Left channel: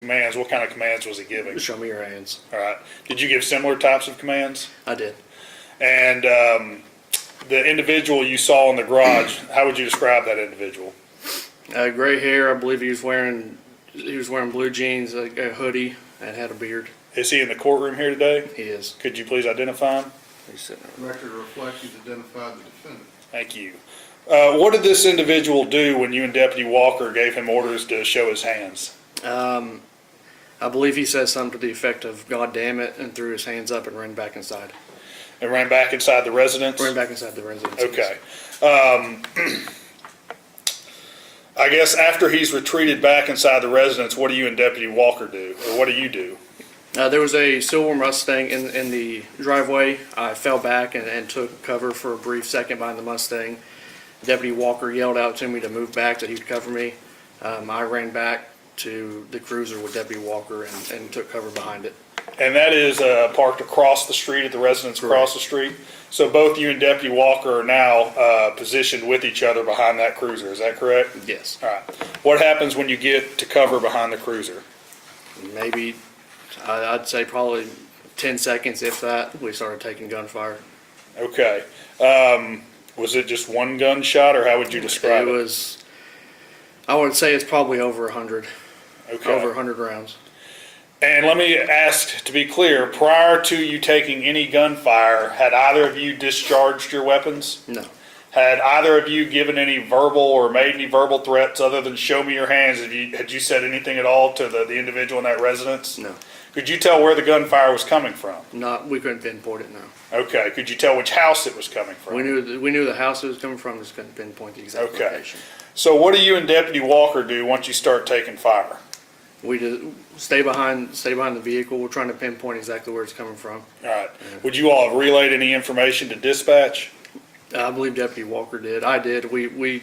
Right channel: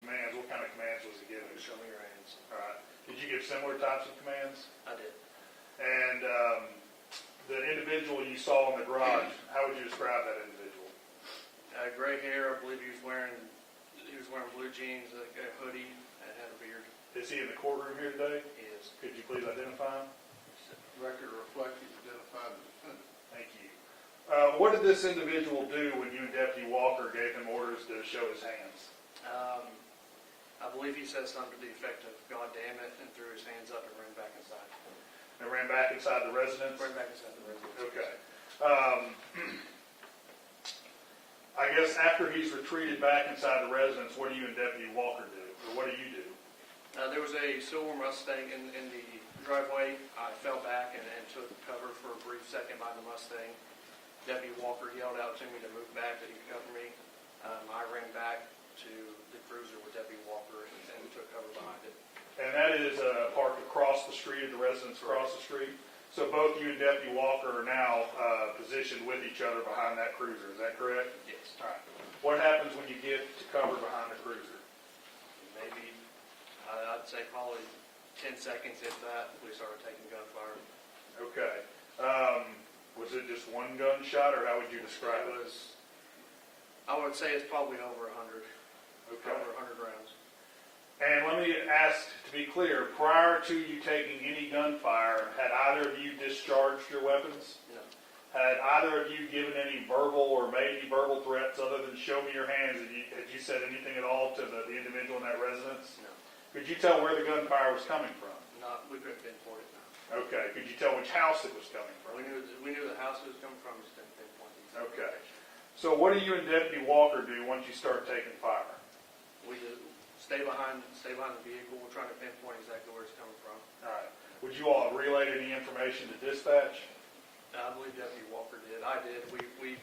Commands, what kind of commands was he giving? Show me your hands. All right. Did you give similar types of commands? I did. And the individual you saw in the garage, how would you describe that individual? Gray hair. I believe he was wearing blue jeans, a hoodie, and had a beard. Is he in the courtroom here today? He is. Could you please identify him? He's sitting there. Record reflects he's identified the defendant. Thank you. What did this individual do when you and Deputy Walker gave him orders to show his hands? I believe he said something to the effect of "God damn it," and threw his hands up and ran back inside. And ran back inside the residence? Ran back inside the residence. Okay. I guess after he's retreated back inside the residence, what do you and Deputy Walker do? Or what do you do? There was a silver Mustang in the driveway. I fell back and took cover for a brief second behind the Mustang. Deputy Walker yelled out to me to move back, that he would cover me. I ran back to the cruiser with Deputy Walker and took cover behind it. And that is parked across the street at the residence across the street? So both you and Deputy Walker are now positioned with each other behind that cruiser, is that correct? Yes. All right. What happens when you get to cover behind the cruiser? Maybe, I'd say probably 10 seconds, if that, we started taking gunfire. Okay. Was it just one gunshot, or how would you describe it? It was, I would say it's probably over 100. Okay. Over 100 rounds. And let me ask, to be clear, prior to you taking any gunfire, had either of you discharged your weapons? No. Had either of you given any verbal or made any verbal threats other than "show me your hands"? Had you said anything at all to the individual in that residence? No. Could you tell where the gunfire was coming from? We couldn't pinpoint it, no. Okay. Could you tell which house it was coming from? We knew the house it was coming from, just couldn't pinpoint the exact Okay. location. So what do you and Deputy Walker do once you start taking fire? We just stay behind the vehicle. We're trying to pinpoint exactly where it's coming from. All right. Would you all have relayed any information to dispatch? I believe Deputy Walker did. I did. We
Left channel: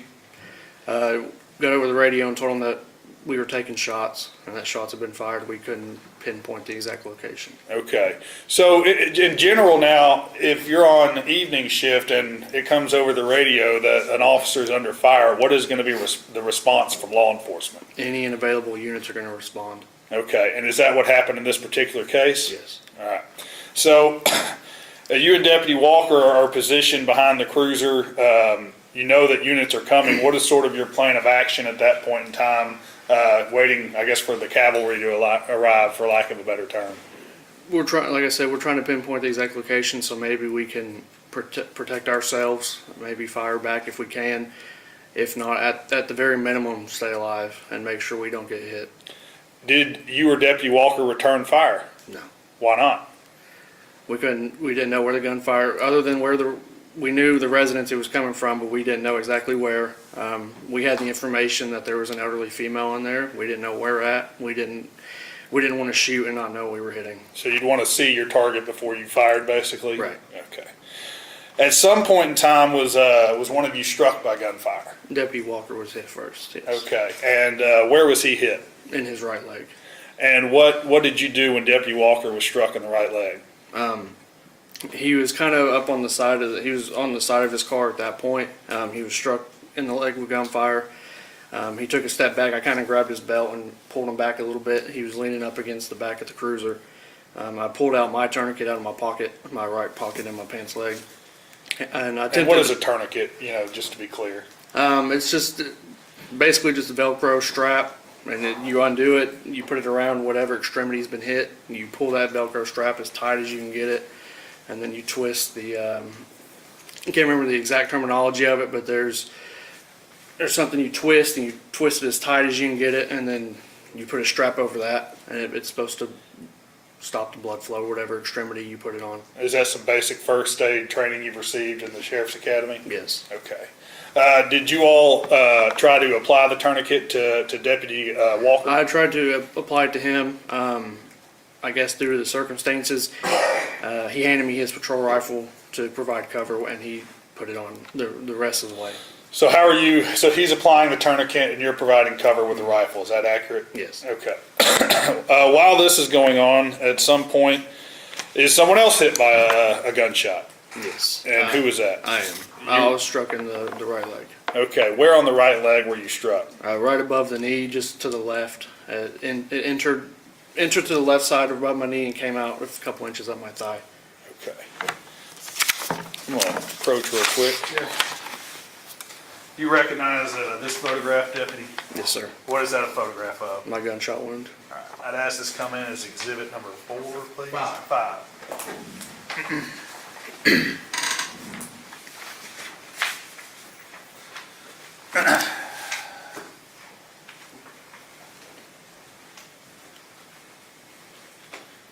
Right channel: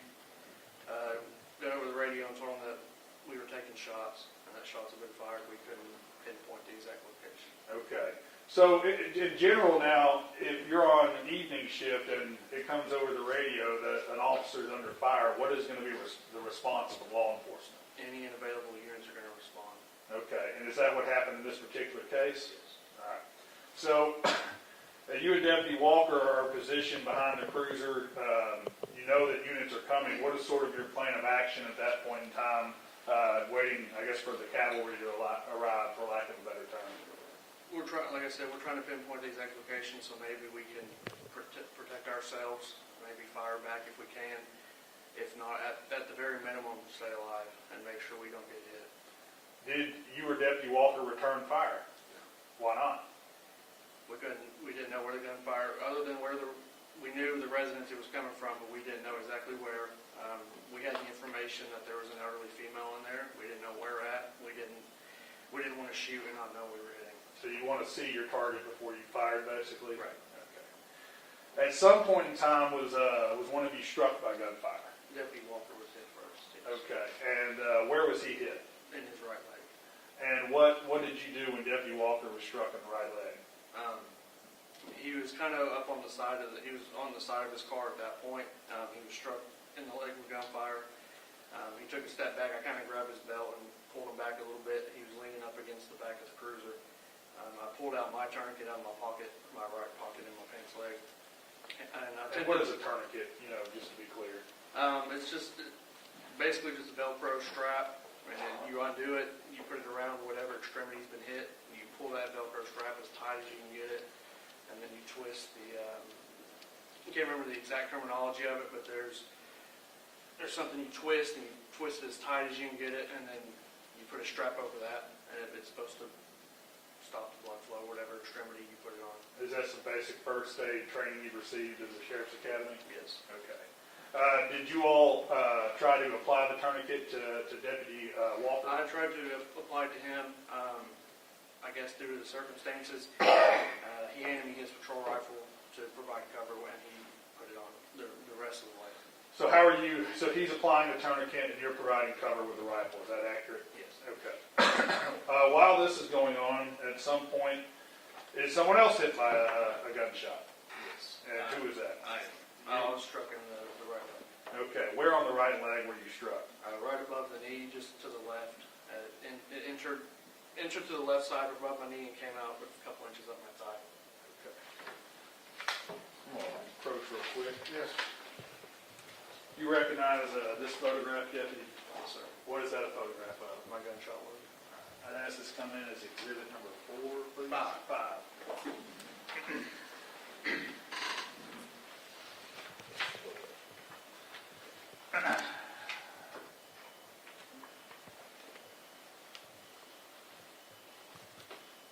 got over the radio and told them that we were taking shots and that shots had been fired. We couldn't pinpoint the exact location. Okay. So in general now, if you're on evening shift and it comes over the radio that an officer is under fire, what is going to be the response from law enforcement? Any unavailable units are going to respond. Okay. And is that what happened in this particular case? Yes. All right. So you and Deputy Walker are positioned behind the cruiser. You know that units are coming. What is sort of your plan of action at that point in time, waiting, I guess, for the cavalry to arrive, for lack of a better term? We're trying, like I said, we're trying to pinpoint the exact location so maybe we can protect ourselves, maybe fire back if we can. If not, at the very minimum, stay alive and make sure we don't get hit. Did you or Deputy Walker return fire? No. Why not? We didn't know where the gunfire, other than we knew the residence it was coming from, but we didn't know exactly where. We had the information that there was an elderly female in there. We didn't know where at. We didn't want to shoot and not know we were hitting. So you'd want to see your target before you fired, basically? Right. Okay. At some point in time, was one of you struck by gunfire? Deputy Walker was hit first, yes. Okay. And where was he hit? In his right leg. And what did you do when Deputy Walker was struck in the right leg? He was kind of up on the side he was on the side of his car at that point. He was struck in the leg with gunfire. He took a step back. I kind of grabbed his belt and pulled him back a little bit. He was leaning up against the back of the cruiser. I pulled out my tourniquet out of my pocket, my right pocket in my pants leg. And what is a tourniquet, just to be clear? It's just basically just a Velcro strap, and you undo it, you put it around whatever extremity's been hit, and you pull that Velcro strap as tight as you can get it, and then you twist the, I can't remember the exact terminology of it, but there's something you twist, and you twist it as tight as you can get it, and then you put a strap over that, and it's supposed to stop the blood flow, whatever extremity you put it on. Is that some basic first aid training you've received in the Sheriff's Academy? Yes. Okay. Did you all try to apply the tourniquet to Deputy Walker? I tried to apply it to him. I guess due to the circumstances, he handed me his patrol rifle to provide cover, and he put it on the rest of the way. So so he's applying the tourniquet and you're providing cover with the rifle, is that accurate? Yes. Okay. While this is going on, at some point, is someone else hit by a gunshot? Yes. And who was that? I am. I was struck in the right leg. Okay, where on the right leg were you struck? Right above the knee, just to the left, It entered to the left side above my knee and came out a couple inches up my thigh. Okay. I'm gonna approach real quick. You recognize this photograph, Deputy? Yes, sir. What is that a photograph of? My gunshot wound. All right, I'd ask this come in as exhibit number 4, please. Five.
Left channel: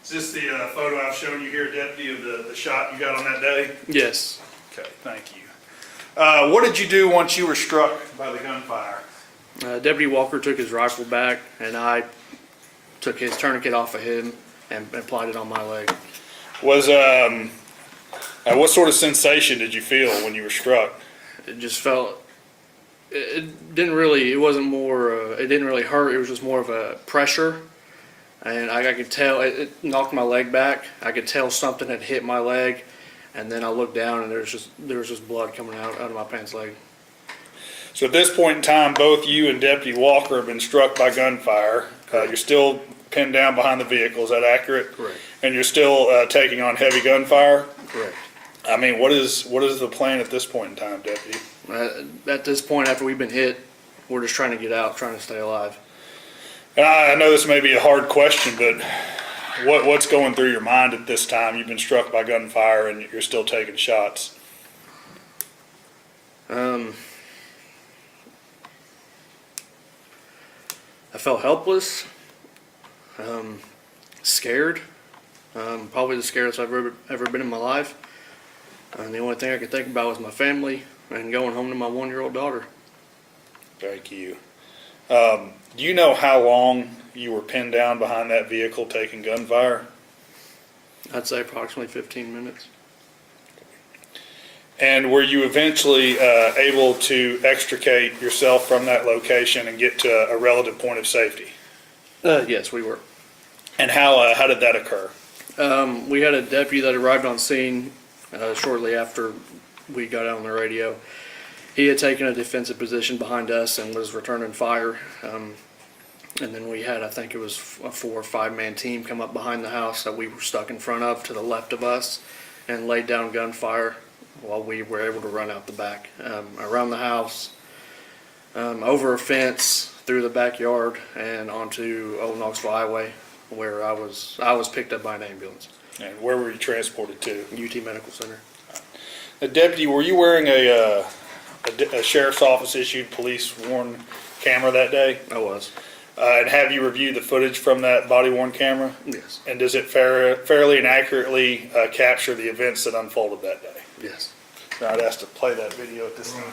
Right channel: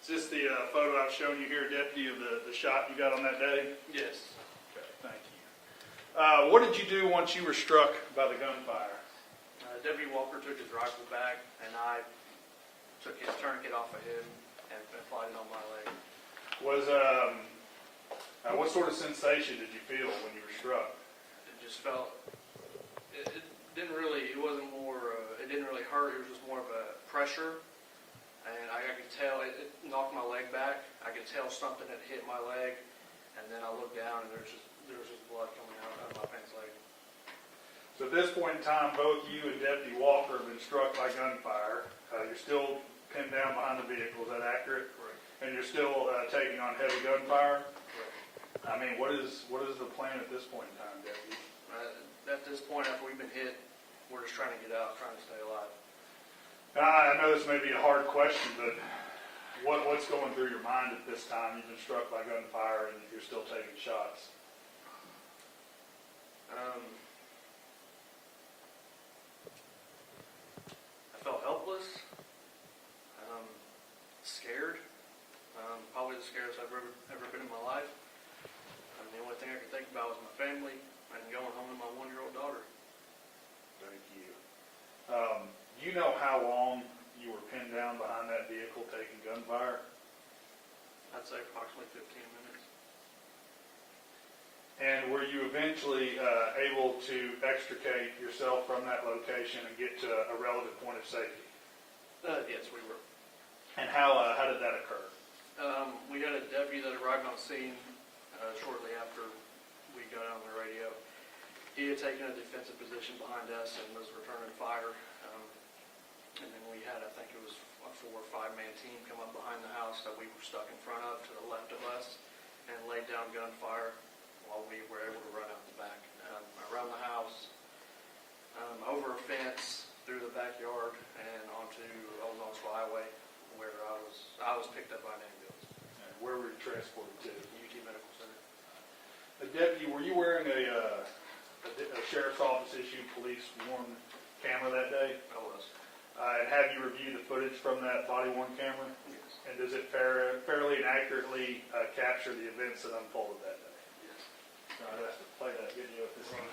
Is this the photo I've shown you here, Deputy, of the shot you got on that day? Yes. Okay, thank you. What did you do once you were struck by the gunfire? Deputy Walker took his rifle back, and I took his tourniquet off of him and applied it on my leg. Was what sort of sensation did you feel when you were struck? It just felt. It didn't really. It wasn't more. It didn't really hurt. It was just more of a pressure, and I could tell it knocked my leg back. I could tell something had hit my leg, and then I looked down, and there was just blood coming out of my pants leg. So at this point in time, both you and Deputy Walker have been struck by gunfire. You're still pinned down behind the vehicle. Is that accurate? Correct. And you're still taking on heavy gunfire. Correct. I mean, what is the plan at this point in time, Deputy? At this point, after we've been hit, we're just trying to get out, trying to stay alive. And I know this may be a hard question, but what's going through your mind at this time? You've been struck by gunfire and you're still taking shots. I felt helpless, scared, probably the scariest I've ever been in my life. And the only thing I could think about was my family and going home to my 1-year-old daughter. Thank you. Do you know how long you were pinned down behind that vehicle taking gunfire? I'd say approximately 15 minutes. And were you eventually able to extricate yourself from that location and get to a relative point of safety? Yes, we were. And how did that occur? We had a deputy that arrived on scene shortly after we got out on the radio. He had taken a defensive position behind us and was returning fire. And then we had, I think it was a 4 or 5 man team come up behind the house that we were stuck in front of to the left of us and laid down gunfire while we were able to run out the back, around the house, over a fence, through the backyard, and onto Old Knoxville Highway, where I was picked up by an ambulance. And where were you transported to? UT Medical Center. Deputy, were you wearing a sheriff's office issued police worn camera that day? I was. And have you reviewed the footage from that body worn camera? Yes. And does it fairly and accurately capture the events that unfolded that day? Yes. Now I'd ask to play that video at this time.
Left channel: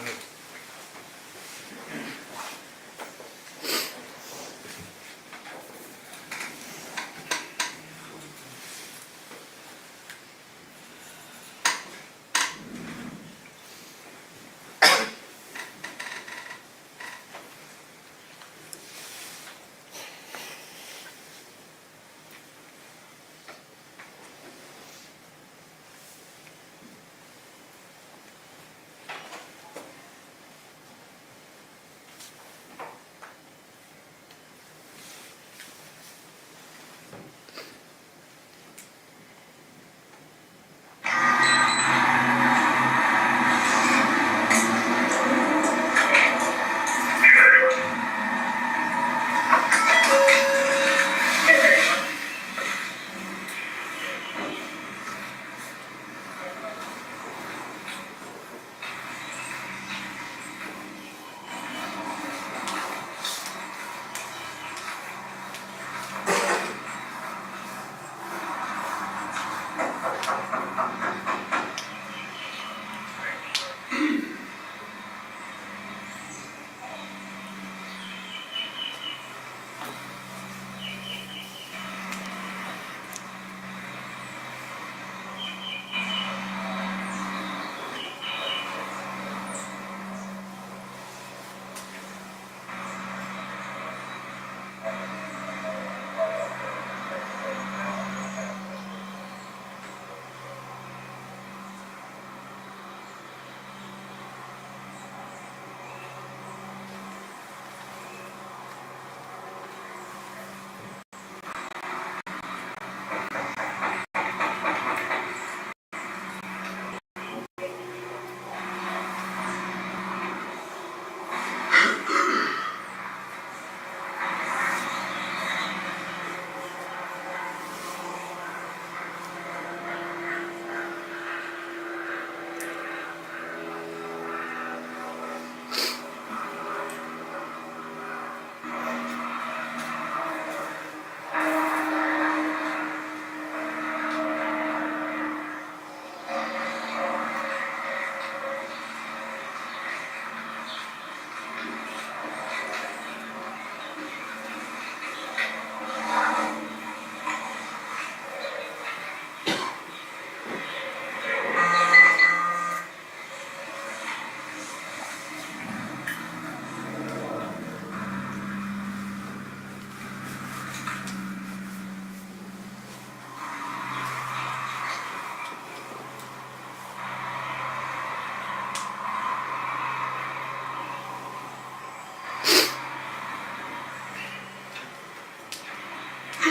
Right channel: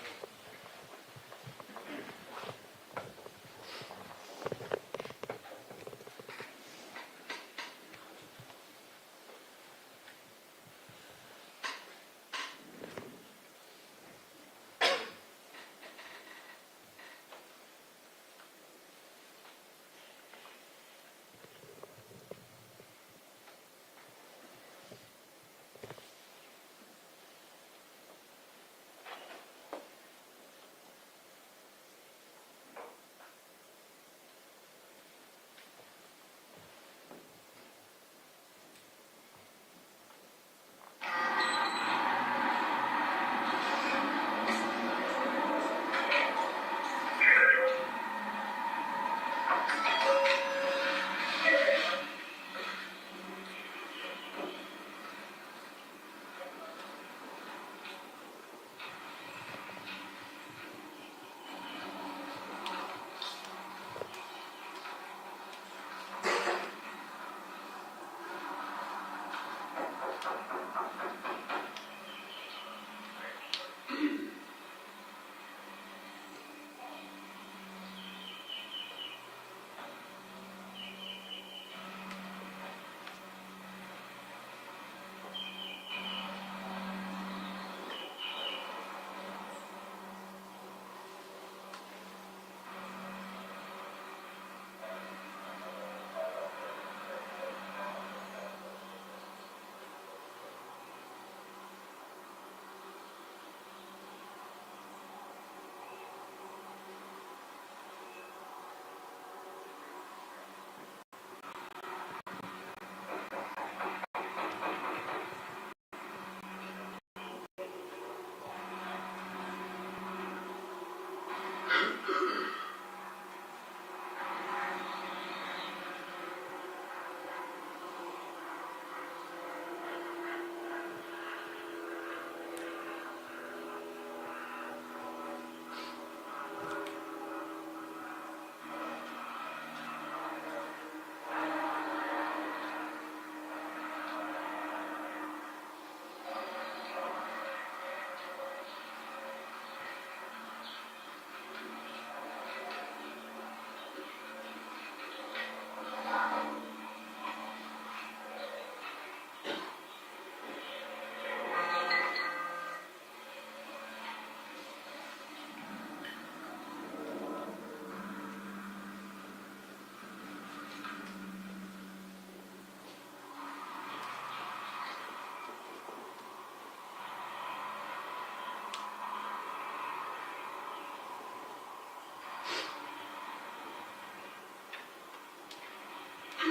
Oh,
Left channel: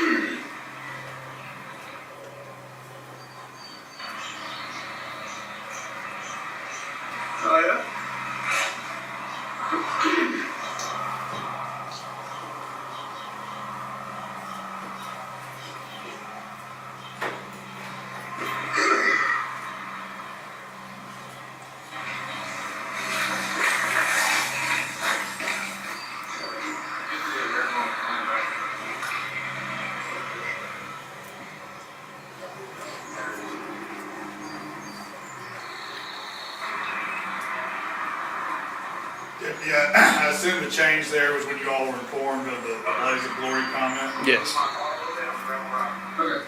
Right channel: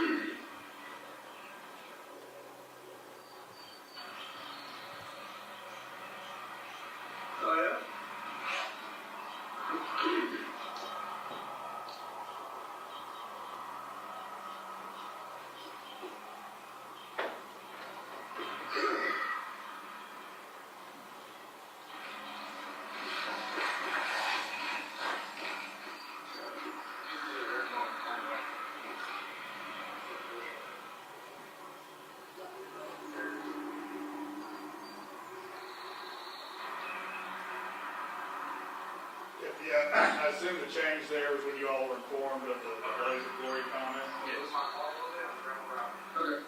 yeah? Yeah, I assume the change there was when you all were informed of the blaze of glory comment? Yes. Okay.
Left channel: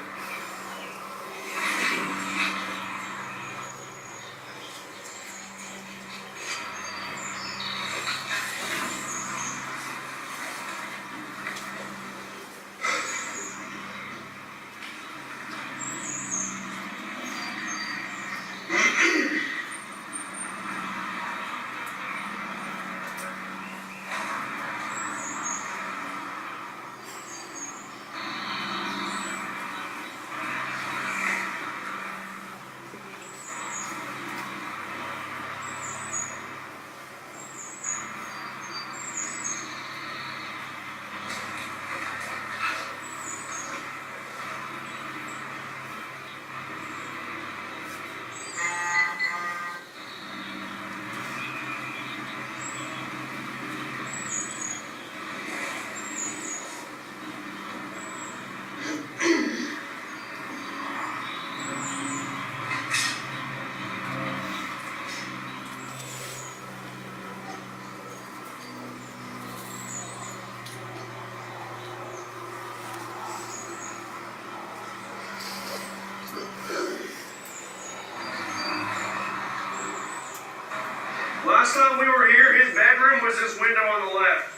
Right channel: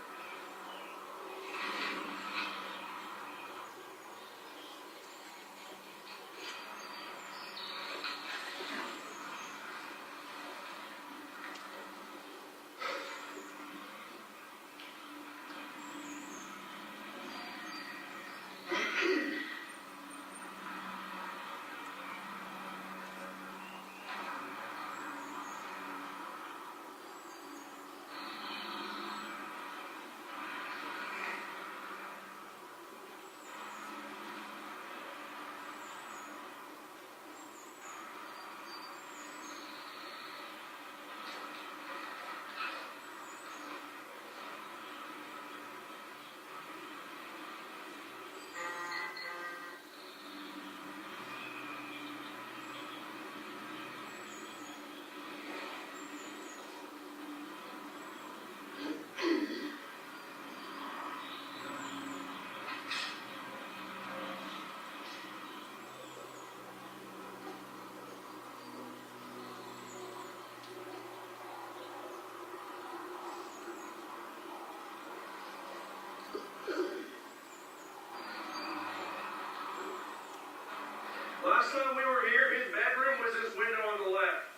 Last time we were here, his bedroom was this window on the left.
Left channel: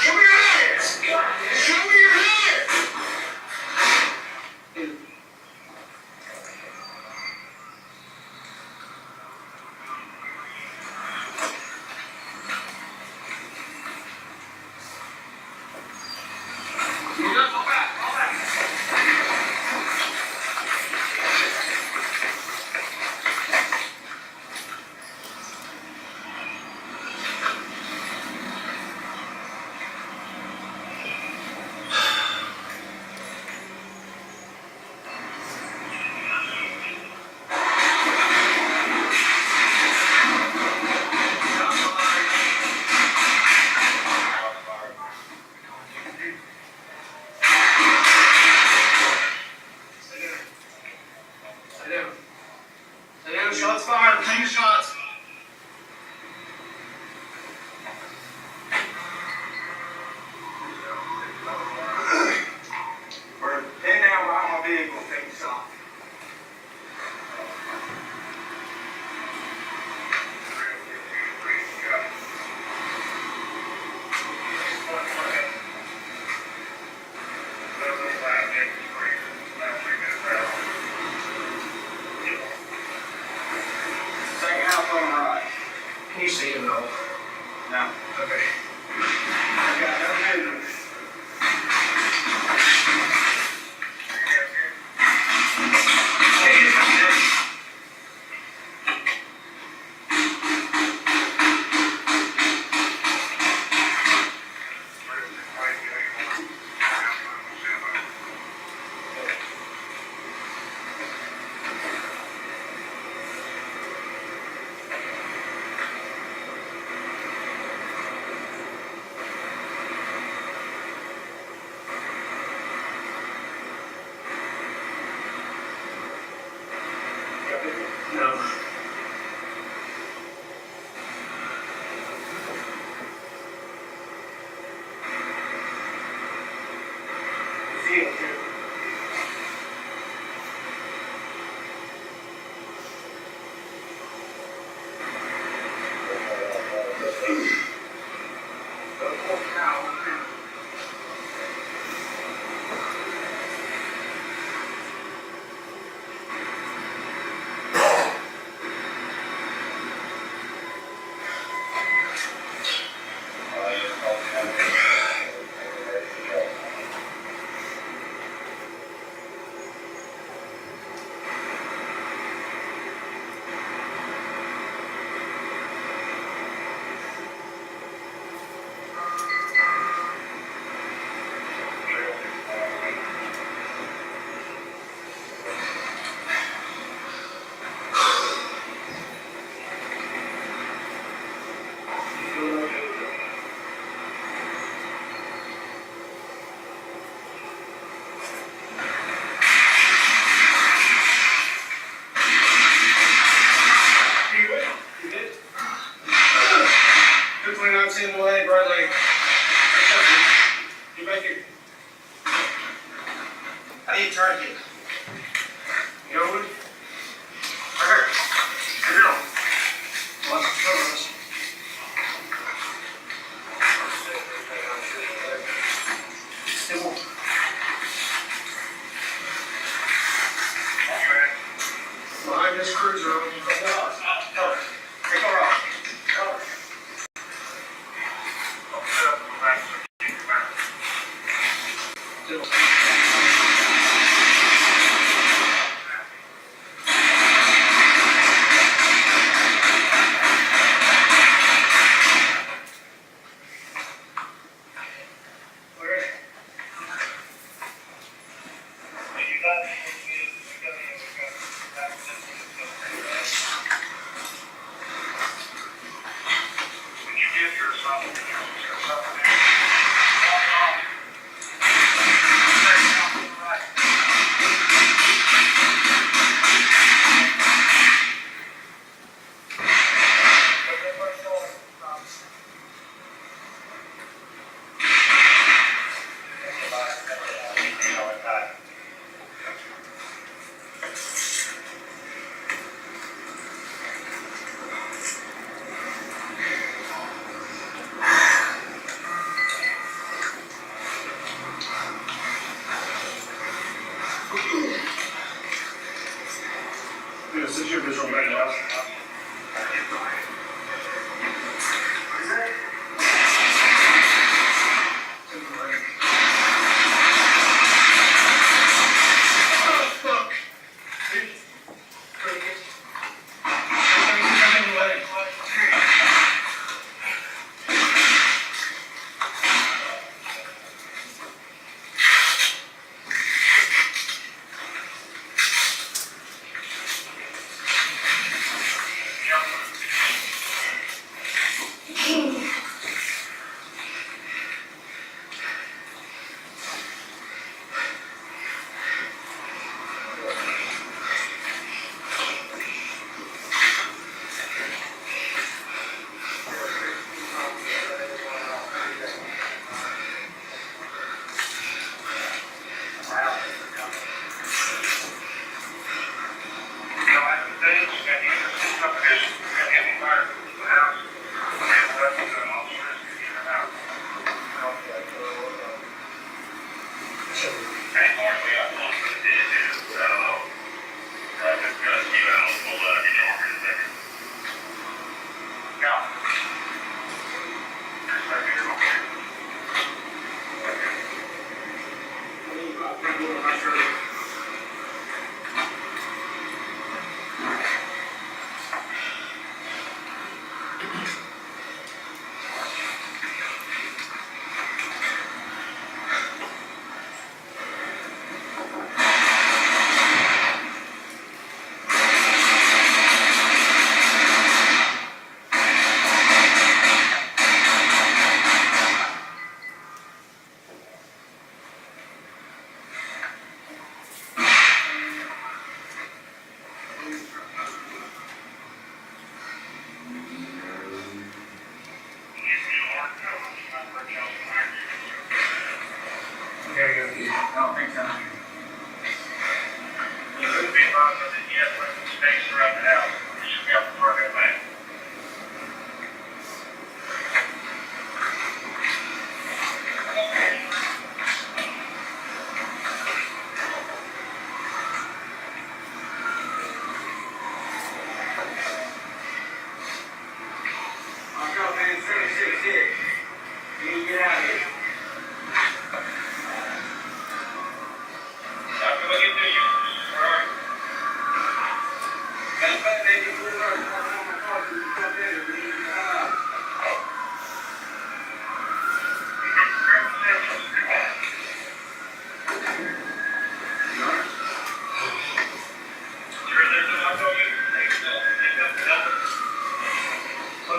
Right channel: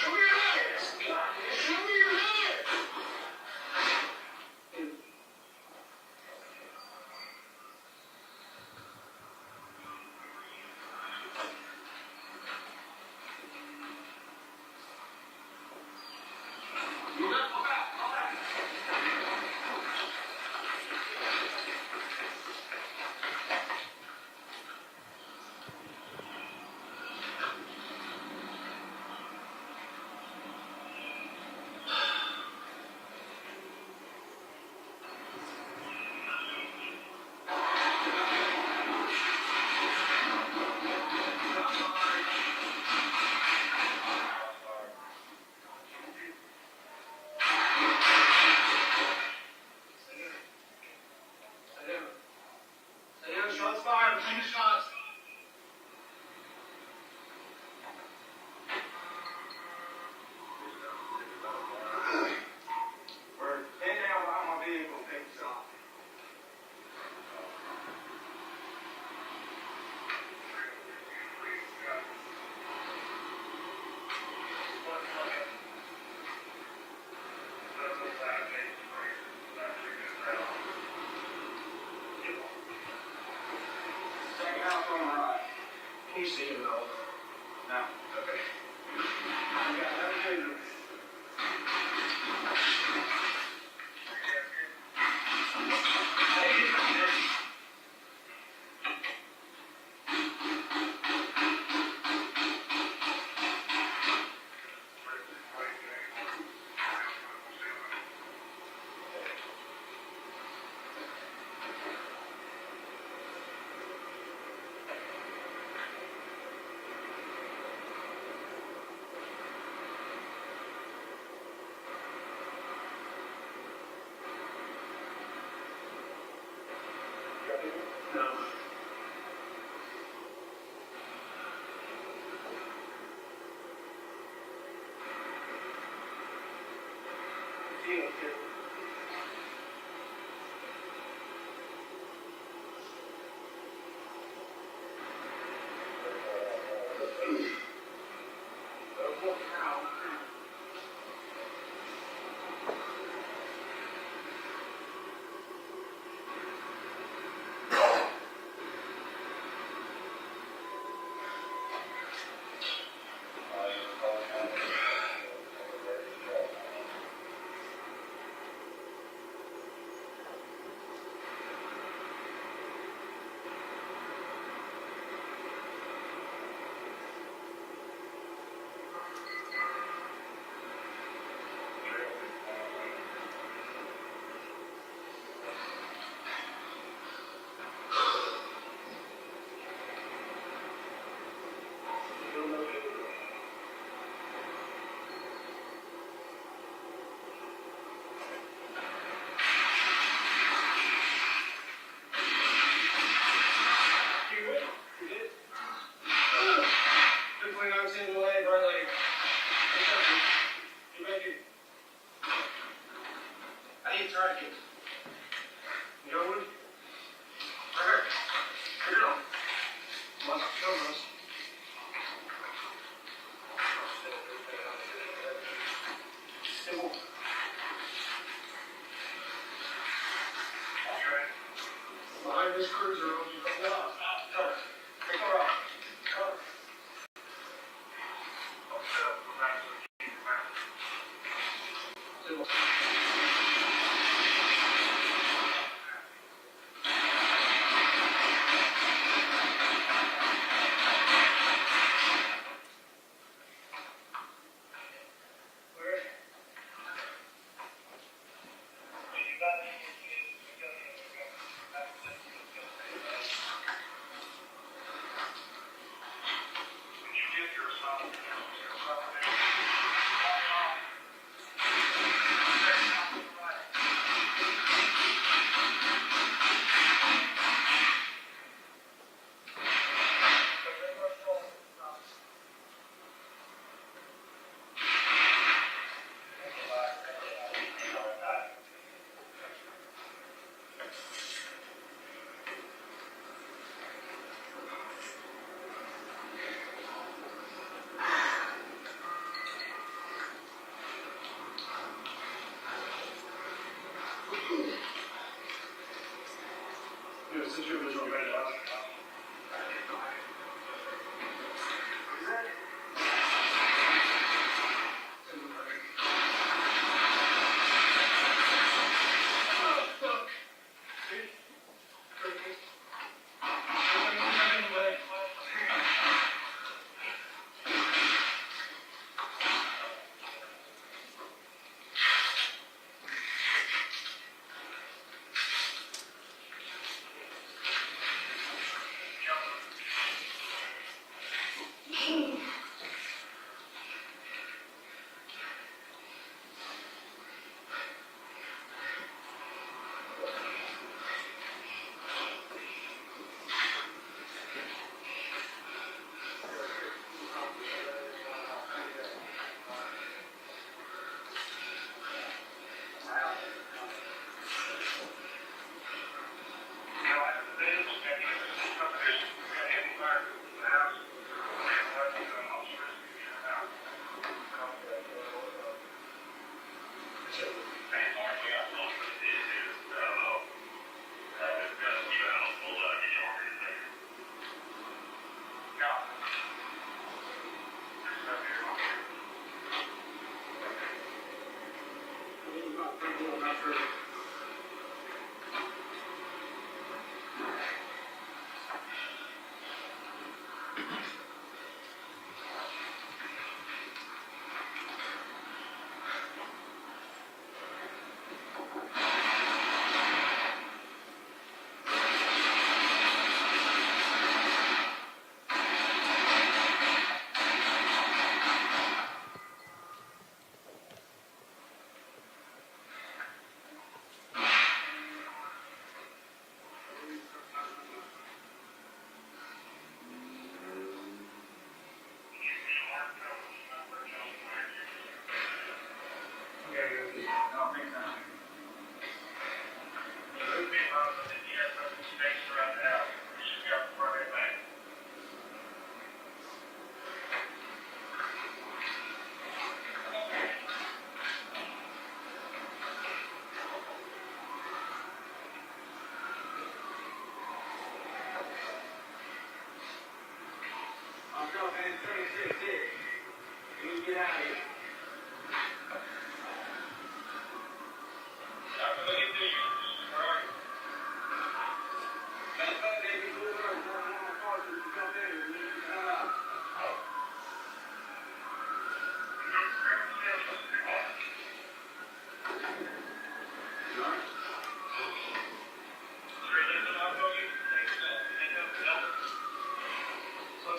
Show me your hands! Show me your hands! Shots fired, take shots. We're in now, we're on my vehicle, take this off. Second house on the right. Can you see him though? No. Okay. I got no movement. The poor cow.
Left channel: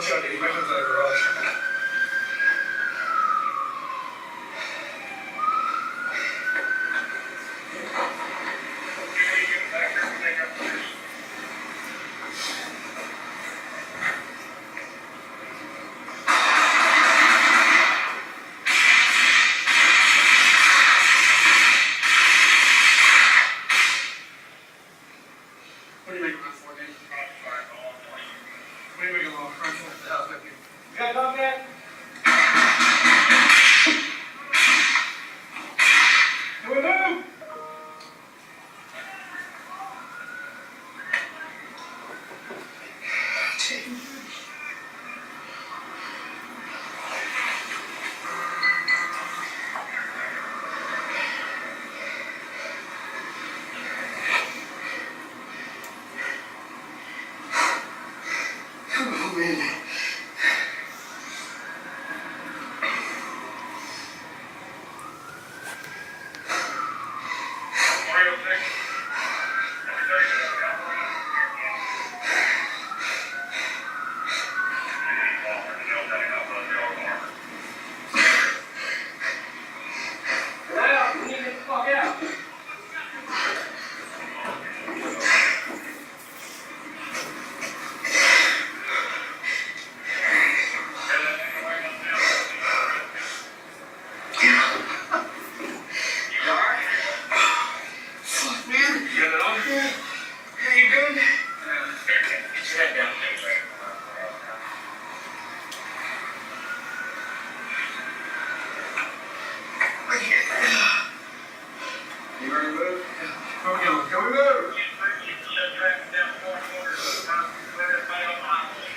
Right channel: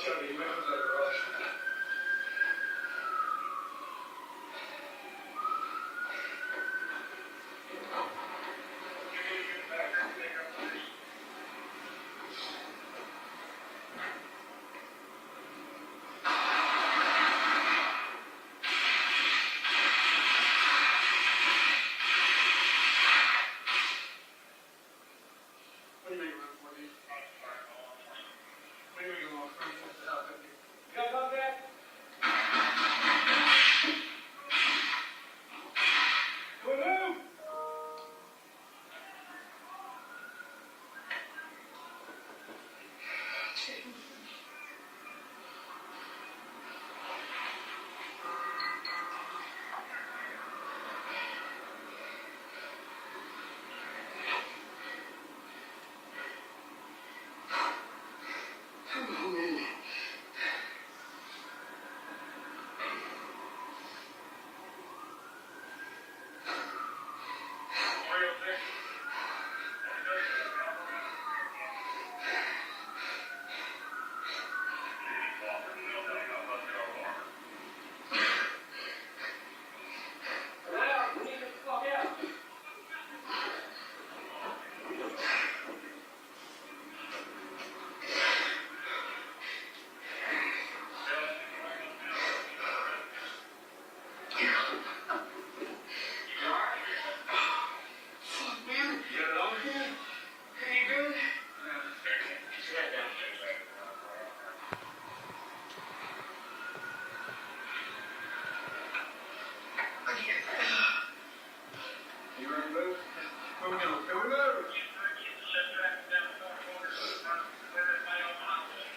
I'll try to get you back up to the garage. What do you make a run for, dude? What do you make a little run for the house back here? You got a dog yet?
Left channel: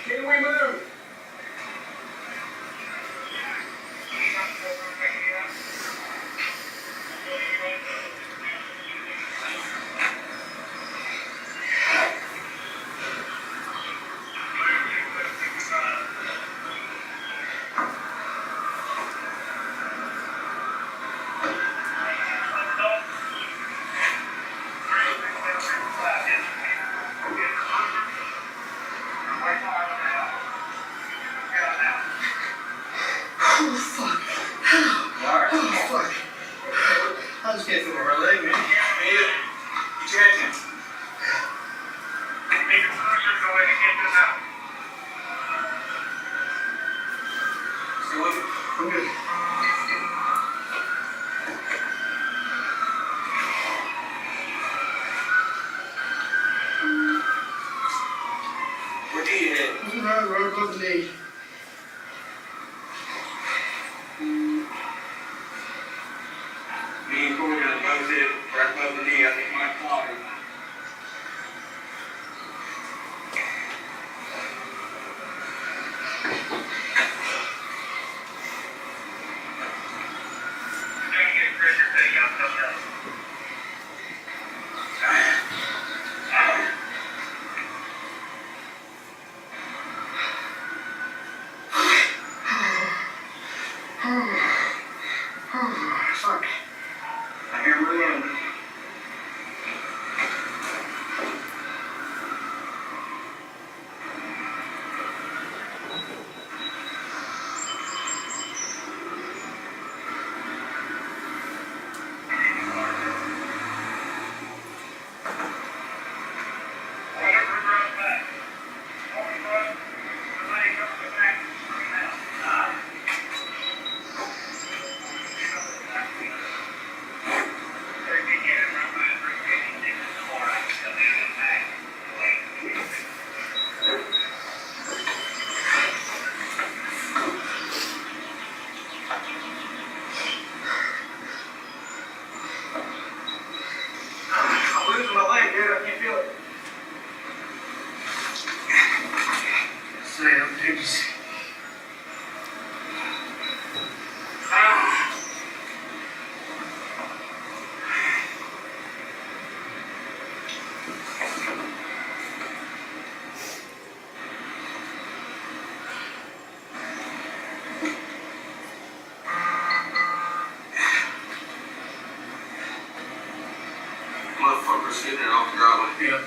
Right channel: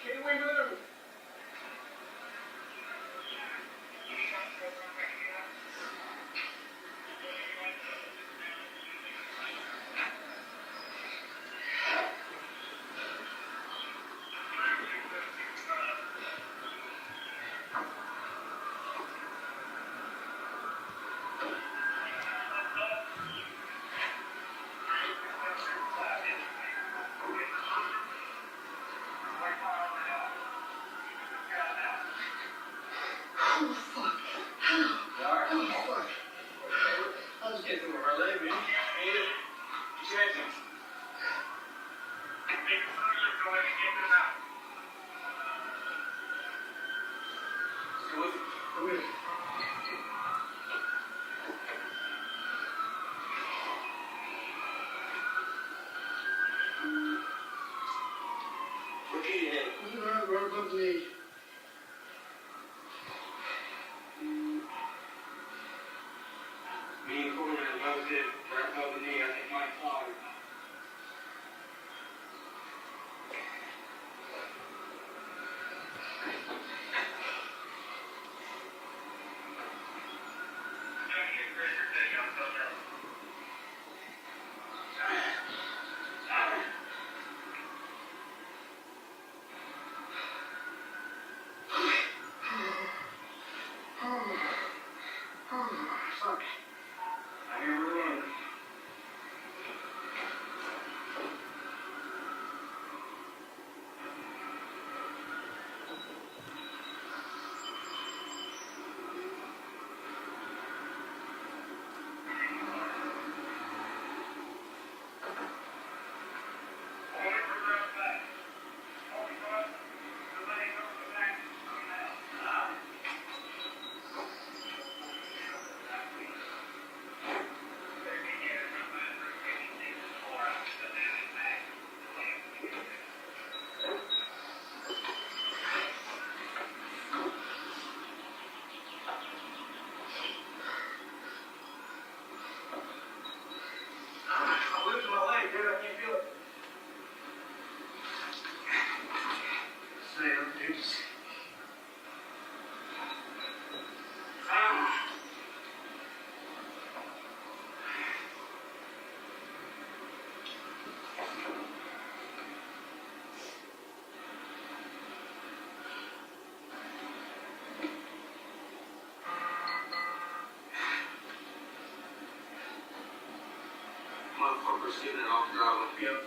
Can we move? Oh, man. Right above the knee. Me and Corey got both hit right above the knee. I think my collar. Fuck. I hear him again. Motherfucker sitting there off the driveway. Yeah.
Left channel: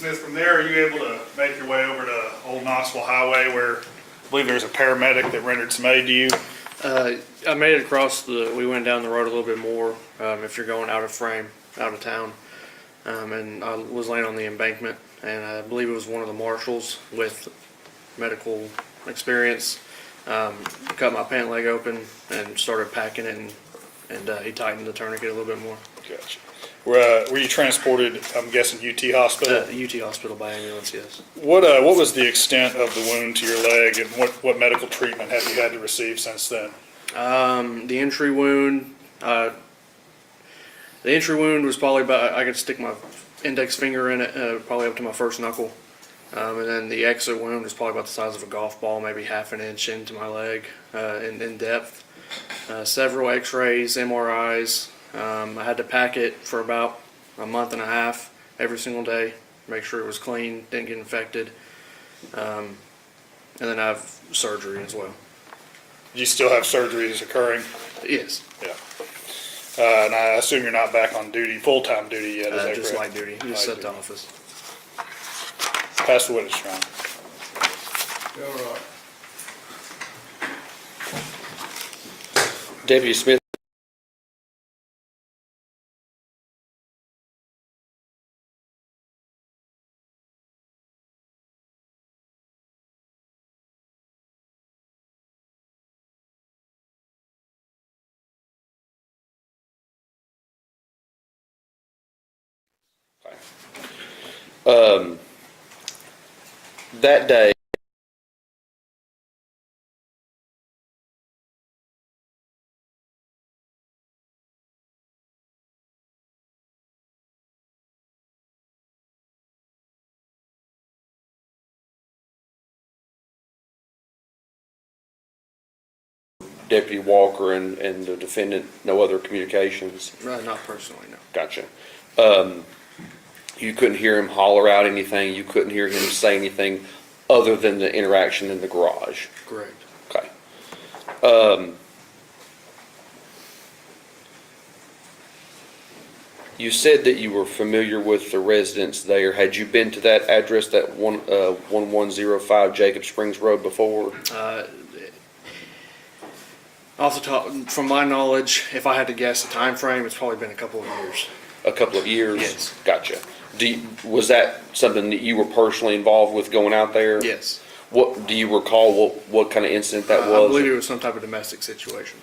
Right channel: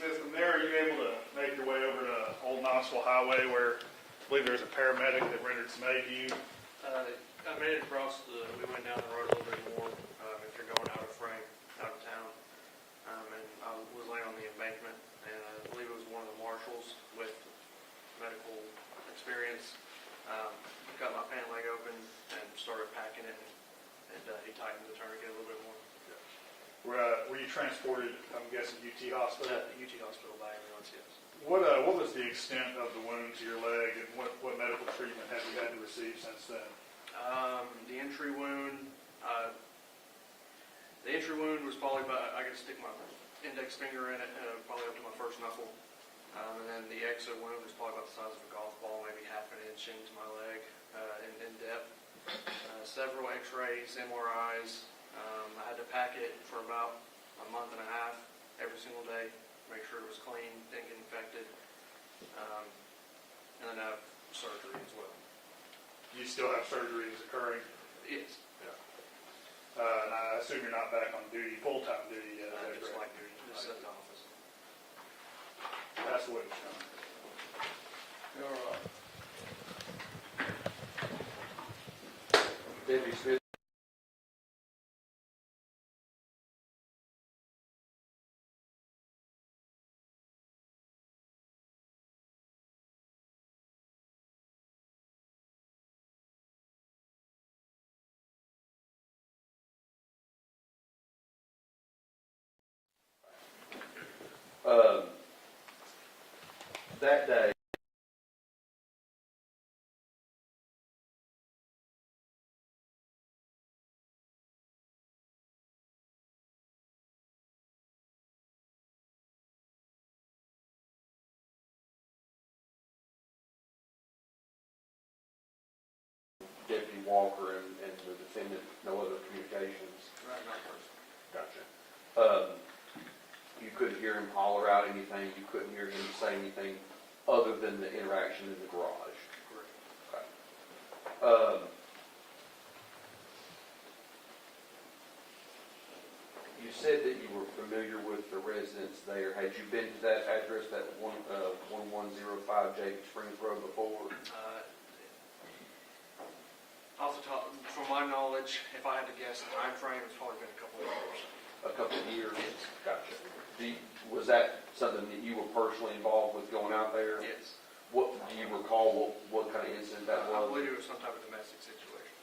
Smith, from there, are you able to make your way over to Old Knoxville Highway where I believe there's a paramedic that rendered some aid to you? I made it across we went down the road a little bit more, if you're going out of frame, out of town. And I was laying on the embankment, and I believe it was one of the marshals with medical experience, cut my pant leg open and started packing it, and he tightened the tourniquet a little bit more. Gotcha. Were you transported, I'm guessing, UT Hospital? UT Hospital by ambulance, yes. What was the extent of the wound to your leg, and what medical treatment have you had to receive since then? The entry wound, was probably about, I could stick my index finger in it, probably up to my first knuckle. And then the exit wound was probably about the size of a golf ball, maybe half an inch into my leg, in depth. Several x-rays, MRIs. I had to pack it for about a month and a half every single day, make sure it was clean, didn't get infected. And then I have surgery as well. Do you still have surgeries occurring? Yes, Yeah. And I assume you're not back on duty, full-time duty yet, is that just correct? light duty, just Light set to duty. office. Pass the witness, John. All right. Deputy Smith. That day, Deputy Walker and the defendant, no other communications? Not personally, no. Gotcha. You couldn't hear him holler out anything, you couldn't hear him say anything other than the interaction in the garage? Correct. Okay. You said that you were familiar with the residents there. Had you been to that address, that 1105 Jacob Springs Road before? Off the top, from my knowledge, if I had to guess the time frame, it's probably been a couple of years. A couple of years? Yes. Gotcha. Was that something that you were personally involved with going out there? Yes. What, do you recall what kind of incident that I was? believe it was some type of domestic situation.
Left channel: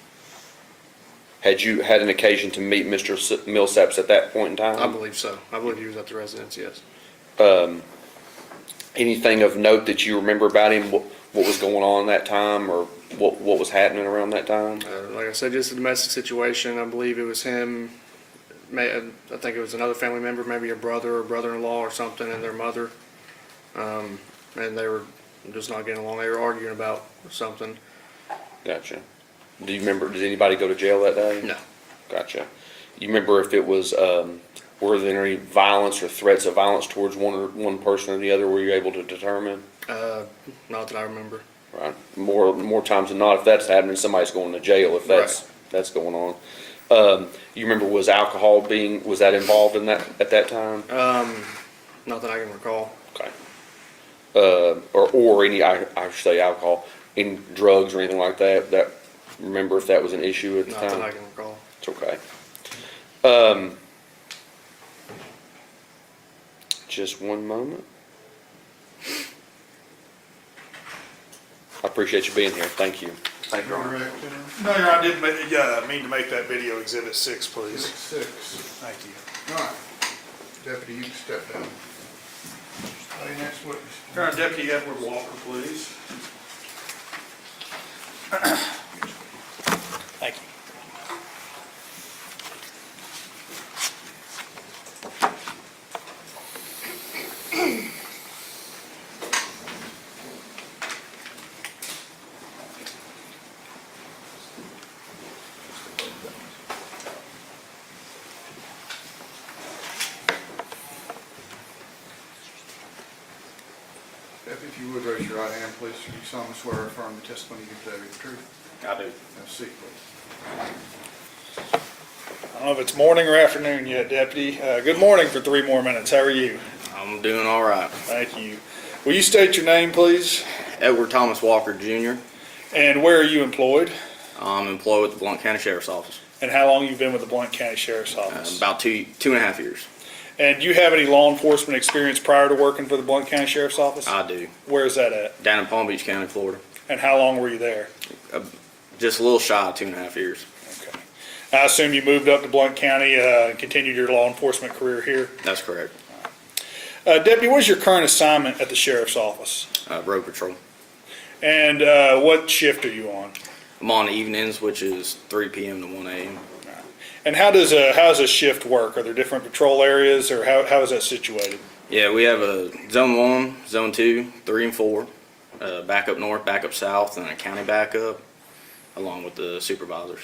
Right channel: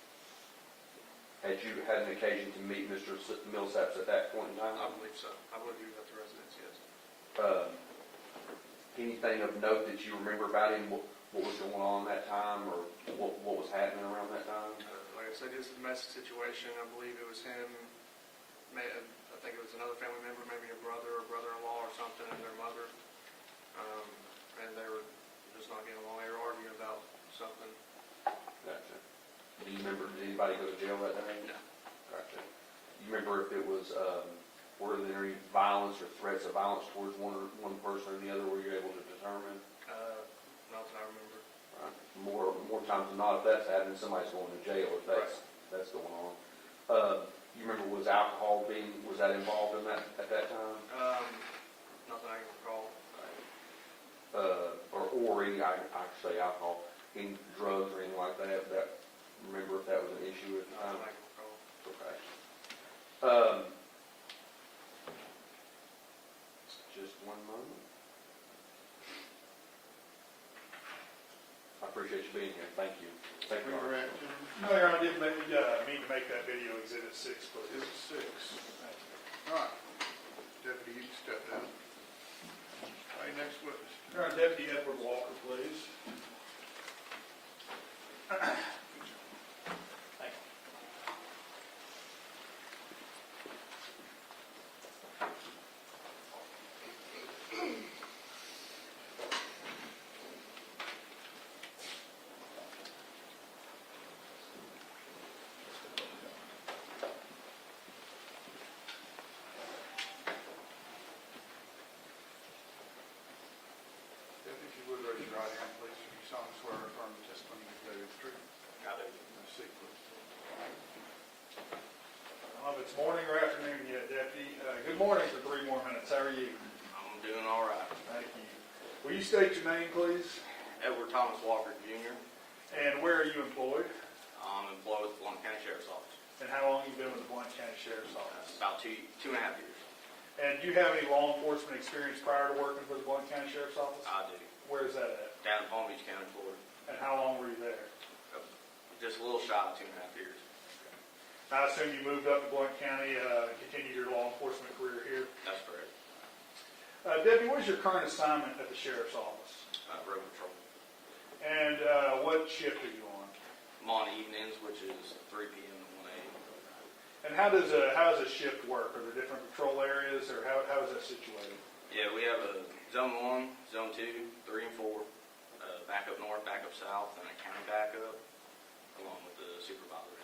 Had you had an occasion to meet Mr. Millsaps at that point in time? I believe so. I believe he was at the residence, yes. Anything of note that you remember about him, what was going on that time, or what was happening around that time? Like I said, just a domestic situation. I believe it was him, I think it was another family member, maybe a brother or brother-in-law or something, and their mother. And they were just not getting along. They were arguing about something. Gotcha. Do you remember, did anybody go to jail that day? No. Gotcha. You remember if it was, were there any violence or threats of violence towards one person or the other, were you able to determine? Not that I remember. Right. More times than not, if that's happening, somebody's going to jail if that's going on. You remember, was alcohol was that involved in that at that time? Not that I can recall. Okay. Or any, I should say alcohol, any drugs or anything like that, remember if that was an issue at the Not time? that I can recall. It's okay. Just one moment. I appreciate you being here. Thank you. Thank you, Your Honor. Interact with him. No, Your Honor, I did mean to make that video exhibit 6, please. 6. Thank you. All right. Deputy, you can step down. Stay next witness. Your Honor, Deputy Edward Walker, please. Thank you. Deputy, if you would raise your right hand, please. You solemnly swear or affirm the testimony you give today is the truth. I do. Have a seat, please. I don't know if it's morning or afternoon yet, Deputy. Good morning for 3 more minutes. How are you? I'm I'm doing all right. Thank you. Will you state your name, please? Edward Thomas Walker Jr. And where are you employed? I'm employed with the Blount County Sheriff's Office. And how long you been with the Blount County Sheriff's Office? About two and a half years. And do you have any law enforcement experience prior to working for the Blount County Sheriff's Office? I do. Where is that at? Down in Palm Beach County, Florida. And how long were you there? Just a little shy of 2.5 years. Okay. I assume you moved up to Blount County and continued your law enforcement career here? That's correct. Deputy, what is your current assignment at the Sheriff's Office? Road patrol. And what shift are you on? I'm on evenings, which is 3 p.m. to 1 a.m. And how does a shift work? Are there different patrol areas, or how is that situated? Yeah, we have a zone 1, zone 2, 3 and 4, backup north, backup south, and a county backup, along with the supervisors.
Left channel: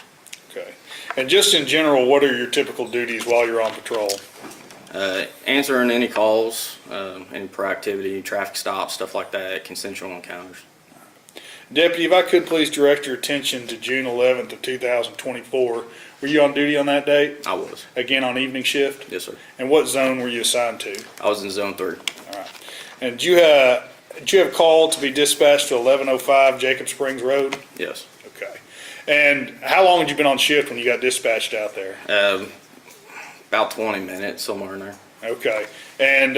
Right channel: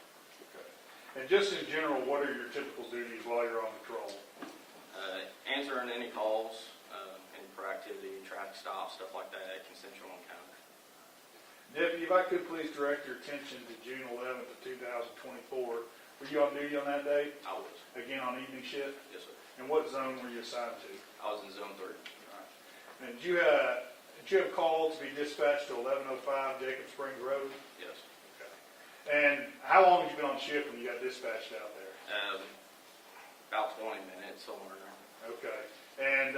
Okay. And just in general, what are your typical duties while you're on patrol? Answering any calls, any proactivity, traffic stops, stuff like that, consensual encounters. Deputy, if I could please direct your attention to June 11th of 2024. Were you on duty on that date? I was. Again, on evening shift? Yes, sir. And what zone were you assigned to? I was in zone 3. All right. And did you have a call to be dispatched to 1105 Jacob Springs Road? Yes. Okay. And how long had you been on shift when you got dispatched out there? About 20 minutes, somewhere in there. Okay. And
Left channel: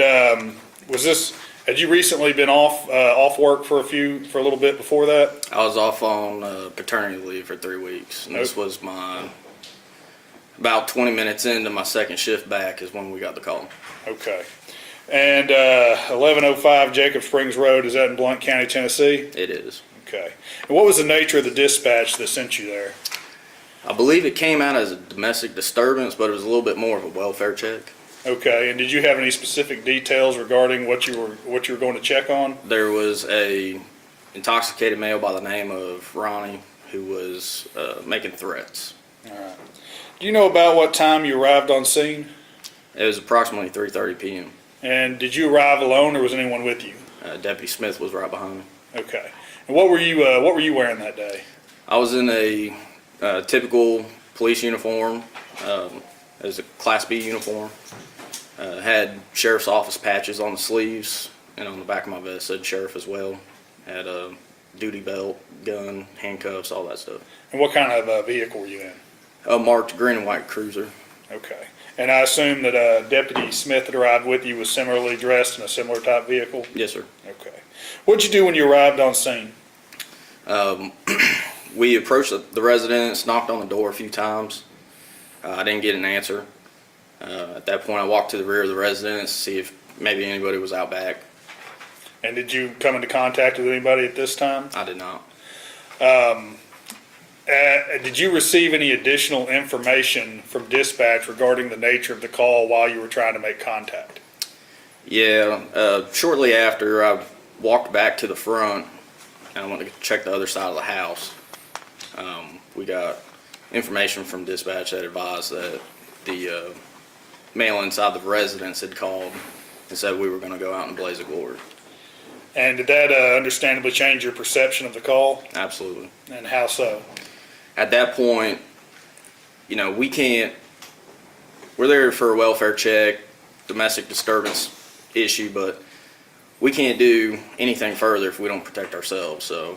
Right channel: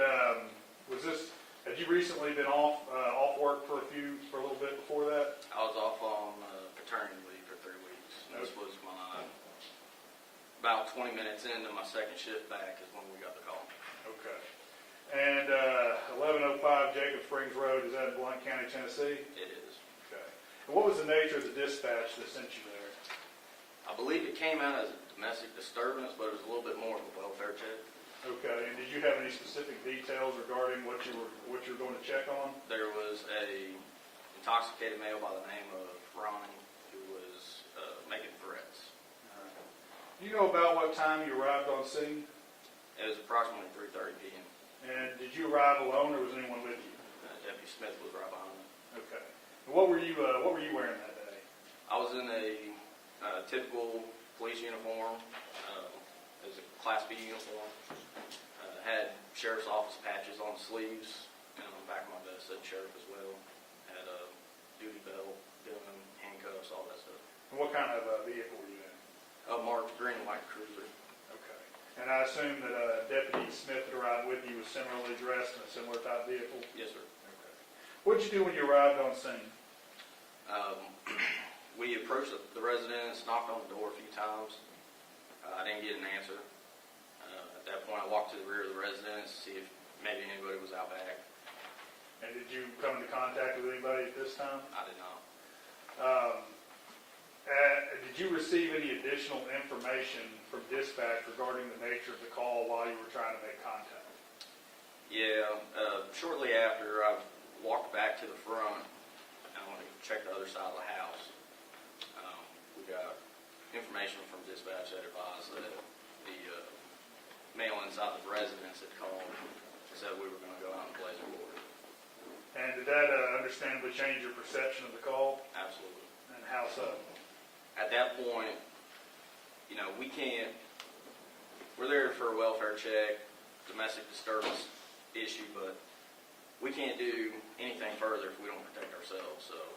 had you recently been off work for a little bit before that? I was off on paternity leave for 3 weeks, and this was about 20 minutes into my second shift back is when we got the call. Okay. And 1105 Jacob Springs Road, is that in Blount County, Tennessee? It is. Okay. And what was the nature of the dispatch that sent you there? I believe it came out as a domestic disturbance, but it was a little bit more of a welfare check. Okay. And did you have any specific details regarding what you were going to check on? There was a intoxicated male by the name of Ronnie who was making threats. All right. Do you know about what time you arrived on scene? It was approximately 3:30 p.m. And did you arrive alone, or was anyone with you? Deputy Smith was right behind me. Okay. And what were you wearing that day? I was in a typical police uniform. It was a Class B uniform. Had sheriff's office patches on the sleeves, and on the back of my vest said sheriff as well. Had a duty belt, gun, handcuffs, all that stuff. And what kind of vehicle were you in? A marked green and white cruiser. Okay. And I assume that Deputy Smith that arrived with you was similarly dressed in a similar type vehicle? Yes, sir. Okay. What'd you do when you arrived on scene? We approached the residence, knocked on the door a few times. I didn't get an answer. At that point, I walked to the rear of the residence to see if maybe anybody was out back. And did you come into contact with anybody at this time? I did not. Did you receive any additional information from dispatch regarding the nature of the call while you were trying to make contact? Yeah, shortly after, I walked back to the front, and I went to check the other side of the house. We got information from dispatch that advised that the male inside the residence had called and said we were going to go out in a blaze of glory. And did that understandably change your perception of the call? Absolutely. And how so? At that point, we're there for a welfare check, domestic disturbance issue, but we can't do anything further if we don't protect ourselves. So,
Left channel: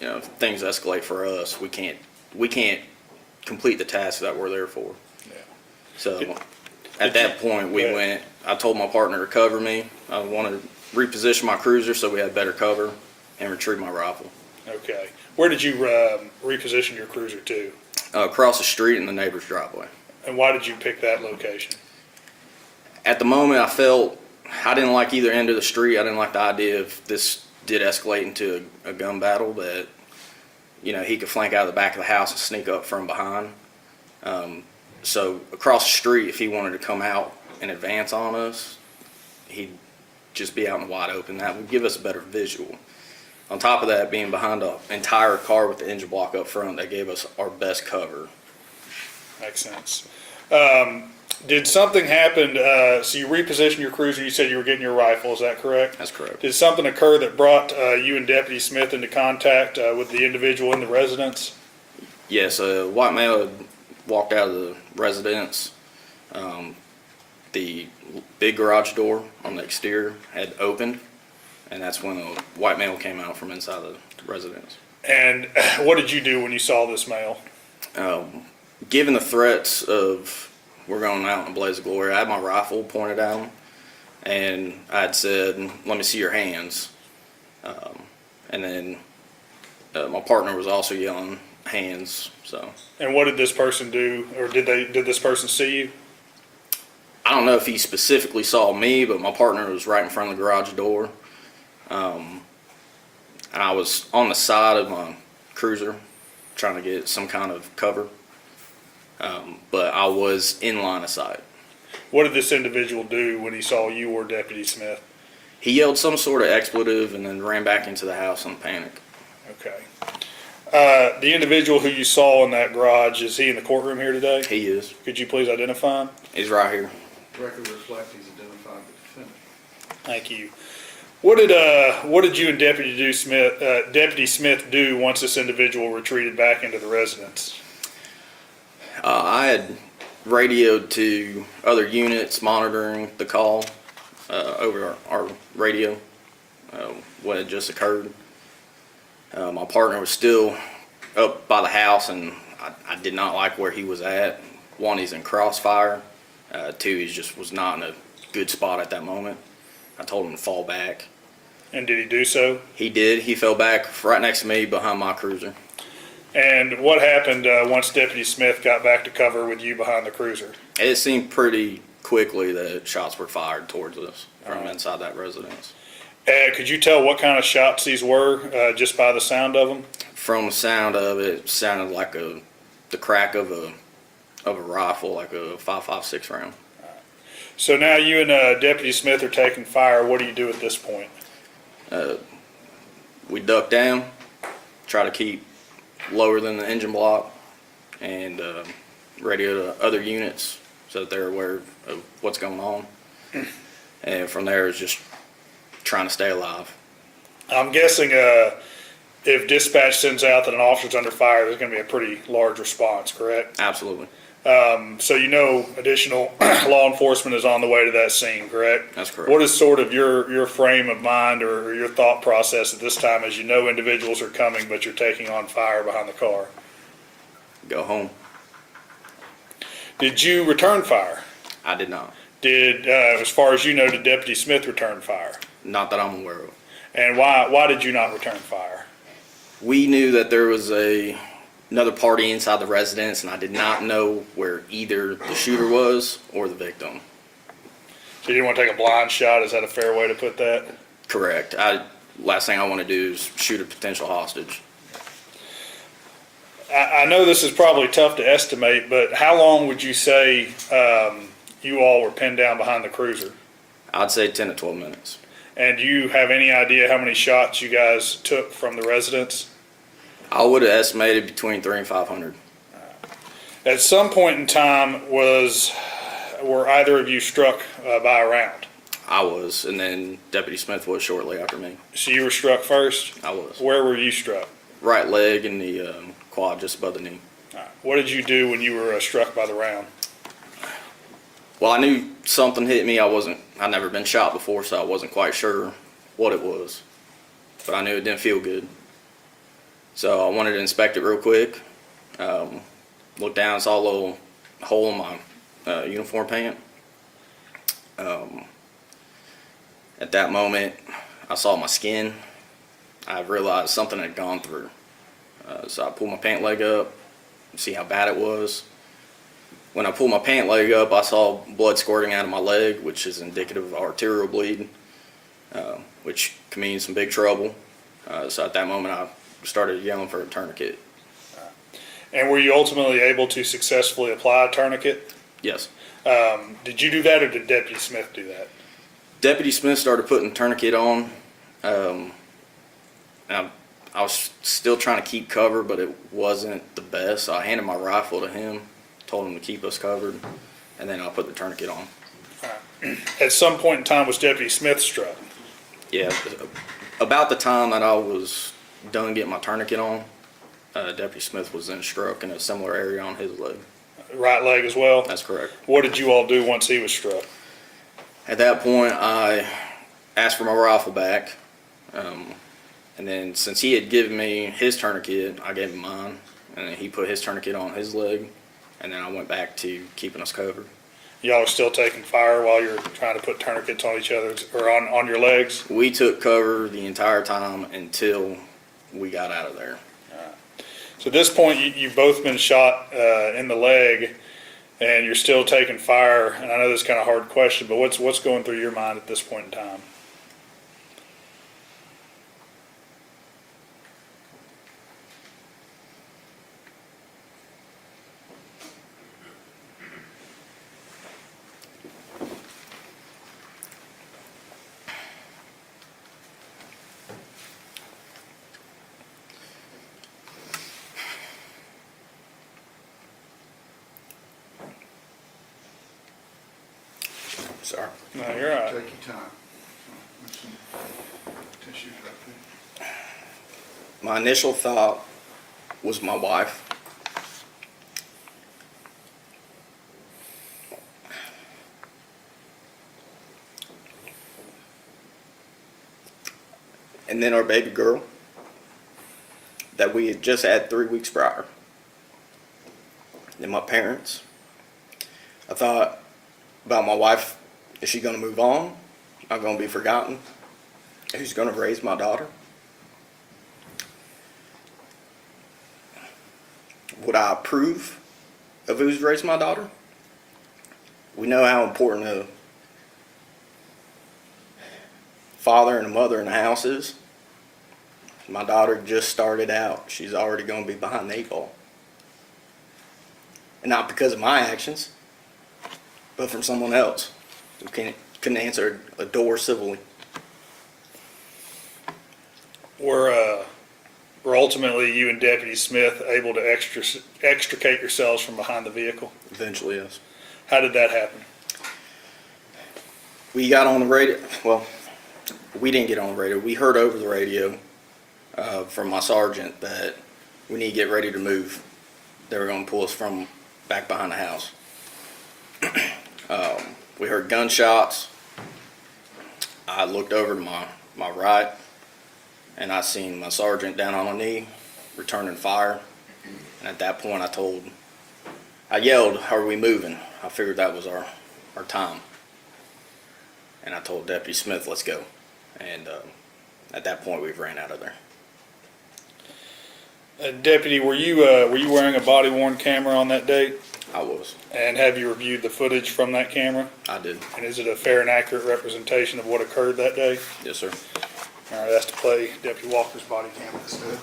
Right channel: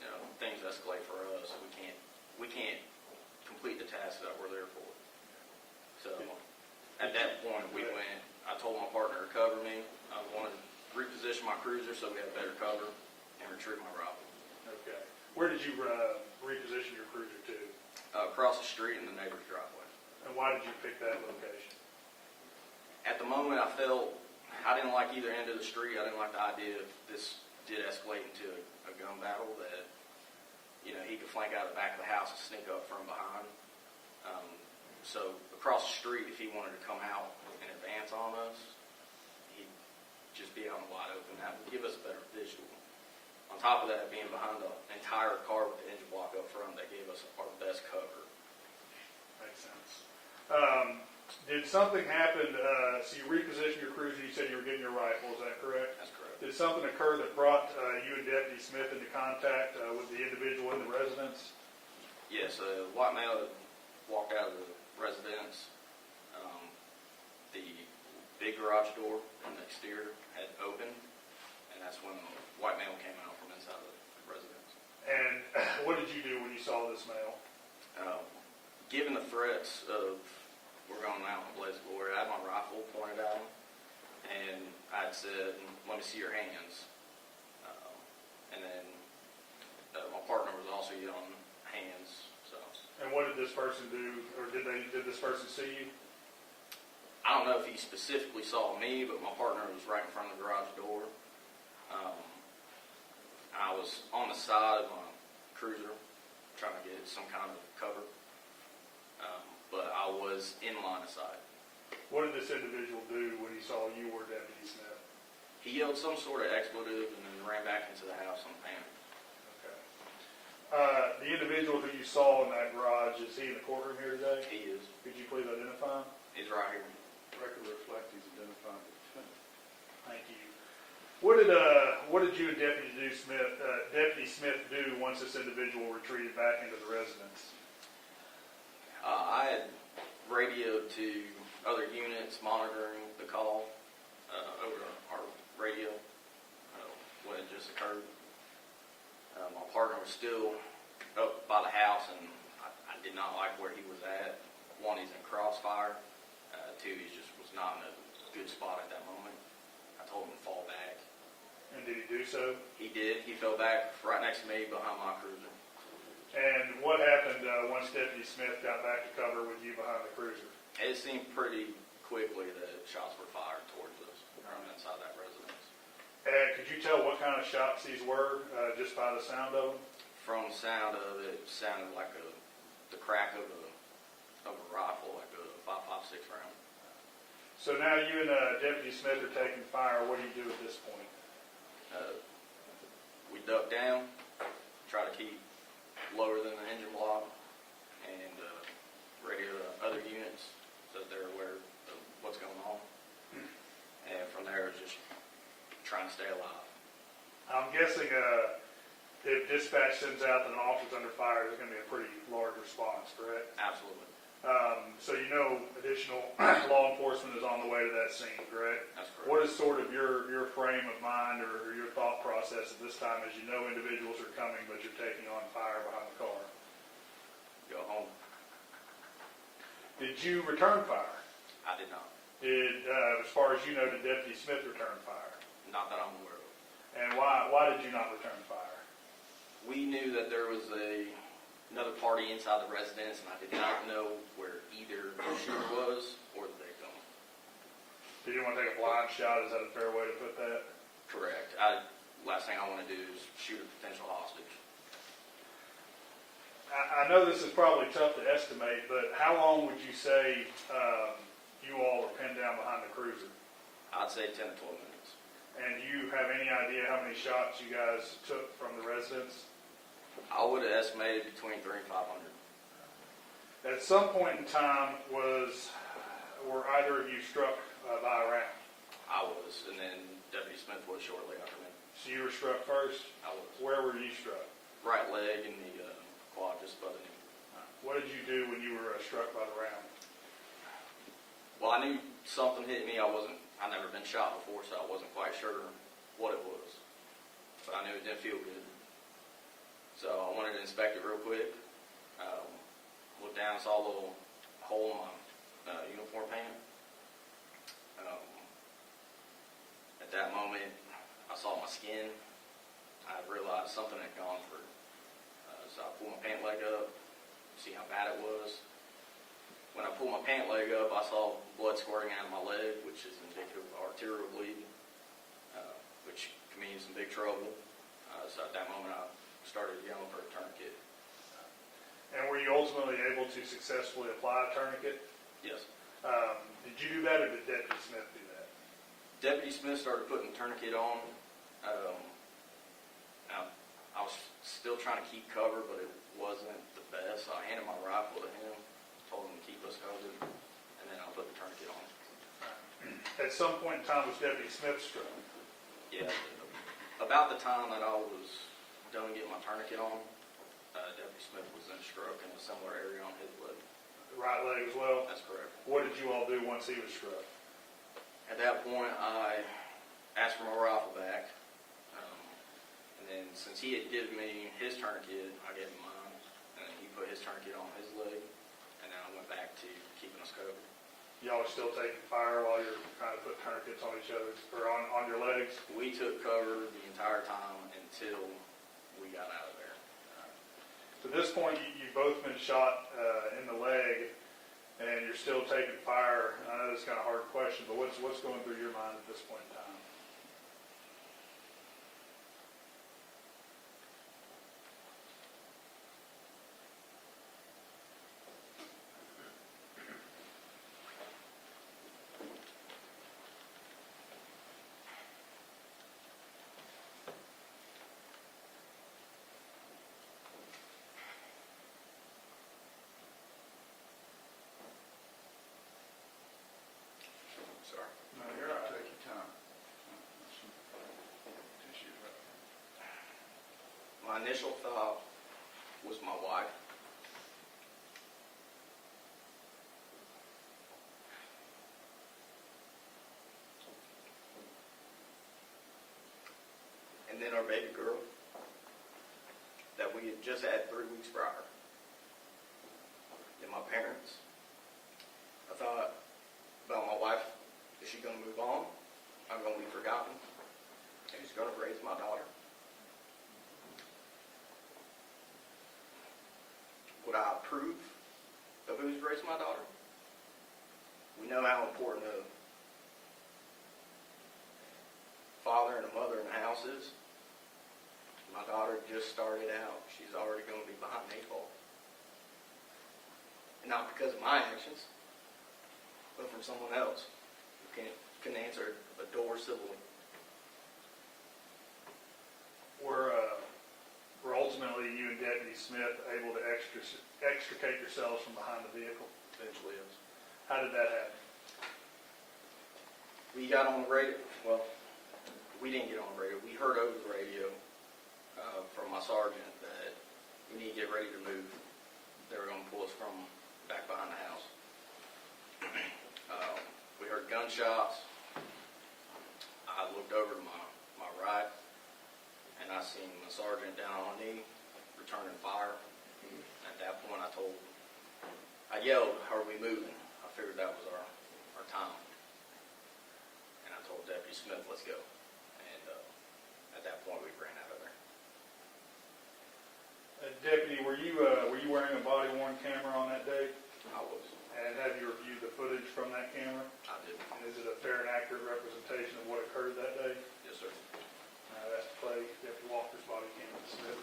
if things escalate for us, we can't complete the task that we're there for. Yeah. So, at that point, I told my partner to cover me. I wanted to reposition my cruiser so we had better cover and retrieve my rifle. Okay. Where did you reposition your cruiser to? Across the street in the neighbor's driveway. And why did you pick that location? At the moment, I felt I didn't like either end of the street. I didn't like the idea if this did escalate into a gun battle that, he could flank out of the back of the house and sneak up from behind. So across the street, if he wanted to come out and advance on us, he'd just be out in the wide open. That would give us a better visual. On top of that, being behind an entire car with the engine block up front, that gave us our best cover. Makes sense. Did something happen, so you repositioned your cruiser, you said you were getting your rifle, is that correct? That's correct. Did something occur that brought you and Deputy Smith into contact with the individual in the residence? Yes, a white male had walked out of the residence. the big garage door on the exterior had opened, and that's when a white male came out from inside the residence. And what did you do when you saw this male? Given the threats of we're going out in a blaze of glory, I had my rifle pointed at him, and I had said, "Let me see your hands." And then my partner was also yelling, "Hands!" So And what did this person do, or did this person see you? I don't know if he specifically saw me, but my partner was right in front of the garage door. And I was on the side of my cruiser trying to get some kind of cover. But I was in line of sight. What did this individual do when he saw you or Deputy Smith? He yelled some sort of expletive and then ran back into the house in panic. Okay. The individual who you saw in that garage, is he in the courtroom here today? He is. Could you please identify him? He's right here. Record reflect he's identified the defendant. Thank you. What did you and Deputy Smith do once this individual retreated back into the residence? I had radioed to other units monitoring the call over our radio, what had just occurred. My partner was still up by the house, and I did not like where he was at. One, he's in crossfire. Two, he just was not in a good spot at that moment. I told him to fall back. And did he do so? He did. He fell back right next to me behind my cruiser. And what happened once Deputy Smith got back to cover with you behind the cruiser? It seemed pretty quickly that shots were fired towards us from inside that residence. Could you tell what kind of shots these were just by the sound of them? From the sound of it, it sounded like the crack of a rifle, like a 5.56 round. So now you and Deputy Smith are taking fire. What do you do at this point? We duck down, try to keep lower than the engine block, and radio to other units so that they're aware of what's going on. And from there, it's just trying to stay alive. I'm guessing if dispatch sends out that an officer's under fire, there's going to be a pretty large response, correct? Absolutely. So you know additional law enforcement is on the way to that scene, correct? That's correct. What is sort of your frame of mind or your thought process at this time as you know individuals are coming but you're taking on fire behind the car? Go home. Did you return fire? I did not. Did, as far as you know, did Deputy Smith return fire? Not that I'm aware of. And why did you not return fire? We knew that there was another party inside the residence, and I did not know where either the shooter was or the victim. So you didn't want to take a blind shot? Is that a fair way to put that? Correct. Last thing I want to do is shoot a potential hostage. I know this is probably tough to estimate, but how long would you say you all were pinned down behind the cruiser? I'd say 10 to 12 minutes. And do you have any idea how many shots you guys took from the residence? I would have estimated between 300 and 500. At some point in time, were either of you struck by a round? I was, and then Deputy Smith was shortly after me. So you were struck first? I was. Where were you struck? Right leg and the quad just above the knee. All right. What did you do when you were struck by the round? Well, I knew something hit me. I'd never been shot before, so I wasn't quite sure what it was. But I knew it didn't feel good. So I wanted to inspect it real quick. Looked down, saw a little hole in my uniform pant. At that moment, I saw my skin. I realized something had gone through. So I pulled my pant leg up, see how bad it was. When I pulled my pant leg up, I saw blood squirting out of my leg, which is indicative of arterial bleed, which can mean some big trouble. So at that moment, I started yelling for a tourniquet. And were you ultimately able to successfully apply a tourniquet? Yes. Did you do that or did Deputy Smith do that? Deputy Smith started putting the tourniquet on. And I was still trying to keep cover, but it wasn't the best. So I handed my rifle to him, told him to keep us covered, and then I put the tourniquet on. At some point in time, was Deputy Smith struck? Yeah, about the time that I was done getting my tourniquet on, Deputy Smith was then struck in a similar area on his leg. Right leg as well? That's correct. What did you all do once he was struck? At that point, I asked for my rifle back. And then since he had given me his tourniquet, I gave him mine. And then he put his tourniquet on his leg. And then I went back to keeping us covered. Y'all were still taking fire while you're trying to put tourniquets on each other's, or on your legs? We took cover the entire time until we got out of there. So at this point, you've both been shot in the leg, and you're still taking fire. And I know this is kind of a hard question, but what's going through your mind at this point in time? Sorry. No, you're all right. Take your time. There's some tissues right there. My initial thought was my wife. And then our baby girl that we had just had 3 weeks prior. Then my parents. I thought about my wife. Is she going to move on? Am I going to be forgotten? Who's going to raise my daughter? Would I approve of who's raised my daughter? We know how important a father and a mother in the house is. My daughter just started out. She's already going to be behind the 8 ball. And not because of my actions, but from someone else who couldn't answer a door civilly. Were ultimately you and Deputy Smith able to extricate yourselves from behind the vehicle? Eventually, yes. How did that happen? We got on the radio. Well, we didn't get on the radio. We heard over the radio from my sergeant that we need to get ready to move. They were going to pull us from back behind the house. We heard gunshots. I looked over to my right, and I seen my sergeant down on a knee, returning fire. And at that point, I yelled, "Are we moving?" I figured that was our time. And I told Deputy Smith, "Let's go." And at that point, we ran out of there. Deputy, were you wearing a body-worn camera on that date? I was. And have you reviewed the footage from that camera? I did. And is it a fair and accurate representation of what occurred that day? Yes, sir. All right, that's to play Deputy Walker's body cam instead.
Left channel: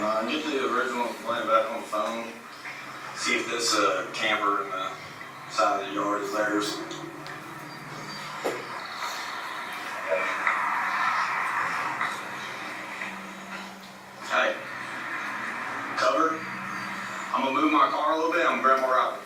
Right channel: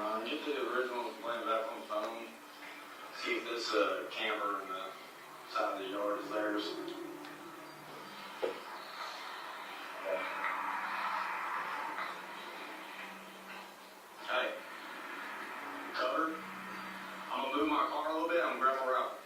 1029. Get the original complaint back on the phone. See if this camper in the side of the yard is theirs. Hey, cover. I'm gonna move my car a little bit. I'm gonna grab more out.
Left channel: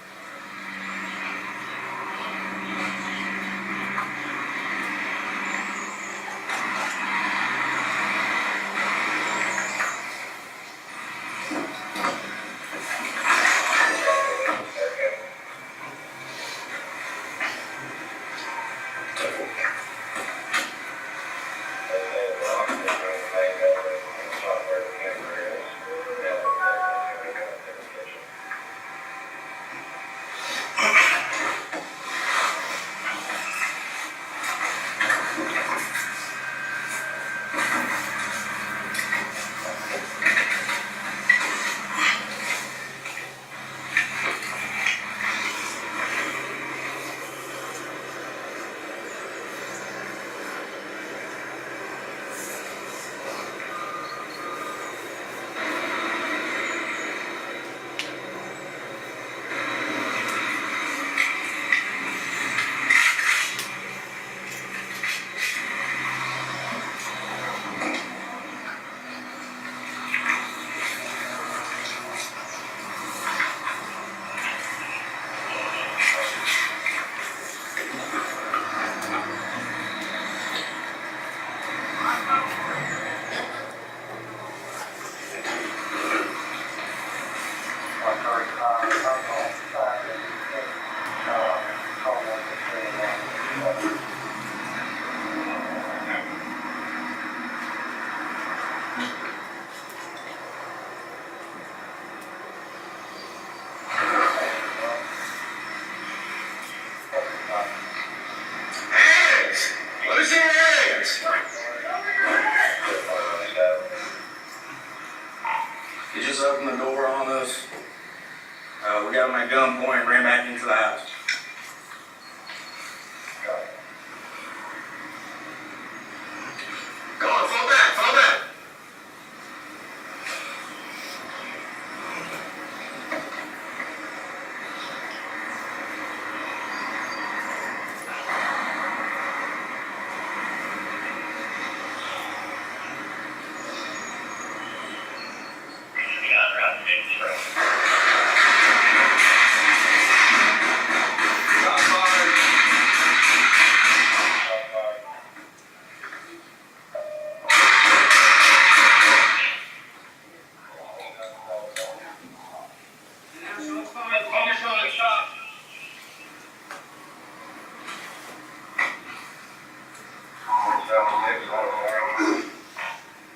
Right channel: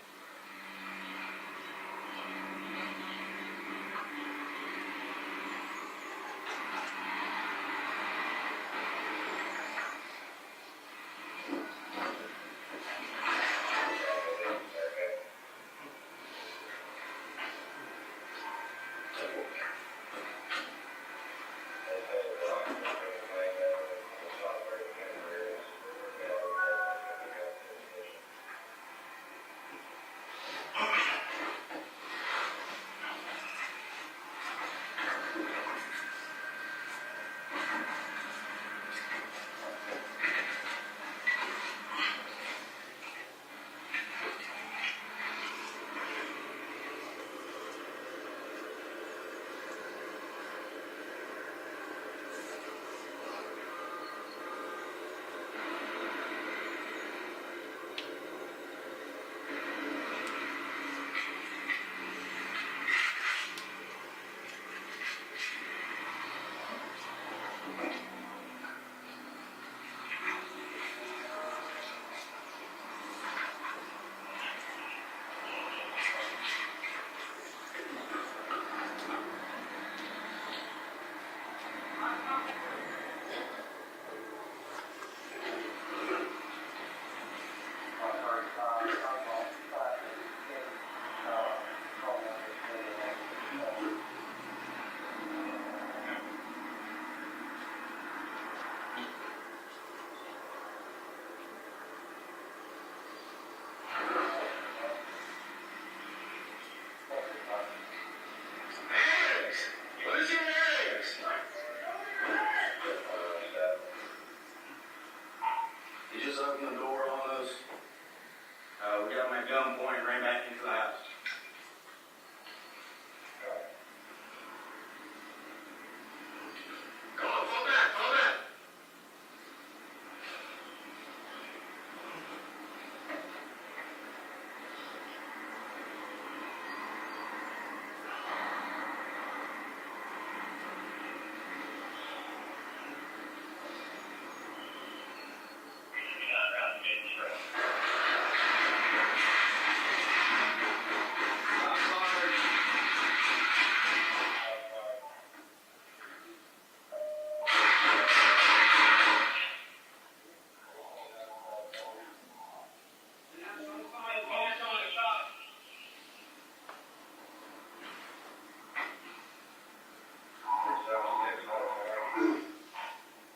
He just opened the door on us. We got him at gunpoint and ran back into the house. Come on, fall back, fall back.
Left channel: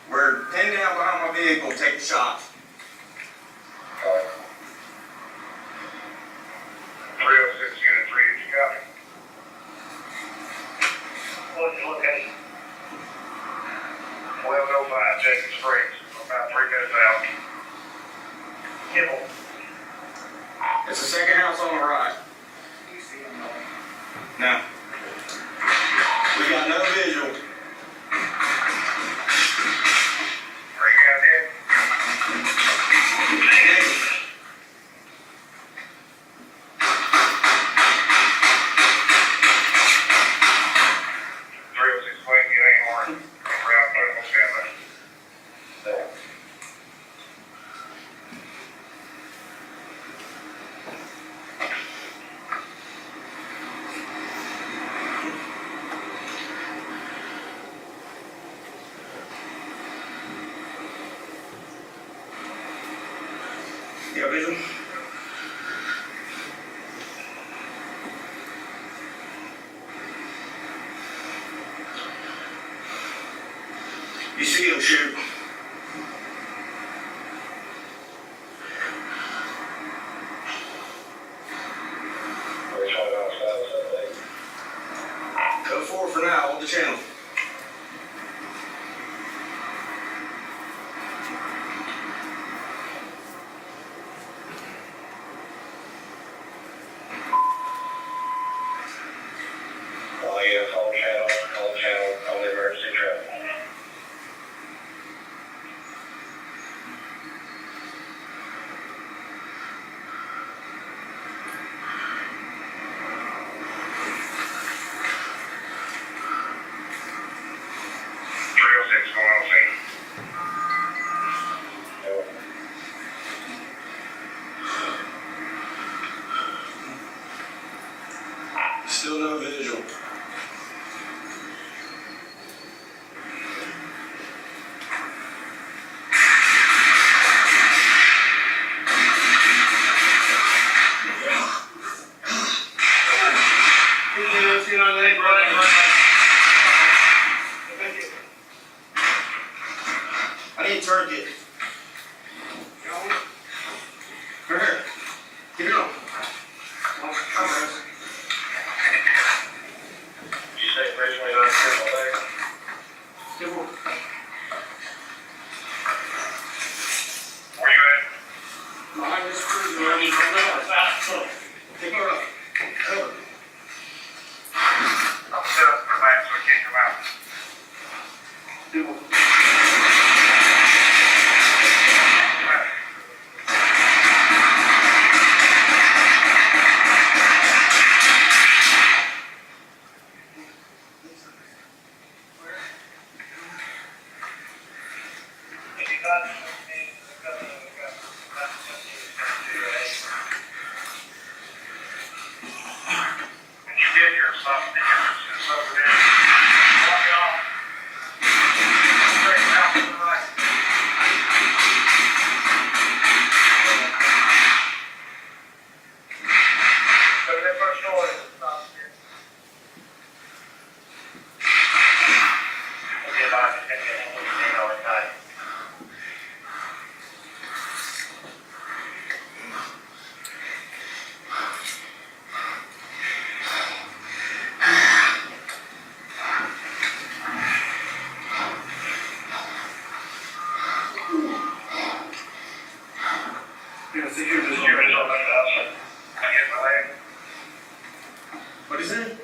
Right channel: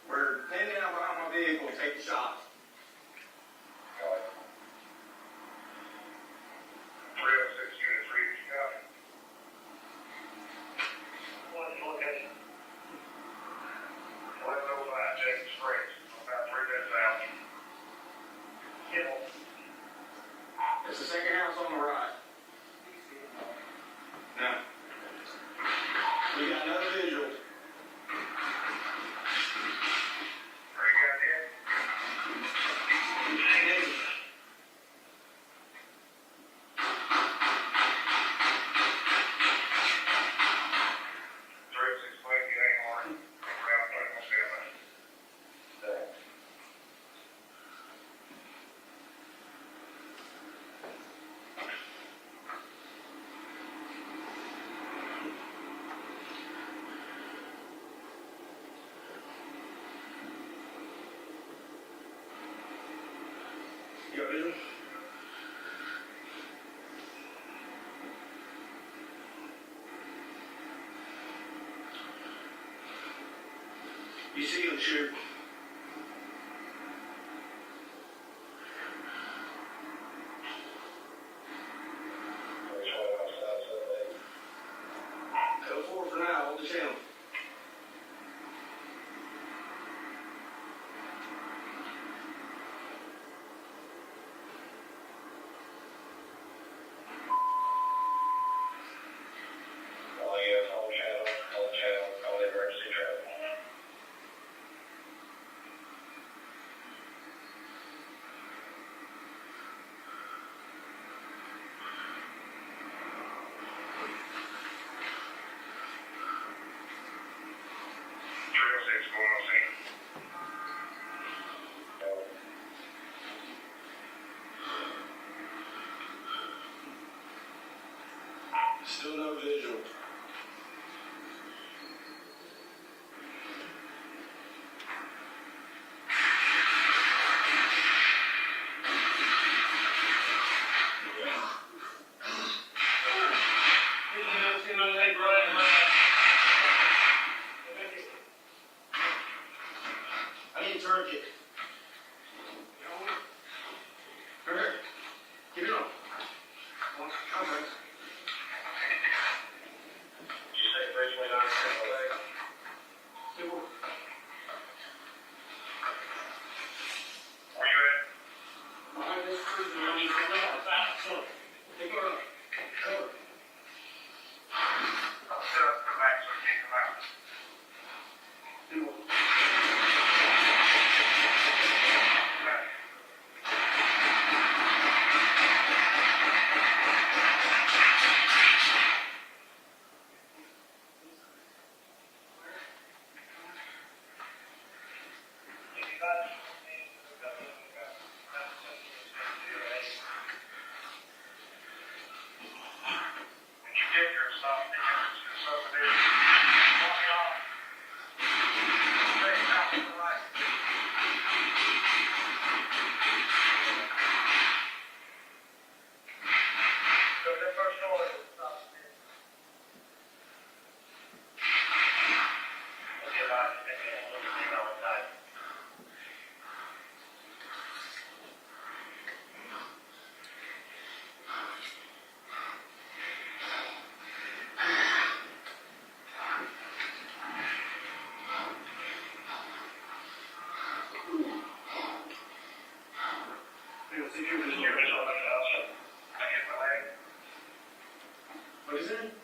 We're pinned down behind my vehicle, take the shots. 306 units ready to go. What's your location? 1105 Jacob Springs, about 3 minutes out. Kibble. It's the second house on the right. You see him, though. No. We got no visual. Are you guys in? You got visual? You see him shoot. Go forward for now, hold the channel. Still no visual. I need turkey. Come here. Keep it on. Come on. You say originally not careful there? Where you at? Behind this cruiser. I need to know. Take her up. Cover. I'll set up the lamp so it can't come out. Do one. What is it?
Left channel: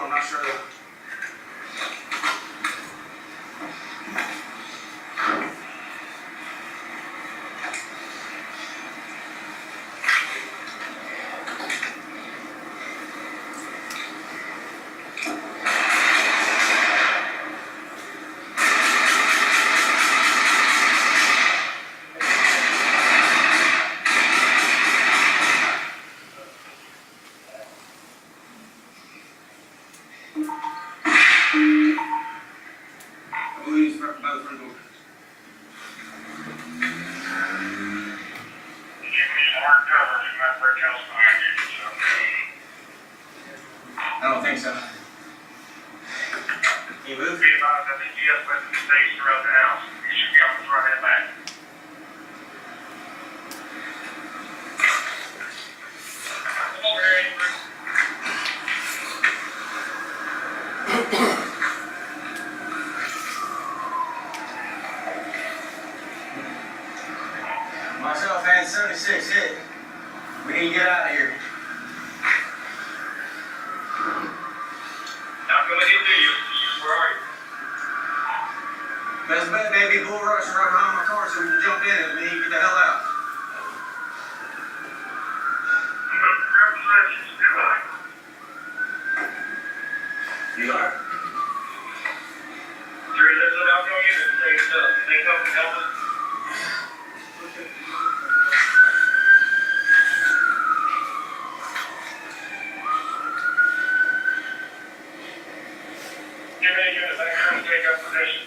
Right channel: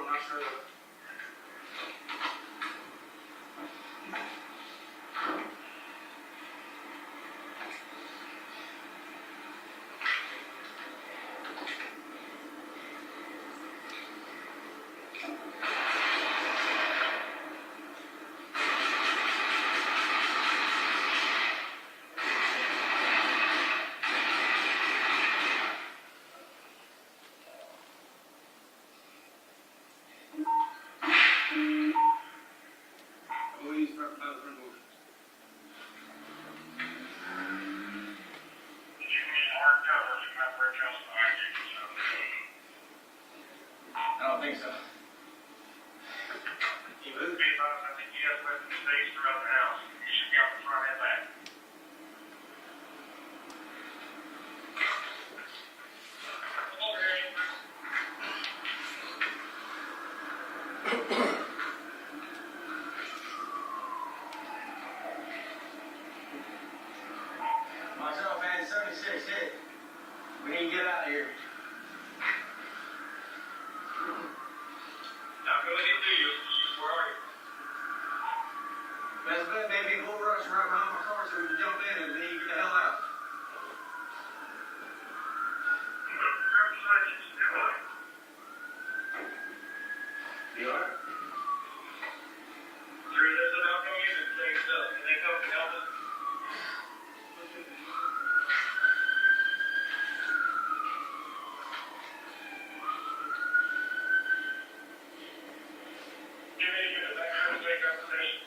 I'm not sure. I don't think so. Can you move? I think you have to put the space throughout the house. You should be able to throw it back. Myself and 76 hit. We need to get out of here. Not gonna get to you. Where are you? Best bet, baby. Bull rush right behind my car. position.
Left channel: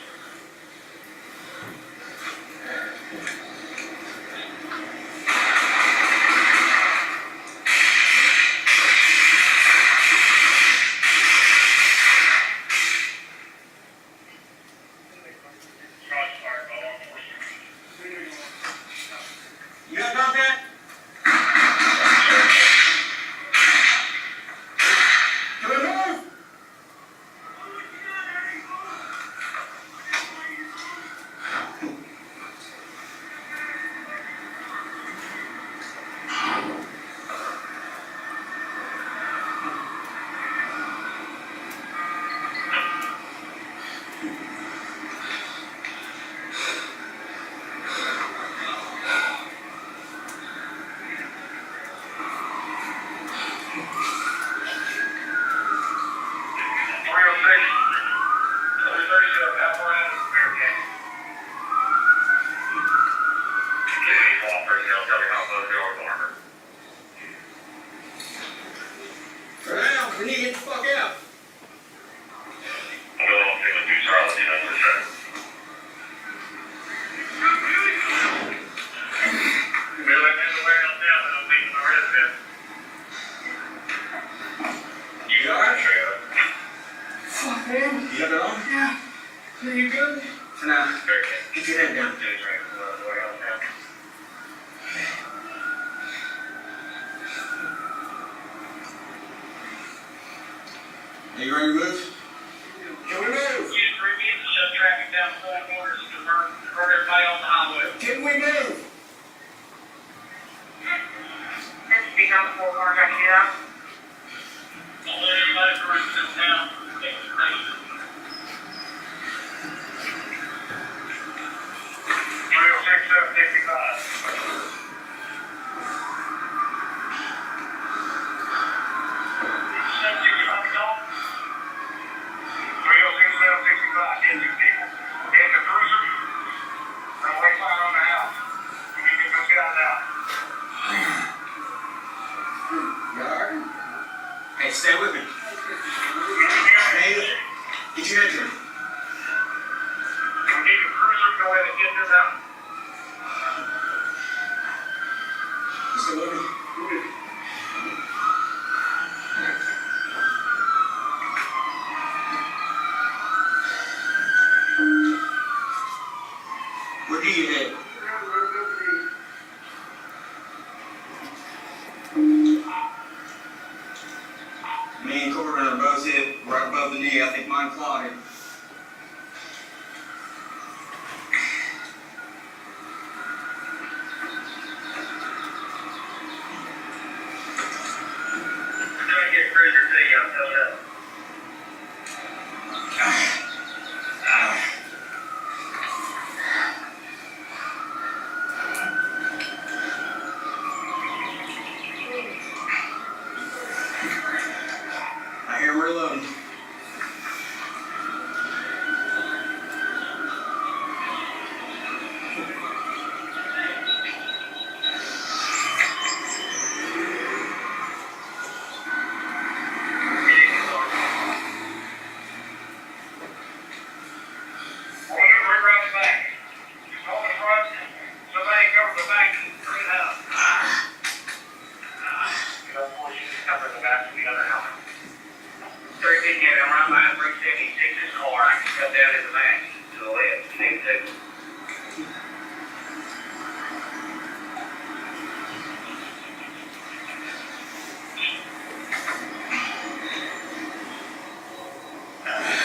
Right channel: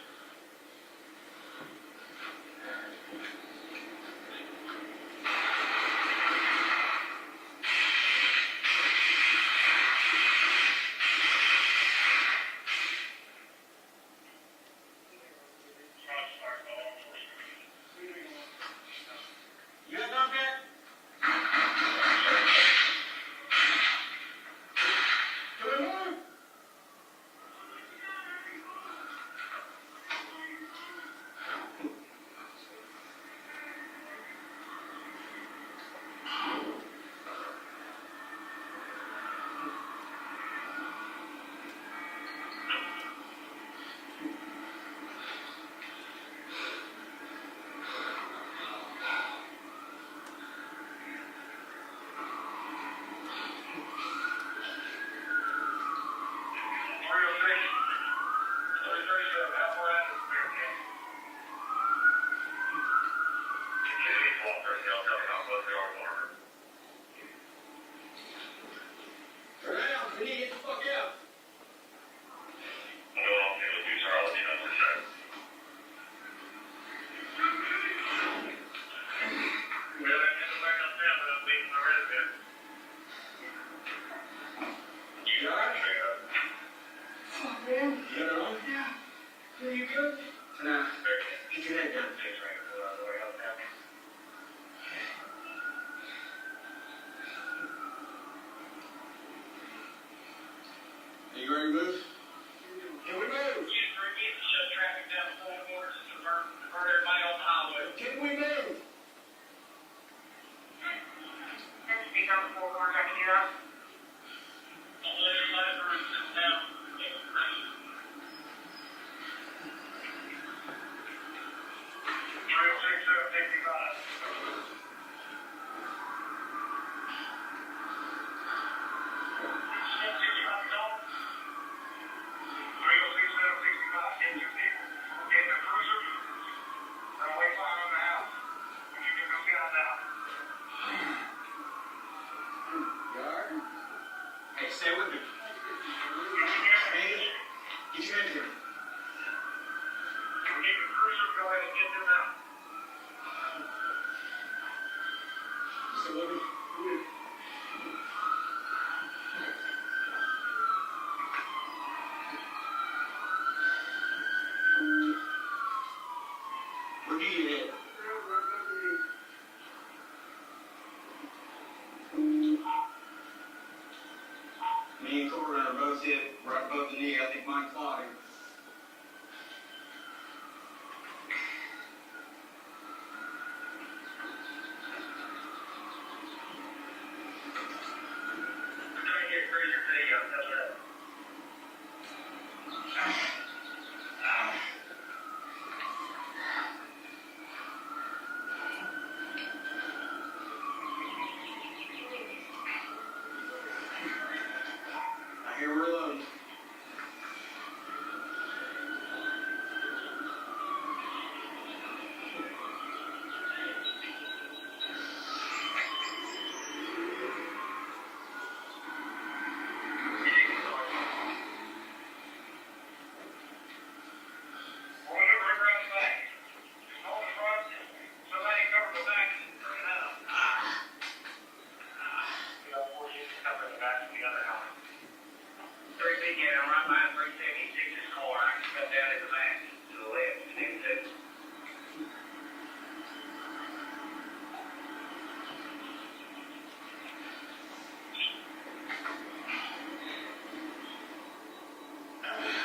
You got done that? Do we move? We need to get the fuck out. You all right? Fuck, man. You got it on? Yeah. Are you good? For now. Get your head down. Are you ready to move? Can we move? Use 3 minutes to shut traffic down the 4 corners to divert everybody on the highway. Can we move? Speak on the 4 corners, I can do that. I'll let everybody run this down. Hey, stay with me. Hey, get your head down. Stay with me. Where do you head? Me and Corbin are both hit right above the knee. I think mine clotted. I hear we're loading.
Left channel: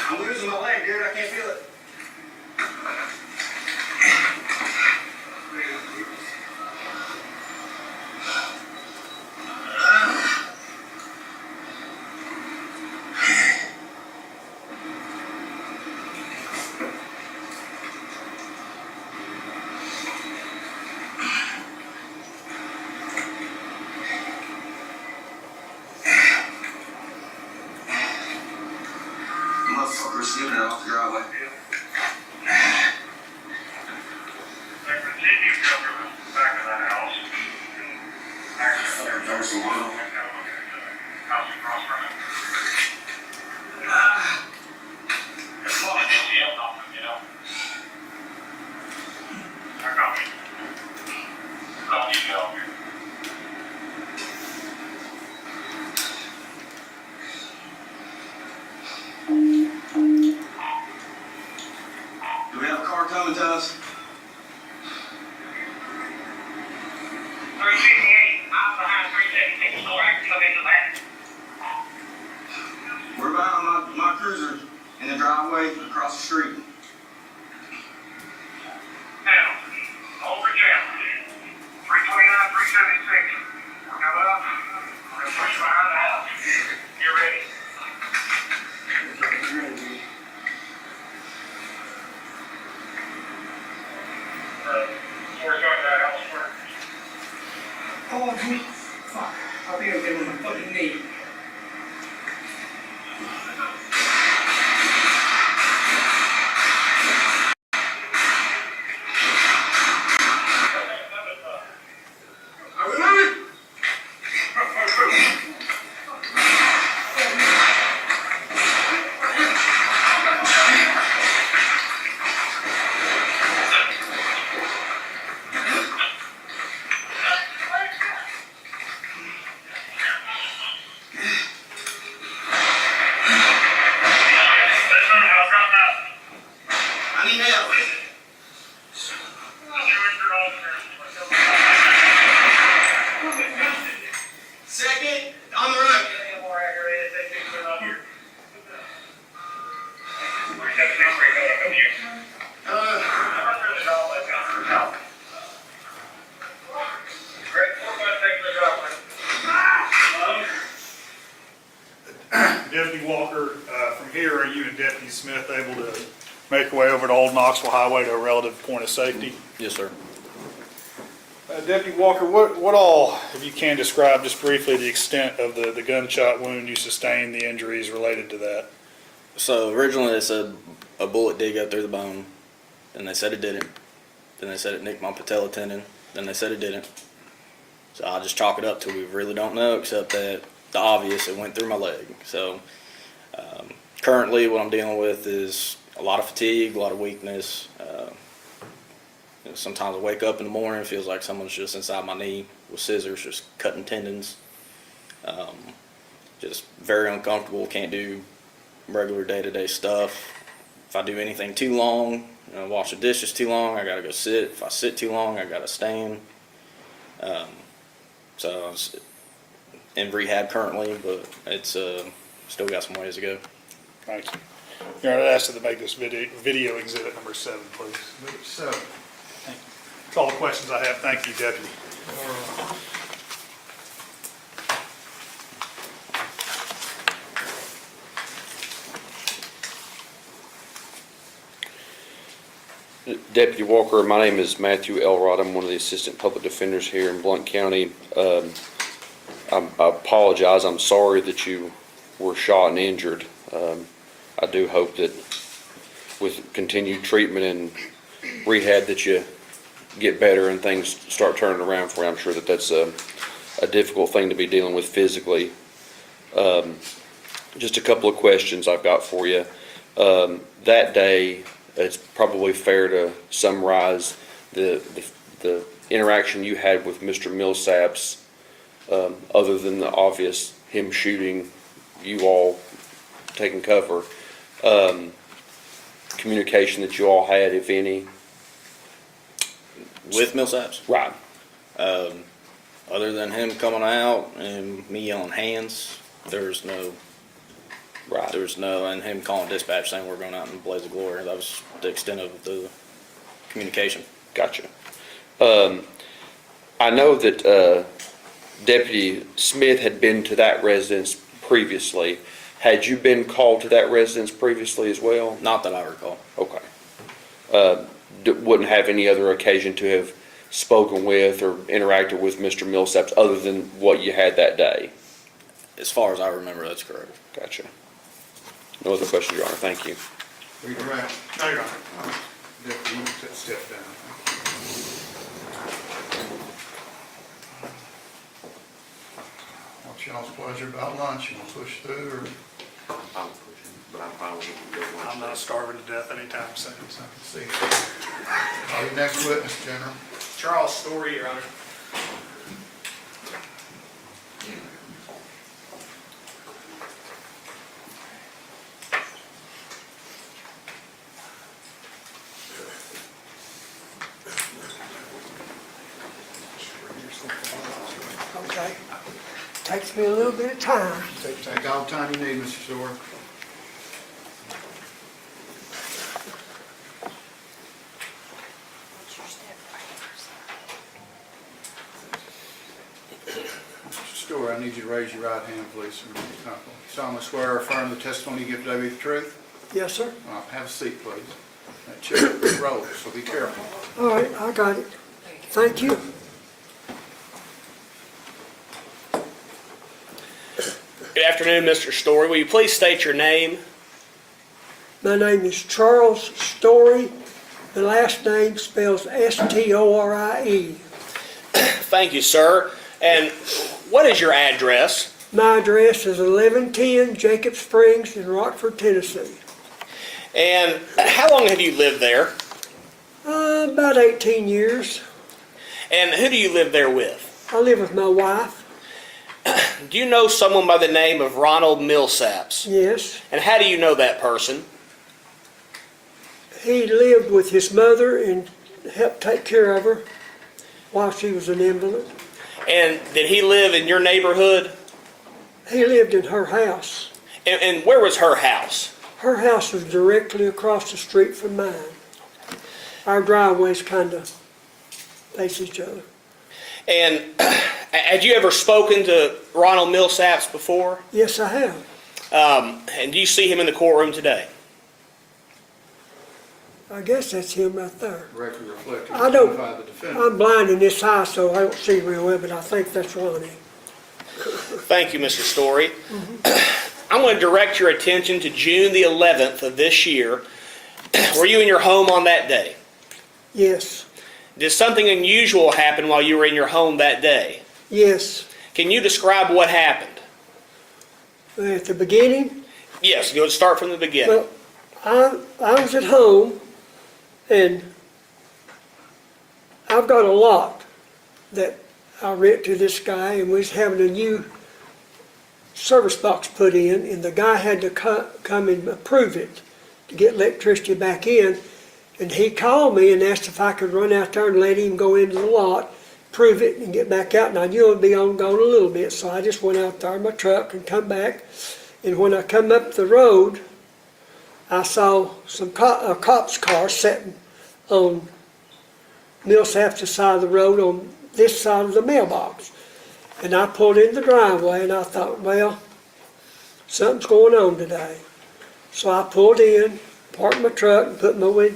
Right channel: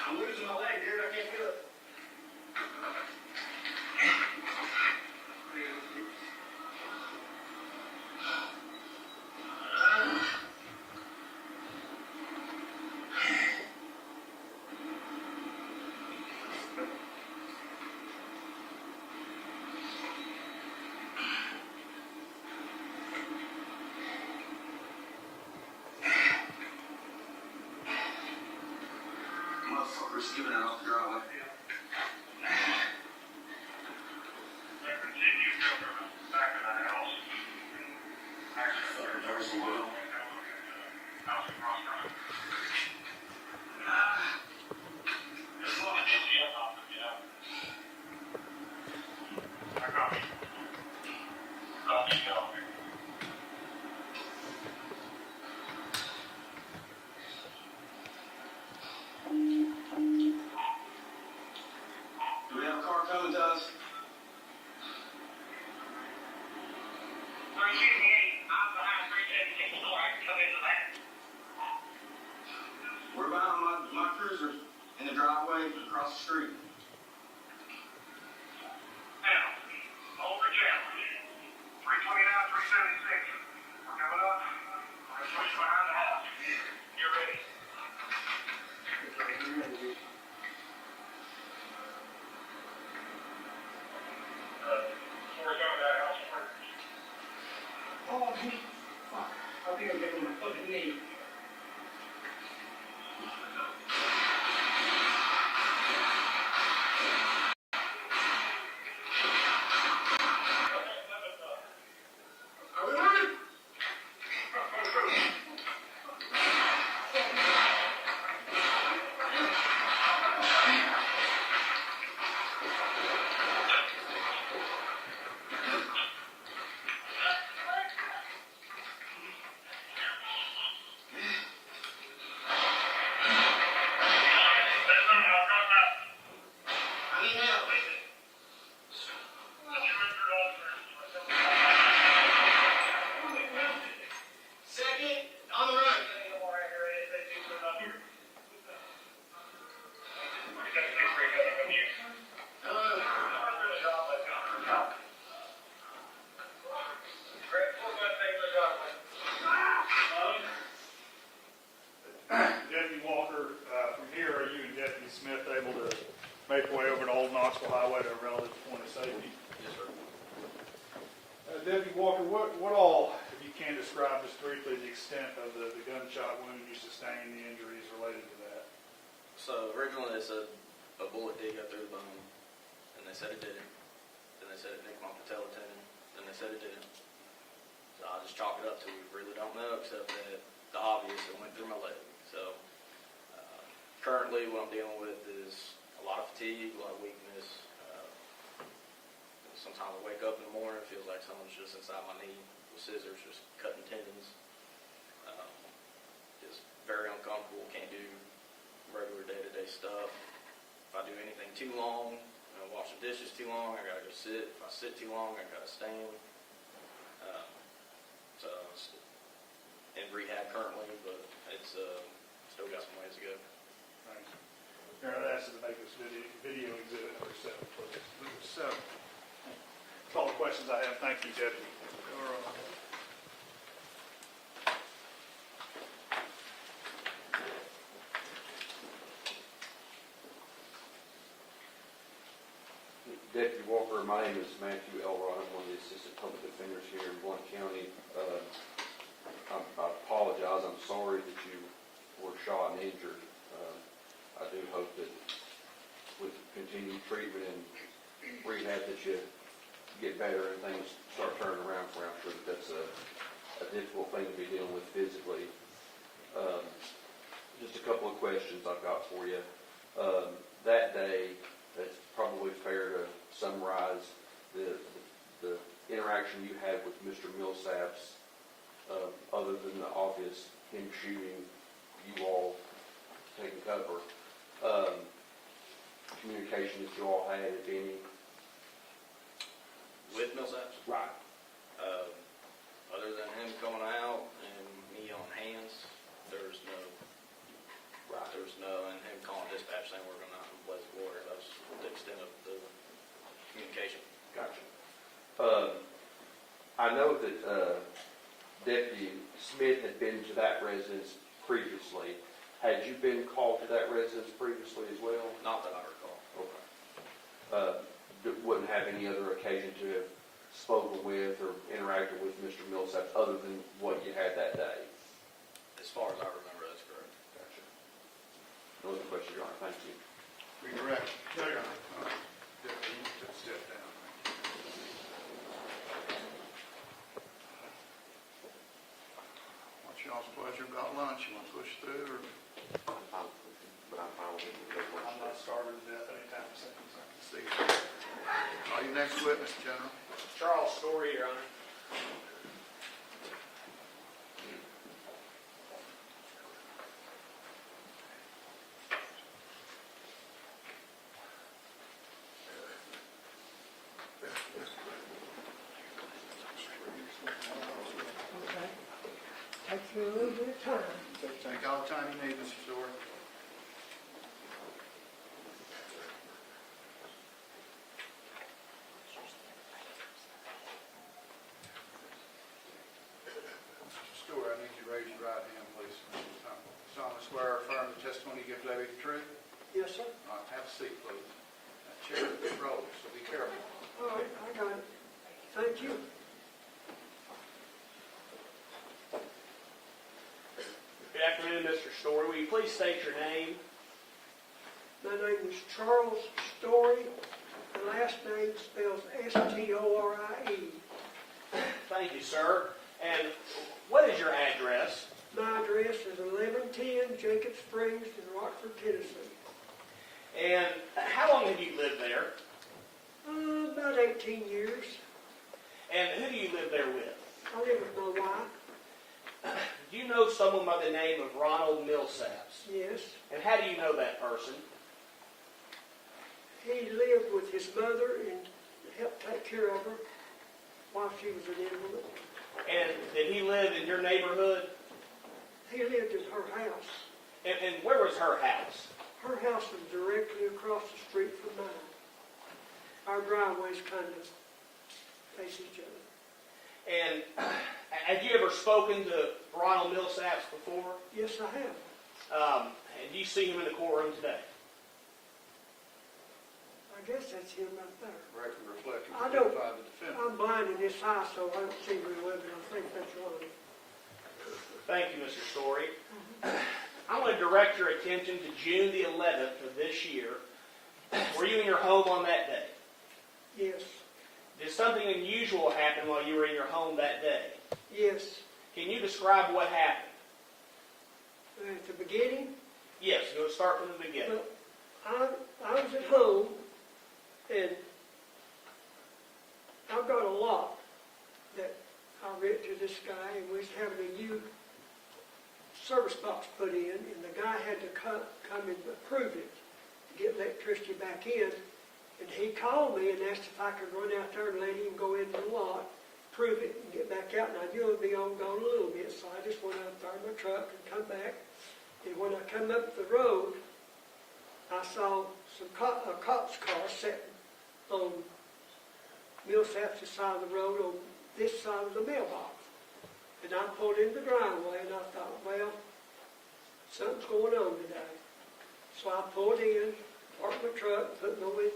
I'm losing my leg, dude. I can't feel it. Motherfucker was skipping it off the driveway. highway across the street. Now, over down. 329, 376. We're coming up. We're gonna push behind the house. Get ready. We're going to the house first. Oh, fuck. I think I'm getting my fucking knee. Are we moving? I need help. Second, on the right. Deputy Walker, from here, are you and Deputy Smith able to make your way over to Old Knoxville Highway to a relative point of safety? Yes, sir. Deputy Walker, what all, if you can describe just briefly the extent of the gunshot wound you sustained, the injuries related to that? So originally they said a bullet did go through the bone, and they said it didn't. Then they said it nicked my patella tendon. Then they said it didn't. So I just chalk it up to we really don't know, except that the obvious, it went through my leg. So currently what I'm dealing with is a lot of fatigue, a lot of weakness. Sometimes I wake up in the morning, it feels like someone's just inside my knee with scissors, just cutting tendons. Just very uncomfortable, can't do regular day-to-day stuff. If I do anything too long, wash the dishes too long, I gotta go sit. If I sit too long, I gotta stand. So I was in rehab currently, but it's still got some ways to go. Thank you. Your Honor, I'd ask that they make this video exhibit number 7, please. Number 7. That's all the questions I have. Thank you, Deputy. Deputy Walker, my name is Matthew Elrod. I'm one of the assistant public defenders here in Blount County. I apologize. I'm sorry that you were shot and injured. I do hope that with continued treatment and rehab that you get better and things start turning around for you. I'm sure that that's a difficult thing to be dealing with physically. Just a couple of questions I've got for you. That day, it's probably fair to summarize the interaction you had with Mr. Millsaps, other than the obvious him shooting, you all taking cover. Communication that you all had, if any. With Millsaps? Right. Other than him coming out and me yelling hands, there's no, Right. and him calling dispatch saying we're going out in a blaze of glory. That was the extent of the communication. Gotcha. I know that Deputy Smith had been to that residence previously. Had you been called to that residence previously as well? Not that I recall. Okay. Wouldn't have any other occasion to have spoken with or interacted with Mr. Millsaps other than what you had that day? As far as I remember, that's correct. Gotcha. No other questions, Your Honor. Thank you. Will you direct? No, Your Honor. Deputy, you can step down. What's y'all's pleasure about lunch? You want to push through or? I'm pushing, but I'm fine with I'm not starving to death anytime soon. I can see. Your next witness, General. Charles Story, Your Honor. Okay. Takes me a little bit of time. Take all the time you need, Mr. Storer. need you to raise your right hand, please, sir. You solemnly swear or affirm the testimony you give today be the truth? Yes, sir. Have a seat, please. That chair rolls, so be careful. All right, I got it. Thank you. Good afternoon, Mr. Story. Will you please state your name? My name is Charles Story. The last name spells S-T-O-R-I-E. Thank you, sir. And what is your address? My address is 1110 Jacob Springs in Rockford, Tennessee. And how long have you lived there? About 18 years. And who do you live there with? I live with my wife. Do you know someone by the name of Ronald Millsaps? Yes. And how do you know that person? He lived with his mother and helped take care of her while she was an invalid. And did he live in your neighborhood? He lived in her house. And where was her house? Her house was directly across the street from mine. Our driveways kind of face each other. And had you ever spoken to Ronald Millsaps before? Yes, I have. And do you see him in the courtroom today? I guess that's him right there. Record reflected. I don't- Identify the defendant. I'm blind in this eye, so I don't see real well, but I think that's Ronnie. Thank you, Mr. Story. I'm going to direct your attention to June the 11th of this year. Were you in your home on that day? Yes, Did something unusual happen while you were in your home that day? yes. Can you describe what happened? At the beginning, Yes, go start from the beginning. well, I was at home, and I've got a lot that I rent to this guy, and we was having a new service box put in, and the guy had to come and approve it to get electricity back in. And he called me and asked if I could run out there and let him go into the lot, prove it, and get back out. And I knew it would be gone a little bit, so I just went out there in my truck and come back. And when I come up the road, I saw a cop's car sitting on Millsap's side of the road on this side of the mailbox. And I pulled in the driveway, and I thought, well, something's going on today. So I pulled in, parked my truck, and put my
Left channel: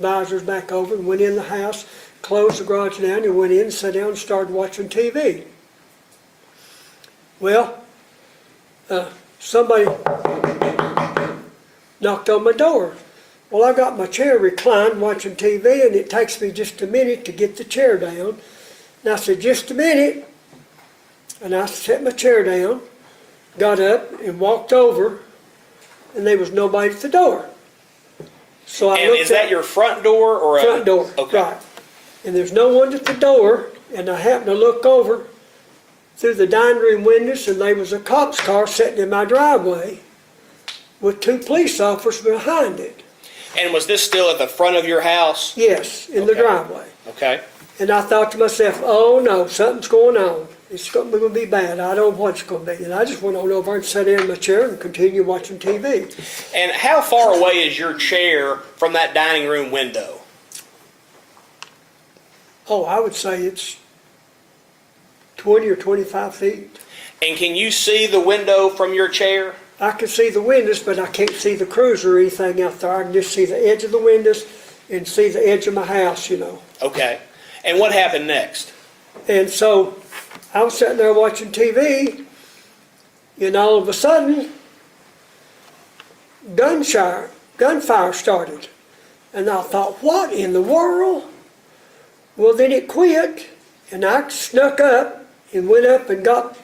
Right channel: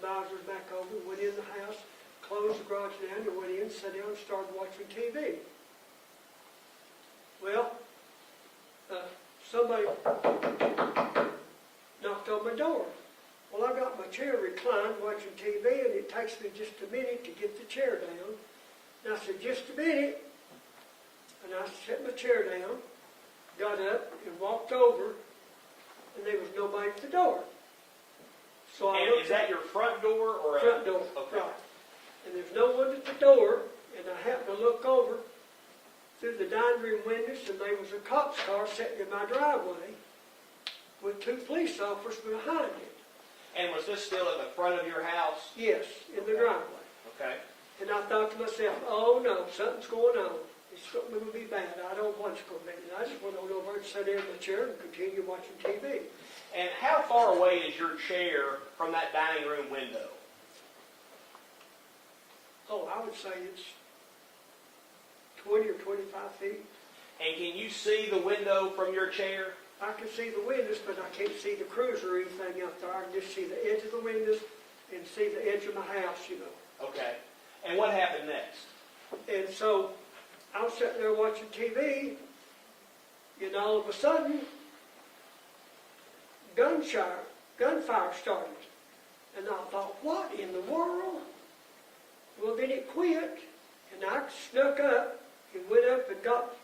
visors back over, and went in the house, closed the garage down, and went in, sat down, and started watching TV. Well, somebody knocked on my door. Well, I got my chair reclined watching TV, and it takes me just a minute to get the chair down. And I said, just a minute. And I set my chair down, got up, and walked over, and there was nobody at the door. So I And looked is that at your front door or front door, Okay. right. And there's no one at the door, and I happened to look over through the dining room windows, and there was a cop's car sitting in my driveway with two police officers behind it. And was this still at the front of your house? Yes, in the Okay. driveway. Okay. And I thought to myself, oh no, something's going on. It's going to be bad. I don't know what it's going to be. And I just went on over and sat in my chair and continued watching TV. And how far away is your chair from that dining room window? Oh, I would say it's 20 or 25 feet. And can you see the window from your chair? I can see the windows, but I can't see the cruiser or anything out there. I can just see the edge of the windows and see the edge of my house, you know. Okay. And what happened next? And so I was sitting there watching TV, and all of a sudden, gunfire started. And I thought, what in the world? Well, then it quit, and I snuck up and went up and got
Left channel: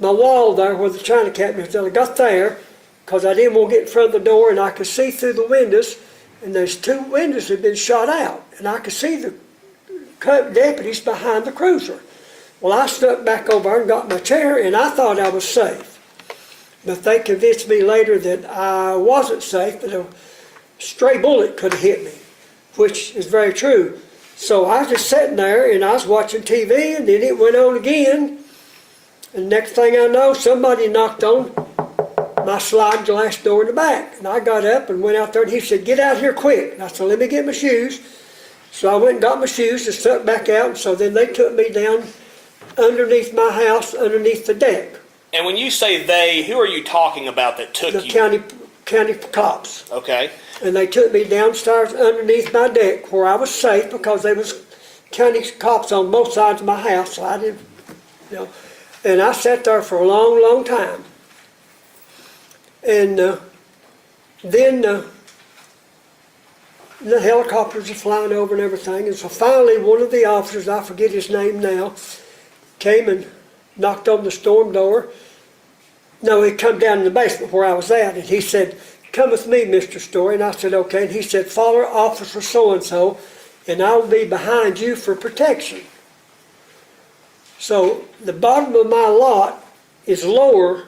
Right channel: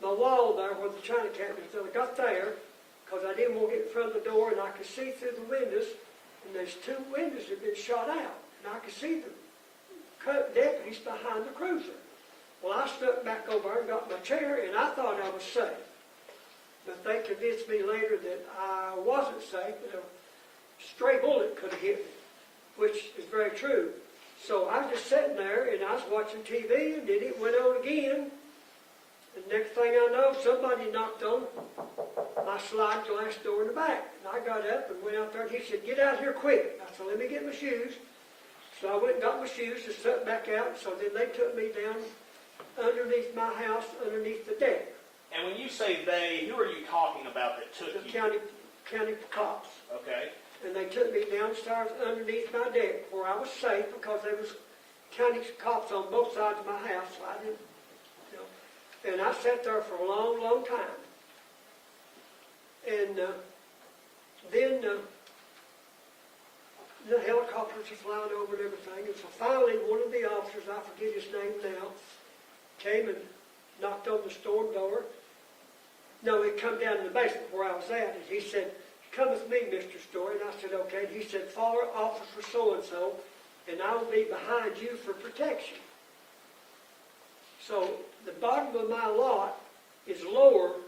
my wall there where the china cabinet is. I got there because I didn't want to get in front of the door, and I could see through the windows, and there's two windows that had been shot out, and I could see the deputies behind the cruiser. Well, I snuck back over and got my chair, and I thought I was safe. But they convinced me later that I wasn't safe, that a stray bullet could have hit me, which is very true. So I was just sitting there, and I was watching TV, and then it went on again. And next thing I know, somebody knocked on my sliding glass door in the back. And I got up and went out there, and he said, get out here quick. And I said, let me get my shoes. So I went and got my shoes and stuck back out, and so then they took me down underneath my house, underneath the deck. And when you say they, who are you talking about that took The you? county cops. Okay. And they took me downstairs underneath my deck where I was safe because there was county cops on both sides of my house, so I didn't, And I sat there for a long, long time. And then the helicopters are flying over and everything. And so finally one of the officers, I forget his name now, came and knocked on the storm door. No, he come down in the basement where I was at, and he said, "Come with me, Mr. Story." And I said, "Okay." And he said, "Follow Officer so-and-so, and I'll be behind you for protection." So the bottom of my lot is lower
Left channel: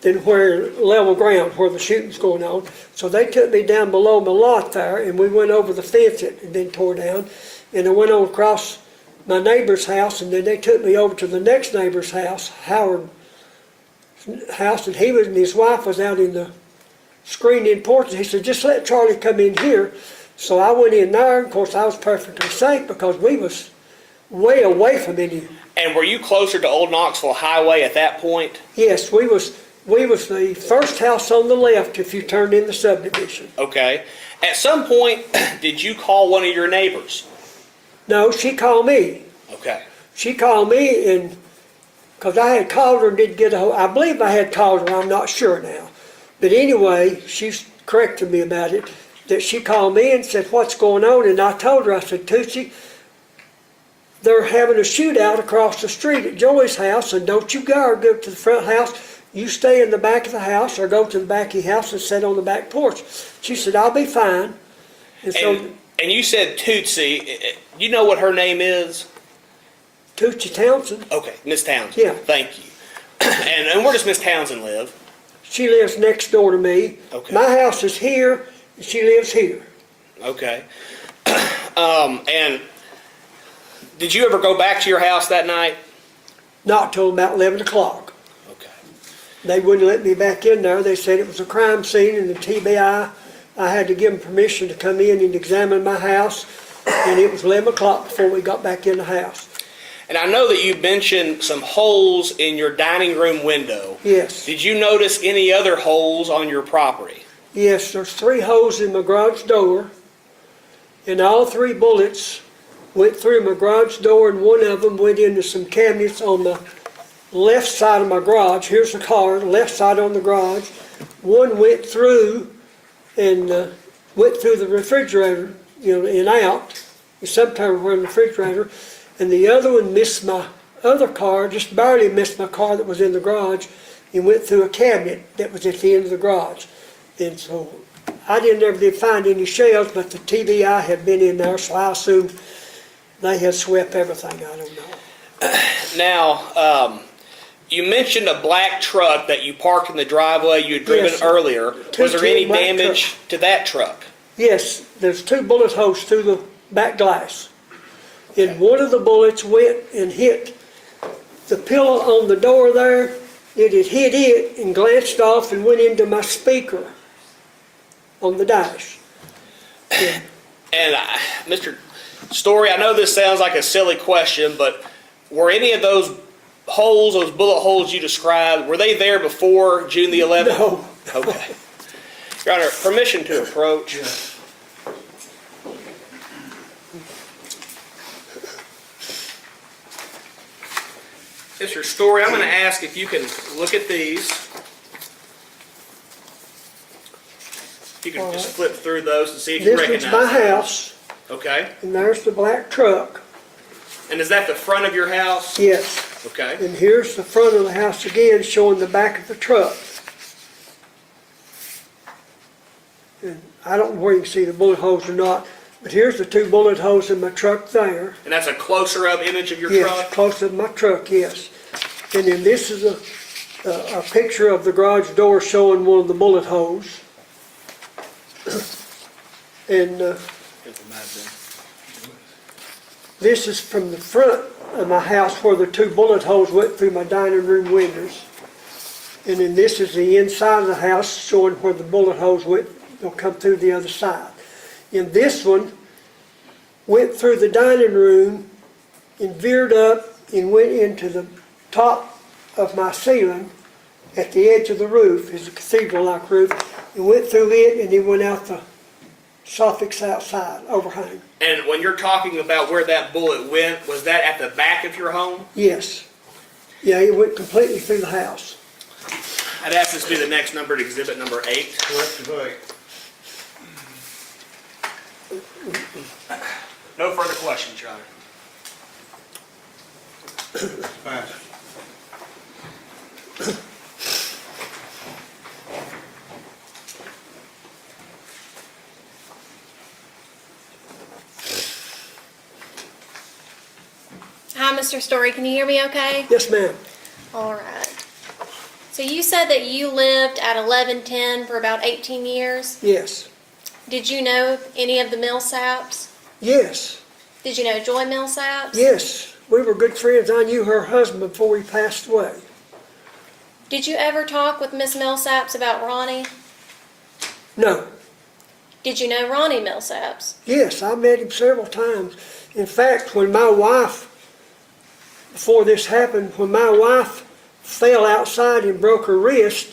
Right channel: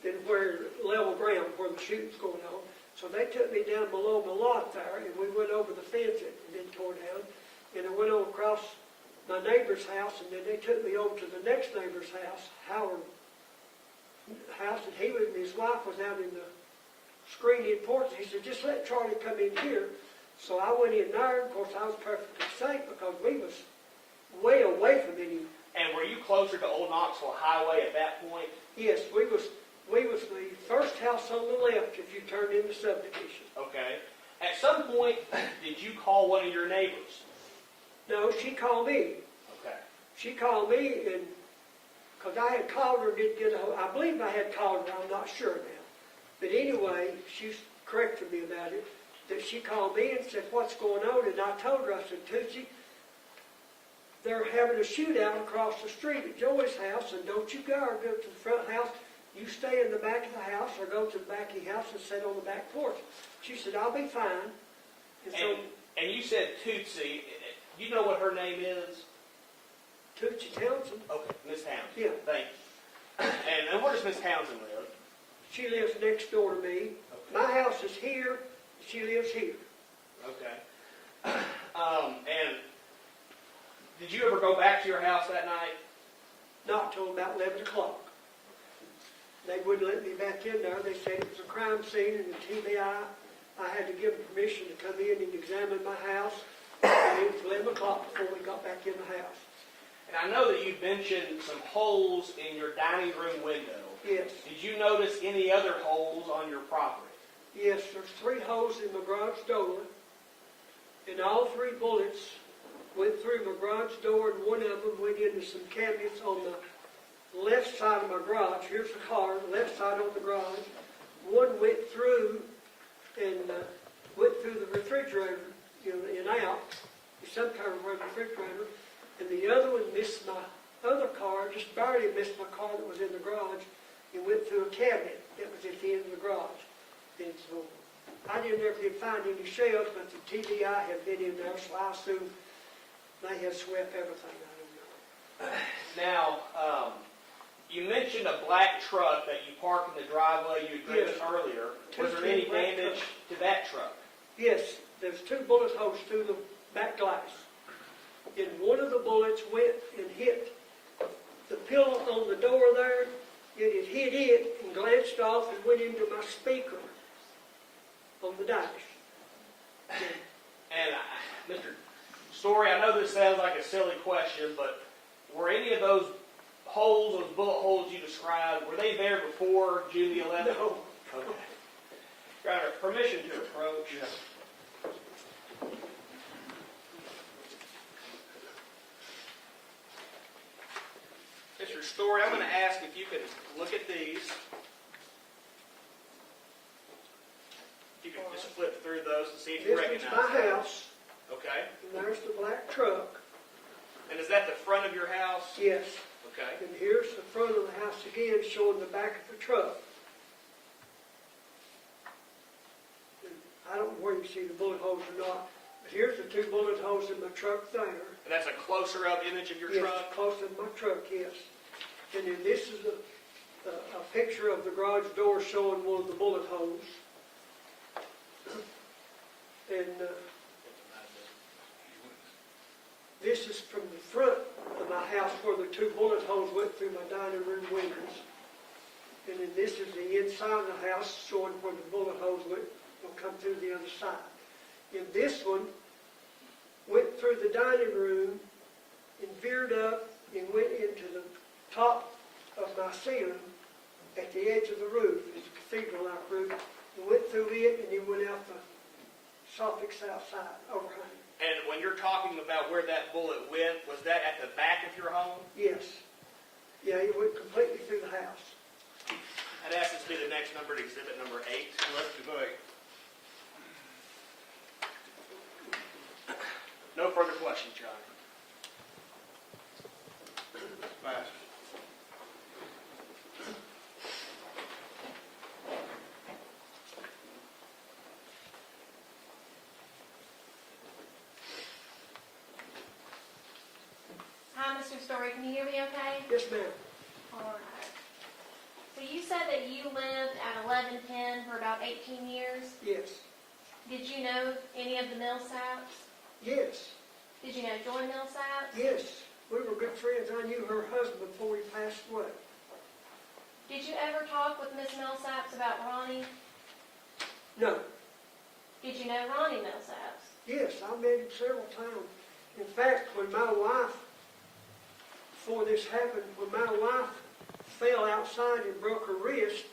than where level ground, where the shooting's going on. So they took me down below my lot there, and we went over the fence that had been tore down, and I went on across my neighbor's house, and then they took me over to the next neighbor's house, Howard's house, and he was, and his wife was out in the screened-in porch, and he said, "Just let Charlie come in here." So I went in there, and of course I was perfectly safe because we was way away from any. And were you closer to Old Knoxville Highway at that point? Yes, we was the first house on the left if you turned in the subdivision. Okay. At some point, did you call one of your neighbors? No, she called me. Okay. She called me, and because I had called her and didn't get a hold. I believe I had called her. I'm not sure now. But anyway, she's corrected me about it. That she called me and said, "What's going on?" And I told her, I said, "Tootsie, they're having a shootout across the street at Joey's house, and don't you go to the front house. You stay in the back of the house or go to the back of your house and sit on the back porch." She said, "I'll be fine." And so And you said Tootsie. You know what her name is? Tootsie Townsen, Okay, Miss Townsend. Yeah. Thank you. And where does Miss Townsend live? she lives next door to me. Okay. My house is here, and she lives here. Okay. And did you ever go back to your house that night? Not till about 11 o'clock. Okay. They wouldn't let me back in there. They said it was a crime scene, and the TBI, I had to give them permission to come in and examine my house, and it was 11 o'clock before we got back in the house. And I know that you mentioned some holes in your dining room window. Yes. Did you notice any other holes on your property? Yes, there's 3 holes in my garage door, and all 3 bullets went through my garage door, and one of them went into some cabinets on the left side of my garage. Here's the car, the left side on the garage. One went through and went through the refrigerator, and out. Sometimes we're in the refrigerator. And the other one missed my other car, just barely missed my car that was in the garage, and went through a cabinet that was at the end of the garage. And so I never did find any shells, but the TBI had been in there, so I assumed they had swept everything. I don't know. Now, you mentioned a black truck that you parked in the driveway you had driven Yes, sir. earlier. Was there any 210 black damage to that truck? Yes, there's 2 bullet holes through the back glass. And one of the bullets went and hit the pillow on the door there. It had hit it and glanced off and went into my speaker on the dash. And Mr. Story, I know this sounds like a silly question, but were any of those holes, those bullet holes you described, were they there before June the 11th? No. Okay. Your Honor, permission to approach. Mr. Story, I'm going to ask if you can look at these. If you can just flip through those and see if you This recognize was my those. house, Okay. and there's the black truck. And is that the front of your house? Yes. Okay. And here's the front of the house again, showing the back of the truck. And I don't know where you can see the bullet holes or not, but here's the 2 bullet holes in my truck there. And that's a closer up image of your Yes, truck? close to my truck, yes. And then this is a picture of the garage door showing one of the bullet holes. And this is from the front of my house where the 2 bullet holes went through my dining room windows. And then this is the inside of the house showing where the bullet holes went, they'll come through the other side. And this one went through the dining room and veered up and went into the top of my ceiling at the edge of the roof, is a cathedral-like roof, and went through it, and he went out the soffits outside, overhang. And when you're talking about where that bullet went, was that at the back of your home? Yes. Yeah, it went completely through the house. I'd ask this to be the next numbered exhibit, number 8. Collective eight. No further questions, Your Honor. Pass. Hi, Mr. Story. Can you hear me okay? Yes, ma'am. All right. So you said that you lived at 1110 for about 18 years. Yes. Did you know any of the Millsaps? Yes. Did you know Joy Millsaps? Yes. We were good friends. I knew her husband before he passed away. Did you ever talk with Miss Millsaps about Ronnie? No. Did you know Ronnie Millsaps? Yes, I met him several times. In fact, when my wife, before this happened, when my wife fell outside and broke her wrist,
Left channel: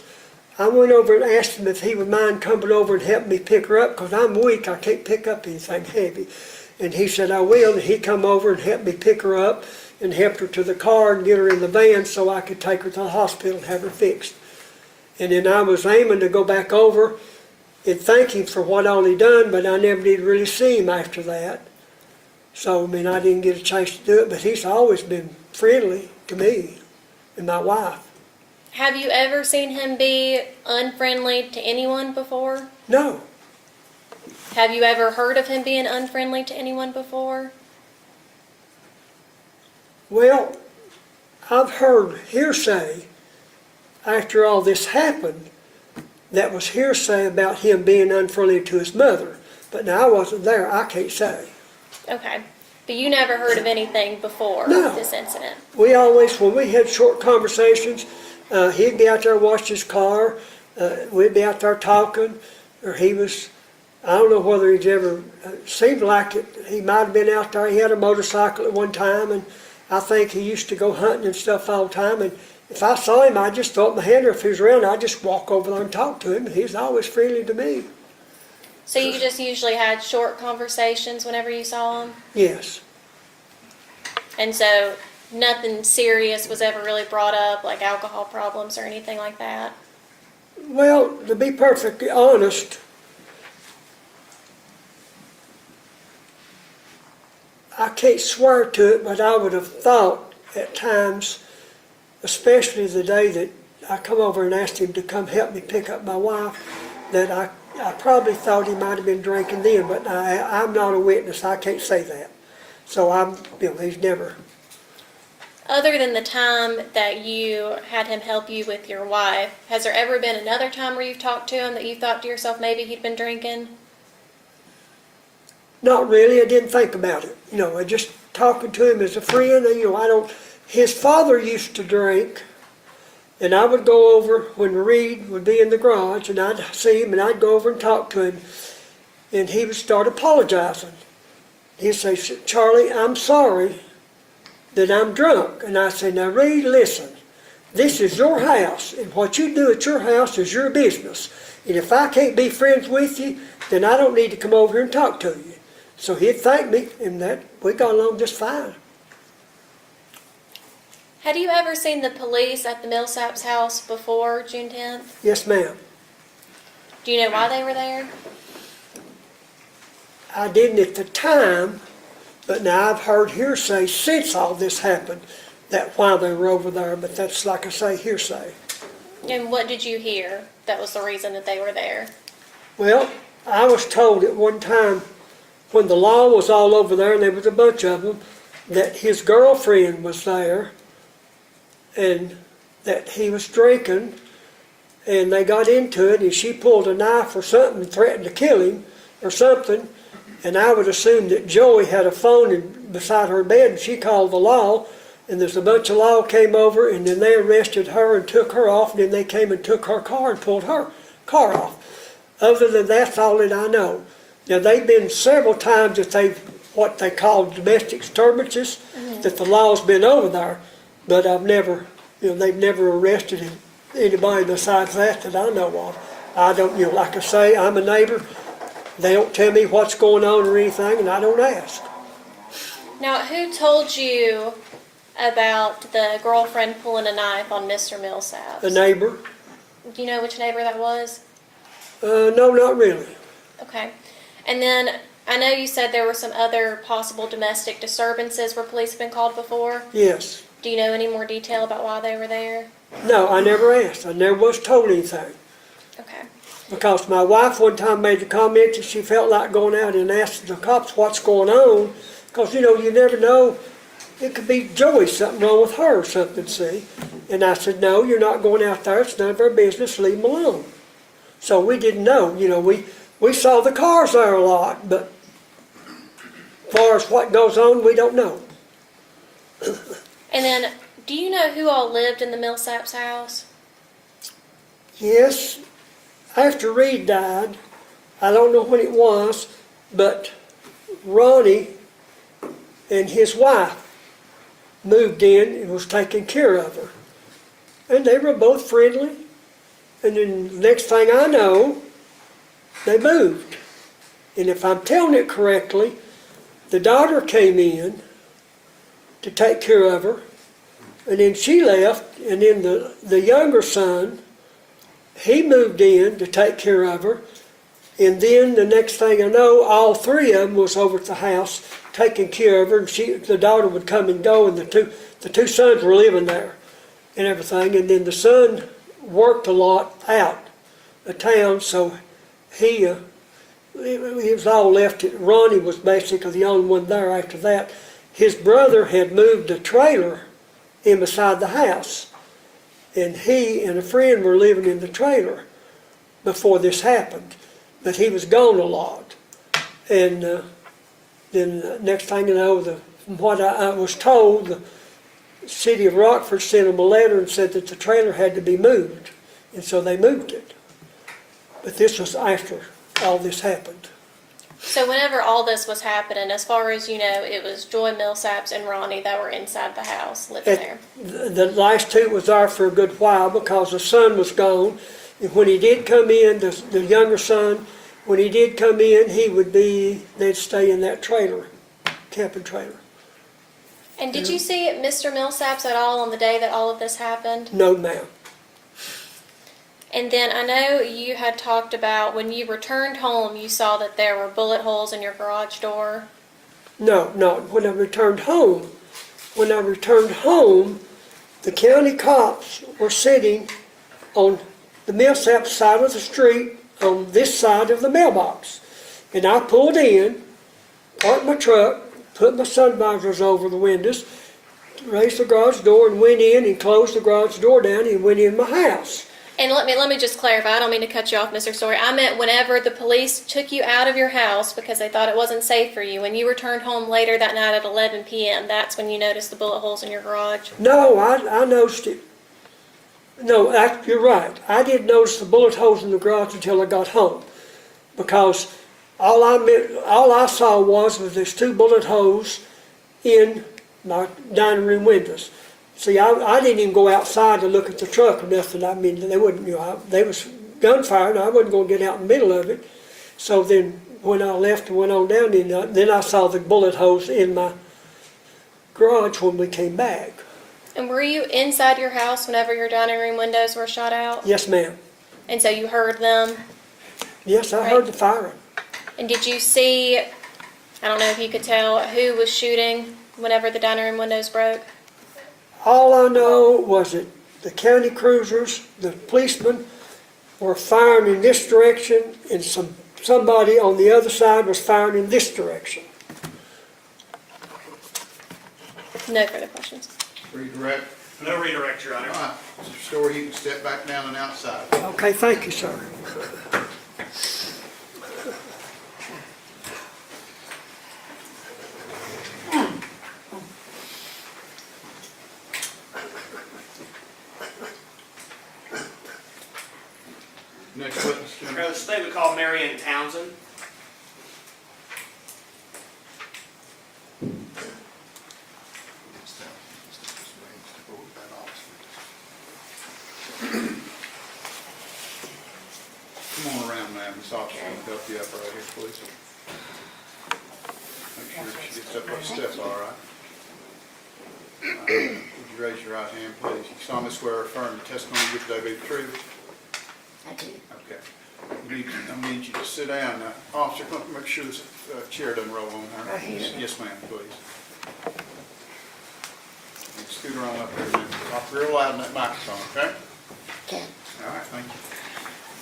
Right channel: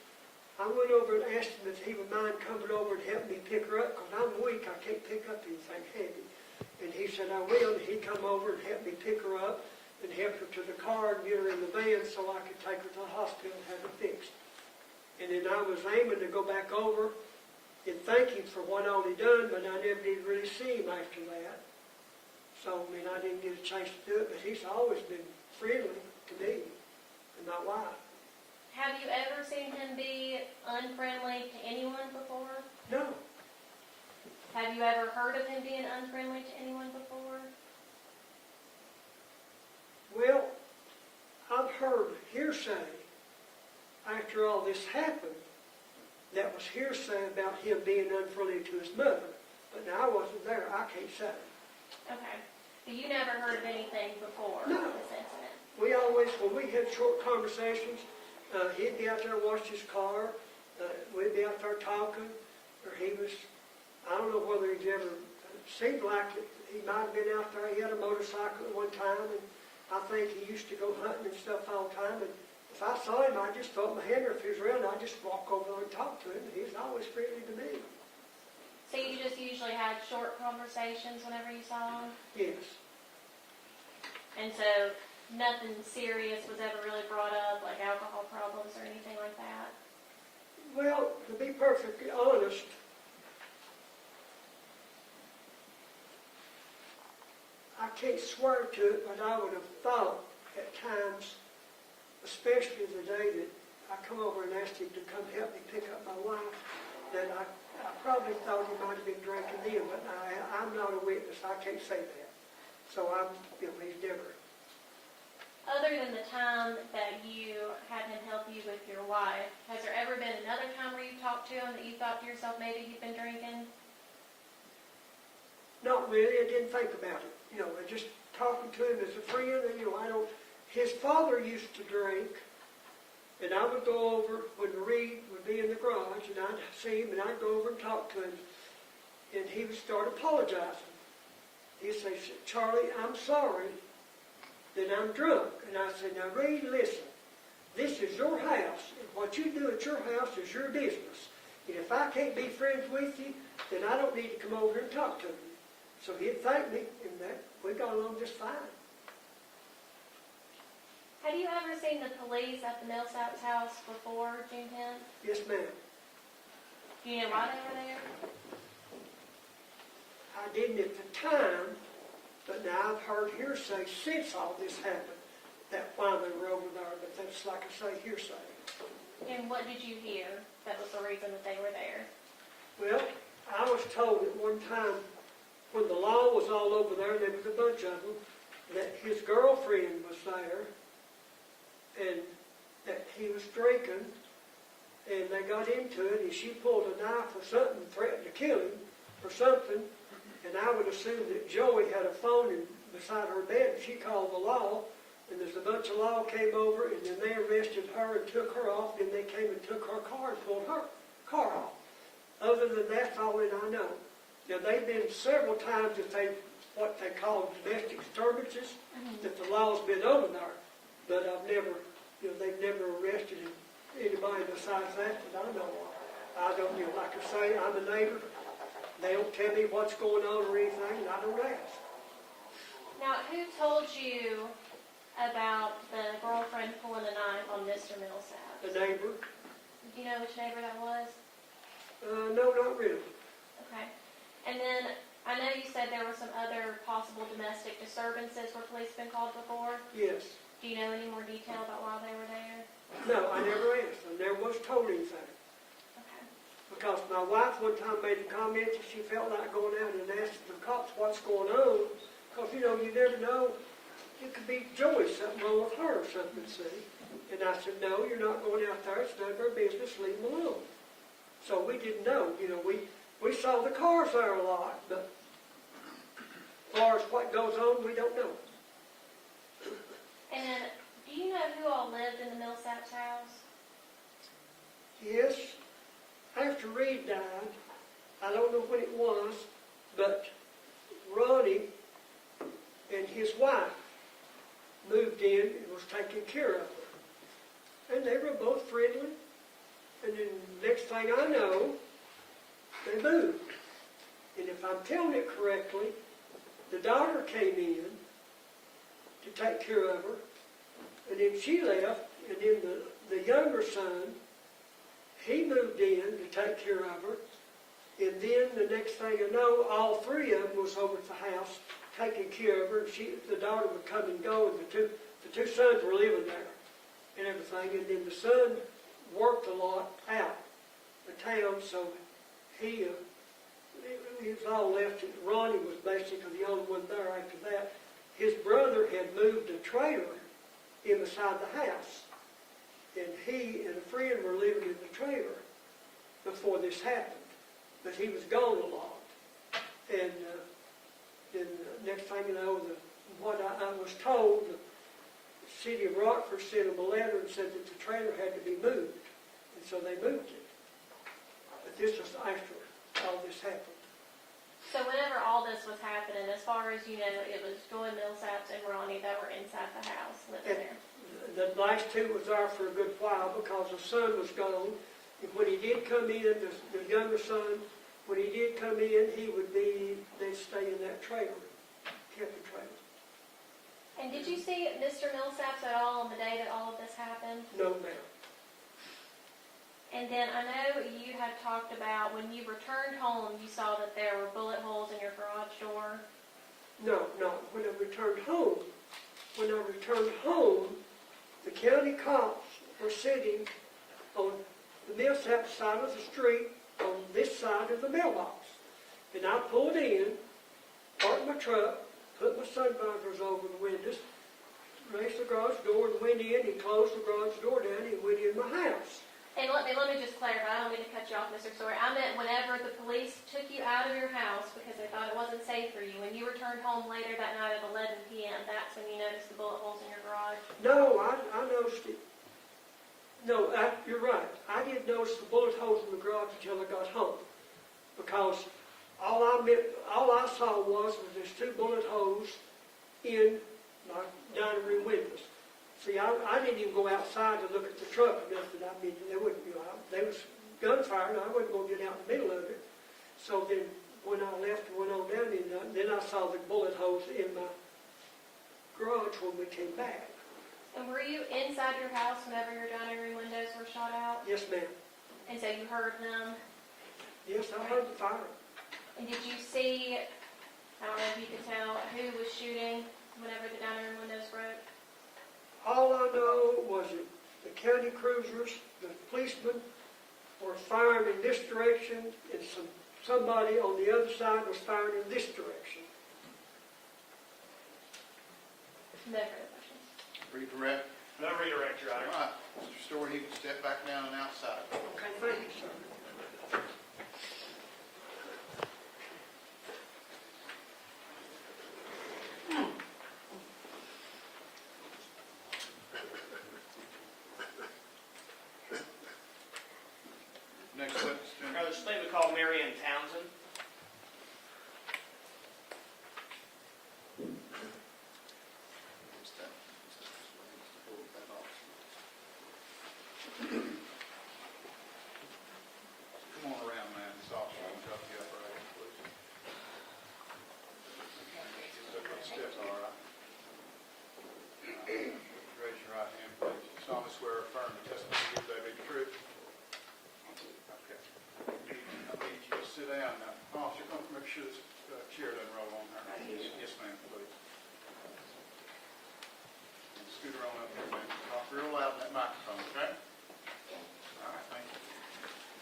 I went over and asked him if he would mind coming over and help me pick her up, because I'm weak, I can't pick up anything heavy. And he said, I will, and he come over and helped me pick her up and helped her to the car and get her in the van so I could take her to the hospital and have her fixed. And then I was aiming to go back over and thank him for what all he done, but I never did really see him after that. So, I mean, I didn't get a chance to do it, but he's always been friendly to me and my wife. Have you ever seen him be unfriendly to anyone before? No. Have you ever heard of him being unfriendly to anyone before? Well, I've heard hearsay after all this happened that was hearsay about him being unfriendly to his mother. But now I wasn't there, I can't say. Okay. But you never heard of anything before No. this incident? We always, when we had short conversations, he'd be out there watching his car, we'd be out there talking, or he was, I don't know whether he's ever, seemed like it, he might have been out there, he had a motorcycle at one time, and I think he used to go hunting and stuff all the time, and if I saw him, I'd just throw up my hand, or if he was around, I'd just walk over there and talk to him, and he's always friendly to me. So you just usually had short conversations whenever you saw him? Yes. And so nothing serious was ever really brought up, like alcohol problems or anything like that? Well, to be perfectly honest, I can't swear to it, but I would have thought at times, especially the day that I come over and asked him to come help me pick up my wife, that I probably thought he might have been drinking then, but I'm not a witness, I can't say that. So he's never. Other than the time that you had him help you with your wife, has there ever been another time where you've talked to him that you thought to yourself maybe he'd been drinking? Not really, I didn't think about it. I just talking to him as a friend, and his father used to drink, and I would go over when Reed would be in the garage, and I'd see him, and I'd go over and talk to him, and he would start apologizing. He'd say, Charlie, I'm sorry that I'm drunk. And I say, now Reed, listen, this is your house, and what you do at your house is your business. And if I can't be friends with you, then I don't need to come over here and talk to you. So he'd thank me, and we got along just fine. Had you ever seen the police at the Millsaps house before June 10th? Yes, ma'am. Do you know why they were there? I didn't at the time, but now I've heard hearsay since all this happened, that why they were over there, but that's, like I say, hearsay. And what did you hear that was the reason that they were there? Well, I was told at one time, when the law was all over there, and there was a bunch of them, that his girlfriend was there, and that he was drinking, and they got into it, and she pulled a knife or something and threatened to kill him or something, and I would assume that Joey had a phone beside her bed, and she called the law, and there's a bunch of law came over, and then they arrested her and took her off, and then they came and took her car and pulled her car off. Other than that's all that I know. Now, they've been several times that what they call domestic disturbances, that the law's been over there, but I've never, they've never arrested anybody besides that I know of. I don't, like I say, I'm a neighbor. They don't tell me what's going on or anything, and I don't ask. Now, who told you about the girlfriend pulling a knife on Mr. Millsaps? A neighbor? Do you know which neighbor that was? No, not really. Okay. And then I know you said there were some other possible domestic disturbances where police have been called before. Yes. Do you know any more detail about why they were there? No, I never asked. I never was told anything. Okay. Because my wife one time made the comment that she felt like going out and asking the cops what's going on. Because, you never know. It could be Joey, something wrong with her or something, see? And I said, no, you're not going out there. It's none of our business. Leave them alone. So we didn't know. We saw the cars there a lot, but as far as what goes on, we don't know. And then, do you know who all lived in the Millsaps house? Yes, after Reed died, I don't know when it was, but Ronnie and his wife moved in and was taking care of her. And they were both friendly. And then the next thing I know, they moved. And if I'm telling it correctly, the daughter came in to take care of her, and then she left, and then the younger son, he moved in to take care of her, and then the next thing I know, all three of them was over at the house taking care of her, and the daughter would come and go, and the two sons were living there and everything, and then the son worked a lot out of town, so he was all left. Ronnie was basically the only one there after that. His brother had moved a trailer in beside the house, and he and a friend were living in the trailer before this happened, but he was gone a lot. And then next thing you know, from what I was told, the city of Rockford sent them a letter and said that the trailer had to be moved, and so they moved it. But this was after all this happened. So whenever all this was happening, as far as you know, it was Joy Millsaps and Ronnie that were inside the house living there. The last two was there for a good while because the son was gone. And when he did come in, the younger son, when he did come in, they'd stay in that trailer, camping trailer. And did you see Mr. Millsaps at all on the day that all of this happened? No, ma'am. And then I know you had talked about when you returned home, you saw that there were bullet holes in your garage door. No. When I returned home, the county cops were sitting on the Millsap side of the street on this side of the mailbox. And I pulled in, parked my truck, put my sun visors over the windows, raised the garage door and went in and closed the garage door down and went in my house. And let me just clarify, I don't mean to cut you off, Mr. Story. I meant whenever the police took you out of your house because they thought it wasn't safe for you, when you returned home later that night at 11 p.m., that's when you noticed the bullet holes in your garage? No, I noticed it. No, you're right. I didn't notice the bullet holes in the garage until I got home, because all I saw was there's two bullet holes in my dining room windows. See, I didn't even go outside to look at the truck or nothing. I mean, they wouldn't, they was gunfire, and I wasn't going to get out in the middle of it. So then, when I left and went on down, then I saw the bullet holes in my garage when we came back. And were you inside your house whenever your dining room windows were shot out? Yes, ma'am. And so you heard them? Yes, I heard the firing. And did you see, I don't know if you could tell, who was shooting whenever the dining room windows broke? All I know was that the county cruisers, the policemen, were firing in this direction, and somebody on the other side was firing in this direction. No further questions. Redirect. No redirect, Your Honor. All right, Mr. Story, you can step back down and outside. Okay, thank you, sir. Next witness, Jim. The state would call Marion Townsen. This officer will help you up right here, please. Make sure she gets up those steps all right. Would you raise your right hand, please? You solemnly swear or affirm the testimony you give today be the truth? I do. Okay. I need you to sit down. Now, officer, come make sure this chair doesn't roll on her. Right here. Yes, ma'am, please. And scoot her on up there, then. Talk real loud in that microphone, okay? Okay. All right, thank you.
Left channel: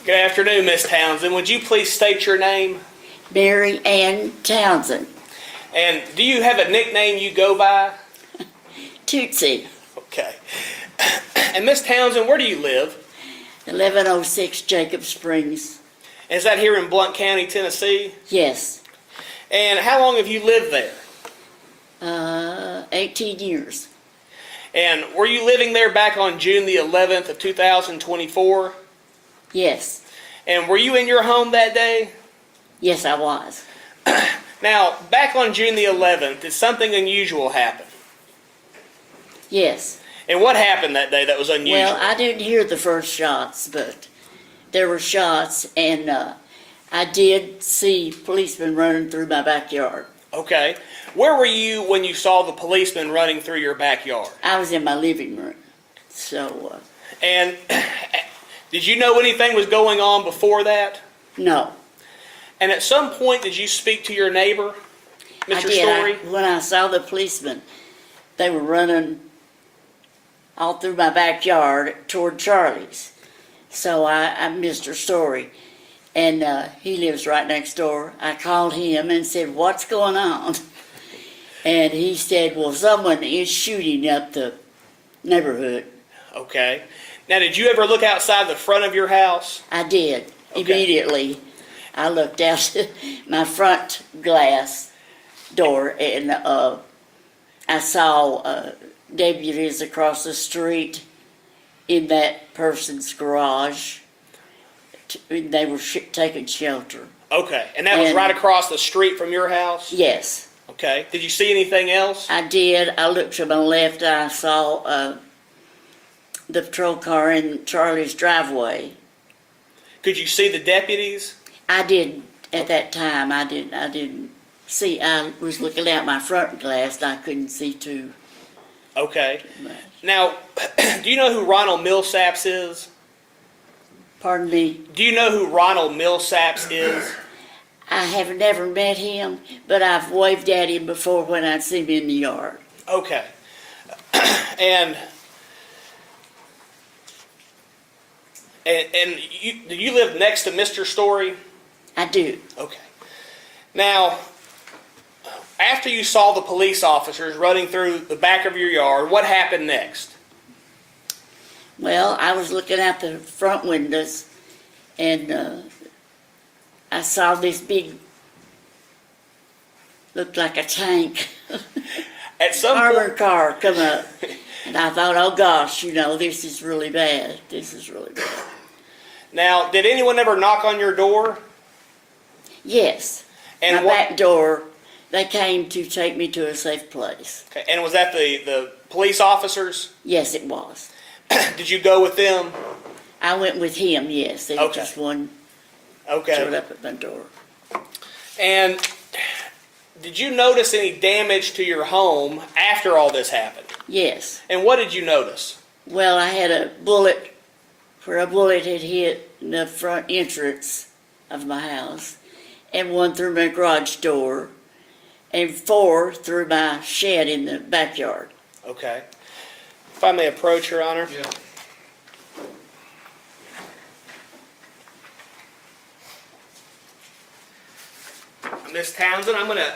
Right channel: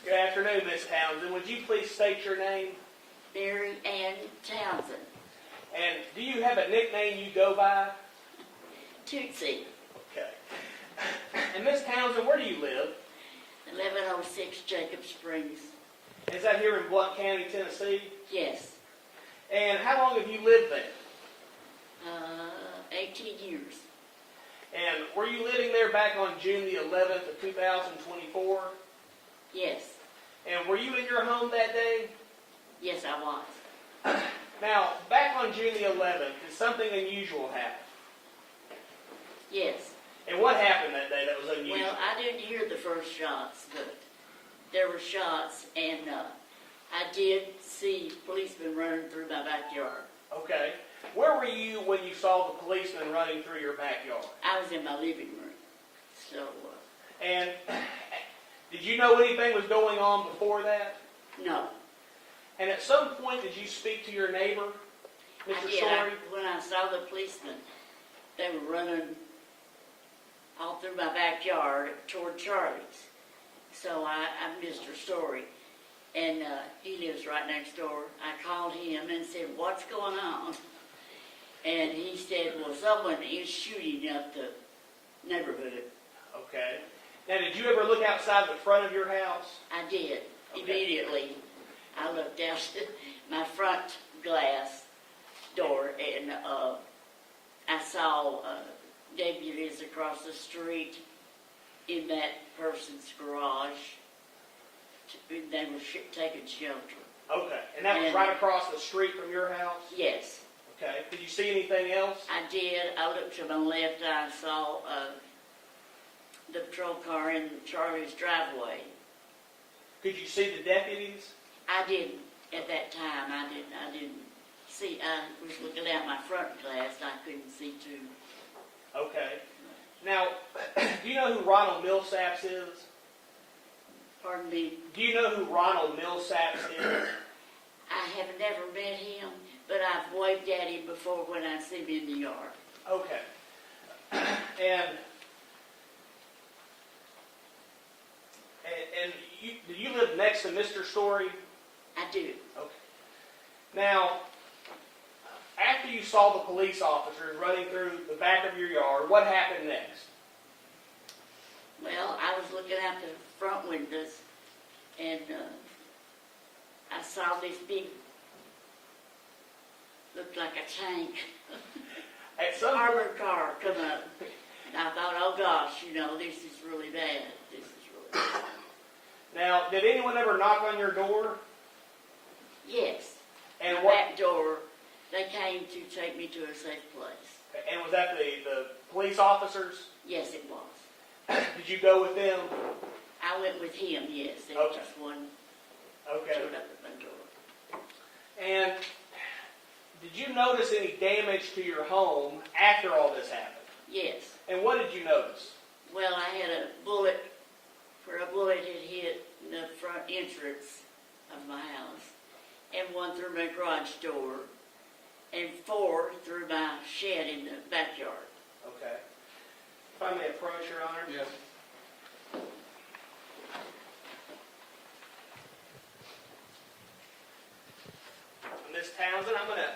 Good afternoon, Miss Townsend. Would you please state your name? Mary Ann Townsen, And do you have a nickname you go by? Tootsie, Okay. And Miss Townsend, where do you live? 1106 Jacob Springs. Is that here in Blount County, Tennessee? Yes. And how long have you lived there? 18 years. And were you living there back on June the 11th of 2024? Yes. And were you in your home that day? Yes, I was. Now, back on June the 11th, did something unusual happen? Yes. And what happened that day that was unusual? Well, I didn't hear the first shots, but there were shots, and I did see policemen running through my backyard. Okay. Where were you when you saw the policeman running through your backyard? I was in my living room. So, And did you know anything was going on before that? no. And at some point, did you speak to your neighbor, Mr. I did. Story? When I saw the policemen, they were running all through my backyard toward Charlie's. So I'm Mr. Story, and he lives right next door. I called him and said, "What's going on?" And he said, "Well, someone is shooting up the neighborhood." Okay. Now, did you ever look outside the front of your house? I did. Okay. Immediately, I looked out my front glass door, and I saw deputies across the street in that person's garage. They were taking shelter. Okay. And that was And- right across the street from your house? Yes, Okay. Did you see anything else? I did. I looked to my left, and I saw the patrol car in Charlie's driveway. Could you see the deputies? I didn't at that time. I didn't see. I was looking out my front glass, and I couldn't see too Okay. much. Now, do you know who Ronald Millsaps is? Pardon me. Do you know who Ronald Millsaps is? I have never met him, but I've waved at him before when I'd see him in the yard. Okay. And do you live next to Mr. Story? I do. Okay. Now, after you saw the police officers running through the back of your yard, what happened next? Well, I was looking out the front windows, and I saw this big, looked like a tank, At some armored point, car come up. And I thought, oh gosh, this is really bad. This is really bad. now, did anyone ever knock on your door? Yes. And My what? back door, they came to take me to a safe place. Okay, and was that the police officers? Yes, it was. Did you go with them? I went with him, yes. There was Okay. just one Okay. showed up at my door. And did you notice any damage to your home after all this happened? Yes. And what did you notice? Well, I had a bullet, where a bullet had hit the front entrance of my house, and one through my garage door, and 4 through my shed in the backyard. Okay. If I may approach, Your Honor. Yeah. Miss Townsend, I'm going to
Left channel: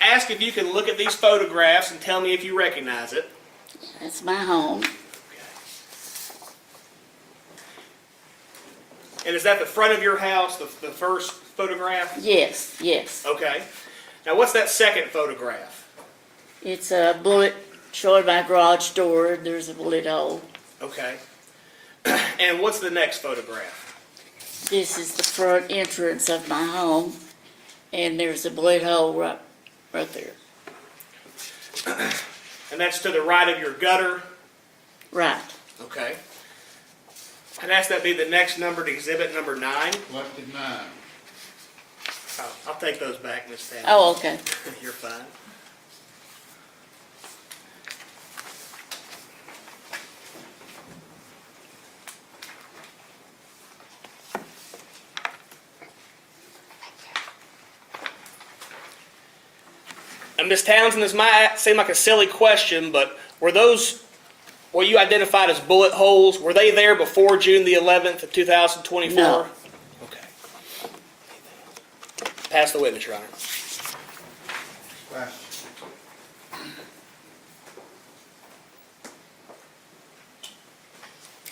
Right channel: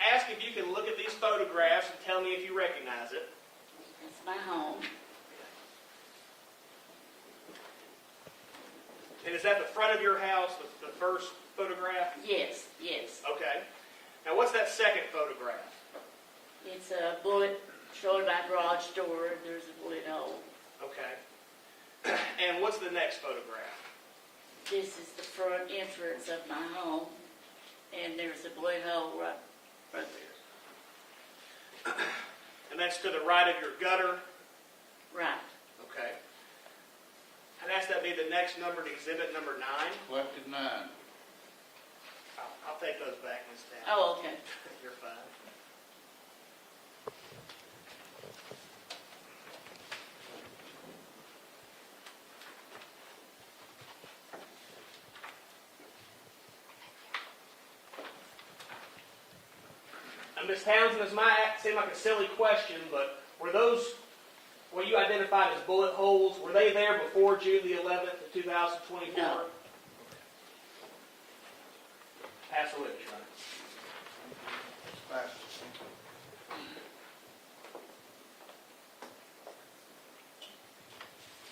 ask if you can look at these photographs and tell me if you recognize it. That's my home. And is that the front of your house, the first photograph? Yes, yes. Okay. Now, what's that second photograph? It's a bullet showing my garage door, and there's a bullet hole. Okay. And what's the next photograph? This is the front entrance of my home, and there's a bullet hole right there. And that's to the right of your gutter? Right. Okay. I'd ask that be the next numbered exhibit, number 9. Left at 9. I'll take those back, Ms. Townsend. Oh, okay. You're fine. And Ms. Townsend, this might seem like a silly question, but were those, what you identified as bullet holes, were they there before June the 11th of 2024? No. Okay. Pass the witness, Your Honor. Pass.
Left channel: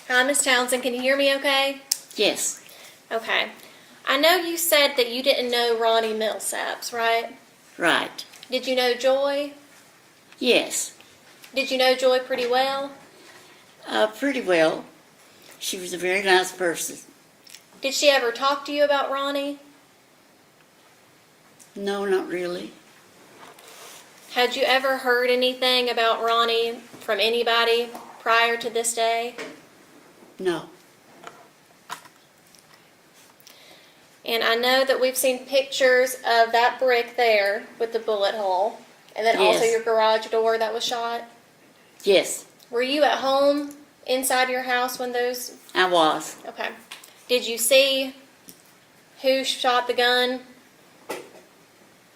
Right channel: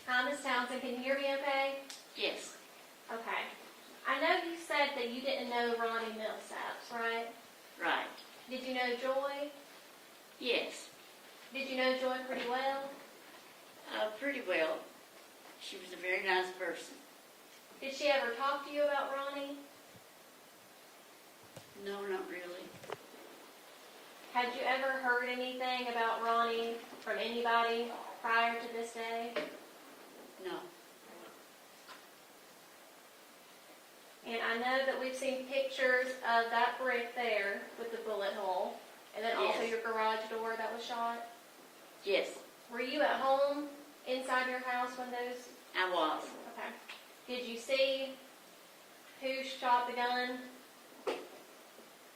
Hi, Miss Townsend, can you hear me okay? Yes, Okay. I know you said that you didn't know Ronnie Millsaps, right? right. Did you know Joy? Yes, Did you know Joy pretty well? pretty well. She was a very nice person. Did she ever talk to you about Ronnie? No, not really. Had you ever heard anything about Ronnie from anybody prior to this day? No. And I know that we've seen pictures of that brick there with the bullet hole, and then also Yes. your garage door that was shot. Yes, Were you at home inside your house when those? I was. Okay. Did you see who shot the gun?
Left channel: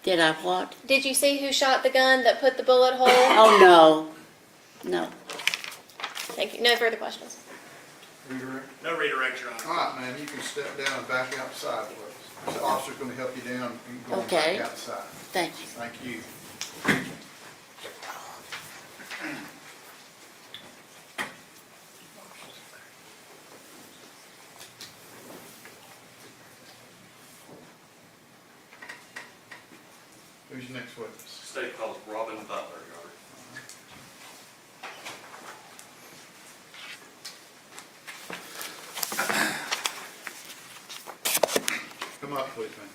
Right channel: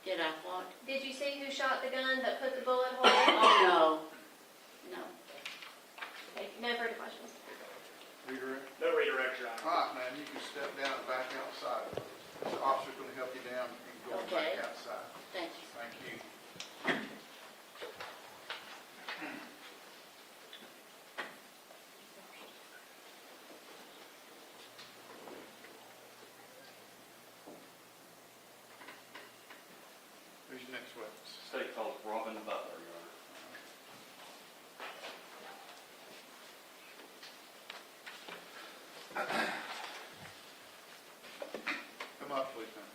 Did I what? Did you see who shot the gun that put the bullet hole? Oh, no. No. Thank you. No further questions. Redirect. No redirect, Your Honor. All right, man, you can step down and back outside with us. The officer's gonna help you down and go Okay. back outside. Thank you. Thank you. Who's your next witness? State calls Robin Butler, Your Honor. Come up, please, man.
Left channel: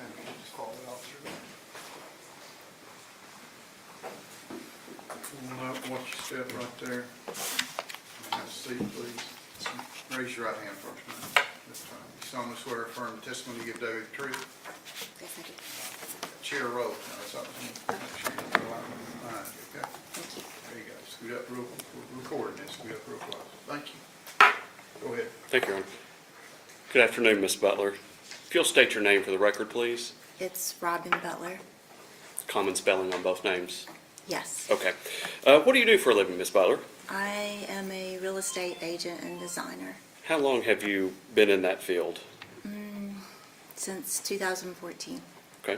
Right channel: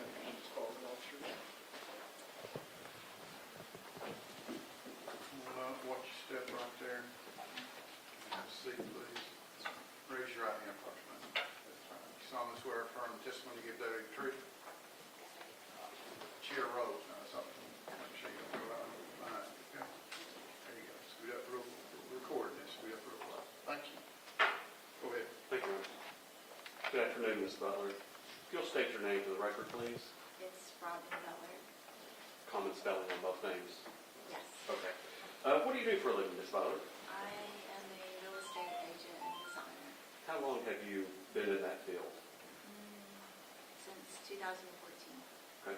And we'll just follow it all through. Watch your step right there. Have a seat, please. Raise your right hand first, man. This time. You solemnly swear or affirm the testimony you give David the truth? Chair roll. Now, that's up to you. Make sure you go out behind you, okay? There you go. Scoot up real, we're recording this. Scoot up real close. Thank you. Go ahead. Thank you, Your Honor. Good afternoon, Ms. Butler. If you'll state your name for the record, please. It's Robin Butler. Common spelling on both names. Yes. Okay. What do you do for a living, Ms. Butler? I am a real estate agent and designer How long have you been in that field? since 2014. Okay.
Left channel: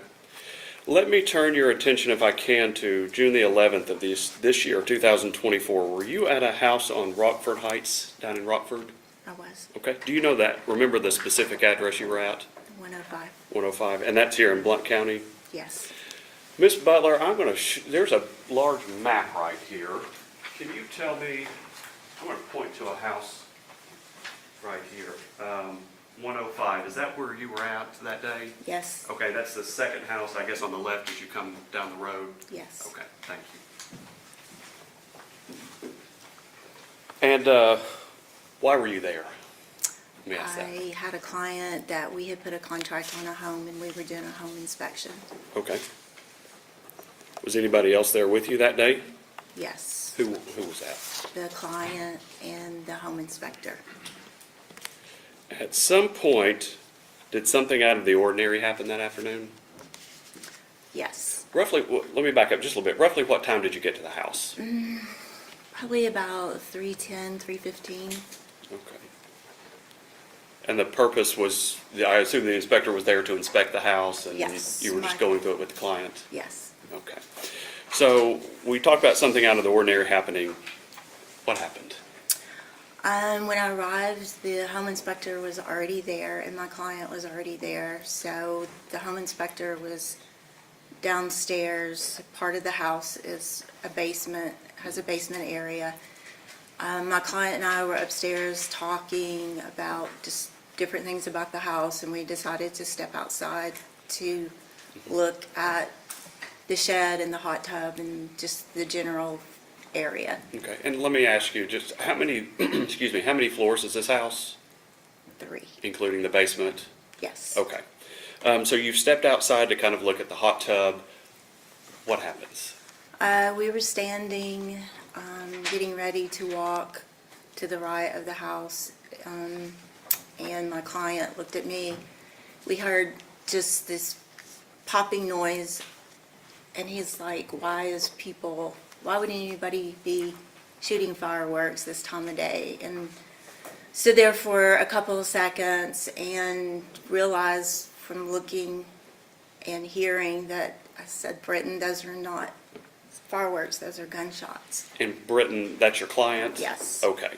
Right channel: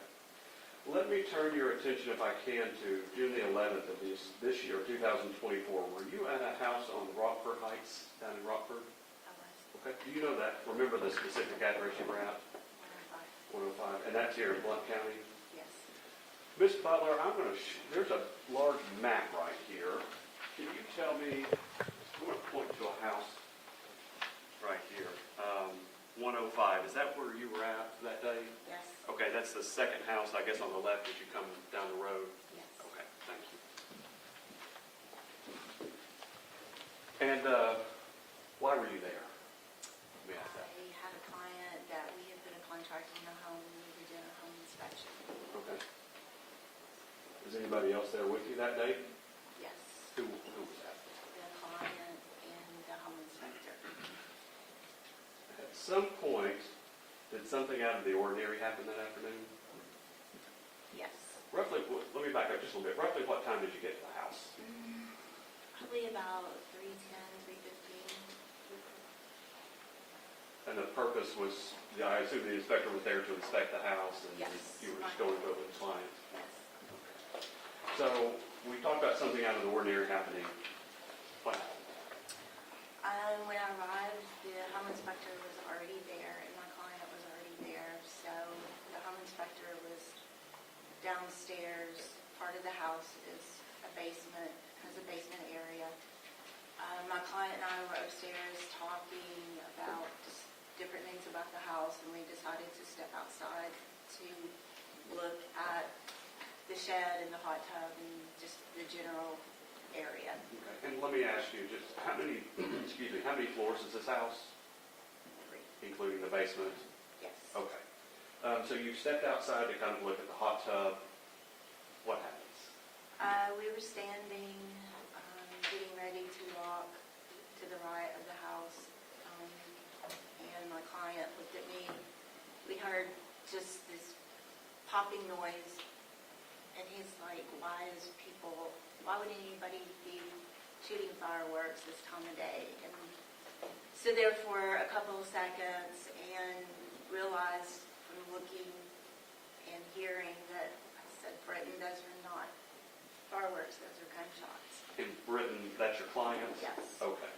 Let me turn your attention, if I can, to June the 11th of this year, 2024. Were you at a house on Rockford Heights, down in Rockford? I was Okay. Do you know that? Remember the specific address you were at? 105. 105, and that's here in Blount County? Yes. Ms. Butler, I'm going to, there's a large map right here. Can you tell me, I'm going to point to a house right here, 105. Is that where you were at that day? Yes. Okay, that's the second house, I guess, on the left as you come down the road? Yes. Okay, thank you. And why were you there? Let me ask that. I had a client that we had put a contract on a home and we were doing a home inspection. Okay. Was anybody else there with you that day? Yes. Who was that? The client and the home inspector. At some point, did something out of the ordinary happen that afternoon? Yes. Roughly, let me back up just a little bit. Roughly what time did you get to the house? Probably about 3:10, 3:15. Okay. And the purpose was, I assume the inspector was there to inspect the house and Yes. you were just going through it with the client? Yes. Okay. So we talked about something out of the ordinary happening. What happened? When I arrived, the home inspector was already there and my client was already there. So the home inspector was downstairs. Part of the house is a basement, has a basement area. My client and I were upstairs talking about just different things about the house, and we decided to step outside to look at the shed and the hot tub and just the general area. Okay, and let me ask you, just how many, excuse me, how many floors is this house? 3. including the basement? Yes. Okay. So you've stepped outside to kind of look at the hot tub. What happens? We were standing, getting ready to walk to the right of the house, and my client looked at me. We heard just this popping noise, and he's like, why would anybody be shooting fireworks this time of day? And stood there for a couple of seconds and realized from looking and hearing that I said, Britton, those are not fireworks, those are gunshots. In Britain, that's your client? Yes. Okay.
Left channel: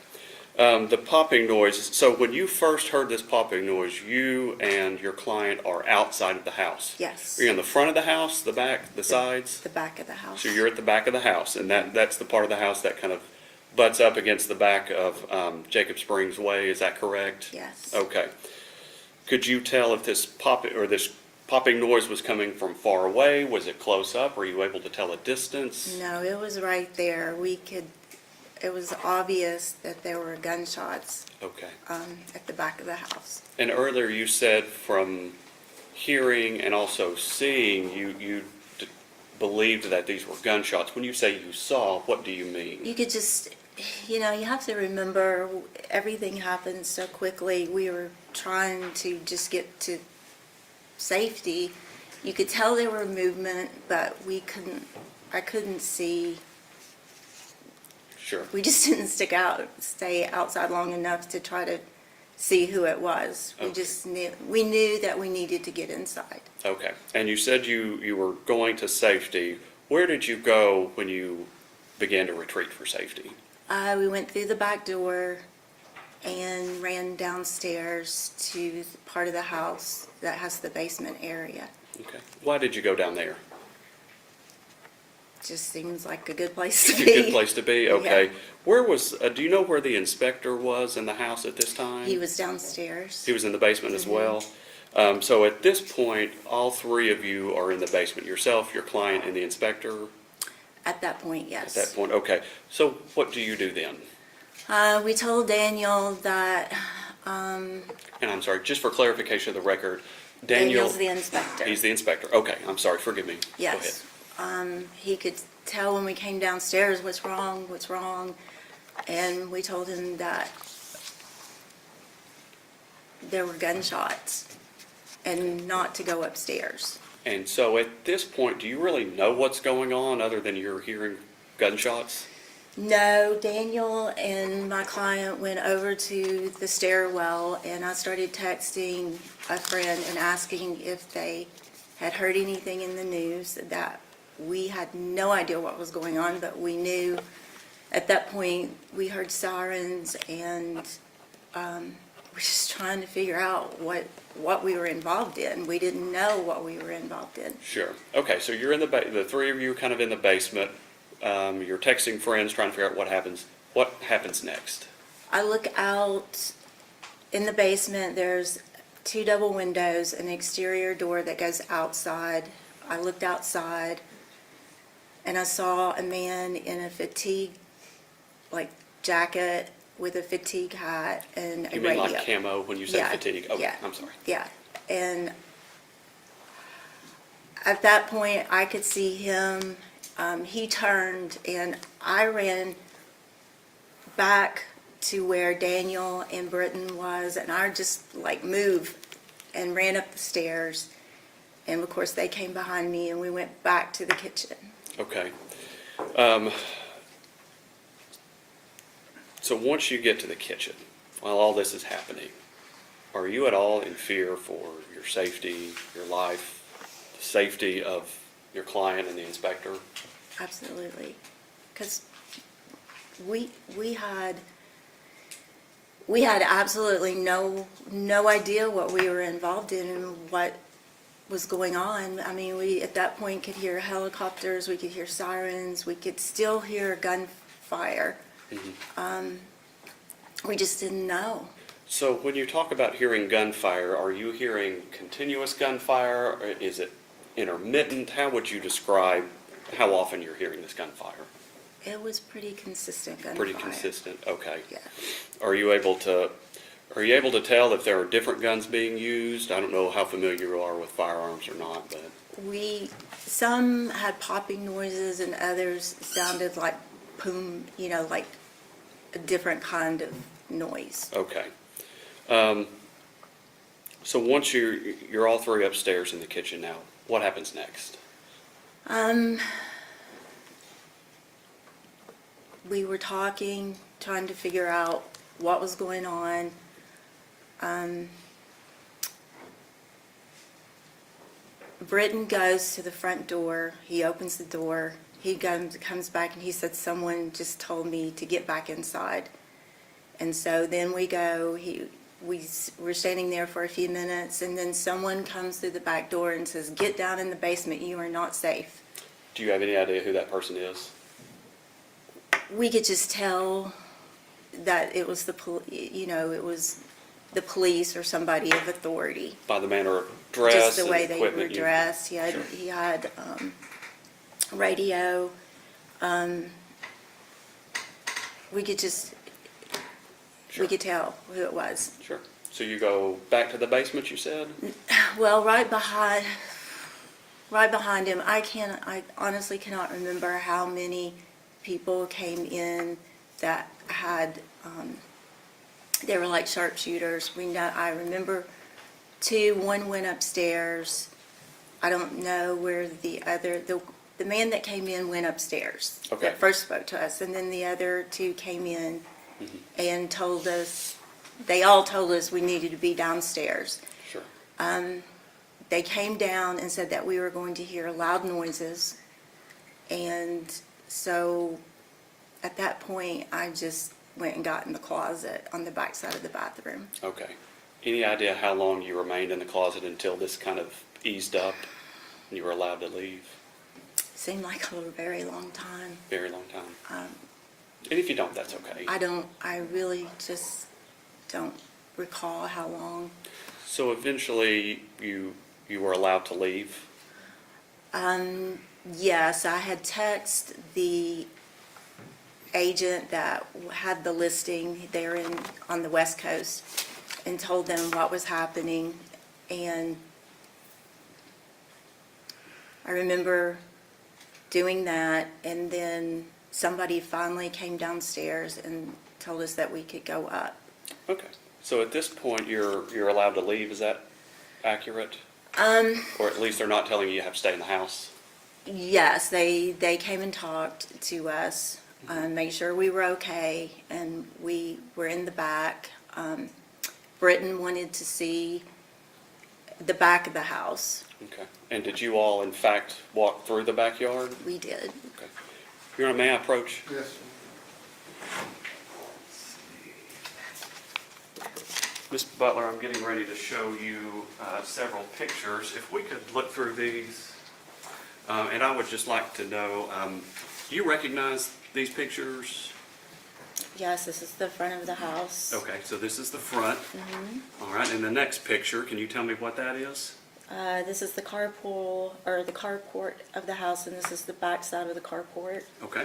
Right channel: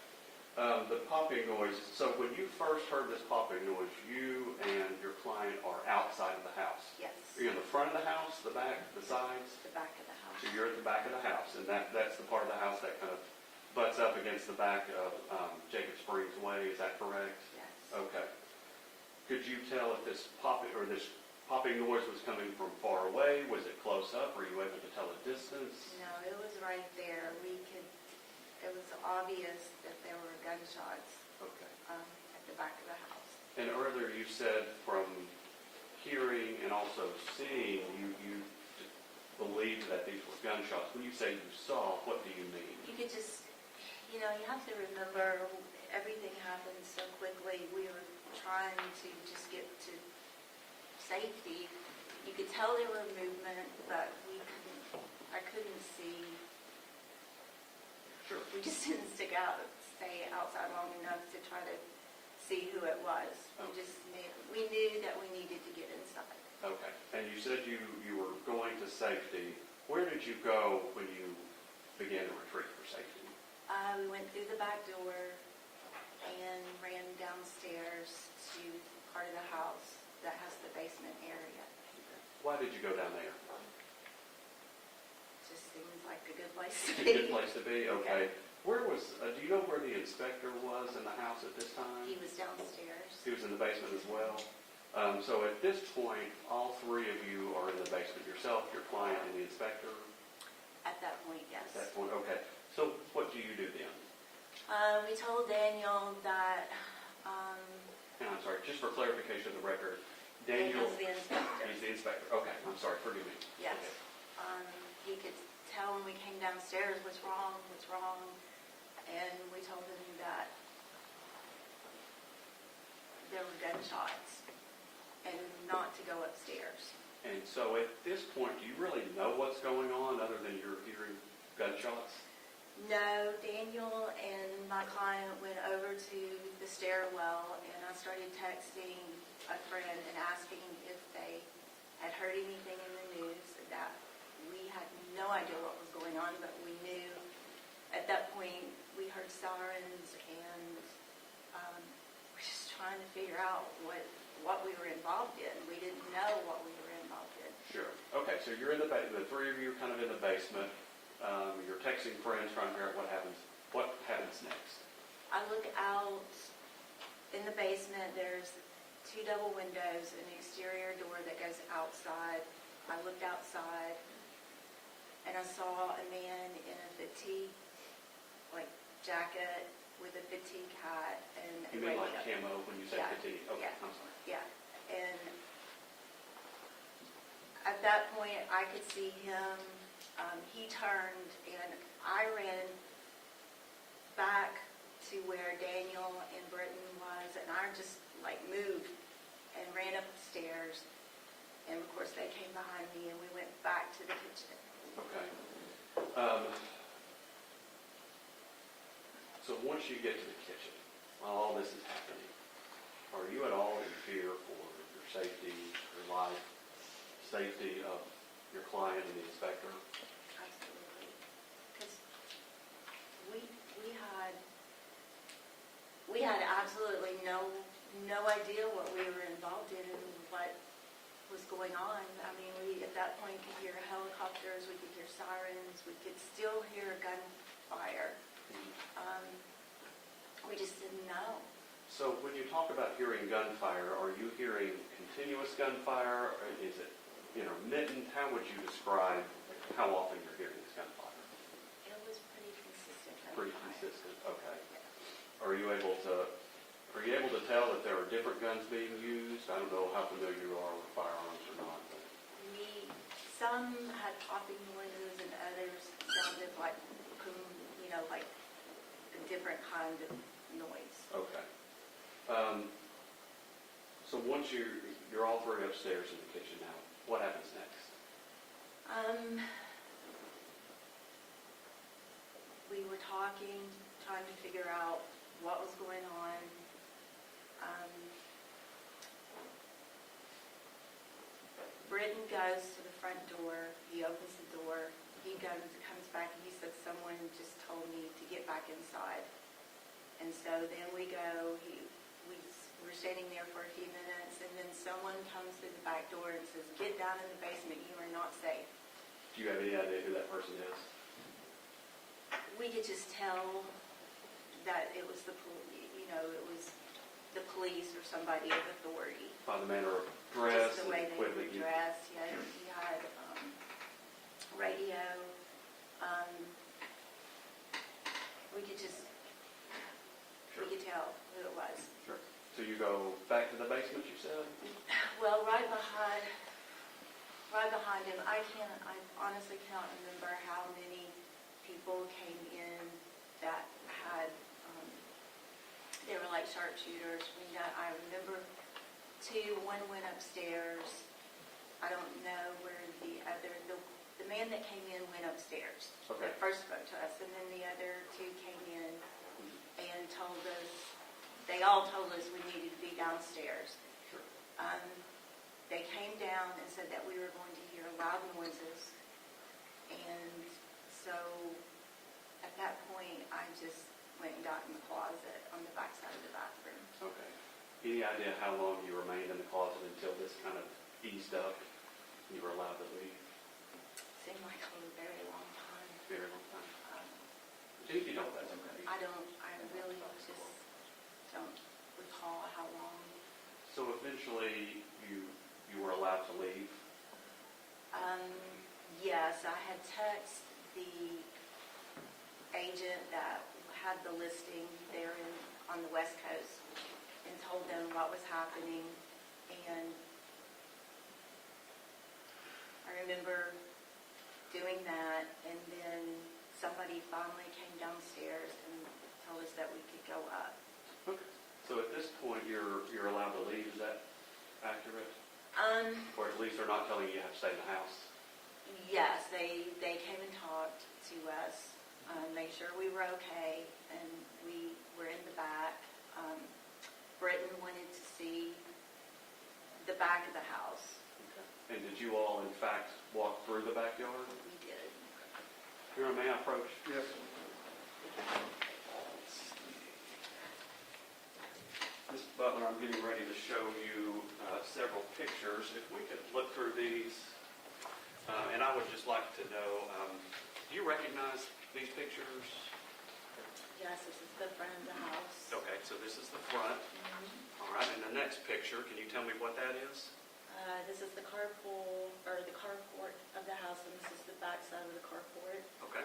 The popping noise, so when you first heard this popping noise, you and your client are outside of the house? Yes. Are you in the front of the house, the back, the sides? The back of the house. So you're at the back of the house, and that's the part of the house that kind of butts up against the back of Jacob Springs Way, is that correct? Yes. Okay. Could you tell if this popping noise was coming from far away? Was it close up? Were you able to tell a distance? No, it was right there. It was obvious that there were gunshots Okay. at the back of the house. And earlier you said from hearing and also seeing, you believed that these were gunshots. When you say you saw, what do you mean? You could just, you have to remember everything happened so quickly. We were trying to just get to safety. You could tell there were movement, but I couldn't see. Sure. We just didn't stay outside long enough to try to see who it was. Okay. We knew that we needed to get inside. Okay. And you said you were going to safety. Where did you go when you began to retreat for safety? We went through the back door and ran downstairs to part of the house that has the basement area. Okay. Why did you go down there? Just seems like a good place to A be. good place to be? Okay. Yeah. Where was, do you know where the inspector was in the house at this time? He was downstairs. He was in the basement as well? So at this point, all three of you are in the basement, yourself, your client, and the inspector? At that point, yes. At that point, okay. So what do you do then? We told Daniel that And I'm sorry, just for clarification of the record, Daniel. Daniel's the inspector. He's the inspector. Okay, I'm sorry, forgive me. Go ahead. Yes. He could tell when we came downstairs, what's wrong. And we told him that there were gunshots and not to go upstairs. And so at this point, do you really know what's going on other than you're hearing gunshots? No, Daniel and my client went over to the stairwell, and I started texting a friend and asking if they had heard anything in the news. That we had no idea what was going on, but we knew at that point we heard sirens, and we're just trying to figure out what we were involved in. We didn't know what we were involved in. Sure. Okay, so you're in the three of you are kind of in the basement. You're texting friends, trying to figure out what happens. What happens next? I look out in the basement. There's 2 double windows, an exterior door that goes outside. I looked outside, and I saw a man in a fatigue, jacket with a fatigue hat and a You mean radio. like camo when you say Yeah, fatigue? Okay, yeah, I'm sorry. Yeah, and at that point, I could see him. He turned, and I ran back to where Daniel and Britton was, and I just moved and ran up the stairs. And of course, they came behind me, and we went back to the kitchen. Okay. So once you get to the kitchen, while all this is happening, are you at all in fear for your safety, your life, the safety of your client and the inspector? Absolutely, because we had absolutely no idea what we were involved in and what was going on. I mean, we at that point could hear helicopters, we could hear sirens, we could still hear gunfire. We just didn't know. So when you talk about hearing gunfire, are you hearing continuous gunfire? Or is it intermittent? How would you describe how often you're hearing this gunfire? It was pretty consistent gunfire. Pretty consistent, okay. Yeah. Are you able to, Are you able to tell if there are different guns being used? I don't know how familiar you are with firearms or not, but. Some had popping noises and others sounded like boom, like a different kind of noise. Okay. So once you're all three upstairs in the kitchen now, what happens next? We were talking, trying to figure out what was going on. Britton goes to the front door. He opens the door. He comes back and he said, someone just told me to get back inside. And so then we go, we're standing there for a few minutes, and then someone comes through the back door and says, get down in the basement, you are not safe. Do you have any idea who that person is? We could just tell that it was it was the police or somebody of authority. By the manner of dress Just the and way they equipment were you- dressed. He had radio. We could just, Sure. we could tell who it was. Sure. So you go back to the basement, you said? Well, right behind him, I honestly cannot remember how many people came in that had, they were like sharpshooters. I remember two, one went upstairs. I don't know where the man that came in went upstairs. Okay. That first spoke to us, and then the other two came in and told us, they all told us we needed to be downstairs. Sure. They came down and said that we were going to hear loud noises. And so at that point, I just went and got in the closet on the back side of the bathroom. Okay. Any idea how long you remained in the closet until this kind of eased up and you were allowed to leave? Seemed like a very long time. Very long time. And if you don't, that's okay. I really just don't recall how long. So eventually you were allowed to leave? Yes, I had texted the agent that had the listing there on the West Coast and told them what was happening. And I remember doing that, and then somebody finally came downstairs and told us that we could go up. Okay. So at this point, you're allowed to leave, is that accurate? Or at least they're not telling you have to stay in the house? Yes, they came and talked to us, made sure we were okay, and we were in the back. Britton wanted to see the back of the house. Okay. And did you all, in fact, walk through the backyard? We did. Okay. Your Honor, may I approach? Yes. Ms. Butler, I'm getting ready to show you several pictures. If we could look through these, and I would just like to know, do you recognize these pictures? Yes, this is the front of the house. Okay, so this is the front. All right, and the next picture, can you tell me what that is? This is the carpool, or the carport of the house, and this is the back side of the carport. Okay.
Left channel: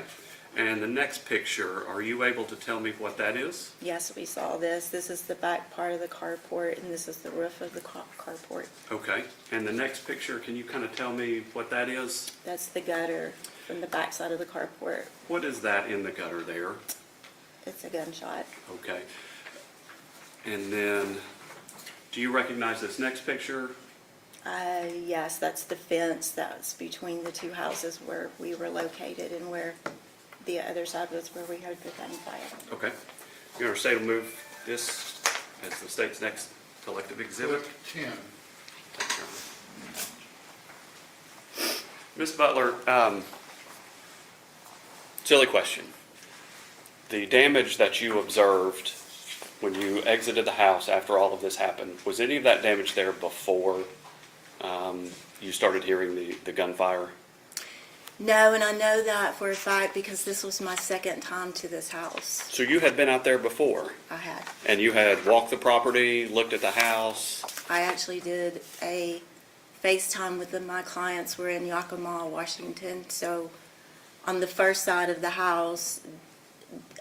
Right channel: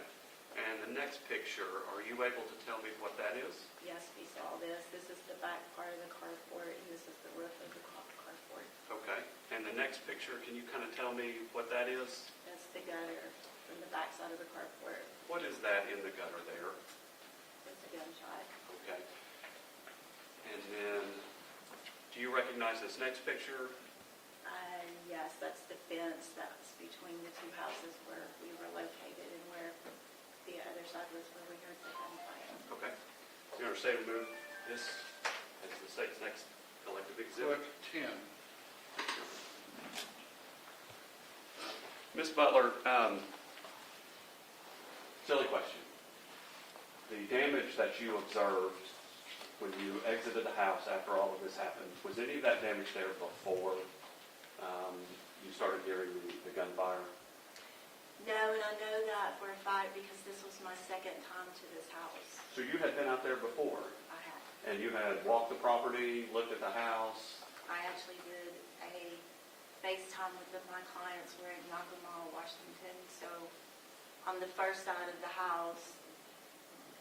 And the next picture, are you able to tell me what that is? Yes, we saw this. This is the back part of the carport, and this is the roof of the carport. Okay. And the next picture, can you kind of tell me what that is? That's the gutter from the back side of the carport. What is that in the gutter there? It's a gunshot. Okay. And then, do you recognize this next picture? Yes, that's the fence that's between the two houses where we were located, and where the other side was where we heard the gunfire. Okay. Your Honor, state will move this as the state's next elective exhibit. Clip 10. Ms. Butler, silly question. The damage that you observed when you exited the house after all of this happened, was any of that damage there before you started hearing the gunfire? No, and I know that for a fact because this was my second time to this house. So you had been out there before, I had. and you had walked the property, looked at the house? I actually did a FaceTime with my clients. We're in Yakima, Washington. So on the first side of the house,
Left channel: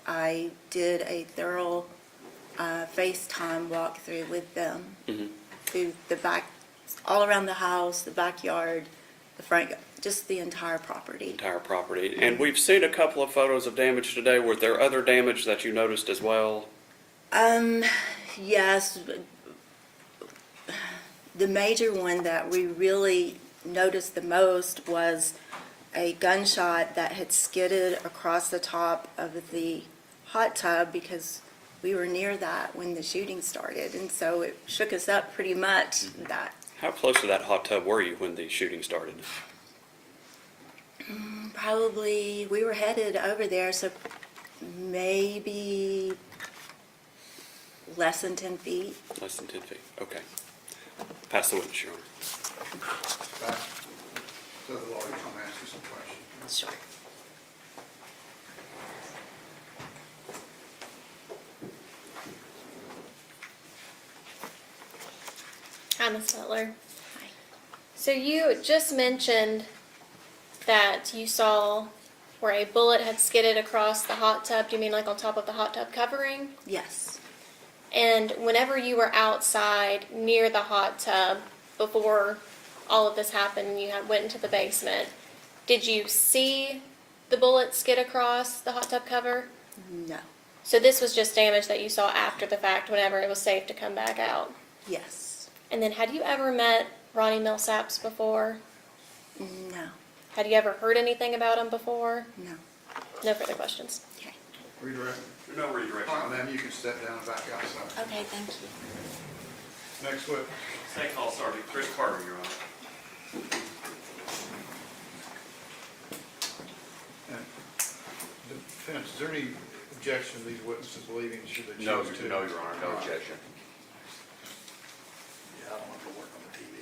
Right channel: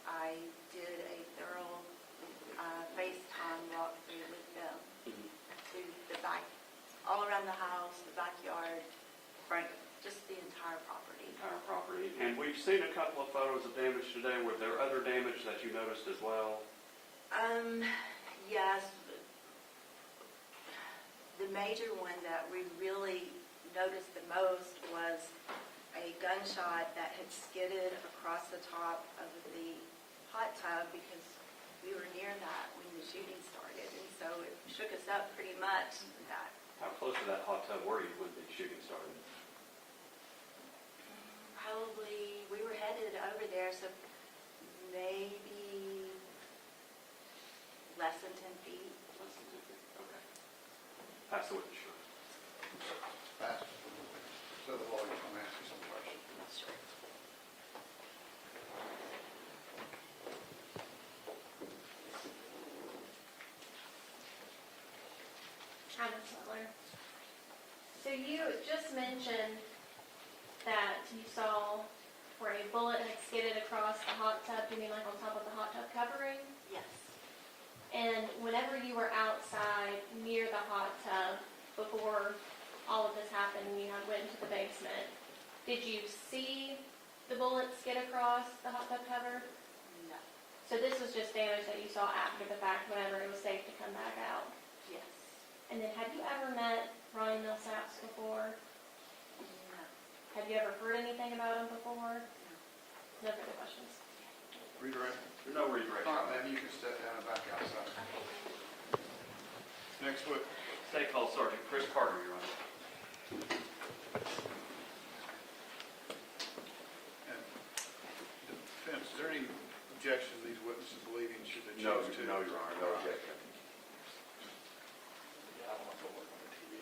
I did a thorough FaceTime walkthrough with them through the back, all around the house, the backyard, the front, just the entire property. Entire property. And we've seen a couple of photos of damage today. Were there other damage that you noticed as well? Yes. The major one that we really noticed the most was a gunshot that had skidded across the top of the hot tub because we were near that when the shooting started. And so it shook us up pretty much that. How close to that hot tub were you when the shooting started? Probably, we were headed over there, so maybe less than 10 feet. Less than 10 feet. Okay. Pass the witness, Your Honor. So the lawyer's gonna ask you some questions. Sure. Hi, Ms. Butler. Hi. So you just mentioned that you saw where a bullet had skidded across the hot tub. Do you mean like on top of the hot tub covering? Yes. And whenever you were outside near the hot tub before all of this happened, you went into the basement, did you see the bullet skid across the hot tub cover? No. So this was just damage that you saw after the fact whenever it was safe to come back out? Yes. And then had you ever met Ronnie Millsaps before? No. Had you ever heard anything about him before? No. No further questions. Okay. Redirect. No redirection. All right, ma'am, you can step down and back outside. Okay, thank you. Next witness. Take call, Sergeant Chris Carter, Your Honor. And defense, is there any objection to these witnesses leaving should they choose to? No, Your Honor, no objection. Yeah, I don't want to work on the TV.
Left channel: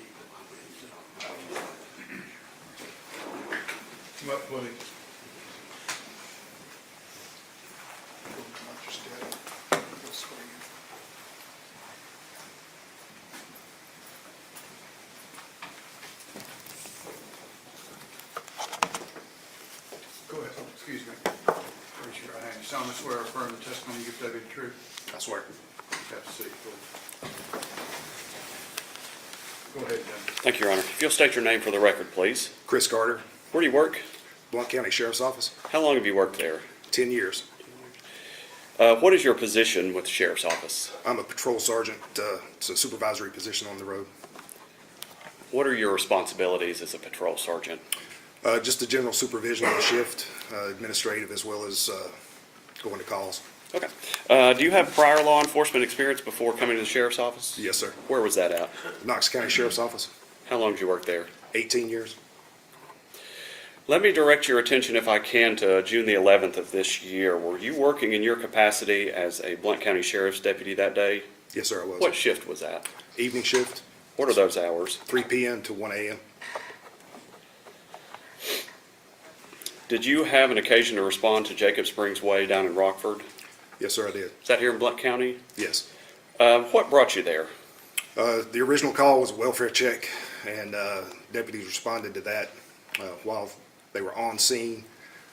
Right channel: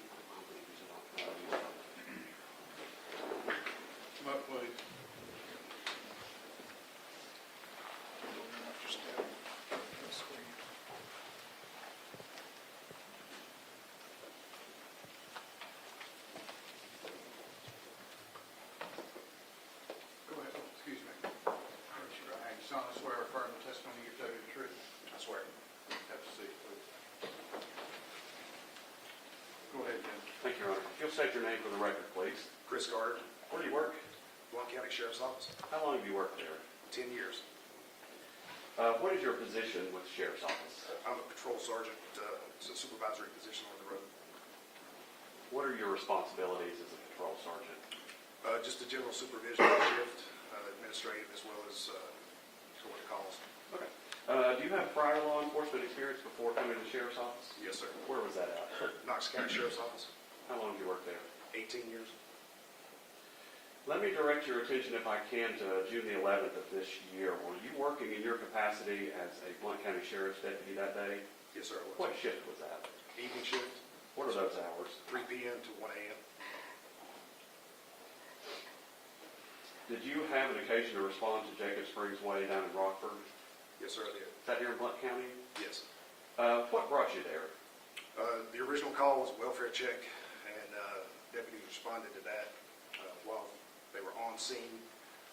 Come up, please. Go ahead, oh, excuse me. Raise your right hand. You solemnly swear or affirm the testimony you give today be the truth? I swear. Have a seat, please. Go ahead, Dennis. Thank you, Your Honor. If you'll state your name for the record, please. Chris Carter, Where do you work? Blount County Sheriff's Office, How long have you worked there? 10 years. What is your position with the Sheriff's Office? I'm a patrol sergeant. It's a supervisory position on the road. What are your responsibilities as a patrol sergeant? Just the general supervision of the shift, administrative as well as going to calls. Okay. Do you have prior law enforcement experience before coming to the Sheriff's Office? Yes, sir. Where was that at? Knox County Sheriff's Office, How long did you work there? 18 years. Let me direct your attention, if I can, to June the 11th of this year. Were you working in your capacity as a Blount County Sheriff's deputy that day? Yes, sir, I was. What shift was that? Evening shift, What are those hours? 3 p.m. to 1 a.m. Did you have an occasion to respond to Jacob Springs Way down in Rockford? Yes, sir, I did. Is that here in Blount County? Yes. What brought you there? The original call was a welfare check, and deputies responded to that while they were on scene.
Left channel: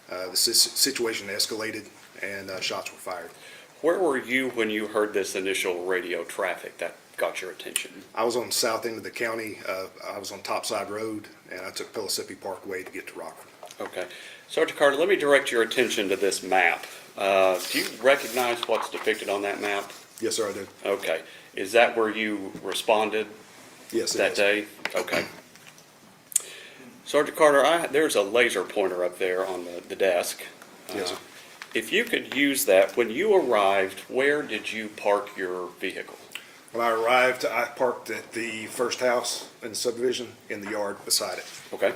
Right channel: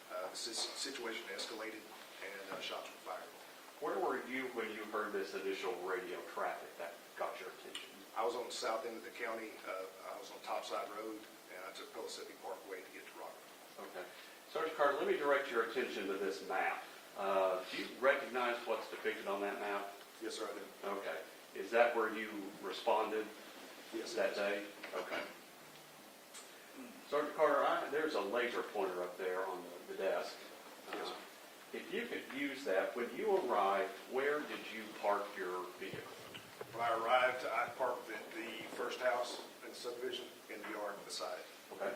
The situation escalated, and shots were fired. Where were you when you heard this initial radio traffic that got your attention? I was on the south end of the county. I was on Topside Road, and I took Pellissippi Parkway to get to Rockford. Okay. Sergeant Carter, let me direct your attention to this map. Do you recognize what's depicted on that map? Yes, sir, I did. Okay. Is that where you responded Yes, it that is. day? Okay. Sergeant Carter, there's a laser pointer up there on the desk. Yes, sir. If you could use that, when you arrived, where did you park your vehicle? When I arrived, I parked at the first house in the subdivision in the yard beside it. Okay.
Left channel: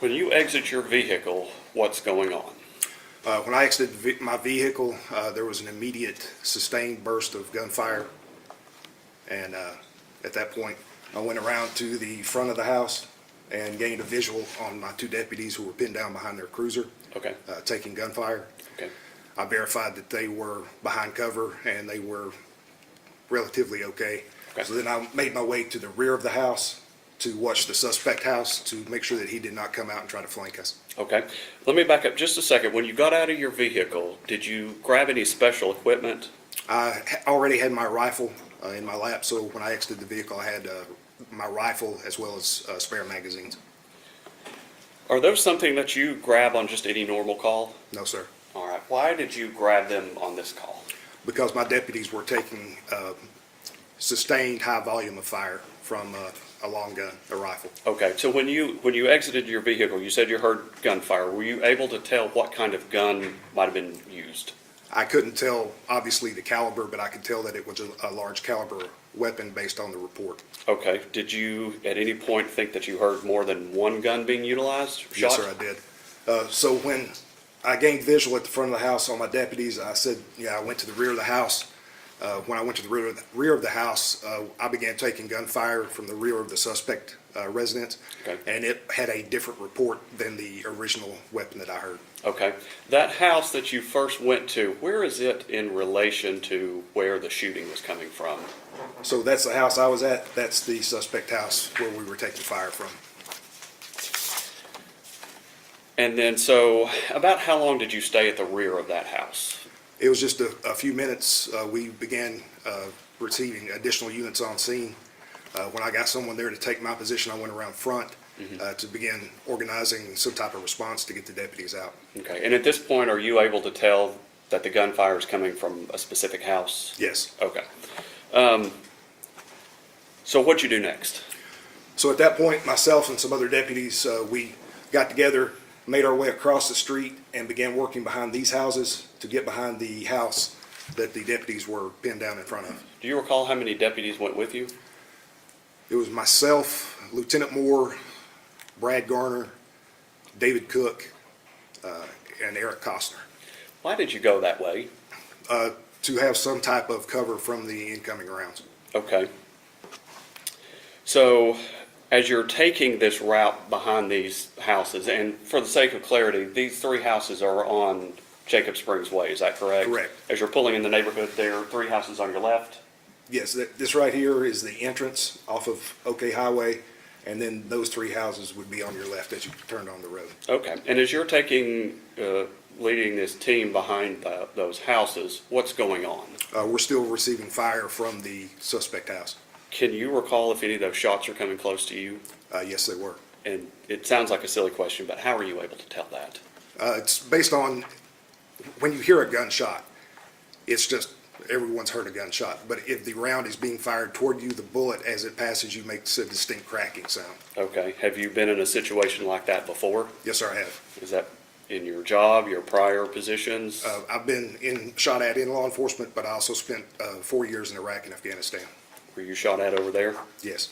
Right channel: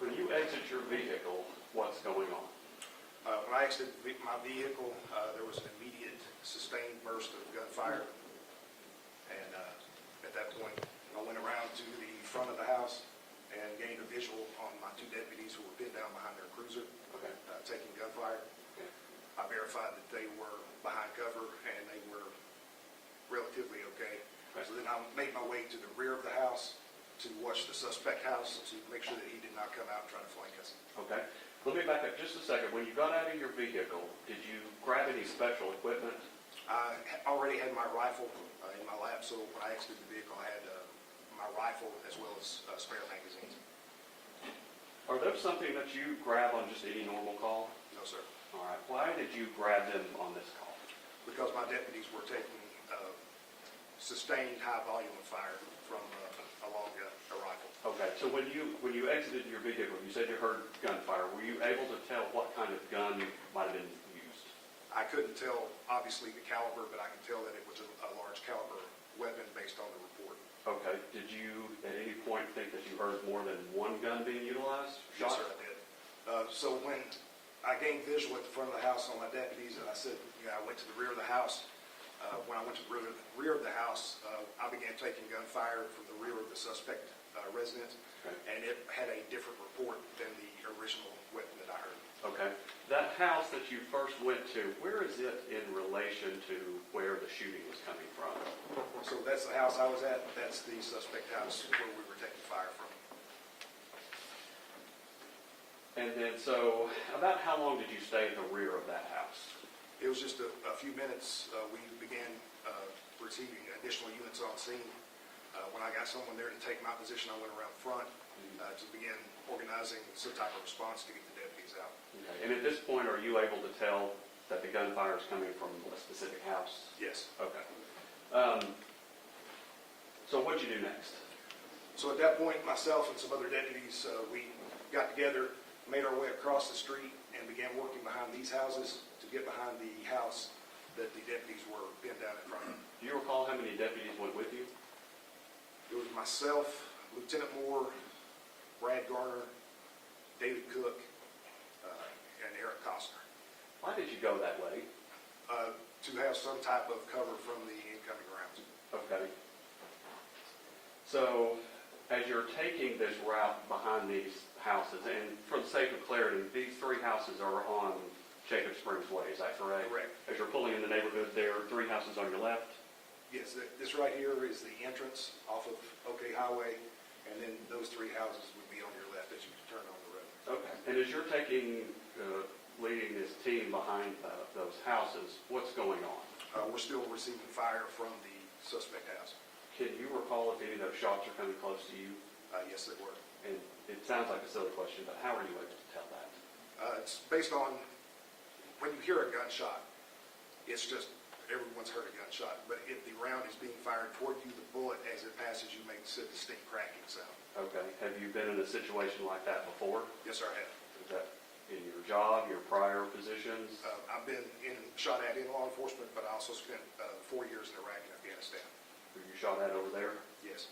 When you exit your vehicle, what's going on? When I exited my vehicle, there was an immediate sustained burst of gunfire. And at that point, I went around to the front of the house and gained a visual on my two deputies who were pinned down behind their cruiser, Okay. taking gunfire. Okay. I verified that they were behind cover and they were relatively okay. Okay. So then I made my way to the rear of the house to watch the suspect house to make sure that he did not come out and try to flank us. Okay. Let me back up just a second. When you got out of your vehicle, did you grab any special equipment? I already had my rifle in my lap, so when I exited the vehicle, I had my rifle as well as spare magazines. Are those something that you grab on just any normal call? No, sir. All right. Why did you grab them on this call? Because my deputies were taking sustained high volume of fire from a long gun, a rifle. Okay. So when you exited your vehicle, you said you heard gunfire. Were you able to tell what kind of gun might have been used? I couldn't tell, obviously, the caliber, but I could tell that it was a large caliber weapon based on the report. Okay. Did you at any point think that you heard more than one gun being utilized? or Yes, shot? sir, I did. So when I gained visual at the front of the house on my deputies, I said, yeah, I went to the rear of the house. When I went to the rear of the house, I began taking gunfire from the rear of the suspect residence. Okay. And it had a different report than the original weapon that I heard. Okay. That house that you first went to, where is it in relation to where the shooting was coming from? So that's the house I was at. That's the suspect house where we were taking fire from. And then, so about how long did you stay at the rear of that house? It was just a few minutes. We began receiving additional units on scene. When I got someone there to take my position, I went around front to begin organizing some type of response to get the deputies out. Okay. And at this point, are you able to tell that the gunfire is coming from a specific house? Yes. Okay. So what'd you do next? So at that point, myself and some other deputies, we got together, made our way across the street, and began working behind these houses to get behind the house that the deputies were pinned down in front of. Do you recall how many deputies went with you? It was myself, Lieutenant Moore, Brad Garner, David Cook, and Eric Cosner. Why did you go that way? To have some type of cover from the incoming rounds. Okay. So as you're taking this route behind these houses, and for the sake of clarity, these three houses are on Jacob Springs Way, is that correct? Correct. As you're pulling in the neighborhood, there are three houses on your left? Yes, this right here is the entrance off of OK Highway, and then those three houses would be on your left as you turned on the road. Okay. And as you're taking, leading this team behind those houses, what's going on? We're still receiving fire from the suspect house. Can you recall if any of those shots are coming close to you? Yes, they were. And it sounds like a silly question, but how are you able to tell that? It's based on, when you hear a gunshot, it's just, everyone's heard a gunshot. But if the round is being fired toward you, the bullet, as it passes you, makes a distinct cracking sound. Okay. Have you been in a situation like that before? Yes, sir, I have. Is that in your job, your prior positions? I've been shot at in law enforcement, but I also spent 4 years in Iraq and Afghanistan. Were you shot at over there? Yes.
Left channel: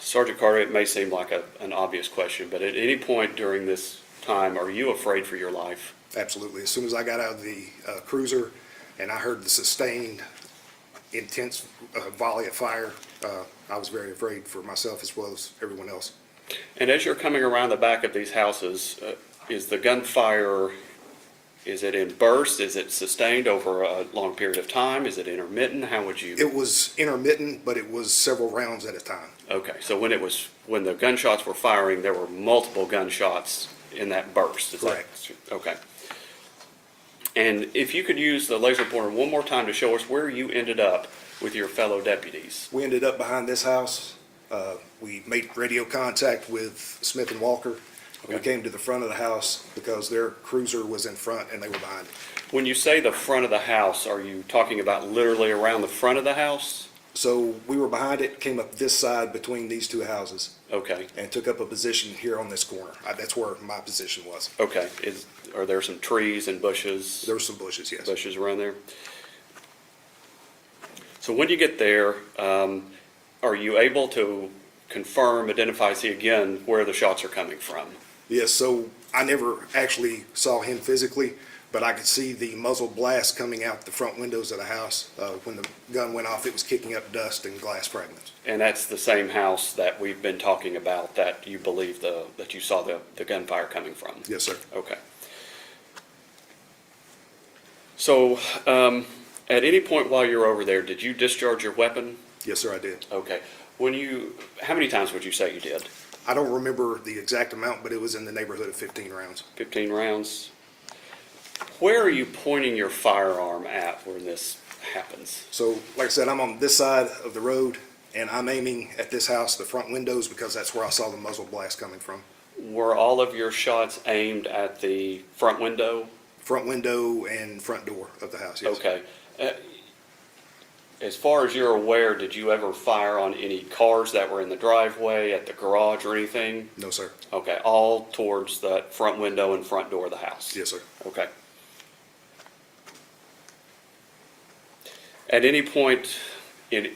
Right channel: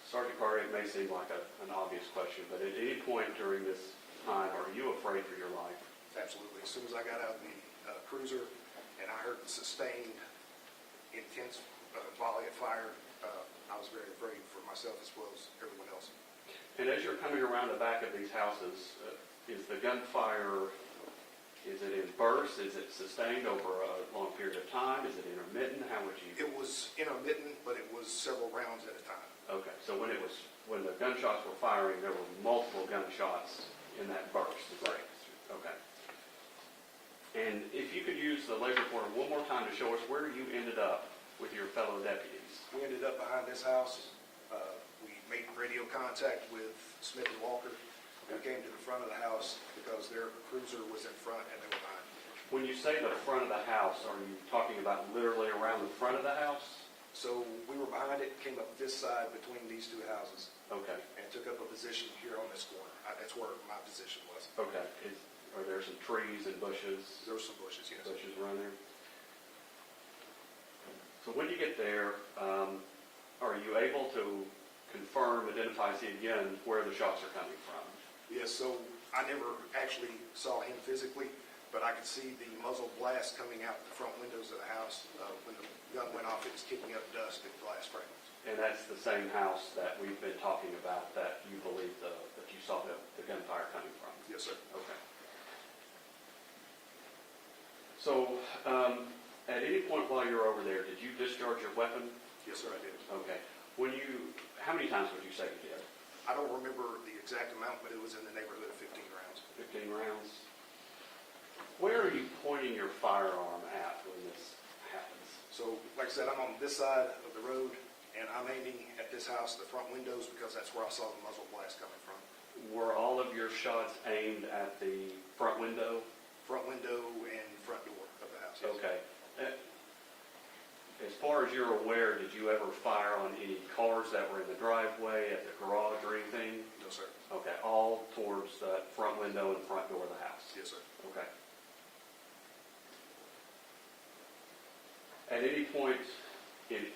Sergeant Carter, it may seem like an obvious question, but at any point during this time, are you afraid for your life? Absolutely. As soon as I got out of the cruiser and I heard the sustained, intense volley of fire, I was very afraid for myself as well as everyone else. And as you're coming around the back of these houses, is the gunfire, is it in bursts? Is it sustained over a long period of time? Is it intermittent? How would you? It was intermittent, but it was several rounds at a time. Okay, so when the gunshots were firing, there were multiple gunshots in that burst? Is that- Correct. Okay. And if you could use the laser pointer one more time to show us where you ended up with your fellow deputies. We ended up behind this house. We made radio contact with Smith and Walker. We Okay. came to the front of the house because their cruiser was in front and they were behind it. When you say the front of the house, are you talking about literally around the front of the house? So we were behind it, came up this side between these two houses Okay, and took up a position here on this corner. That's where my position was. okay. Are there some trees and bushes? There were some bushes, yes. Bushes around there? So when you get there, are you able to confirm, identify, see again where the shots are coming from? Yes, so I never actually saw him physically, but I could see the muzzle blast coming out the front windows of the house. When the gun went off, it was kicking up dust and glass fragments. And that's the same house that we've been talking about that you believe that you saw the gunfire coming from? Yes, sir. Okay. So, at any point while you're over there, did you discharge your weapon? Yes, sir, I did. Okay. How many times would you say you did? I don't remember the exact amount, but it was in the neighborhood of 15 rounds. 15 rounds? Where are you pointing your firearm at when this happens? So, like I said, I'm on this side of the road, and I'm aiming at this house, the front windows, because that's where I saw the muzzle blast coming from. Were all of your shots aimed at the front window? Front window and front door of the house, yes. Okay. As far as you're aware, did you ever fire on any cars that were in the driveway, at the garage or anything? No, sir. Okay, all towards that front window and front door of the house? Yes, sir. Okay. At any point in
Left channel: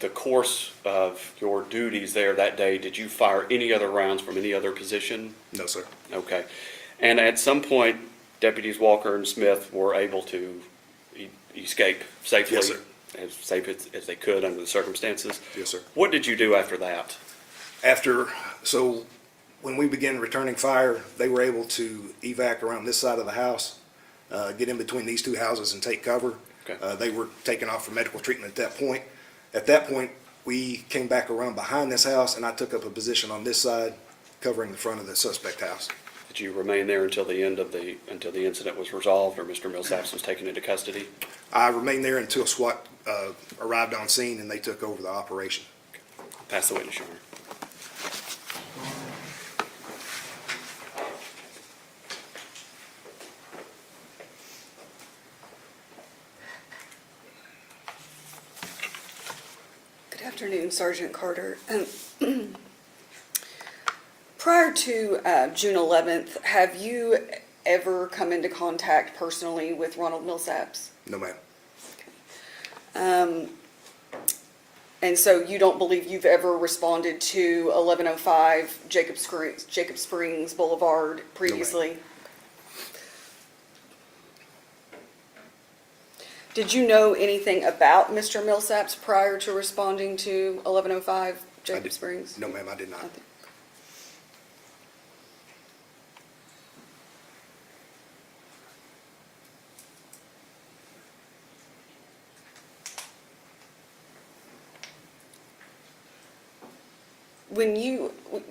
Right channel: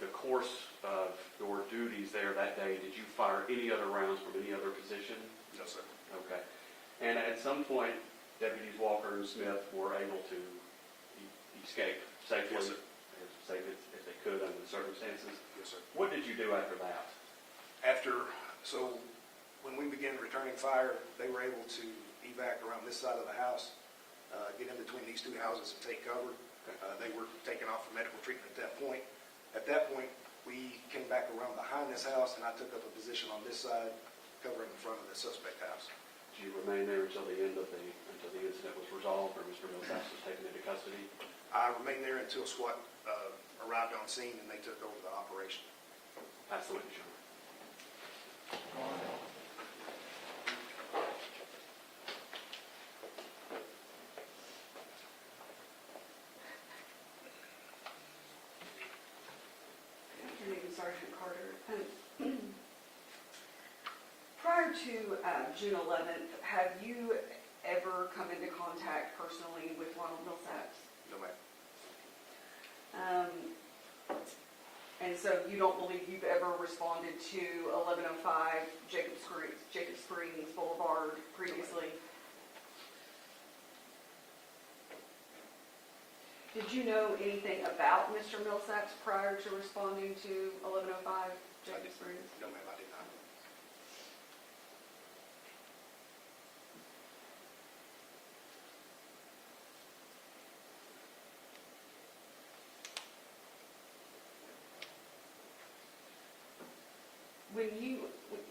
the course of your duties there that day, did you fire any other rounds from any other position? No, sir. Okay. And at some point, Deputies Walker and Smith were able to escape safely? Yes, sir. As safe as they could under the circumstances? Yes, sir. What did you do after that? So when we began returning fire, they were able to evac around this side of the house, get in between these two houses and take cover. Okay. They were taken off for medical treatment at that point. At that point, we came back around behind this house, and I took up a position on this side, covering the front of the suspect house. Did you remain there until the incident was resolved or Mr. Millsaps was taken into custody? I remained there until SWAT arrived on scene and they took over the operation. Pass the witness, Your Honor. Good afternoon, Sergeant Carter. Prior to June 11th, have you ever come into contact personally with Ronald Millsaps? No, ma'am. And so you don't believe you've ever responded to 1105 Jacob Springs Boulevard previously? Did you know anything about Mr. Millsaps prior to responding to 1105 Jacob Springs? No, ma'am, I did not.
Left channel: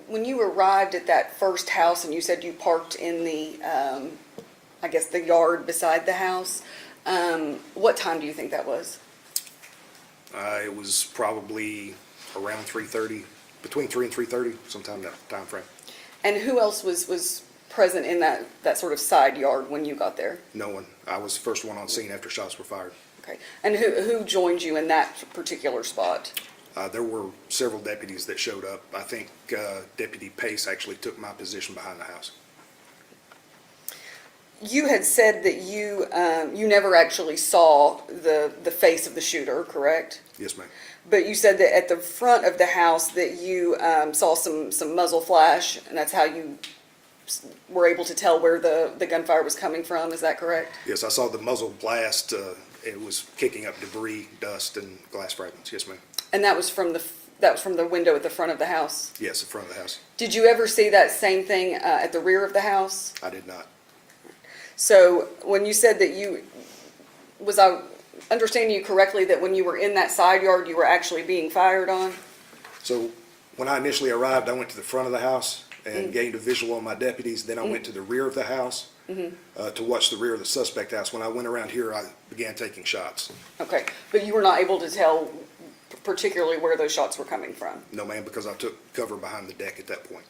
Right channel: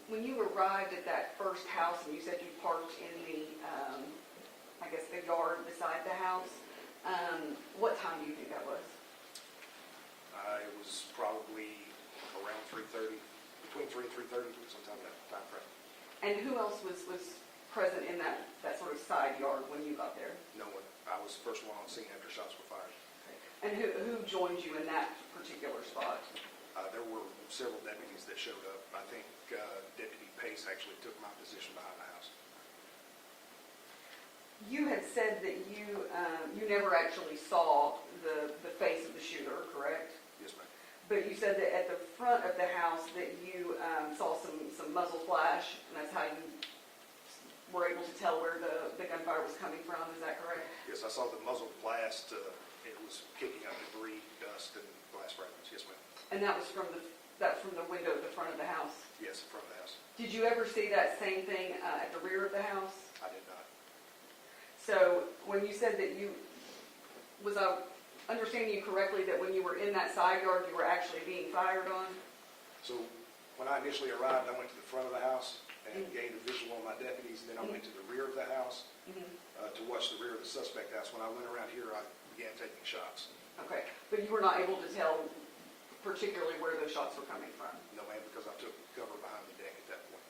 When you arrived at that first house and you said you parked in the, I guess, the yard beside the house, what time do you think that was? It was probably around 3:30, between 3 and 3:30, sometime that time frame. And who else was present in that sort of side yard when you got there? No one. I was the first one on scene after shots were fired. Okay. And who joined you in that particular spot? There were several deputies that showed up. I think Deputy Pace actually took my position behind the house. You had said that you never actually saw the face of the shooter, correct? Yes, ma'am. But you said that at the front of the house that you saw some muzzle flash, and that's how you were able to tell where the gunfire was coming from. Is that correct? Yes, I saw the muzzle blast. It was kicking up debris, dust, and glass fragments. Yes, ma'am. And that was from the window at the front of the house? Yes, the front of the house. Did you ever see that same thing at the rear of the house? I did not. So when you said that was I understanding you correctly that when you were in that side yard, you were actually being fired on? So when I initially arrived, I went to the front of the house and gained a visual on my deputies. Then I went to the rear of the house to watch the rear of the suspect house. When I went around here, I began taking shots. Okay, but you were not able to tell particularly where those shots were coming from? No, ma'am, because I took cover behind the deck at that point.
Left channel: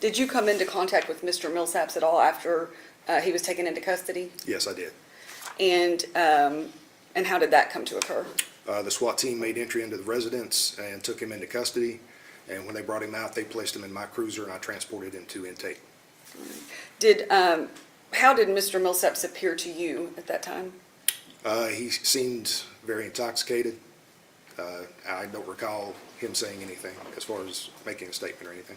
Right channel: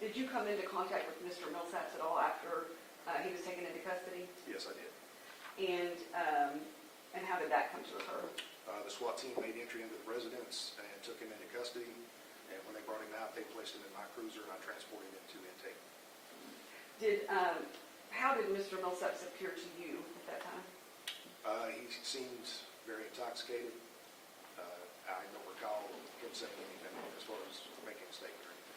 Did you come into contact with Mr. Millsaps at all after he was taken into custody? Yes, I did. And how did that come to occur? The SWAT team made entry into the residence and took him into custody. And when they brought him out, they placed him in my cruiser and I transported him to intake. How did Mr. Millsaps appear to you at that time? He seemed very intoxicated. I don't recall him saying anything as far as making a statement or anything.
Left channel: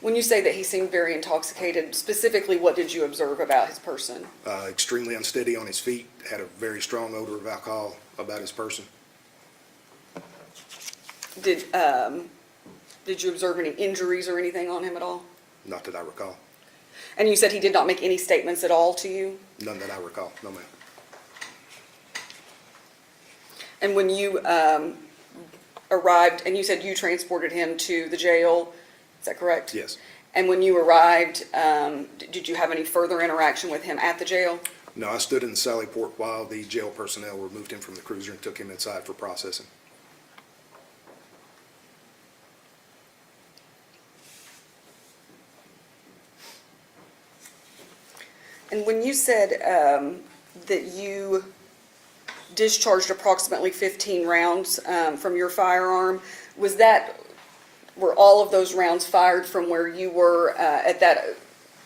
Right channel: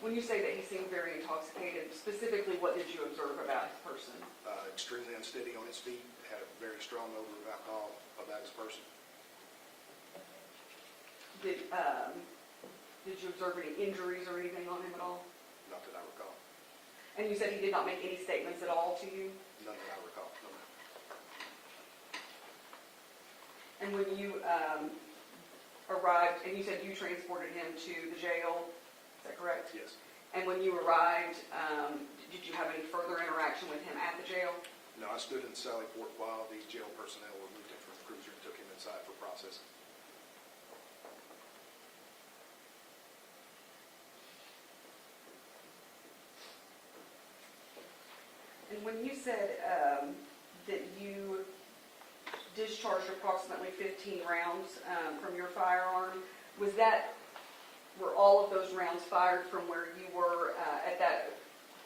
When you say that he seemed very intoxicated, specifically what did you observe about his person? Extremely unsteady on his feet, had a very strong odor of alcohol, about his person. Did you observe any injuries or anything on him at all? Not that I recall. And you said he did not make any statements at all to you? None that I recall, no ma'am. And when you arrived, and you said you transported him to the jail, is that correct? Yes. And when you arrived, did you have any further interaction with him at the jail? No, I stood in the sally port while the jail personnel removed him from the cruiser and took him inside for processing. And when you said that you discharged approximately 15 rounds from your firearm, were all of those rounds fired from where you were at that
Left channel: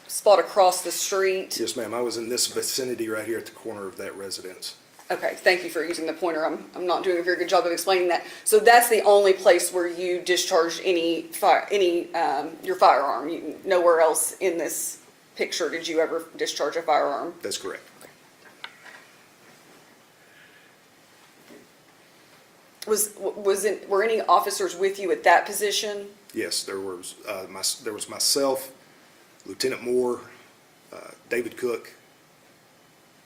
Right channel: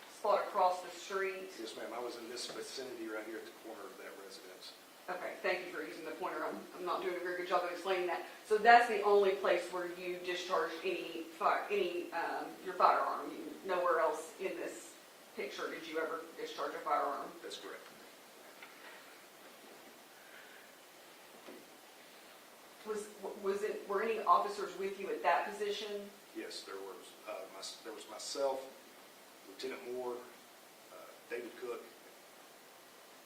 spot across the street? Yes, ma'am. I was in this vicinity right here at the corner of that residence. Okay, thank you for using the pointer. I'm not doing a very good job of explaining that. So that's the only place where you discharged your firearm? Nowhere else in this picture did you ever discharge a firearm? That's correct. Were any officers with you at that position? Yes, there was myself, Lieutenant Moore, David Cook,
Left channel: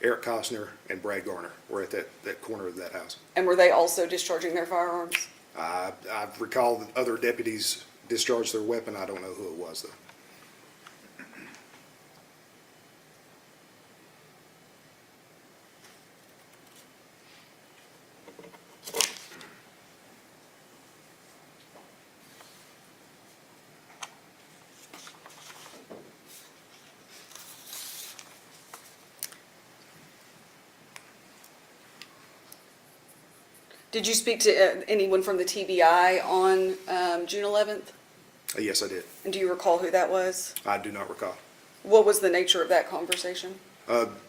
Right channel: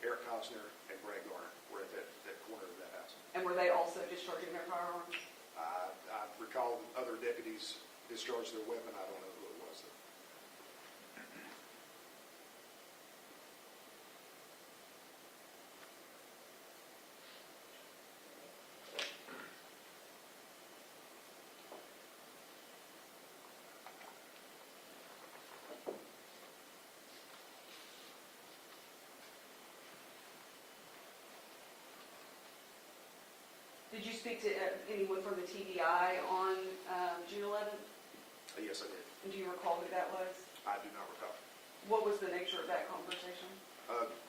Eric Cosner, and Brad Garner were at that corner of that house. And were they also discharging their firearms? I recall that other deputies discharged their weapon. I don't know who it was, though. Did you speak to anyone from the TBI on June 11th? Yes, I did. And do you recall who that was? I do not recall. What was the nature of that conversation?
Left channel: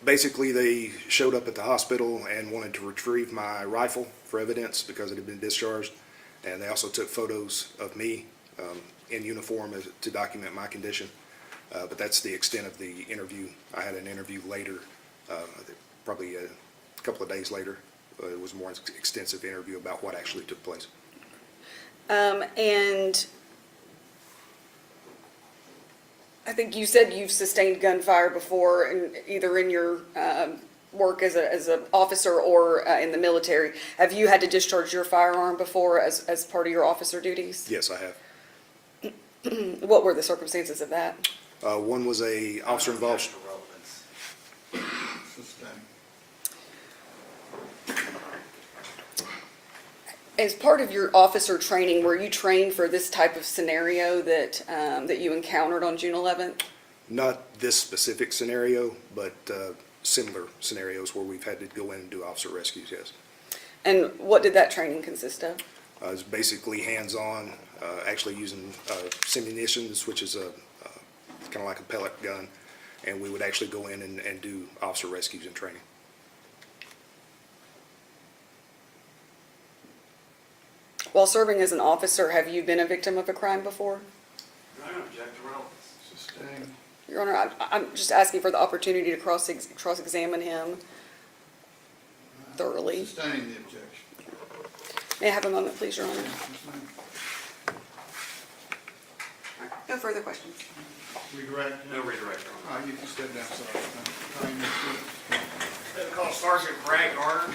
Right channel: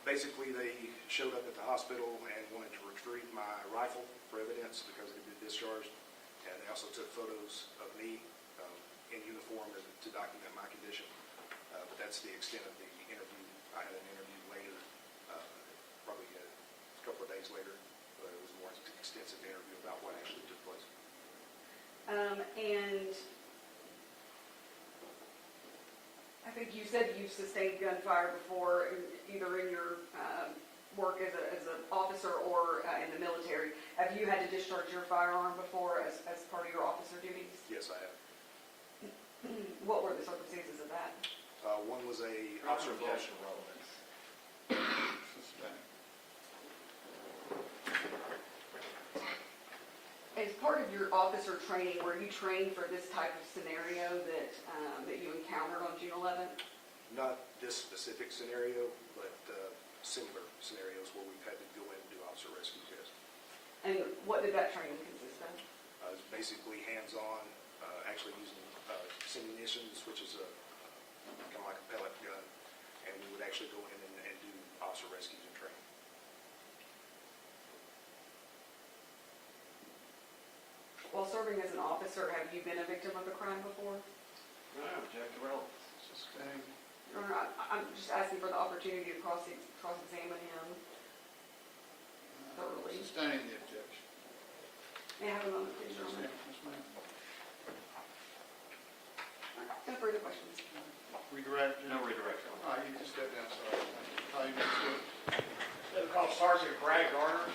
Basically, they showed up at the hospital and wanted to retrieve my rifle for evidence because it had been discharged. And they also took photos of me in uniform to document my condition. But that's the extent of the interview. I had an interview later, probably a couple of days later. It was a more extensive interview about what actually took place. And I think you said you've sustained gunfire before, either in your work as an officer or in the military. Have you had to discharge your firearm before as part of your officer duties? Yes, I have. What were the circumstances of that? One was a officer involved. As part of your officer training, were you trained for this type of scenario that you encountered on June 11th? Not this specific scenario, but similar scenarios where we've had to go in and do officer rescues, yes. And what did that training consist of? It's basically hands-on, actually using simunitions, which is kind of like a pellet gun, and we would actually go in and do officer rescues and training. While serving as an officer, have you been a victim of a crime before? Your Honor, I'm just asking for the opportunity to cross-examine him thoroughly. Sustaining the objection. May I have a moment, please, Your Honor? No further questions. Redirect? No redirect. All right, you can step down, sorry. They call Sergeant Brad Garner.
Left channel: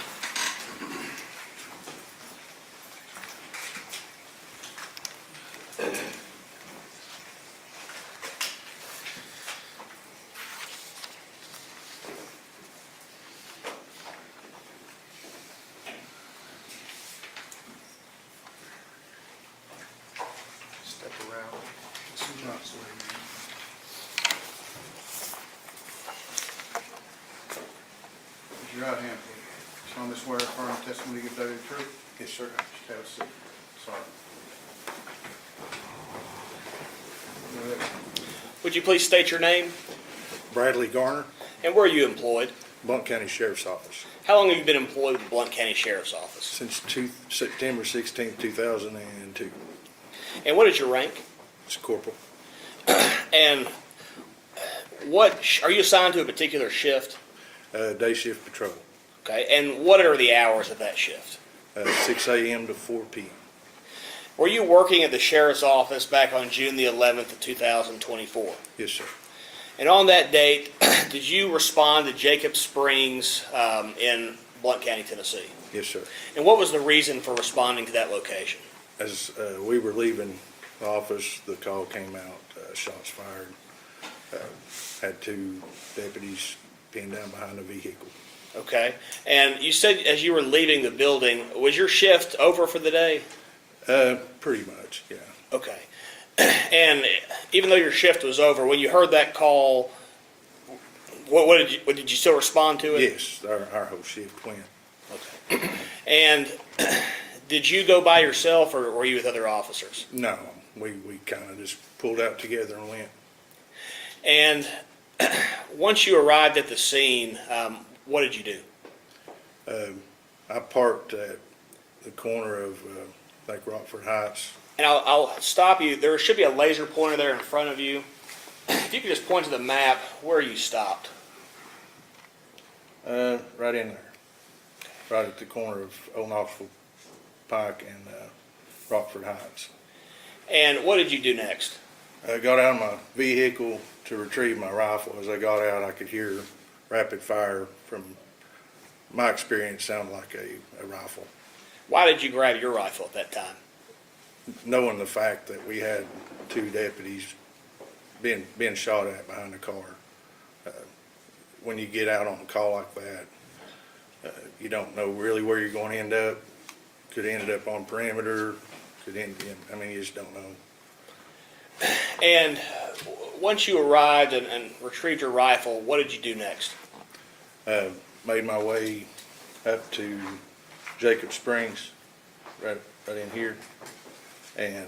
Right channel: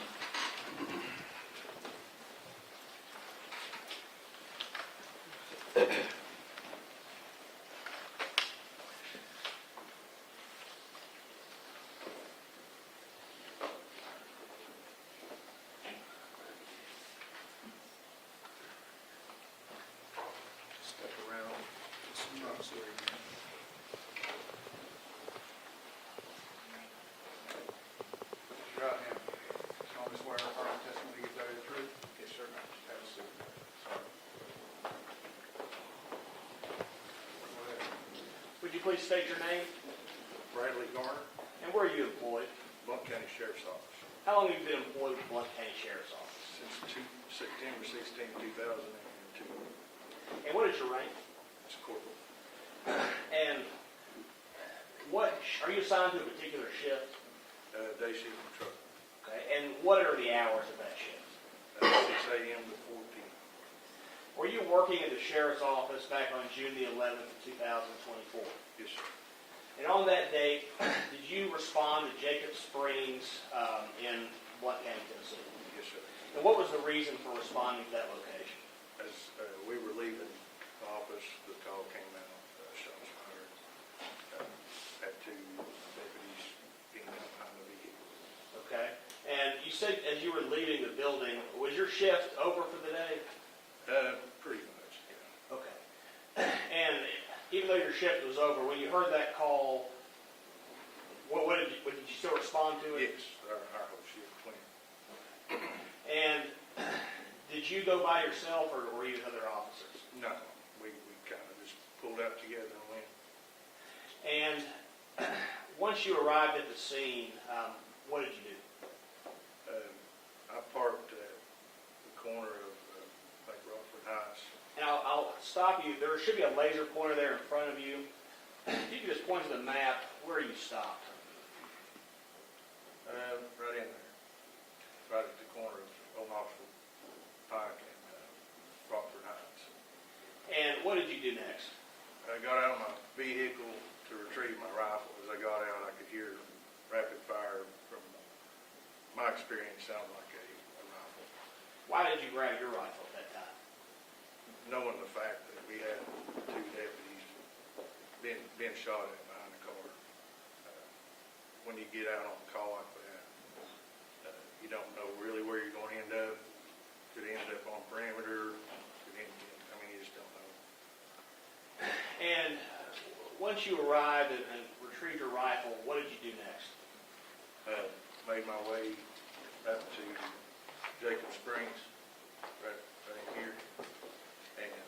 Step around. Some drops there. Raise your right hand. Solemnly swear affirm the testimony you give the truth? Yes, sir. Just have a seat. Sorry. Go ahead. Would you please state your name Bradley Garner, and where are you employed? Blount County Sheriff's Office, How long have you been employed with the Blount County Sheriff's Office? since September 16, 2002. And what is your rank? It's corporal. And are you assigned to a particular shift? Day shift patrol. Okay, and what are the hours of that shift? 6 a.m. to 4 p.m. Were you working at the sheriff's office back on June the 11th of 2024? Yes, sir. And on that date, did you respond to Jacob Springs in Blount County, Tennessee? Yes, sir. And what was the reason for responding to that location? As we were leaving the office, the call came out, shots fired. Had 2 deputies pinned down behind a vehicle. Okay, and you said as you were leaving the building, was your shift over for the day? Pretty much, yeah. Okay. And even though your shift was over, when you heard that call, what did you still respond to it? Yes, our whole shift went. Okay. And did you go by yourself or were you with other officers? No, we kind of just pulled out together and went. And once you arrived at the scene, what did you do? I parked at the corner of, I think, Rockford Heights. And I'll stop you. There should be a laser pointer there in front of you. If you could just point to the map where you stopped. Right in there. Right at the corner of Old Knoxville Pike and Rockford Heights. And what did you do next? I got out of my vehicle to retrieve my rifle. As I got out, I could hear rapid fire. From my experience, sounded like a rifle. Why did you grab your rifle at that time? Knowing the fact that we had 2 deputies being shot at behind the car. When you get out on a call like that, you don't know really where you're going to end up. Could end up on perimeter. You just don't know. And once you arrived and retrieved your rifle, what did you do next? Made my way up to Jacob Springs, right in here, and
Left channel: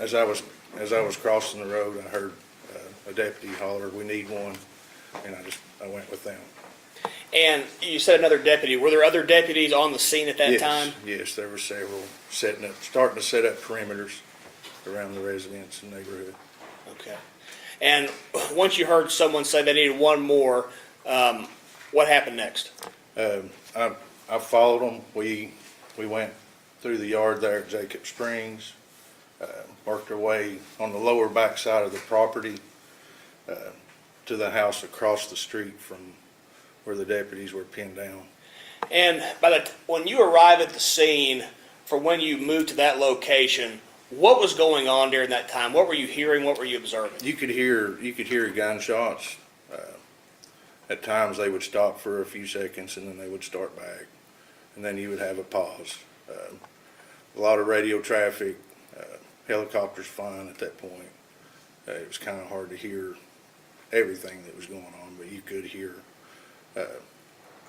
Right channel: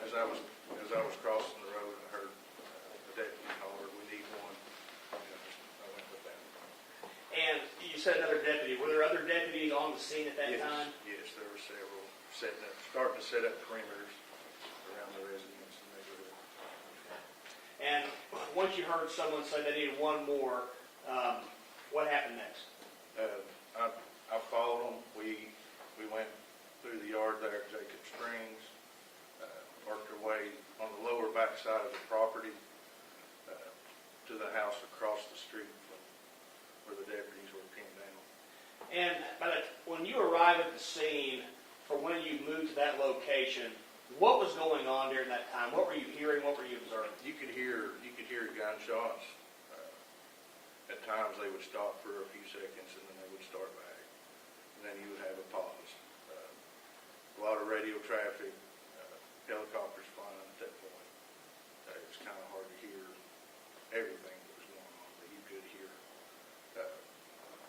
as I was crossing the road, I heard a deputy holler, "We need one," and I went with them. And you said another deputy. Were there other deputies on the scene at that time? Yes, there were several starting to set up perimeters around the residence and neighborhood. Okay. And once you heard someone say they needed one more, what happened next? I followed them. We went through the yard there at Jacob Springs, worked our way on the lower back side of the property to the house across the street from where the deputies were pinned down. And when you arrived at the scene, for when you moved to that location, what was going on during that time? What were you hearing? What were you observing? You could hear gunshots. At times they would stop for a few seconds and then they would start back, and then you would have a pause. A lot of radio traffic, helicopters flying at that point. It was kind of hard to hear everything that was going on, but you could hear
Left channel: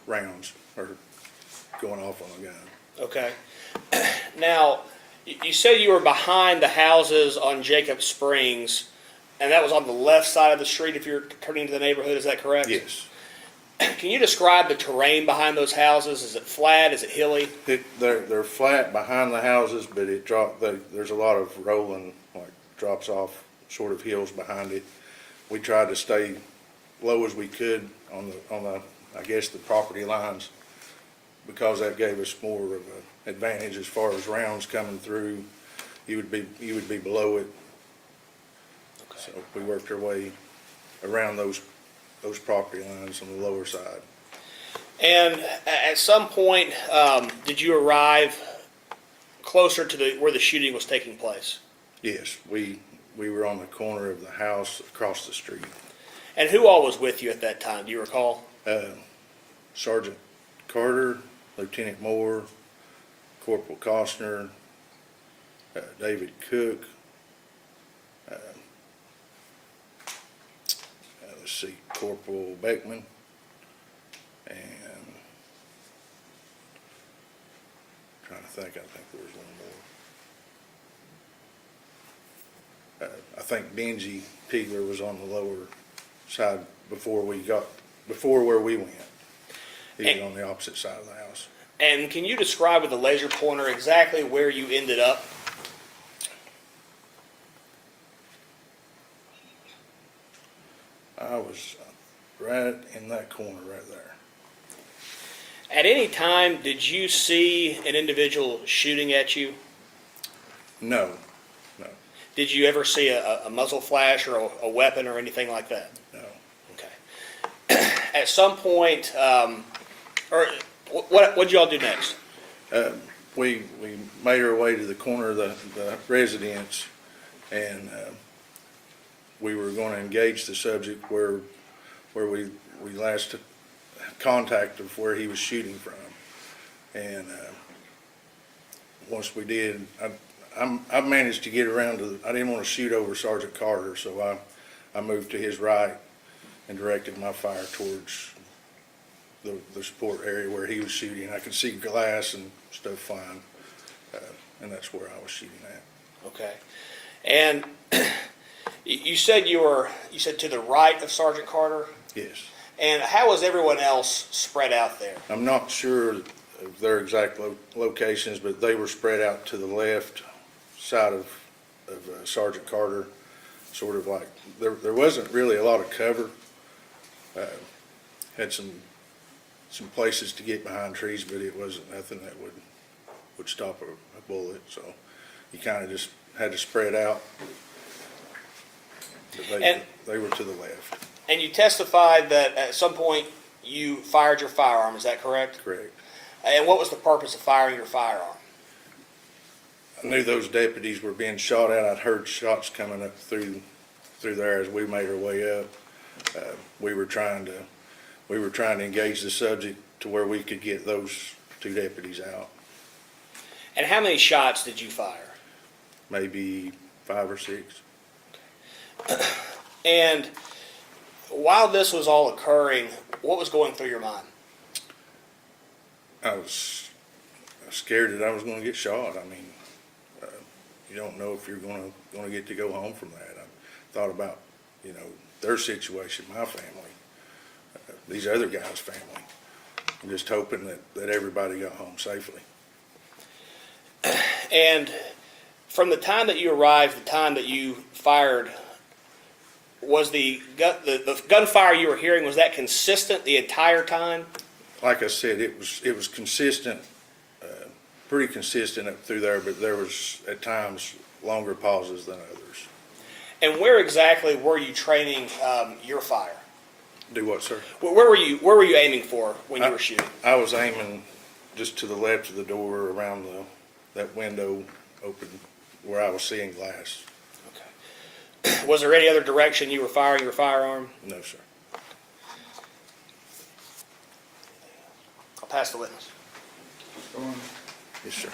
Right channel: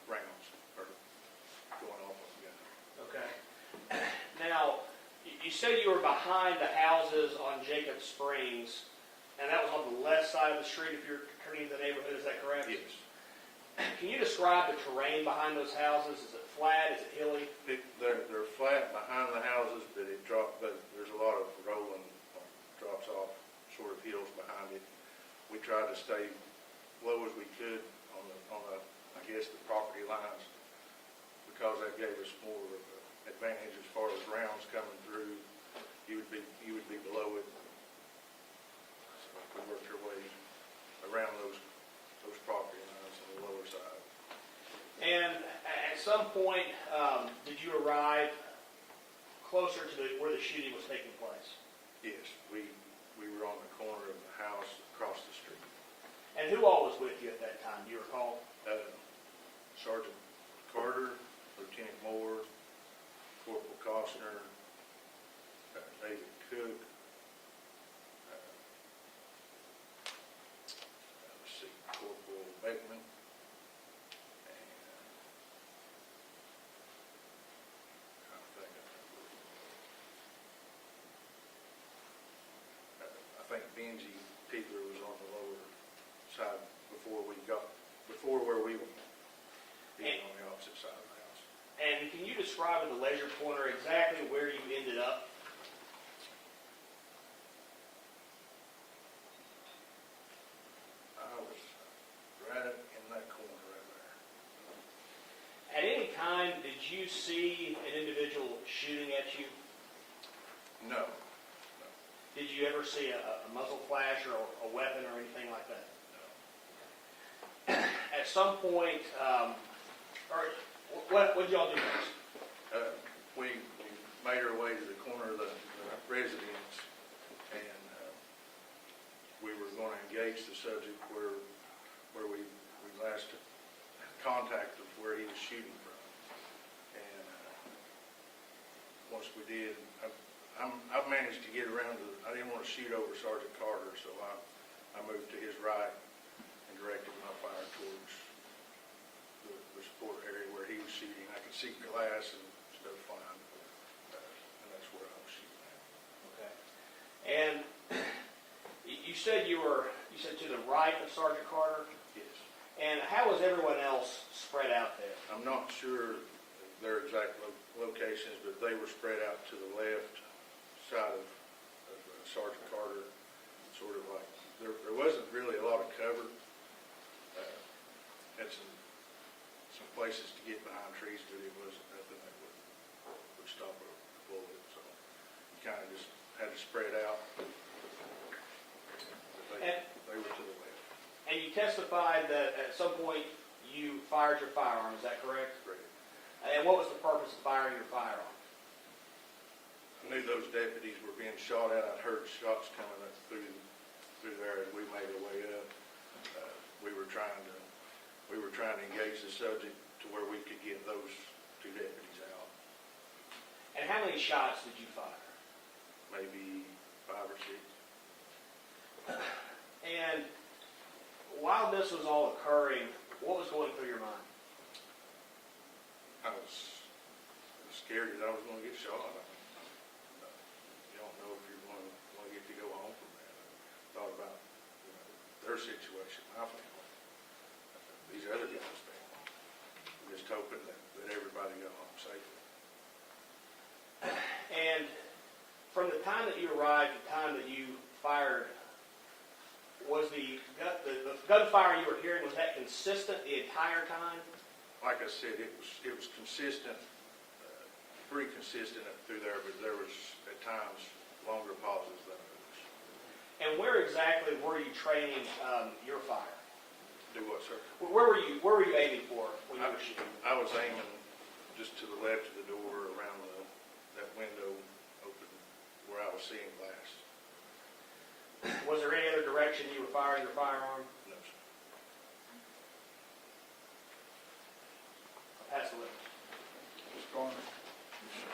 rounds or going off on a gun. Okay. Now, you said you were behind the houses on Jacob Springs, and that was on the left side of the street if you're turning to the neighborhood, is that correct? Yes. Can you describe the terrain behind those houses? Is it flat? Is it hilly? They're flat behind the houses, but there's a lot of rolling, like drops off sort of hills behind it. We tried to stay low as we could on the I guess the property lines, because that gave us more of an advantage as far as rounds coming through. You would be below it. Okay. So we worked our way around those property lines on the lower side. And at some point, did you arrive closer to where the shooting was taking place? Yes, we were on the corner of the house across the street. And who all was with you at that time? Do you recall? Sergeant Carter, Lieutenant Moore, Corporal Cosner, David Cook. Let's see, Corporal Beckman, and trying to think. I think there was one more. I think Benji Pegler was on the lower side before where we went. He was on the opposite side of the house. And can you describe with a laser pointer exactly where you ended up? I was right in that corner right there. At any time, did you see an individual shooting at you? No, Did you ever see a muzzle flash or a weapon or anything like that? no. Okay. At some point, or what'd y'all do next? We made our way to the corner of the residence, and we were going to engage the subject where we last contact of where he was shooting from. And once we did, I managed to get around to, I didn't want to shoot over Sergeant Carter, so I moved to his right and directed my fire towards the support area where he was shooting. I could see glass and stuff flying, and that's where I was shooting at. Okay. And you said you said to the right of Sergeant Carter? Yes. And how was everyone else spread out there? I'm not sure of their exact locations, but they were spread out to the left side of Sergeant Carter, sort of like, there wasn't really a lot of cover. Had some places to get behind trees, but it wasn't nothing that would stop a bullet, so you kind of just had to spread out. But they were to the left. And you testified that at some point you fired your firearm, is that correct? Correct. And what was the purpose of firing your firearm? I knew those deputies were being shot at. I'd heard shots coming up through there as we made our way up. We were trying to engage the subject to where we could get those two deputies out. And how many shots did you fire? Maybe 5 or 6. And while this was all occurring, what was going through your mind? I was scared that I was going to get shot. I mean, you don't know if you're going to get to go home from that. I thought about, their situation, my family, these other guys' family. I'm just hoping that everybody got home safely. And from the time that you arrived, the time that you fired, was the gunfire you were hearing, was that consistent the entire time? Like I said, it was consistent, pretty consistent up through there, but there was at times longer pauses than others. And where exactly were you training your fire? Do what, sir? Where were you aiming for when you were shooting? I was aiming just to the left of the door, around that window open where I was seeing glass. Okay. Was there any other direction you were firing your firearm? No, sir. I'll pass the witness. Yes, sir.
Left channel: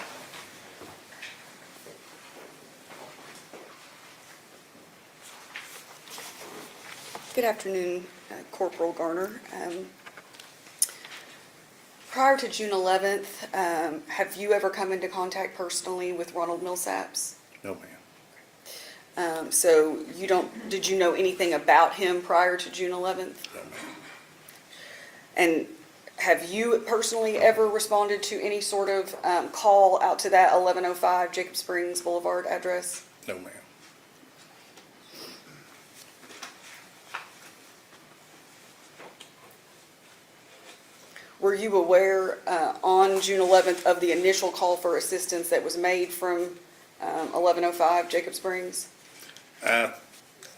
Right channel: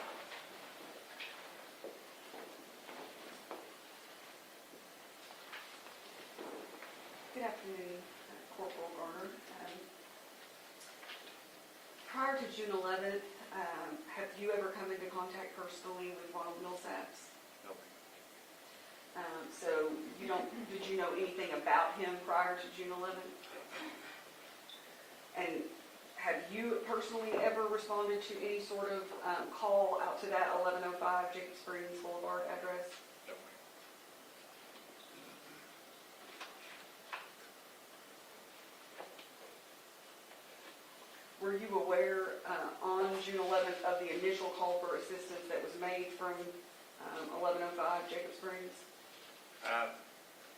Good afternoon, Corporal Garner. Prior to June 11th, have you ever come into contact personally with Ronald Millsaps? No, ma'am. So did you know anything about him prior to June 11th? No, ma'am. And have you personally ever responded to any sort of call out to that 1105 Jacob Springs Boulevard address? No, ma'am. Were you aware on June 11th of the initial call for assistance that was made from 1105 Jacob Springs? I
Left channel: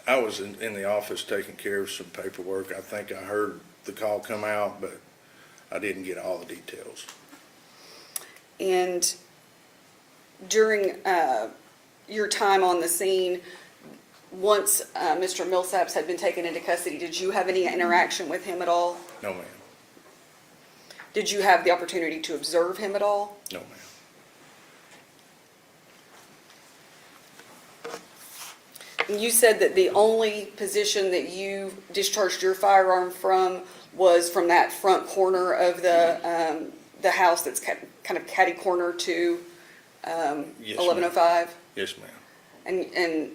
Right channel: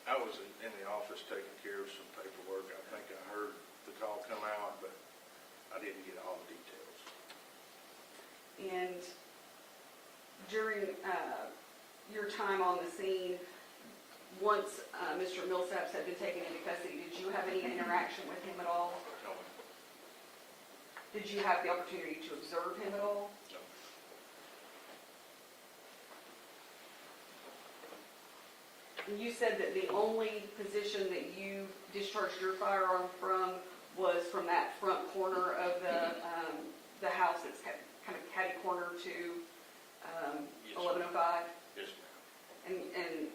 was in the office taking care of some paperwork. I think I heard the call come out, but I didn't get all the details. And during your time on the scene, once Mr. Millsaps had been taken into custody, did you have any interaction with him at all? No, ma'am. Did you have the opportunity to observe him at all? No, ma'am. And you said that the only position that you discharged your firearm from was from that front corner of the house that's kind of catty corner to Yes, 1105? Yes, ma'am. And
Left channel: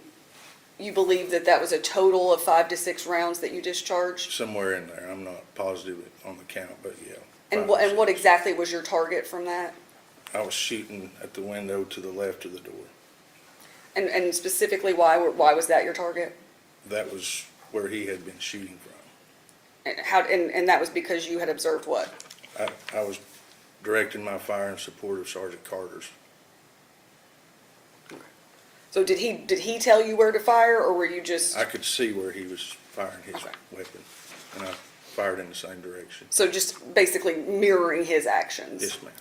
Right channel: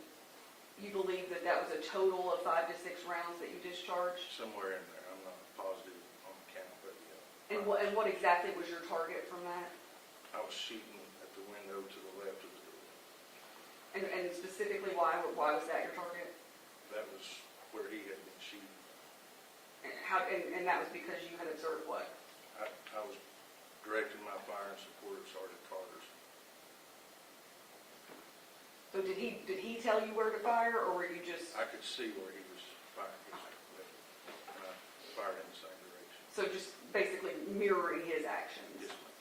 you believe that that was a total of 5 to 6 rounds that you discharged? Somewhere in there. I'm not positive on the count, but yeah. And what exactly was your target from that? I was shooting at the window to the left of the door. And specifically, why was that your target? That was where he had been shooting from. And that was because you had observed what? I was directing my fire in support of Sergeant Carter's. So did he tell you where to fire, or were you just, I could see where he was firing his weapon, and I fired in the same direction. so just basically mirroring his actions? Yes, ma'am.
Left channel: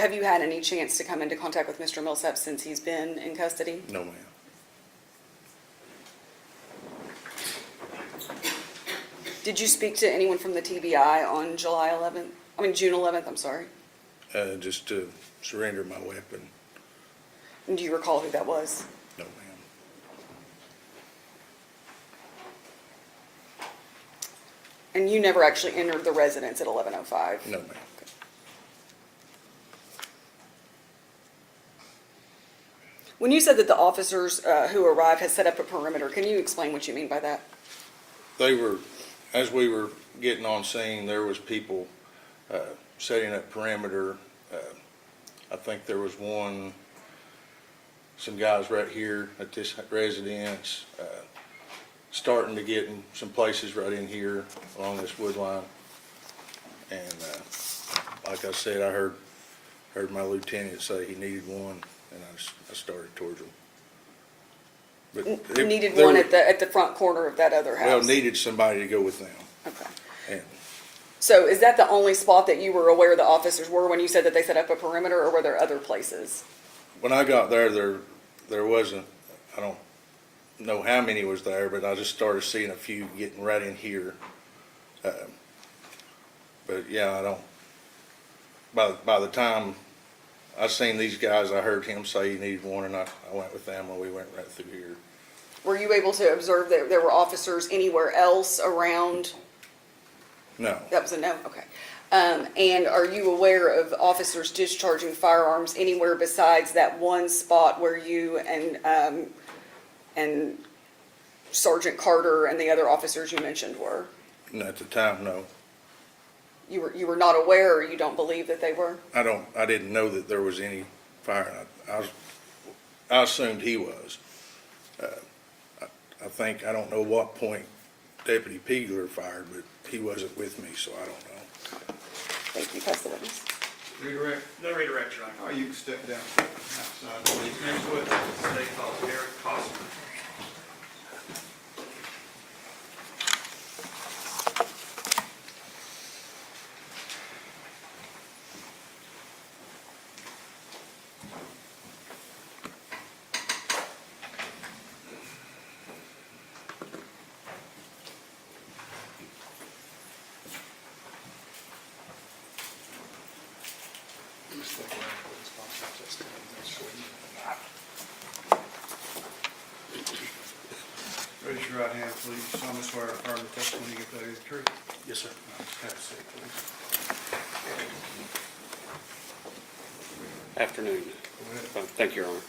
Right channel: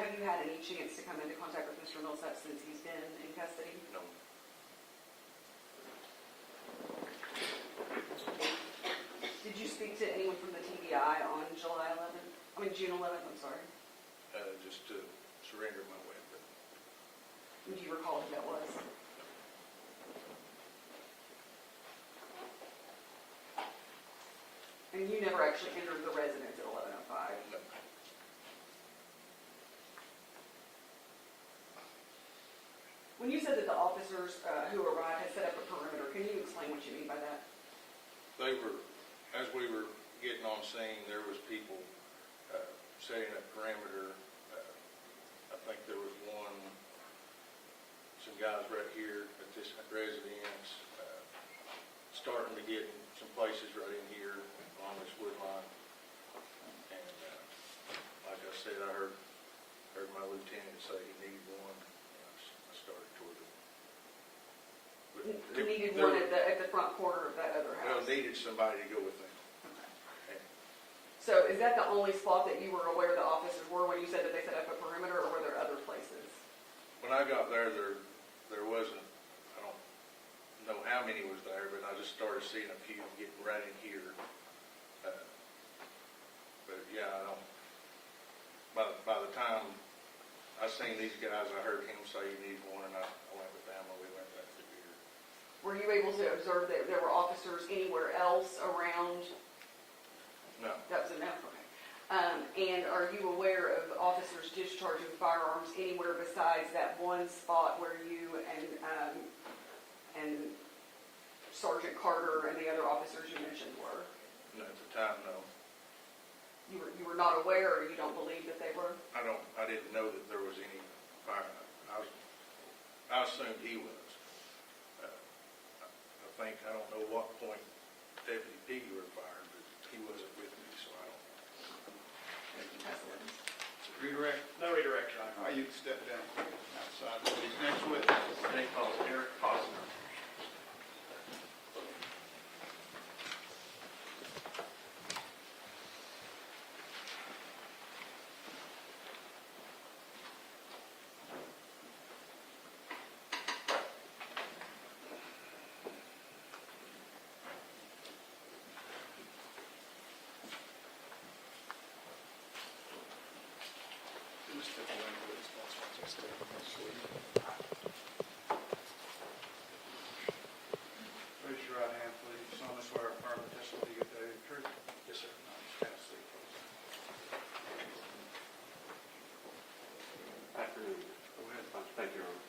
Have you had any chance to come into contact with Mr. Millsap since he's been in custody? No, ma'am. Did you speak to anyone from the TBI on June 11th, I'm sorry? Just to surrender my weapon. And do you recall who that was? No, ma'am. And you never actually entered the residence at 11:05? No, ma'am. When you said that the officers who arrived had set up a perimeter, can you explain what you mean by that? They were, as we were getting on scene, there was people setting up perimeter. I think there was some guys right here at this residence, starting to get in some places right in here along this wood line. And like I said, I heard my lieutenant say he needed one, and I started towards him. But You needed one at the front corner of that other house? Well, needed somebody to go with them. Okay. And So is that the only spot that you were aware the officers were when you said that they set up a perimeter, or were there other places? when I got there wasn't, I don't know how many was there, but I just started seeing a few getting right in here. But yeah, I don't, by the time I seen these guys, I heard him say he needed one, and I went with them, and we went right through here. Were you able to observe that there were officers anywhere else around? No, That was a no, okay. And are you aware of officers discharging firearms anywhere besides that one spot where you and Sergeant Carter and the other officers you mentioned were? and at the time, no. You were not aware, or you don't believe that they were? I didn't know that there was any fire. I assumed he was. I think, I don't know what point Deputy Peagler fired, but he wasn't with me, so I don't know. Thank you, pass the witness. Redirect? No redirect, Your Honor. All right, you can step down outside, please. Next witness. State Police, Corporal Cosner. Raise your right hand, please. You solemnly swear or affirm the testimony you give today is the truth? Yes, sir. Have a seat, please. Afternoon. Go ahead. Thank you, Your Honor.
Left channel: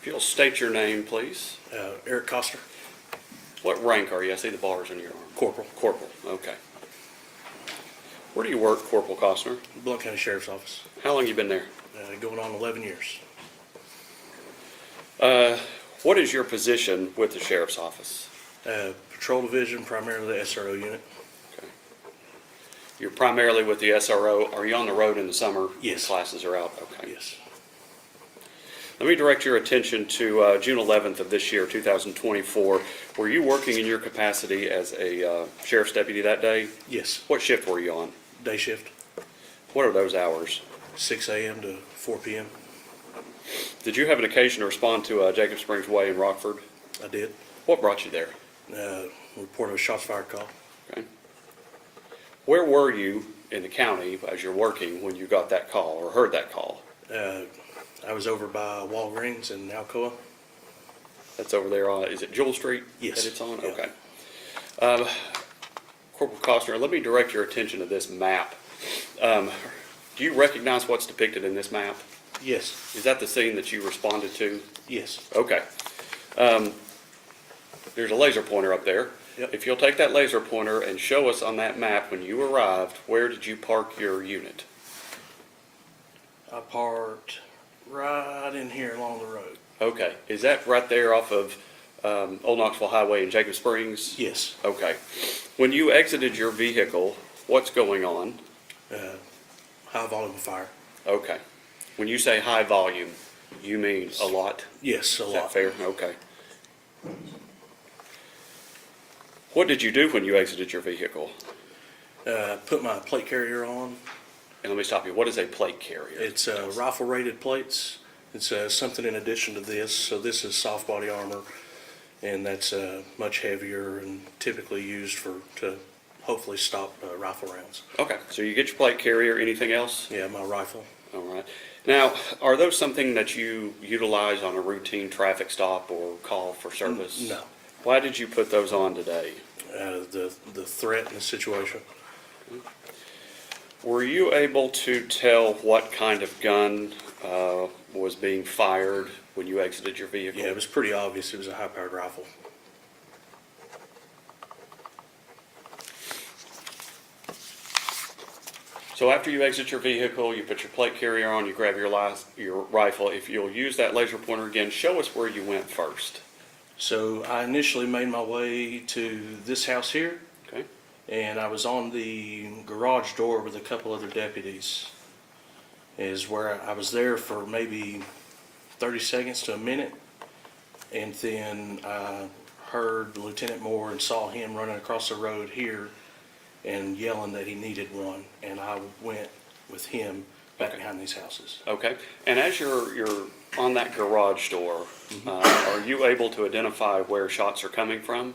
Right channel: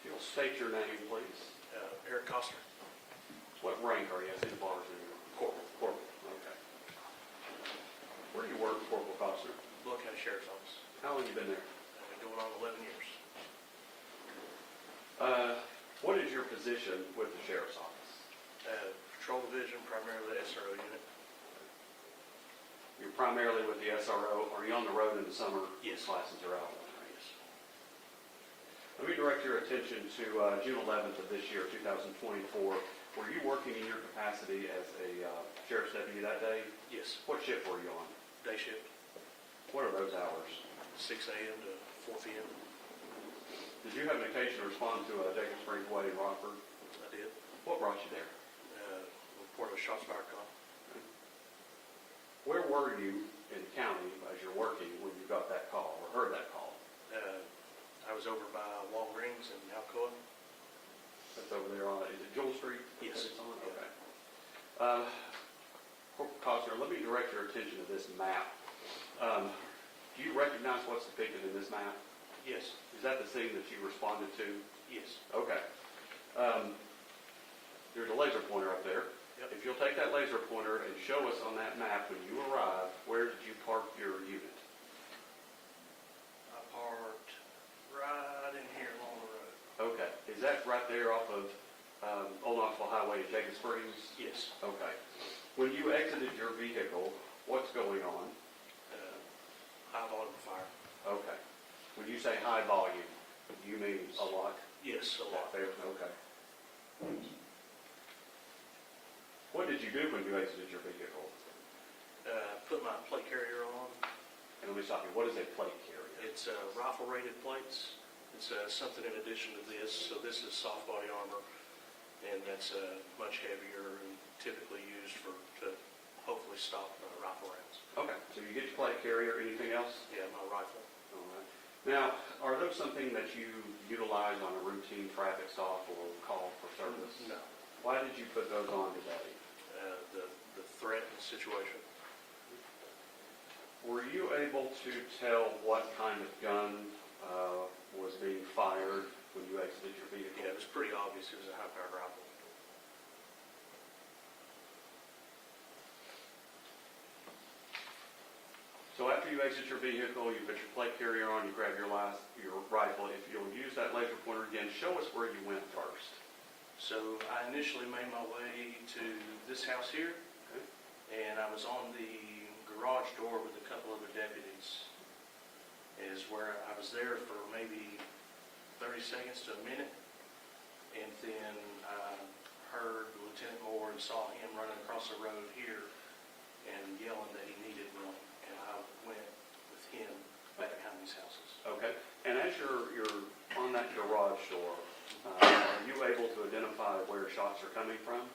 If you'll state your name, please. Eric Cosner, What rank are you? I see the bars on your arm. Corporal, Corporal, okay. Where do you work, Corporal Cosner? Blount County Sheriff's Office, How long you been there? going on 11 years. What is your position with the Sheriff's Office? Patrol Division, primarily the SRO unit. Okay. You're primarily with the SRO. Are you on the road in the summer? Yes. Classes are out? Okay. Yes. Let me direct your attention to June 11th of this year, 2024. Were you working in your capacity as a sheriff's deputy that day? Yes. What shift were you on? Day shift, What are those hours? 6 a.m. to 4 p.m. Did you have an occasion to respond to Jacob Springs Way in Rockford? I did. What brought you there? Report of a shots fired call. Okay. Where were you in the county as you're working when you got that call or heard that call? I was over by Walgreens in Alcoa. That's over there on, is it Jewel Street? Yes. That it's on? Yeah. Okay. Corporal Cosner, let me direct your attention to this map. Do you recognize what's depicted in this map? Yes. Is that the scene that you responded to? Yes. Okay. there's a laser pointer up there. Yep. If you'll take that laser pointer and show us on that map when you arrived, where did you park your unit? I parked right in here along the road. Okay, is that right there off of Old Knoxville Highway in Jacob Springs? Yes. Okay. When you exited your vehicle, what's going on? High volume fire. Okay. When you say high volume, you mean a lot? Yes, a Is that lot. fair? Okay. What did you do when you exited your vehicle? Put my plate carrier on. And let me stop you. What is a plate carrier? It's rifle rated plates. It's something in addition to this. So this is soft body armor, and that's much heavier and typically used to hopefully stop rifle rounds. Okay, so you get your plate carrier, anything else? Yeah, my rifle. All right. Now, are those something that you utilize on a routine traffic stop or call for service? No. Why did you put those on today? The threat in the situation. Were you able to tell what kind of gun was being fired when you exited your vehicle? Yeah, it was pretty obvious it was a high-powered rifle. So after you exit your vehicle, you put your plate carrier on, you grab your rifle. If you'll use that laser pointer again, show us where you went first. So I initially made my way to this house here. Okay. And I was on the garage door with a couple other deputies. Is where I was there for maybe 30 seconds to a minute. And then I heard Lieutenant Moore and saw him running across the road here and yelling that he needed one. And I went with him back behind these houses. Okay. And as you're on that garage door, are you able to identify where shots are coming from?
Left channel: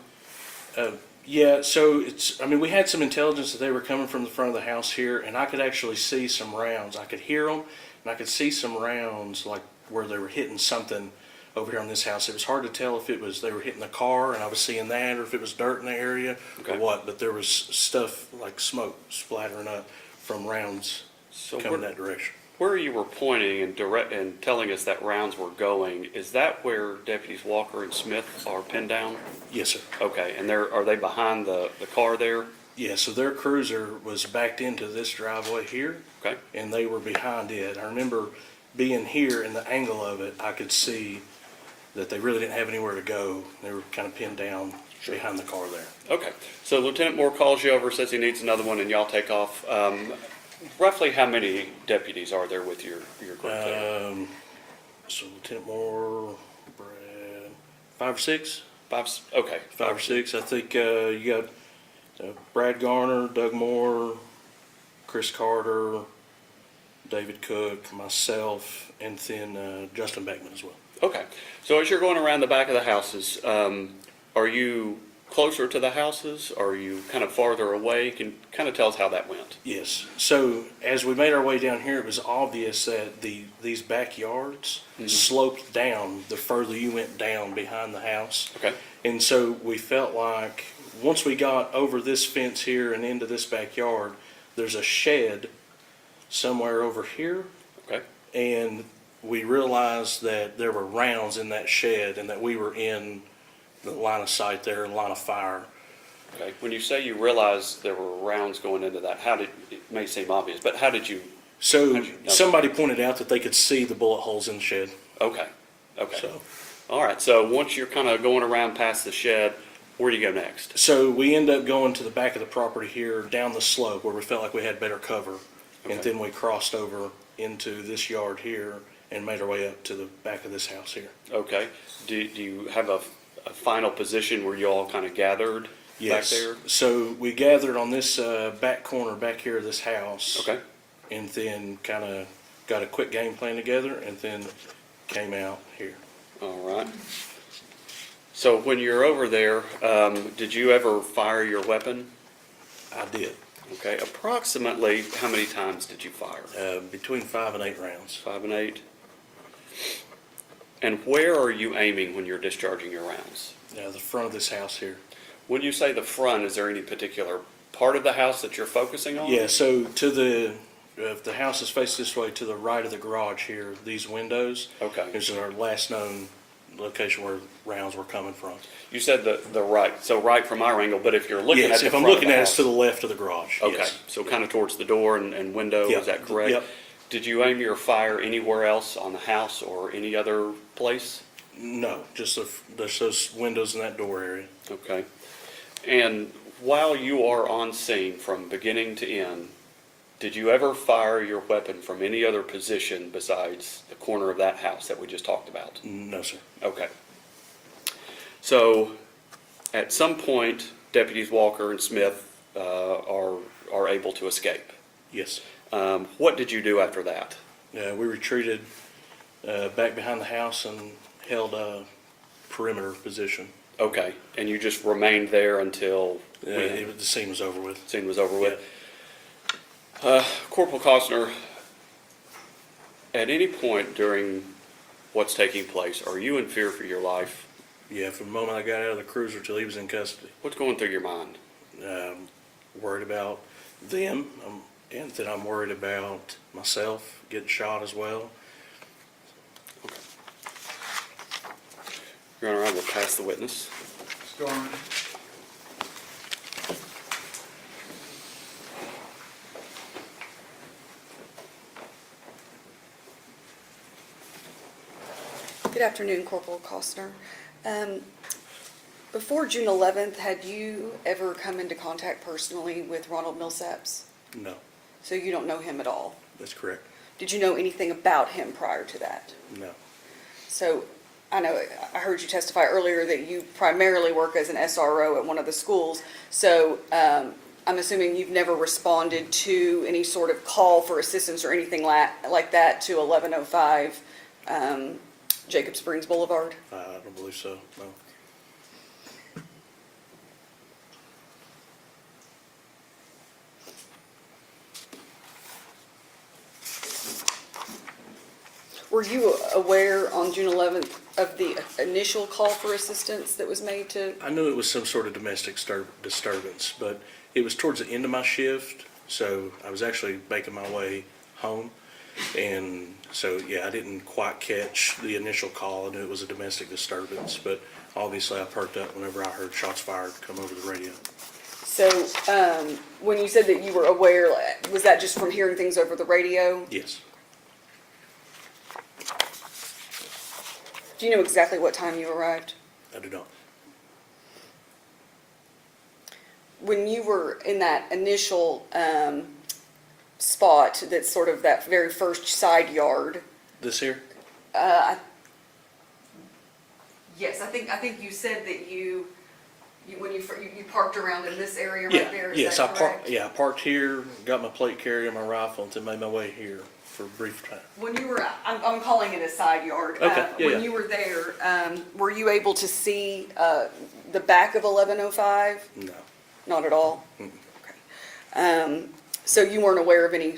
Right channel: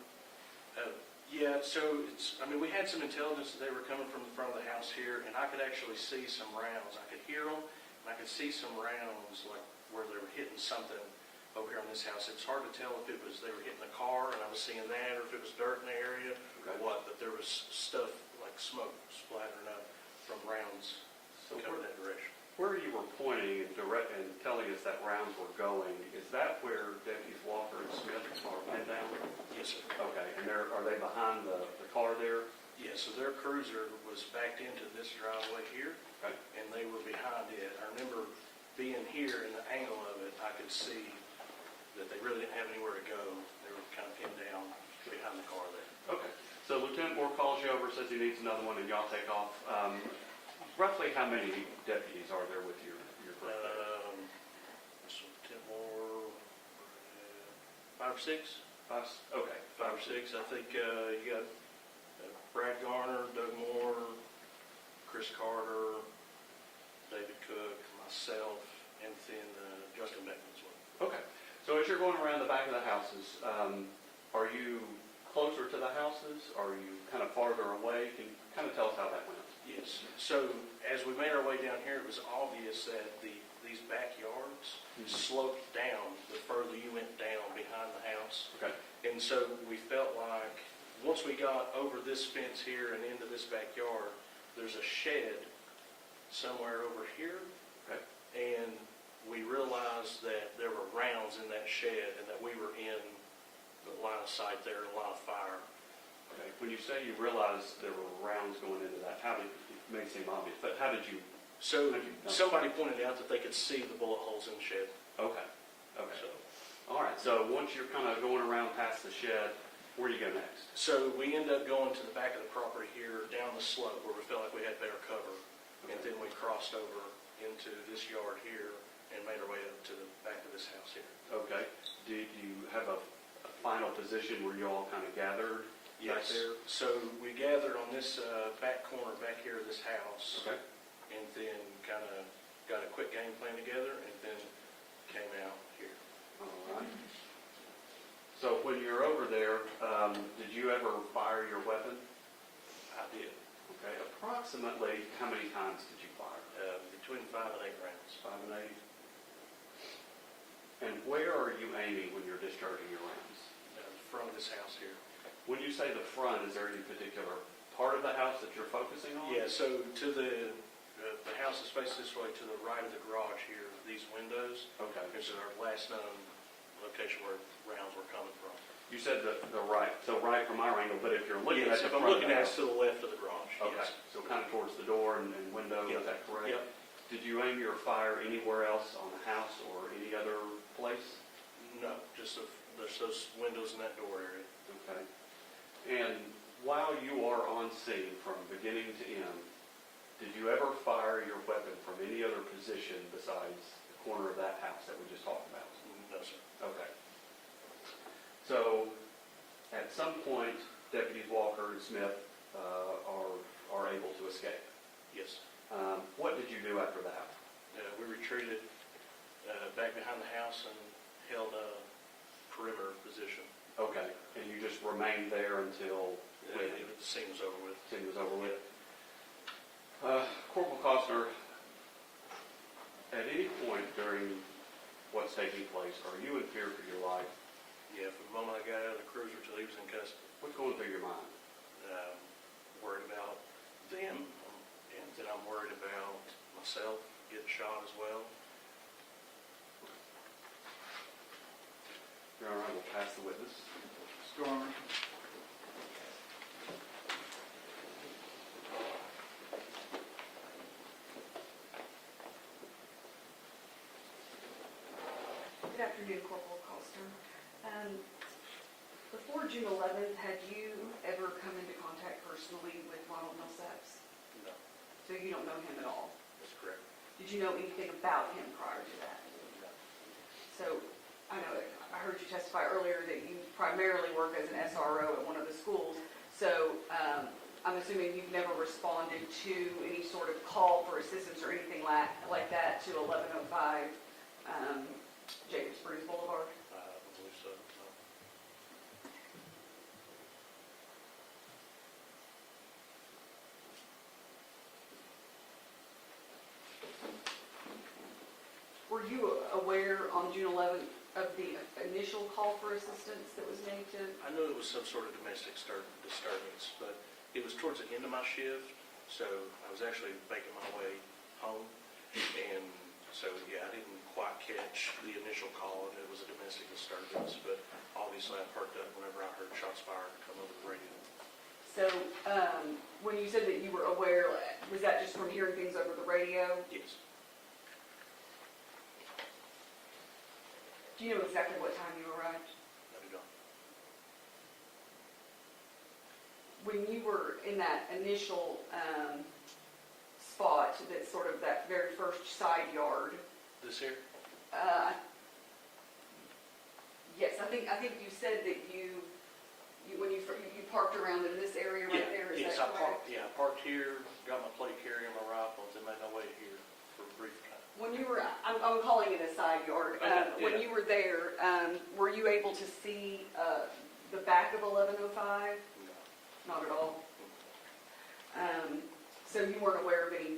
Yeah, so we had some intelligence that they were coming from the front of the house here, and I could actually see some rounds. I could hear them, and I could see some rounds, like where they were hitting something over here on this house. It was hard to tell if they were hitting the car, and I was seeing that, or if it was dirt in the area, or what, but there was stuff like smoke splattering up from rounds coming that direction. Where you were pointing and telling us that rounds were going, is that where Deputies Walker and Smith are pinned down? Yes, sir. Okay, and are they behind the car there? Yeah, so their cruiser was backed into this driveway here. Okay. And they were behind it. I remember being here in the angle of it, I could see that they really didn't have anywhere to go. They were kind of pinned down behind the car there. Okay, so Lieutenant Moore calls you over, says he needs another one, and y'all take off. Roughly how many deputies are there with your group there? So Lieutenant Moore, Brad, 5 or 6? Okay. 5 or 6. I think you got Brad Garner, Doug Moore, Chris Carter, David Cook, myself, and then Justin Beckman as well. Okay, so as you're going around the back of the houses, are you closer to the houses? Are you kind of farther away? Can kind of tell us how that went. Yes. So as we made our way down here, it was obvious that these backyards sloped down the further you went down behind the house. Okay. And so we felt like once we got over this fence here and into this backyard, there's a shed somewhere over here. Okay. And we realized that there were rounds in that shed and that we were in the line of sight there, line of fire. Okay, when you say you realized there were rounds going into that, it may seem obvious, but how did you? So know? somebody pointed out that they could see the bullet holes in the shed. Okay, okay. So. All right, so once you're kind of going around past the shed, where do you go next? So we end up going to the back of the property here, down the slope where we felt like we had better cover. And then we crossed over into this yard here and made our way up to the back of this house here. Okay, do you have a final position where you all kind of gathered back there? So we gathered on this back corner back here of this house. Okay. And then kind of got a quick game plan together and then came out here. All right. So when you're over there, did you ever fire your weapon? I did. Okay, approximately how many times did you fire? Between 5 and 8 rounds. 5 and 8. And where are you aiming when you're discharging your rounds? The front of this house here. When you say the front, is there any particular part of the house that you're focusing on? Yeah, so if the house is faced this way, to the right of the garage here, these windows. Okay. Is our last known location where rounds were coming from. You said the right, so right from our angle, but if you're looking at Yes, the if I'm front of looking the at it, it's house- to the left of the garage, Okay, yes. so kind of towards the door and window, Yeah, is that correct? yep. Did you aim your fire anywhere else on the house or any other place? No, just those windows in that door area. Okay. And while you are on scene from beginning to end, did you ever fire your weapon from any other position besides the corner of that house that we just talked about? No, sir. Okay. So, at some point, Deputies Walker and Smith are able to escape. Yes. What did you do after that? We retreated back behind the house and held a perimeter position. Okay, and you just remained there until The scene was over with. scene was over with? Corporal Cosner, at any point during what's taking place, are you in fear for your life? Yeah, from the moment I got out of the cruiser till he was in custody. What's going through your mind? Worried about them, and then I'm worried about myself getting shot as well. Your Honor, I will pass the witness. Mr. Garner. Good afternoon, Corporal Cosner. Before June 11th, had you ever come into contact personally with Ronald Millsaps? No, So you don't know him at all? that's correct. Did you know anything about him prior to that? No. So I know, I heard you testify earlier that you primarily work as an SRO at one of the schools. So I'm assuming you've never responded to any sort of call for assistance or anything like that to 1105 Jacob Springs Boulevard? I don't believe so, no. Were you aware on June 11th of the initial call for assistance that was made to? I knew it was some sort of domestic disturbance, but it was towards the end of my shift, so I was actually making my way home. And so, yeah, I didn't quite catch the initial call. I knew it was a domestic disturbance, but obviously I perked up whenever I heard shots fired come over the radio. So when you said that you were aware, was that just from hearing things over the radio? Yes. Do you know exactly what time you arrived? I do not. When you were in that initial spot, that's sort of that very first side yard. This here? Yes, I think you said that you parked around in this area Yeah, right there. Is yes, that correct? I parked here, got my plate carrier and my rifle, and then made my way here for a brief time. When you were, I'm calling it a side yard. Okay, yeah, When yeah. you were there, were you able to see the back of 1105? No. Not at all? Mm. Okay. So you weren't aware of any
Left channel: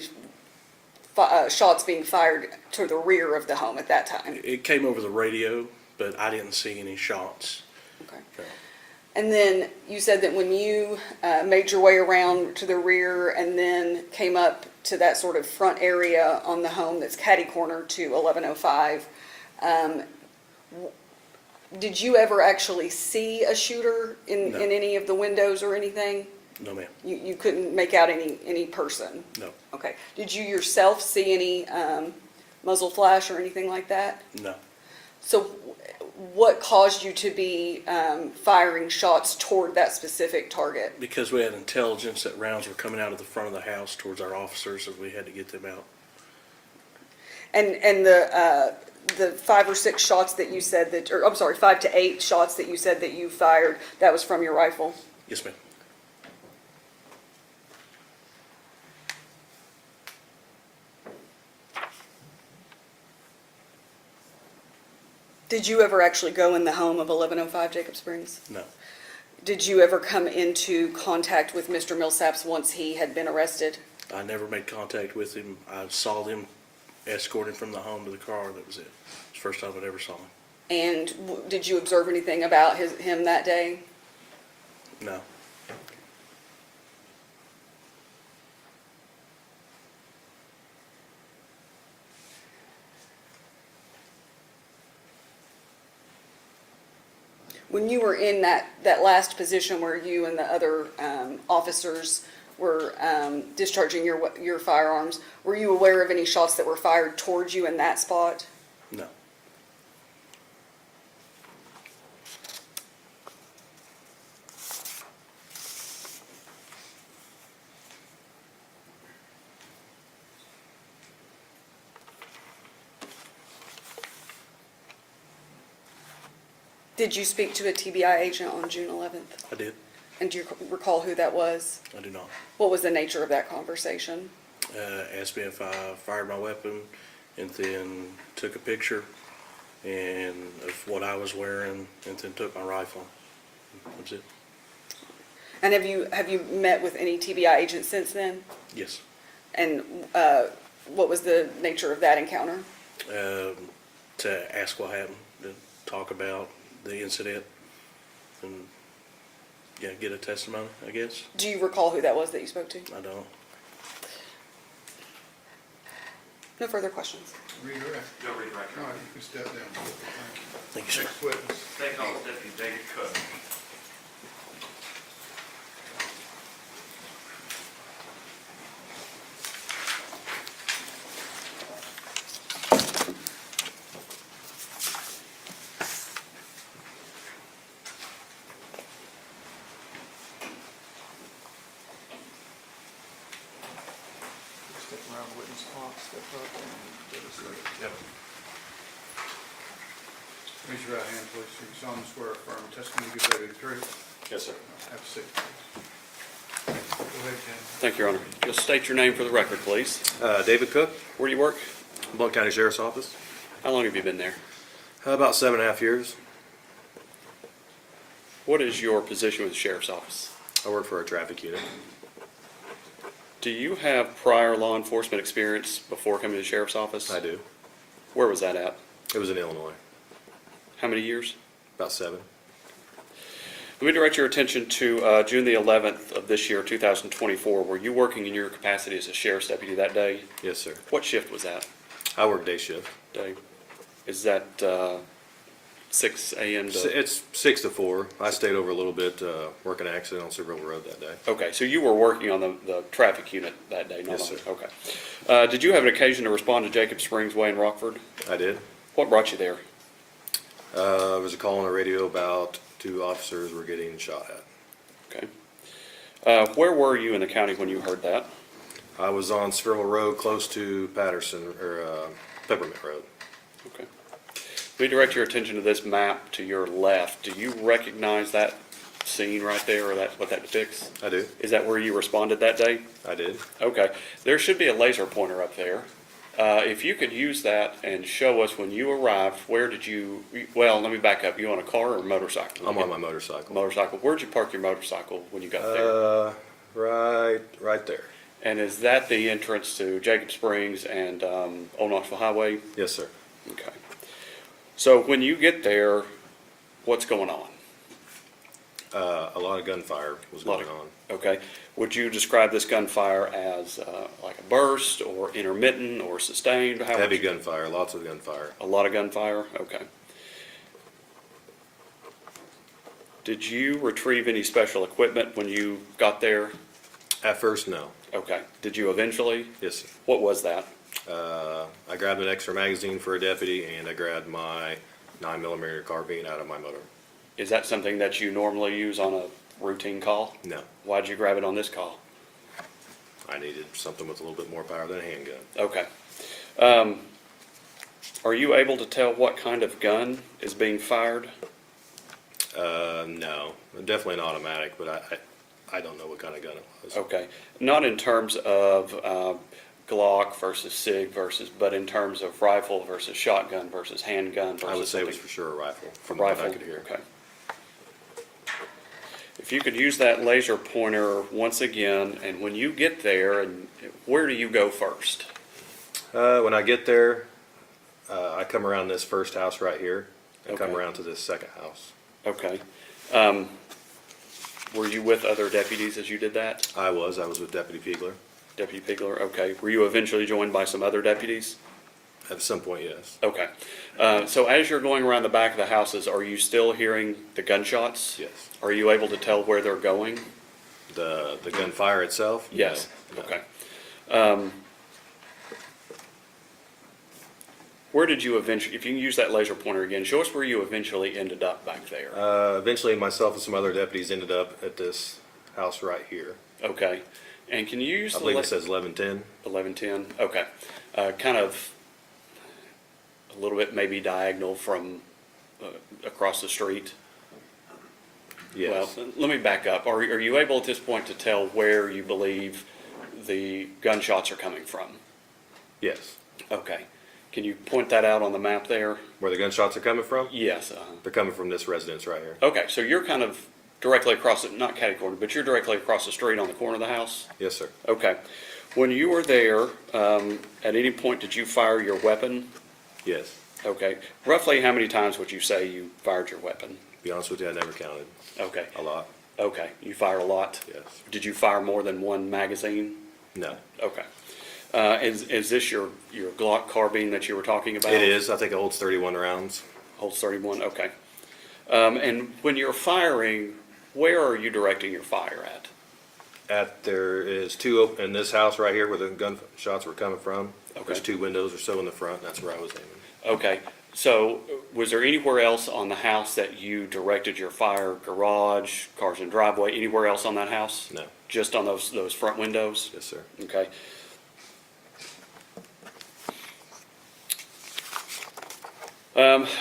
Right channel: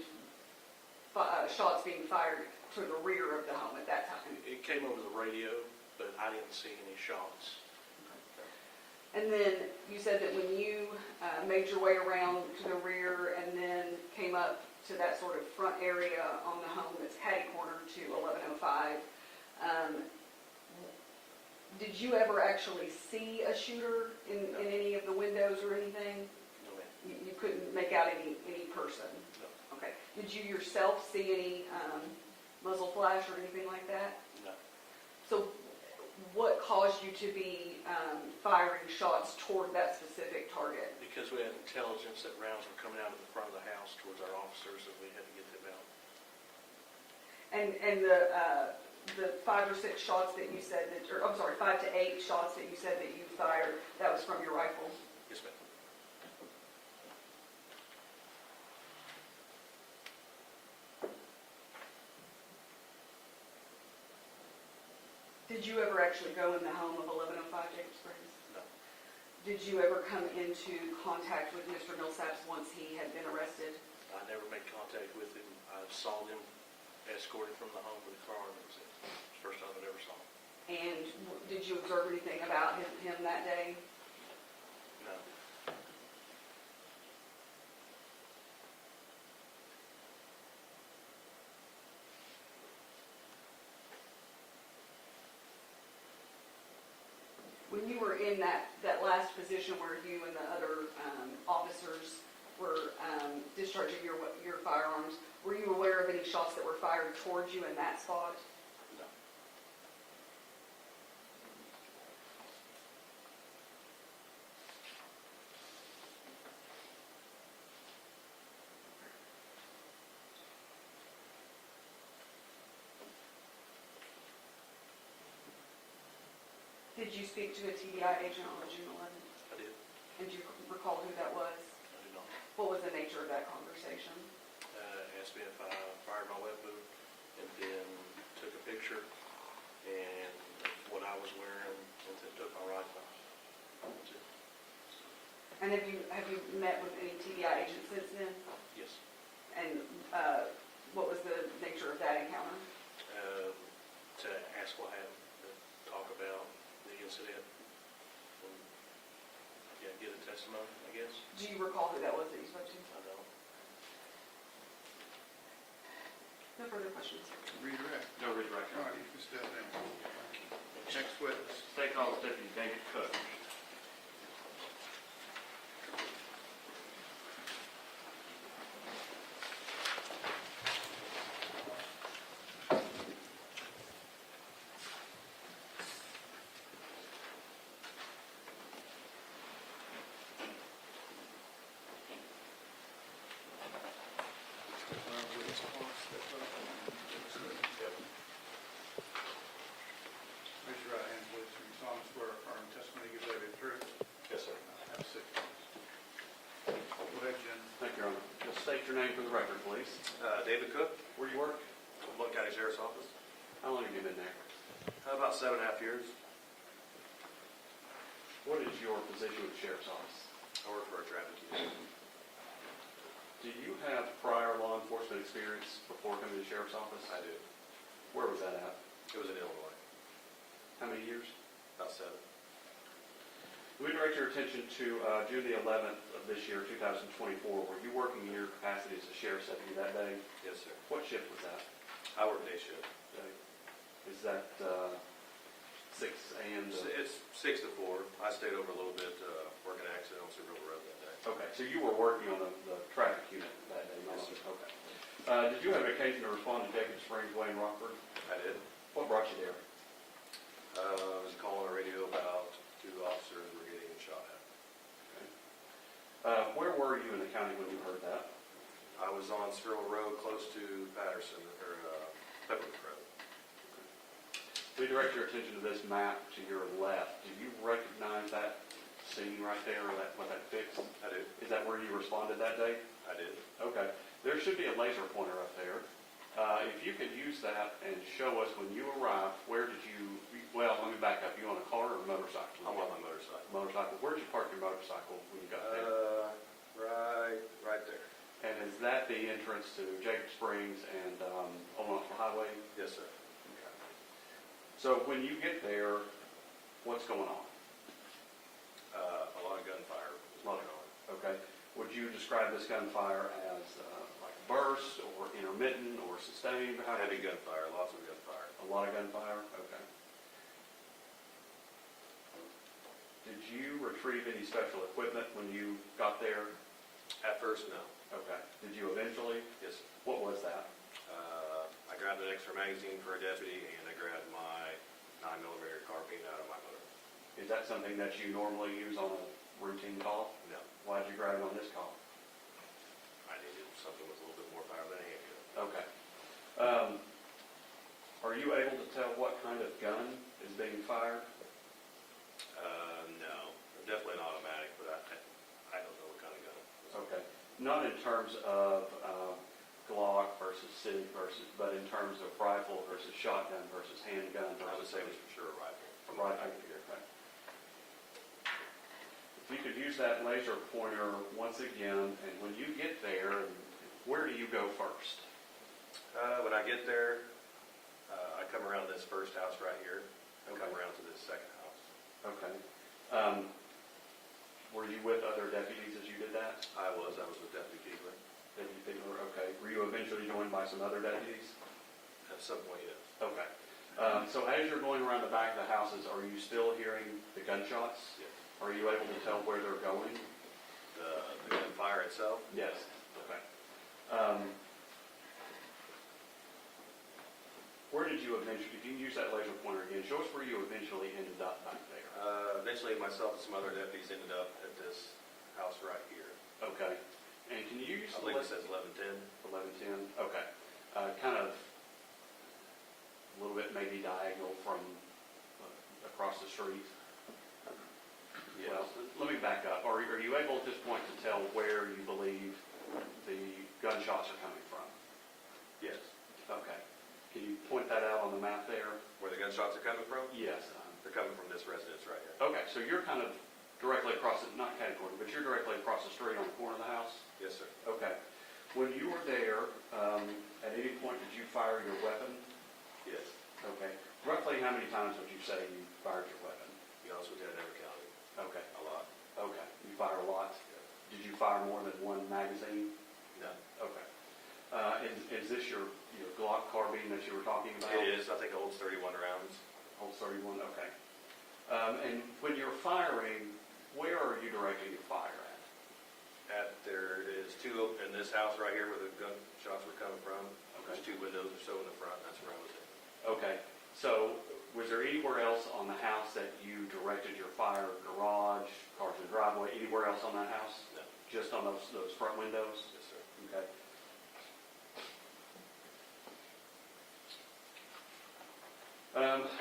shots being fired to the rear of the home at that time? It came over the radio, but I didn't see any shots. Okay. Okay. And then you said that when you made your way around to the rear and then came up to that sort of front area on the home that's catty corner to 1105, did you ever actually see a shooter in No. any of the windows or anything? No, ma'am. You couldn't make out any person? No. Okay. Did you yourself see any muzzle flash or anything like that? No. So what caused you to be firing shots toward that specific target? Because we had intelligence that rounds were coming out of the front of the house towards our officers, and we had to get them out. And the 5 or 6 shots that you said that, or I'm sorry, 5 to 8 shots that you said that you fired, that was from your rifle? Yes, ma'am. Did you ever actually go in the home of 1105 Jacob Springs? No. Did you ever come into contact with Mr. Millsaps once he had been arrested? I never made contact with him. I saw them escorting from the home to the car. That was it. It's the first time I ever saw him. And did you observe anything about him that day? No. when you were in that last position where you and the other officers were discharging your firearms, were you aware of any shots that were fired towards you in that spot? No. Did you speak to a TBI agent on June 11th? I did. And do you recall who that was? I do not. What was the nature of that conversation? Asked me if I fired my weapon, and then took a picture and of what I was wearing, and then took my rifle. That's it. And have you met with any TBI agents since then? Yes. And what was the nature of that encounter? To ask what happened, to talk about the incident, and yeah, get a testimony, I guess. Do you recall who that was that you spoke to? I don't. No further questions. Redirect. No redirect. All right, you can step down. Thank you, sir. Next witness. Take off Deputy David Cook. Step around witness box, step up and get us ready. Raise your right hand, please. You solemnly swear or affirm testimony you give today the truth. Yes, sir. Have a seat, please. Go ahead, Jim. Thank you, Your Honor. Just state your name for the record, please. David Cook, Where do you work? Blount County Sheriff's Office. How long have you been there? About 7.5 years. What is your position with the Sheriff's Office? I work for a traffic unit. Do you have prior law enforcement experience before coming to the Sheriff's Office? I do. Where was that at? It was in Illinois. How many years? About 7. Let me direct your attention to June the 11th of this year, 2024. Were you working in your capacity as a sheriff's deputy that day? Yes, sir. What shift was that? I work day shift. Day. Is that 6 a.m. to? It's 6 to 4. I stayed over a little bit, working accident on Silver Road that day. Okay, so you were working on the traffic unit that day? Not Yes, on- sir. Okay. Did you have an occasion to respond to Jacob Springs Way in Rockford? I did. What brought you there? There was a call on the radio about 2 officers were getting shot at. Okay. Where were you in the county when you heard that? I was on Spherville Road, close to Patterson, or Peppermint Road. Okay. Let me direct your attention to this map to your left. Do you recognize that scene right there, or what that depicts? I do. Is that where you responded that day? I did. Okay. There should be a laser pointer up there. If you could use that and show us when you arrived, where did you, well, let me back up. You on a car or a motorcycle? I'm on my motorcycle. Motorcycle. Where'd you park your motorcycle when you got there? Right there. And is that the entrance to Jacob Springs and Old Knoxville Highway? Yes, sir. Okay. So when you get there, what's going on? A lot of gunfire was Lot going of- on. Okay. Would you describe this gunfire as like a burst or intermittent or sustained? How would Heavy you- gunfire, lots of gunfire. A lot of gunfire? Okay. Did you retrieve any special equipment when you got there? At first, no. Okay. Did you eventually? Yes, sir. What was that? I grabbed an extra magazine for a deputy, and I grabbed my 9mm carbine out of my motor. Is that something that you normally use on a routine call? No, Why'd you grab it on this call? I needed something with a little bit more power than a handgun. Okay. Are you able to tell what kind of gun is being fired? No, definitely an automatic, but I don't know what kind of gun it was. Okay. Not in terms of Glock versus SIG versus, but in terms of rifle versus shotgun versus handgun versus I would say it was something- for sure a rifle, from Rifle? what I could hear. Okay. If you could use that laser pointer once again, and when you get there, and where do you go first? When I get there, I come around this first house right here, and come Okay. around to this second house. Okay. Were you with other deputies as you did that? I was with Deputy Piegler. Deputy Pigler, okay. Were you eventually joined by some other deputies? At some point, yes. Okay. So as you're going around the back of the houses, are you still hearing the gunshots? Yes. Are you able to tell where they're going? The gunfire itself? No. Yes. No. Okay. Where did you eventually, if you can use that laser pointer again, show us where you eventually ended up back there. Eventually, myself and some other deputies ended up at this house right here. Okay. And can you use I the believe it says 1110. 1110? Okay. Kind of a little bit maybe diagonal from across the street? Yes. Well, let me back up. Are you able at this point to tell where you believe the gunshots are coming from? Yes. Okay. Can you point that out on the map there? Where the gunshots are coming from? Yes. They're coming from this residence right here. Okay, so you're kind of directly across it, not catty-corner, but you're directly across the street on the corner of the house? Yes, sir. Okay. When you were there, at any point did you fire your weapon? Yes. Okay. Roughly how many times would you say you fired your weapon? To be honest with you, I never counted. Okay. A lot. Okay. You fired a lot? Yes. Did you fire more than one magazine? No. Okay. Is this your Glock carbine that you were talking about? It is. I think it holds 31 rounds. Holds 31, okay. And when you're firing, where are you directing your fire at? There is two in this house right here where the gunshots were coming from. Okay. There's 2 windows or so in the front. That's where I was aiming. Okay, so was there anywhere else on the house that you directed your fire? Garage, cars and driveway, anywhere else on that house? No. Just on those front windows? Yes, sir. Okay.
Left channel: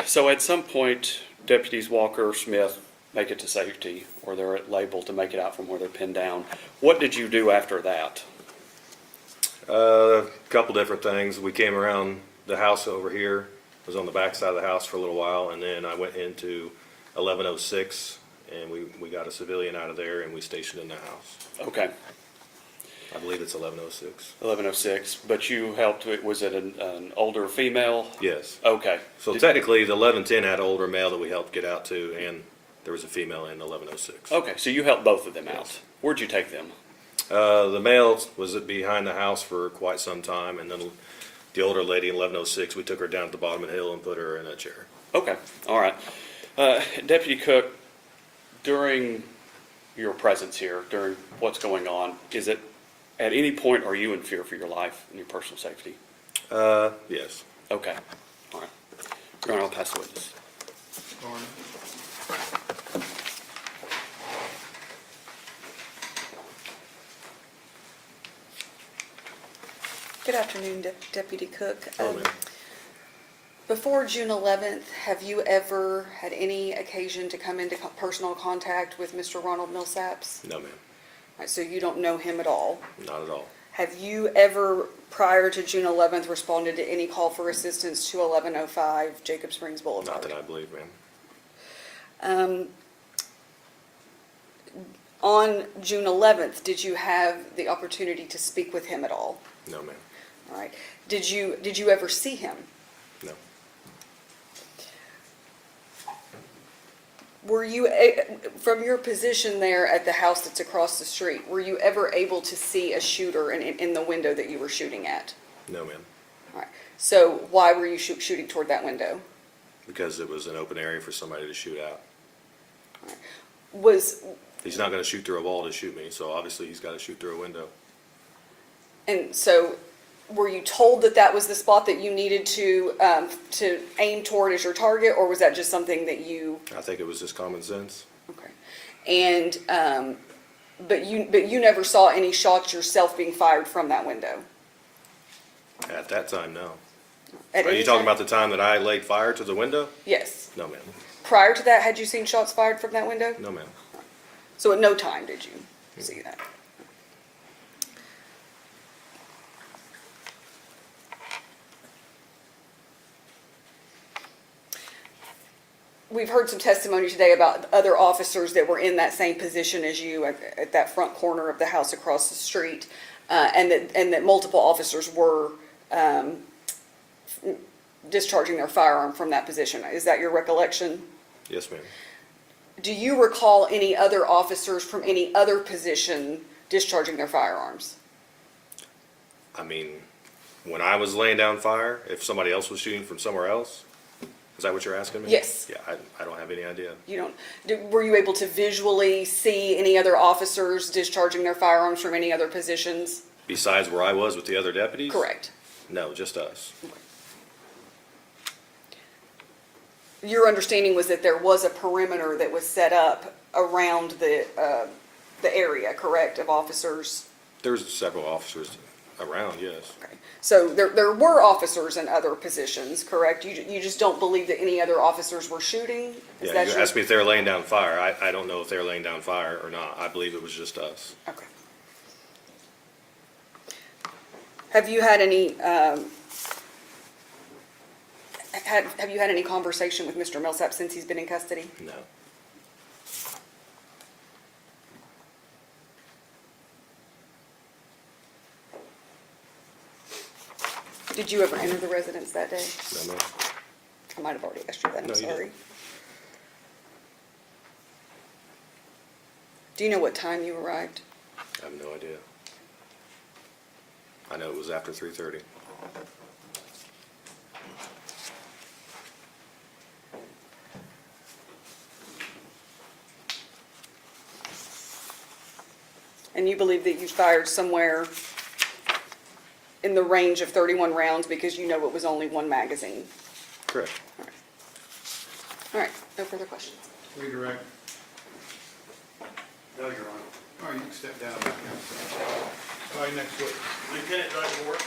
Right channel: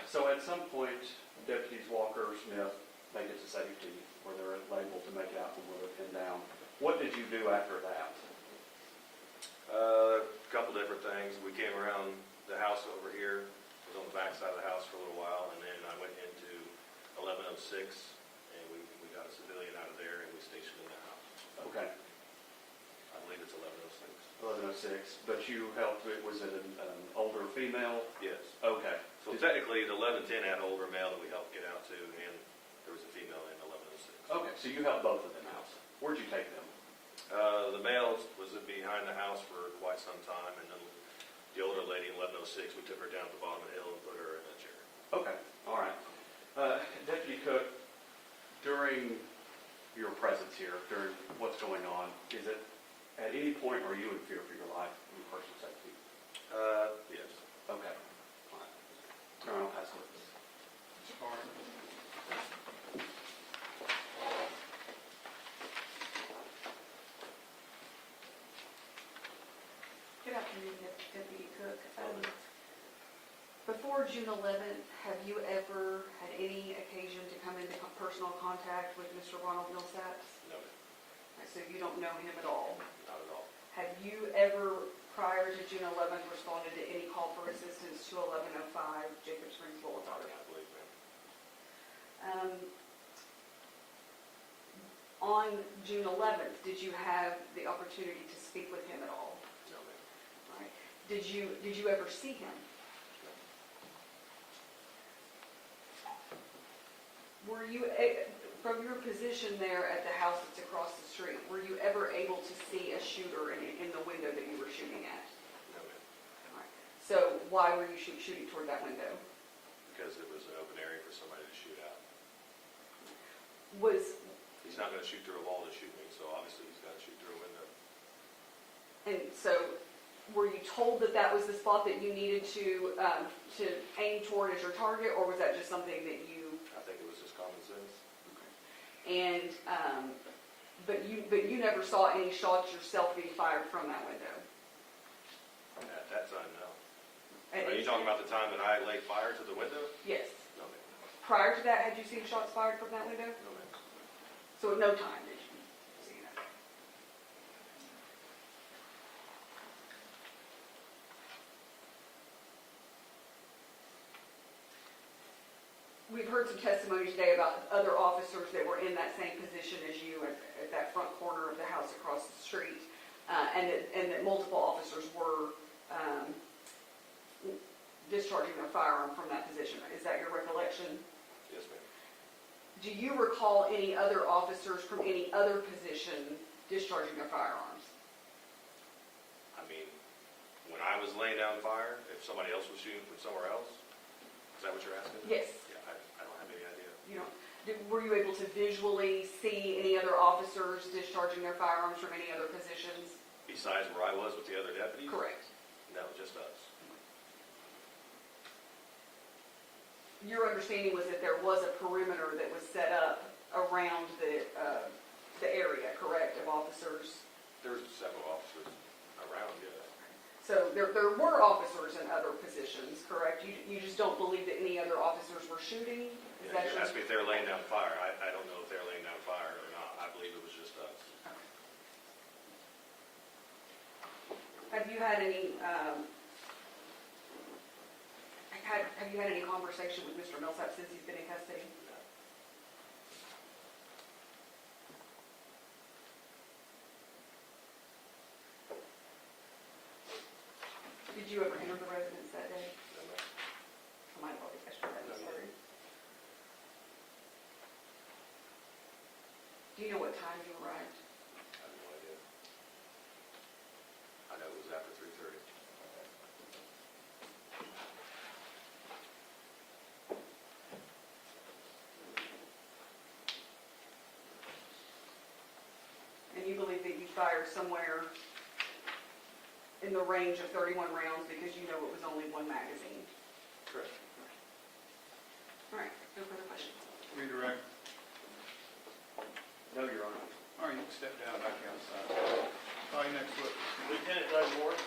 So at some point, Deputies Walker, Smith make it to safety, or they're labeled to make it out from where they're pinned down. What did you do after that? A couple different things. We came around the house over here, was on the back side of the house for a little while, and then I went into 1106, and we got a civilian out of there, and we stationed in the house. Okay, I believe it's 1106. 1106, but you helped, was it an older female? Yes. Okay. So technically, the 1110 had an older male that we helped get out to, and there was a female in 1106. Okay, so you helped both of them out. Yes. Where'd you take them? The male was behind the house for quite some time, and then the older lady in 1106, we took her down to the bottom of the hill and put her in a chair. Okay, all right. Deputy Cook, during your presence here, during what's going on, is it, at any point, are you in fear for your life and your personal safety? Yes. Okay, all right. Your Honor, I'll pass the witness. Good afternoon, Deputy Cook. Hello, ma'am. Before June 11th, have you ever had any occasion to come into personal contact with Mr. Ronald Millsaps? No, ma'am. All right, so you don't know him at all? Not at all. Have you ever, prior to June 11th, responded to any call for assistance to 1105 Jacob Springs Boulevard? Not that I believe, ma'am. On June 11th, did you have the opportunity to speak with him at all? No, ma'am. All right. Did you ever see him? No. Were you, from your position there at the house that's across the street, were you ever able to see a shooter in the window that you were shooting at? No, ma'am. All right. So why were you shooting toward that window? Because it was an open area for somebody to shoot out. Was, He's not going to shoot through a wall to shoot me, so obviously he's got to shoot through a window. and so were you told that that was the spot that you needed to aim toward as your target, or was that just something that you? I think it was just common sense. Okay. And, but you never saw any shots yourself being fired from that window? At that time, no. At Are any you talking time? about the time that I laid fire to the window? Yes. No, ma'am. Prior to that, had you seen shots fired from that window? No, ma'am. So at no time did you see that? We've heard some testimony today about other officers that were in that same position as you at that front corner of the house across the street, and that multiple officers were discharging their firearm from that position. Is that your recollection? Yes, ma'am. Do you recall any other officers from any other position discharging their firearms? I mean, when I was laying down fire, if somebody else was shooting from somewhere else? Is that what you're asking me? Yes. Yeah, I don't have any idea. You don't, were you able to visually see any other officers discharging their firearms from any other positions? Besides where I was with the other deputies? Correct. No, just us. Your understanding was that there was a perimeter that was set up around the area, correct, of officers? There's several officers around, yes. Okay. So there were officers in other positions, correct? You just don't believe that any other officers were shooting? Is Yeah, that you your- asked me if they were laying down fire. I don't know if they were laying down fire or not. I believe it was just us. Okay. Have you had any, have you had any conversation with Mr. Millsap since he's been in custody? No. Did you ever enter the residence that day? No, ma'am. I might have already asked you that, I'm No, you sorry. didn't. Do you know what time you arrived? I have no idea. I know it was after 3:30. And you believe that you fired somewhere in the range of 31 rounds because you know it was only one magazine? Correct. All right, no further questions. Redirect. No, Your Honor. All right, you can step down back outside. All right, next witness. Lieutenant Doug Ward.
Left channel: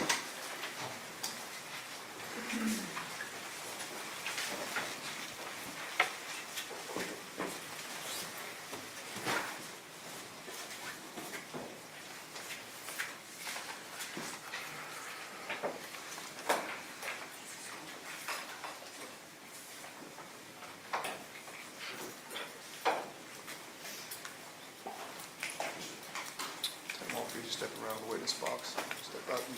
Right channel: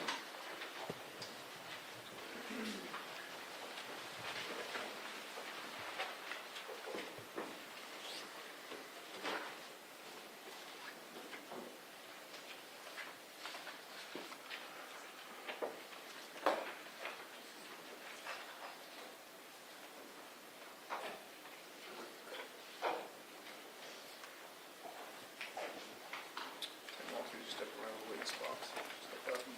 You just step around the witness box. Step up and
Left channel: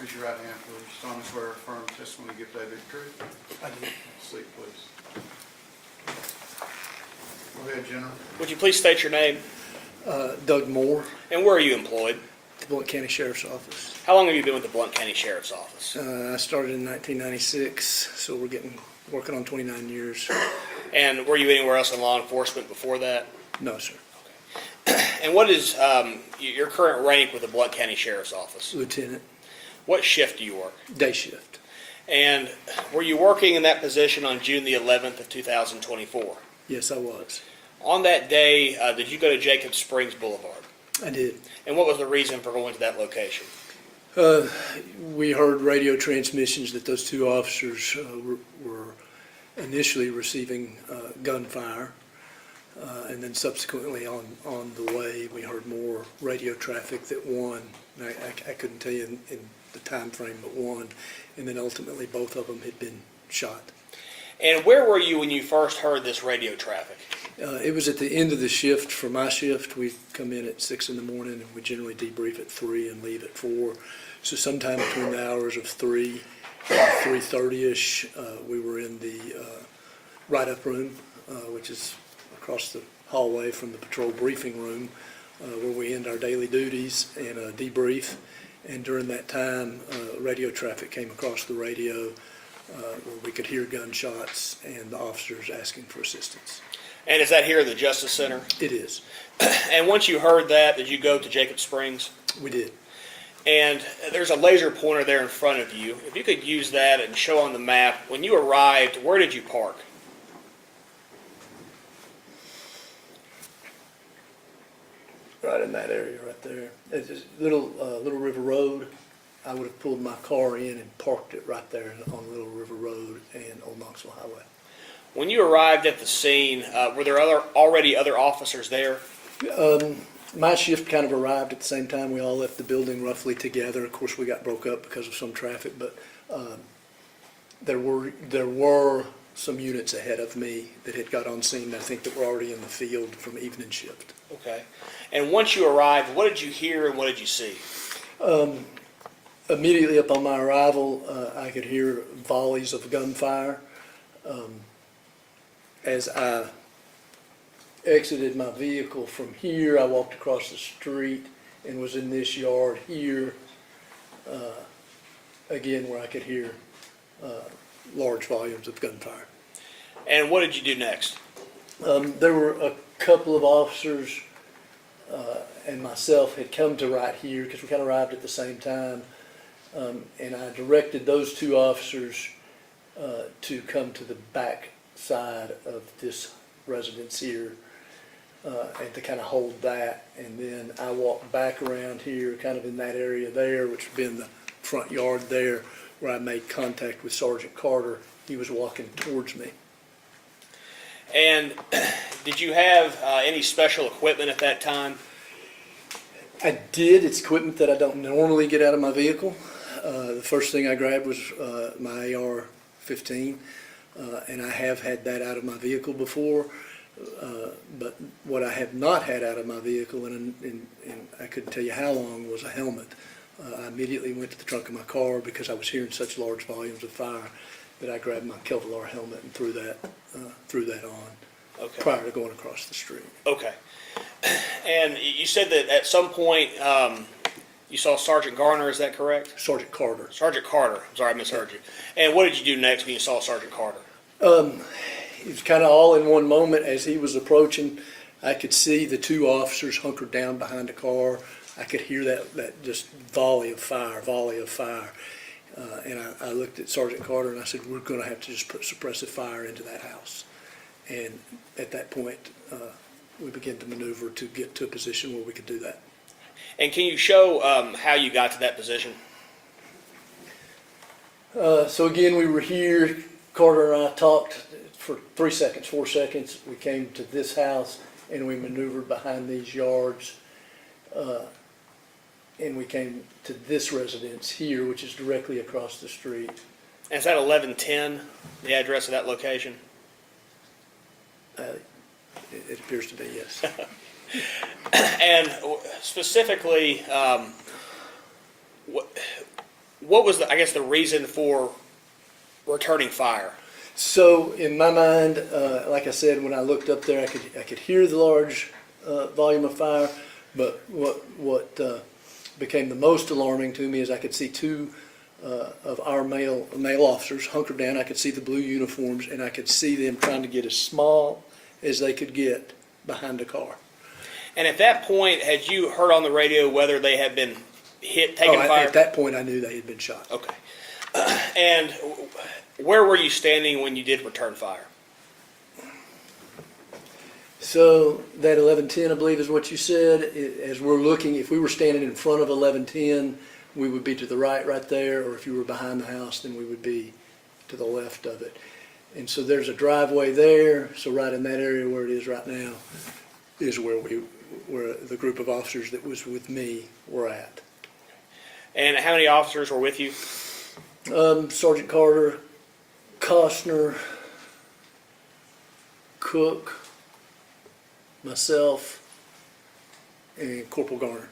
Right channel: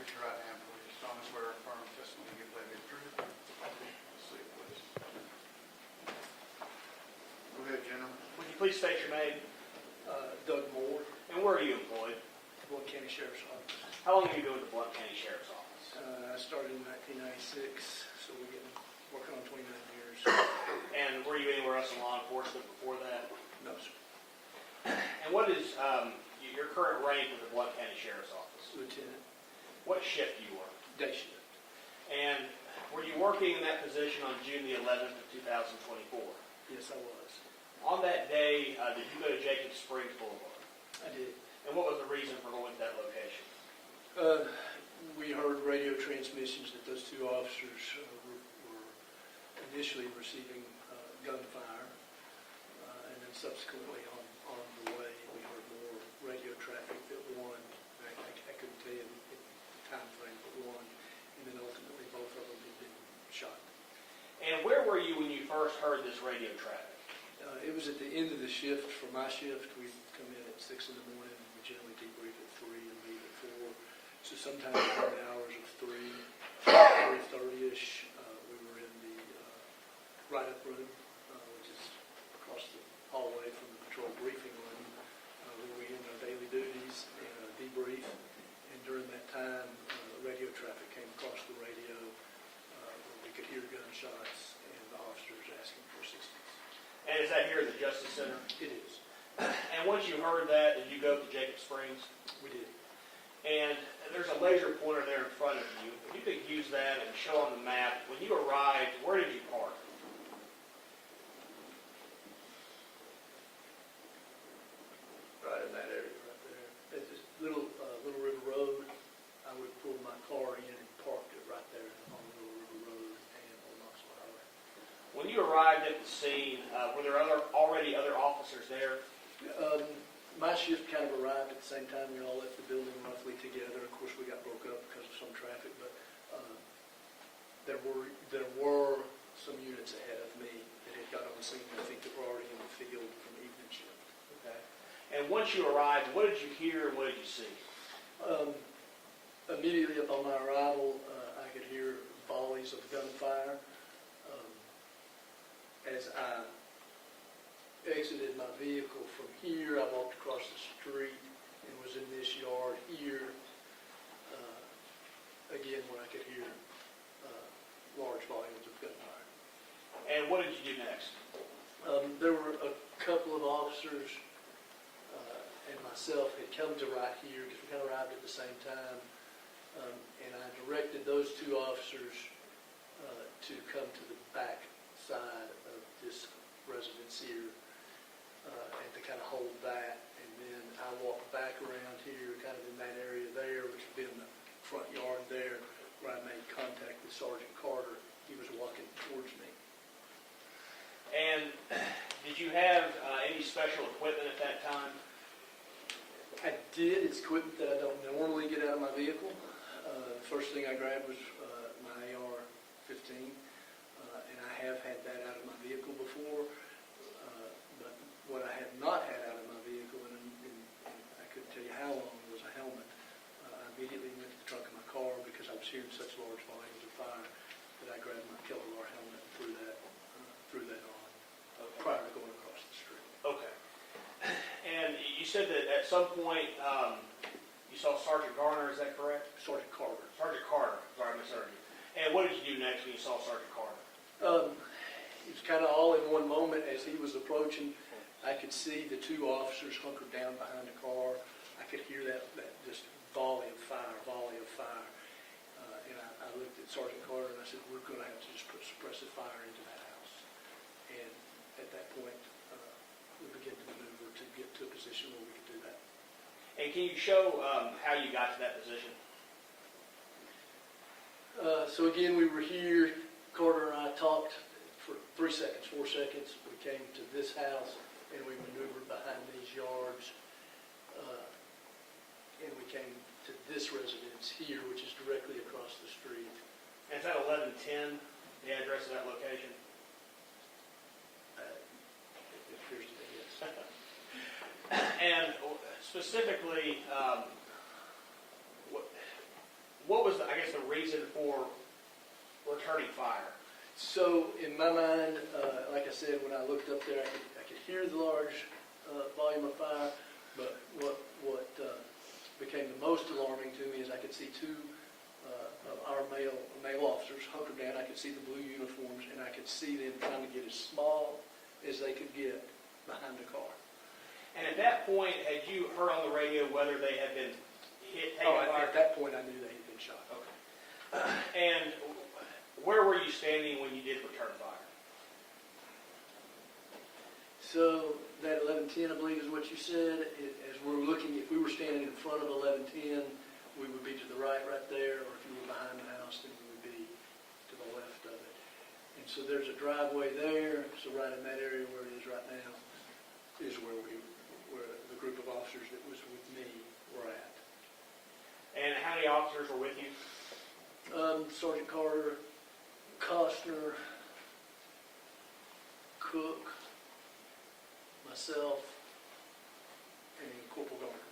raise your right hand, please. Solemnly swear or affirm the testimony you give today the truth. I do. Sleep, please. Go ahead, General. Would you please state your name Doug Moore, and where are you employed? the Blount County Sheriff's Office. How long have you been with the Blount County Sheriff's Office? I started in 1996, so we're working on 29 years. And were you anywhere else in law enforcement before that? No, sir. And what is your current rank with the Blount County Sheriff's Office? Lieutenant, What shift do you work? day shift. And were you working in that position on June the 11th of 2024? Yes, I was. On that day, did you go to Jacob Springs Boulevard? I did. And what was the reason for going to that location? We heard radio transmissions that those two officers were initially receiving gunfire, and then subsequently on the way, we heard more radio traffic that one, I couldn't tell you in the time frame, but one, and then ultimately both of them had been shot. And where were you when you first heard this radio traffic? It was at the end of the shift. For my shift, we come in at 6 in the morning, and we generally debrief at 3 and leave at 4. So sometime between the hours of 3 and 3:30ish, we were in the write-up room, which is across the hallway from the patrol briefing room, where we end our daily duties and debrief. And during that time, radio traffic came across the radio, where we could hear gunshots and the officers asking for assistance. And is that here in the Justice Center? It is. And once you heard that, did you go to Jacob Springs? We did. And there's a laser pointer there in front of you. If you could use that and show on the map, when you arrived, where did you park? Right in that area right there. It's just Little River Road. I would have pulled my car in and parked it right there on Little River Road and Old Knoxville Highway. When you arrived at the scene, were there already other officers there? My shift kind of arrived at the same time. We all left the building roughly together. Of course, we got broke up because of some traffic, but there were some units ahead of me that had got on scene, I think, that were already in the field from evening shift. Okay. And once you arrived, what did you hear and what did you see? Immediately upon my arrival, I could hear volleys of gunfire. As I exited my vehicle from here. I walked across the street and was in this yard here, again, where I could hear large volumes of gunfire. And what did you do next? There were a couple of officers and myself had come to right here because we kind of arrived at the same time. And I directed those two officers to come to the back side of this residence here and to kind of hold that. And then I walked back around here, kind of in that area there, which would be in the front yard there, where I made contact with Sergeant Carter. He was walking towards me. And did you have any special equipment at that time? I did. It's equipment that I don't normally get out of my vehicle. The first thing I grabbed was my AR-15, and I have had that out of my vehicle before. But what I have not had out of my vehicle, and I couldn't tell you how long, was a helmet. I immediately went to the trunk of my car because I was hearing such large volumes of fire that I grabbed my Kevlar helmet and threw that on prior to going across the street. Okay. And you said that at some point you saw Sergeant Garner, is that correct? Sergeant Carter. Sergeant Carter. I'm sorry, I misheard you. And what did you do next when you saw Sergeant Carter? It was kind of all in one moment. As he was approaching, I could see the two officers hunkered down behind the car. I could hear that just volley of fire. And I looked at Sergeant Carter and I said, we're going to have to just put suppressive fire into that house. And at that point, we began to maneuver to get to a position where we could do that. And can you show how you got to that position? So again, we were here. Carter and I talked for 4 seconds. We came to this house and we maneuvered behind these yards. And we came to this residence here, which is directly across the street. And is that 1110, the address of that location? It appears to be, yes. And specifically, what was, the reason for returning fire? So in my mind, like I said, when I looked up there, I could hear the large volume of fire, but what became the most alarming to me is I could see two of our male officers hunkered down. I could see the blue uniforms, and I could see them trying to get as small as they could get behind a car. And at that point, had you heard on the radio whether they had been taken fire? At that point, I knew they had been shot. Okay. And where were you standing when you did return fire? So that 1110, I believe, is what you said. As we're looking, if we were standing in front of 1110, we would be to the right there, or if you were behind the house, then we would be to the left of it. And so there's a driveway there, so right in that area where it is right now is where the group of officers that was with me were at. And how many officers were with you? Sergeant Carter, Cosner, Cook, myself, and Corporal Garner.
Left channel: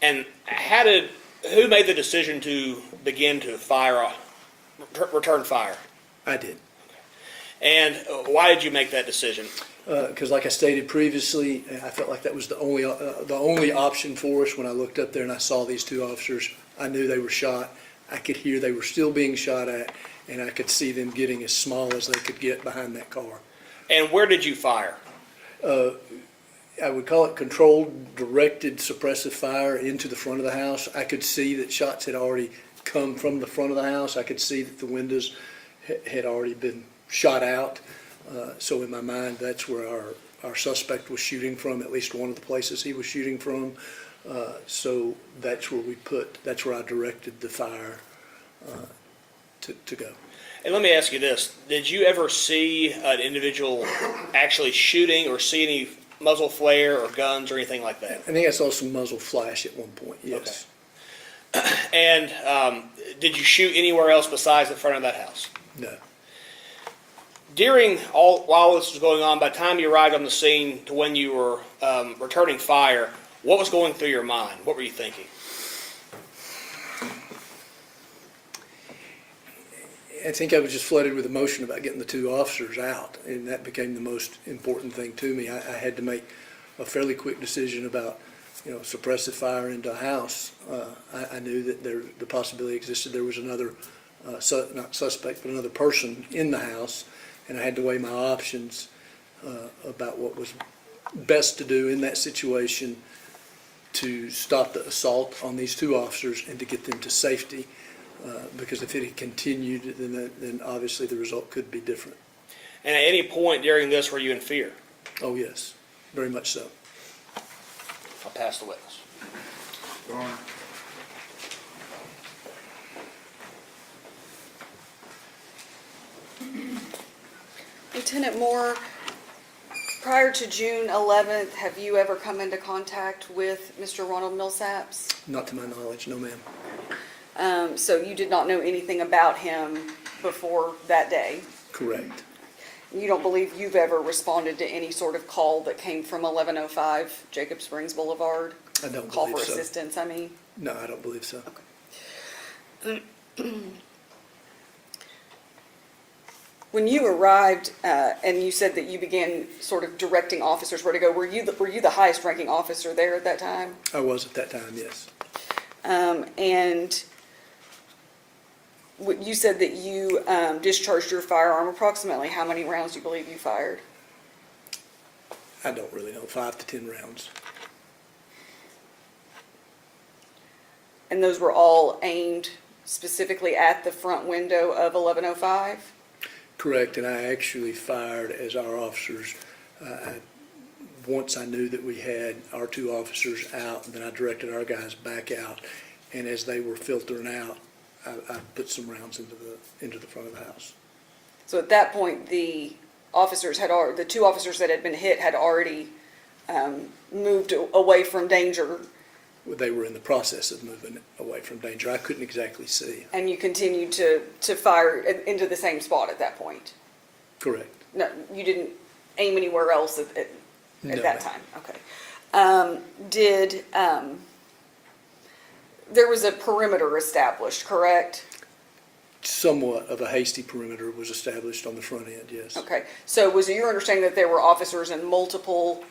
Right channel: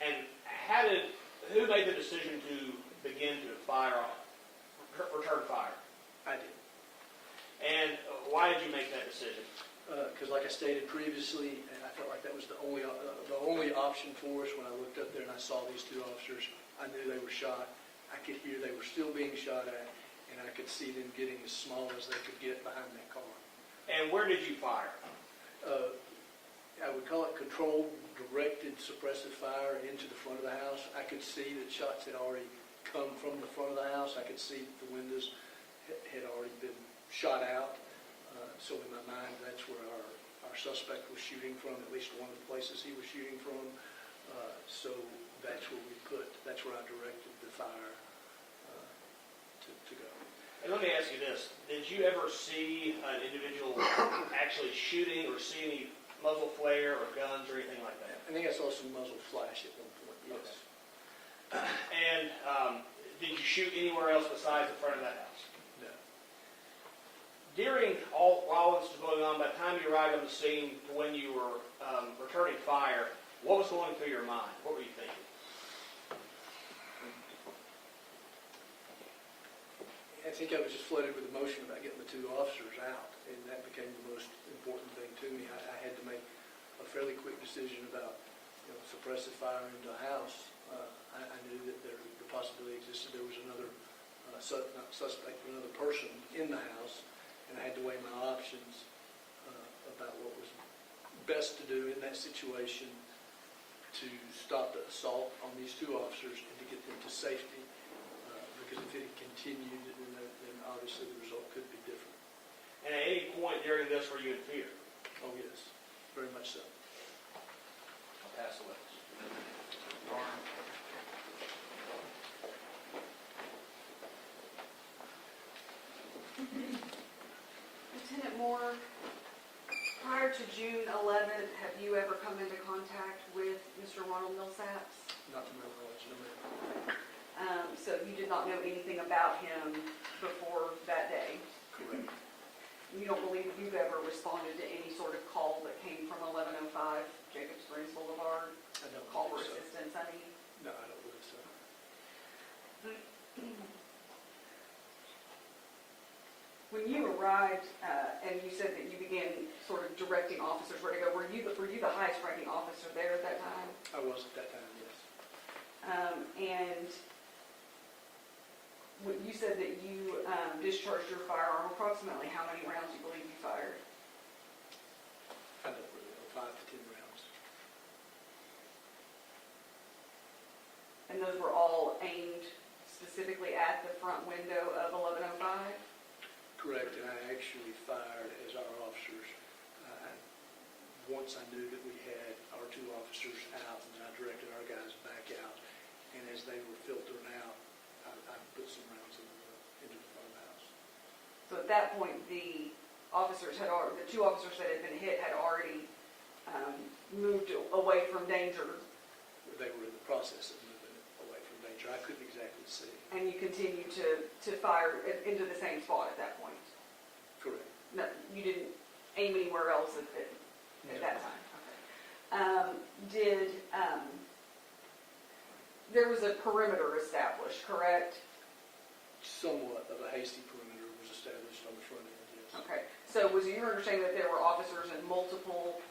And who made the decision to begin to return fire? I did. And why did you make that decision? Because like I stated previously, I felt like that was the only option for us. When I looked up there and I saw these two officers, I knew they were shot. I could hear they were still being shot at, and I could see them getting as small as they could get behind that car. And where did you fire? I would call it controlled, directed, suppressive fire into the front of the house. I could see that shots had already come from the front of the house. I could see that the windows had already been shot out. So in my mind, that's where our suspect was shooting from, at least one of the places he was shooting from. So that's where I directed the fire to go. And let me ask you this. Did you ever see an individual actually shooting or see any muzzle flare or guns or anything like that? I think I saw some muzzle flash at one point, yes. Okay. And did you shoot anywhere else besides the front of that house? No. While this was going on, by the time you arrived on the scene to when you were returning fire, what was going through your mind? What were you thinking? I think I was just flooded with emotion about getting the two officers out, and that became the most important thing to me. I had to make a fairly quick decision about, suppressive fire into a house. I knew that the possibility existed there was another, not suspect, but another person in the house, and I had to weigh my options about what was best to do in that situation to stop the assault on these two officers and to get them to safety. Because if it had continued, then obviously the result could be different. And at any point during this, were you in fear? Oh, yes, very much so. I'll pass the witness. Garner. Lieutenant Moore, prior to June 11th, have you ever come into contact with Mr. Ronald Millsaps? Not to my knowledge, no, ma'am. So you did not know anything about him before that day? Correct. You don't believe you've ever responded to any sort of call that came from 1105 Jacob Springs Boulevard? I don't Call believe for so. assistance, I mean? No, I don't believe so. When you arrived, and you said that you began sort of directing officers where to go, were you the highest ranking officer there at that time? I was at that time, yes. And you said that you discharged your firearm. Approximately how many rounds do you believe you fired? I don't really know, 5 to 10 rounds. And those were all aimed specifically at the front window of 1105? Correct, and I actually fired as our officers. Once I knew that we had our two officers out, and then I directed our guys back out, and as they were filtering out, I put some rounds into the front of the house. So at that point, the two officers that had been hit had already moved away from danger. They were in the process of moving away from danger. I couldn't exactly see. And you continued to fire into the same spot at that point? Correct. No, you didn't aim anywhere else at No, that ma'am. time? Okay. There was a perimeter established, correct? Somewhat of a hasty perimeter was established on the front end, yes. Okay, so was it your understanding that there were officers in multiple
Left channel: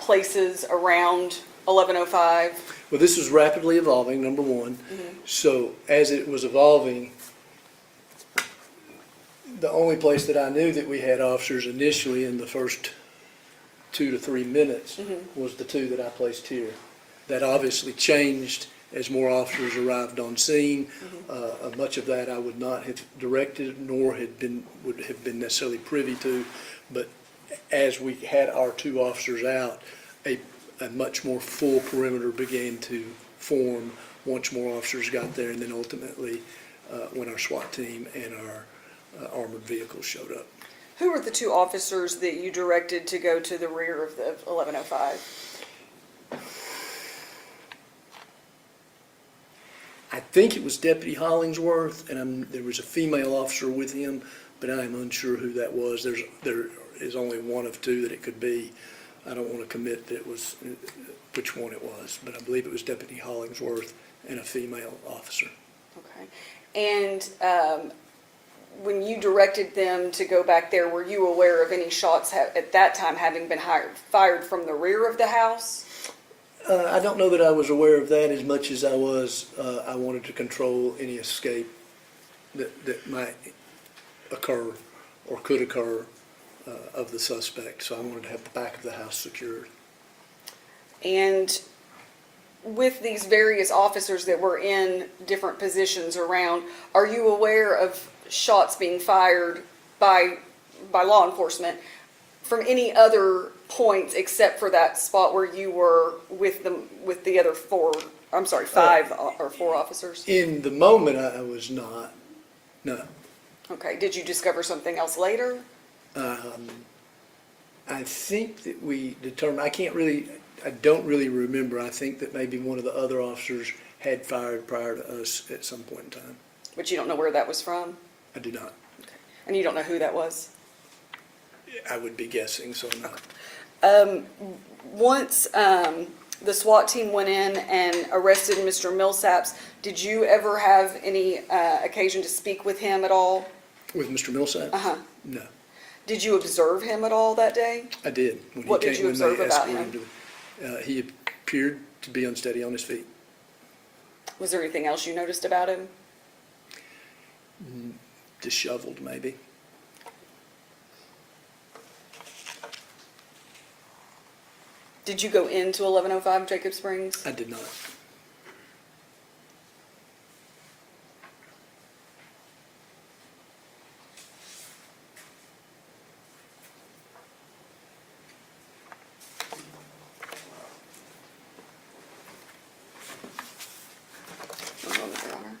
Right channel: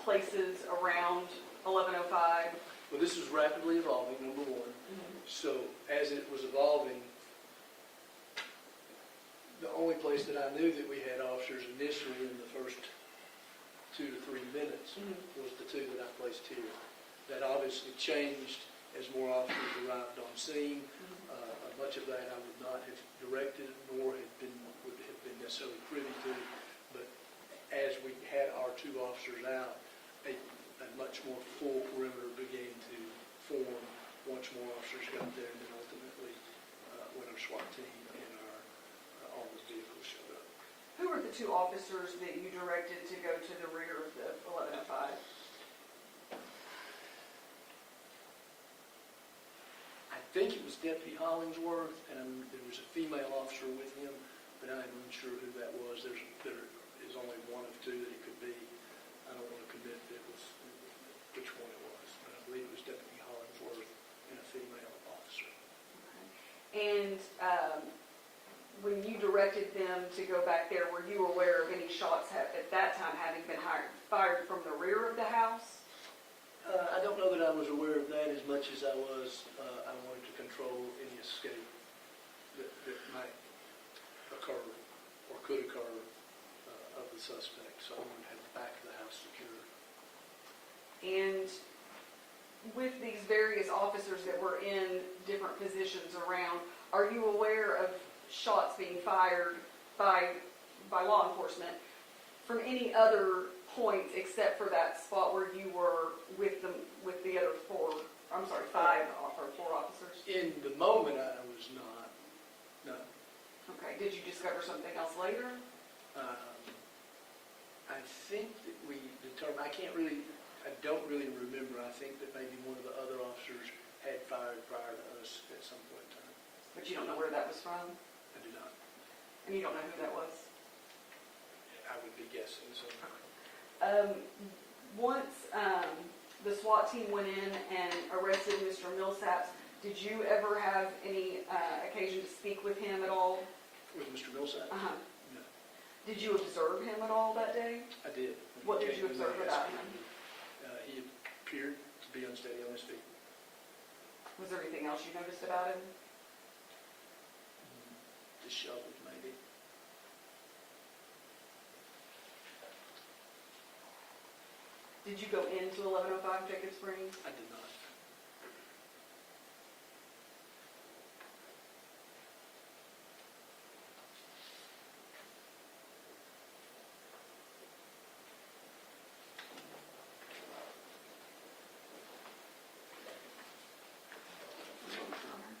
places around 1105? Well, this was rapidly evolving, number one. So as it was evolving, the only place that I knew that we had officers initially in the first 2 to 3 minutes was the two that I placed here. That obviously changed as more officers arrived on scene. Much of that I would not have directed nor would have been necessarily privy to, but as we had our two officers out, a much more full perimeter began to form once more officers got there, and then ultimately when our SWAT team and our armored vehicles showed up. Who were the two officers that you directed to go to the rear of the 1105? I think it was Deputy Hollingsworth, and there was a female officer with him, but I am unsure who that was. There is only one of two that it could be. I don't want to commit that it was which one it was, but I believe it was Deputy Hollingsworth and a female officer. Okay. And when you directed them to go back there, were you aware of any shots at that time having been fired from the rear of the house? I don't know that I was aware of that as much as I wanted to control any escape that might occur or could occur of the suspect. So I wanted to have the back of the house secured. And with these various officers that were in different positions around, are you aware of shots being fired by law enforcement from any other points except for that spot where you were with the other five or four officers? In the moment, I was not. No. Okay. Did you discover something else later? I think that we determined, I don't really remember. I think that maybe one of the other officers had fired prior to us at some point in time. But you don't know where that was from? I do not. Okay. And you don't know who that was? I would be guessing, so no. Once the SWAT team went in and arrested Mr. Millsaps. Did you ever have any occasion to speak with him at all? With Mr. Millsap? Uh-huh. No, Did you observe him at all that day? I did. When What he did came, you when they observe about escorted him? He appeared to be unsteady on his feet. Was there anything else you noticed about him? Disheveled, maybe. Did you go into 1105 Jacob Springs? I did not. One moment, Your Honor.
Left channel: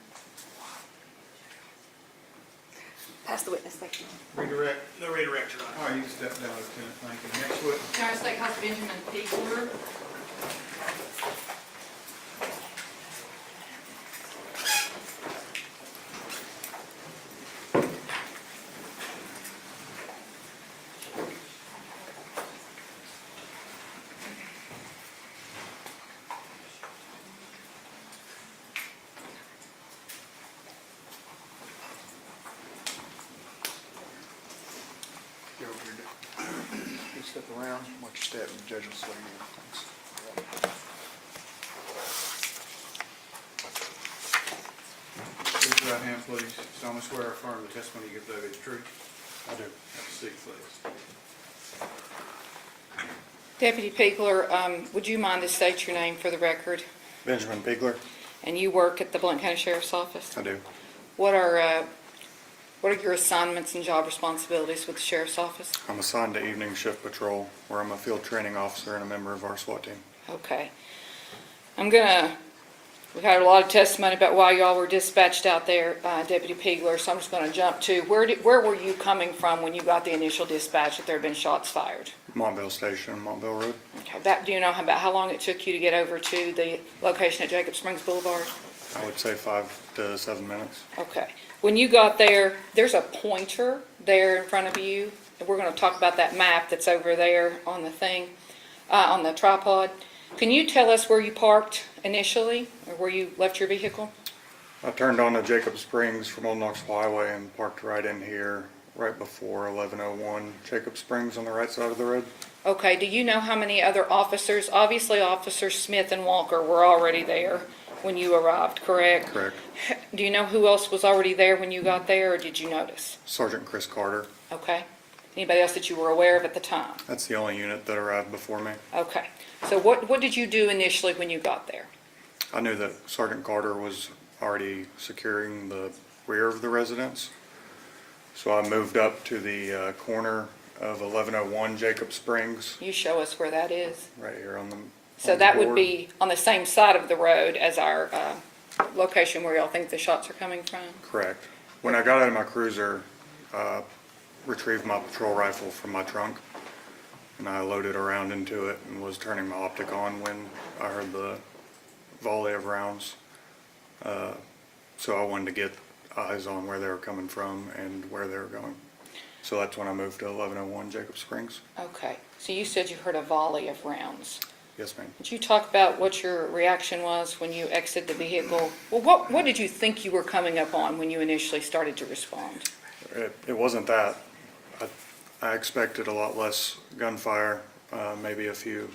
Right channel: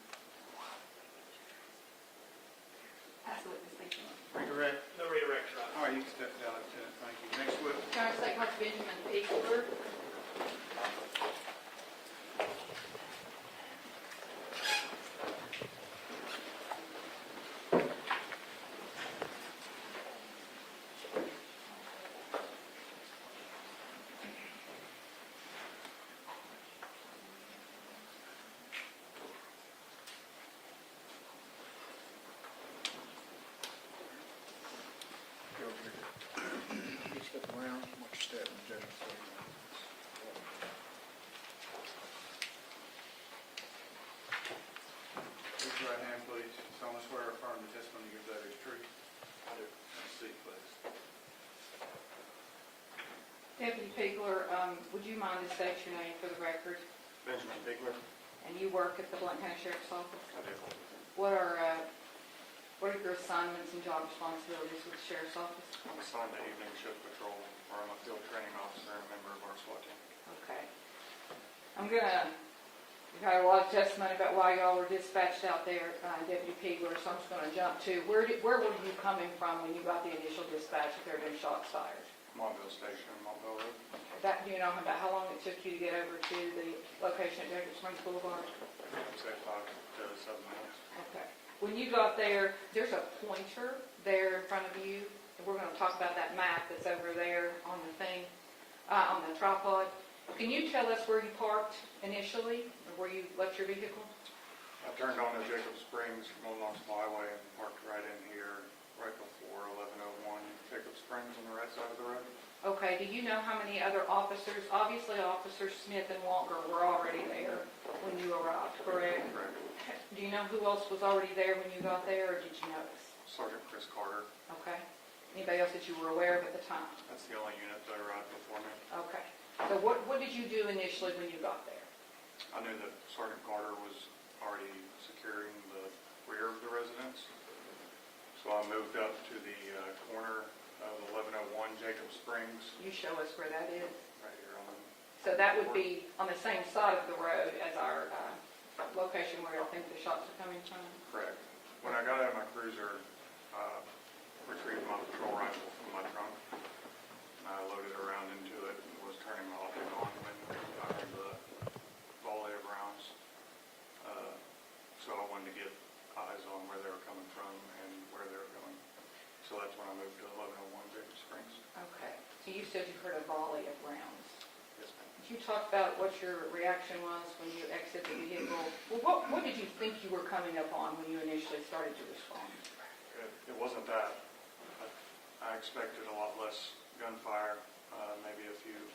Pass the witness section. Redirect. No redirect, Your Honor. All right, you can step down, Lieutenant. Thank you. Next witness. Charge State Constable Benjamin Piegler. Go over here. You step around, watch your step, and the judge will swear you. Raise your right hand, please. Solemnly swear or affirm the testimony you give today is true. I do. Seat, please. Deputy Piegler, would you mind to state your name for the record? Benjamin Piegler. And you work at the Blount County Sheriff's Office? I do. What are your assignments and job responsibilities with the Sheriff's Office? I'm assigned to evening shift patrol, where I'm a field training officer and a member of our SWAT team. Okay. We've had a lot of testimony about why y'all were dispatched out there, Deputy Piegler, so I'm just gonna jump to, where were you coming from when you got the initial dispatch that there had been shots fired? Montville Station, Montville Road. Okay, do you know about how long it took you to get over to the location at Jacob Springs Boulevard? I would say 5 to 7 minutes. Okay. When you got there, there's a pointer there in front of you. We're going to talk about that map that's over there on the thing, on the tripod. Can you tell us where you parked initially, or where you left your vehicle? I turned onto Jacob Springs from Old Knoxville Highway and parked right in here, right before 1101 Jacob Springs on the right side of the road. Okay, do you know how many other officers, obviously Officers Smith and Walker were already there when you arrived, correct? Correct. Do you know who else was already there when you got there, or did you notice? Sergeant Chris Carter. Okay. Anybody else that you were aware of at the time? That's the only unit that arrived before me. Okay. So what did you do initially when you got there? I knew that Sergeant Carter was already securing the rear of the residence. So I moved up to the corner of 1101 Jacob Springs, You show us where that is. right here on the So on the that would board. be on the same side of the road as our location where y'all think the shots are coming from? Correct. When I got out of my cruiser, retrieved my patrol rifle from my trunk, and I loaded around into it and was turning my optic on when I heard the volley of rounds. So I wanted to get eyes on where they were coming from and where they were going. So that's when I moved to 1101 Jacob Springs. Okay. So you said you heard a volley of rounds. Yes, ma'am. Would you talk about what your reaction was when you exited the vehicle? Well, what did you think you were coming up on when you initially started to respond? It wasn't that. I expected a lot less gunfire, maybe a few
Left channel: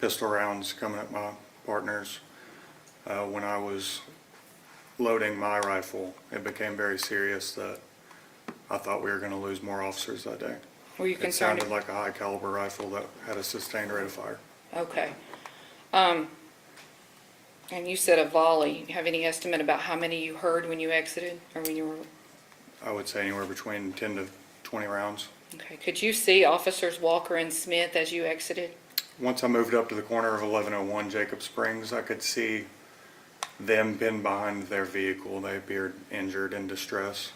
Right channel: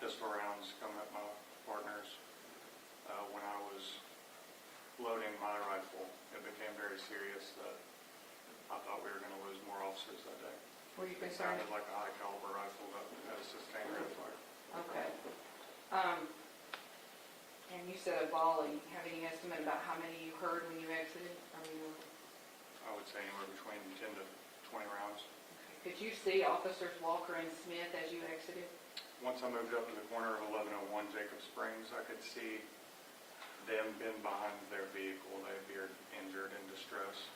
pistol rounds coming at my partners. When I was loading my rifle, it became very serious that I thought we were going to lose more officers that day. Were you concerned? It sounded like a high caliber rifle that had a sustained rate of fire. Okay. And you said a volley. You have any estimate about how many you heard when you exited, or when you were? I would say anywhere between 10 to 20 rounds. Okay. Could you see Officers Walker and Smith as you exited? Once I moved up to the corner of 1101 Jacob Springs, I could see them pinned behind their vehicle. They appeared injured in distress.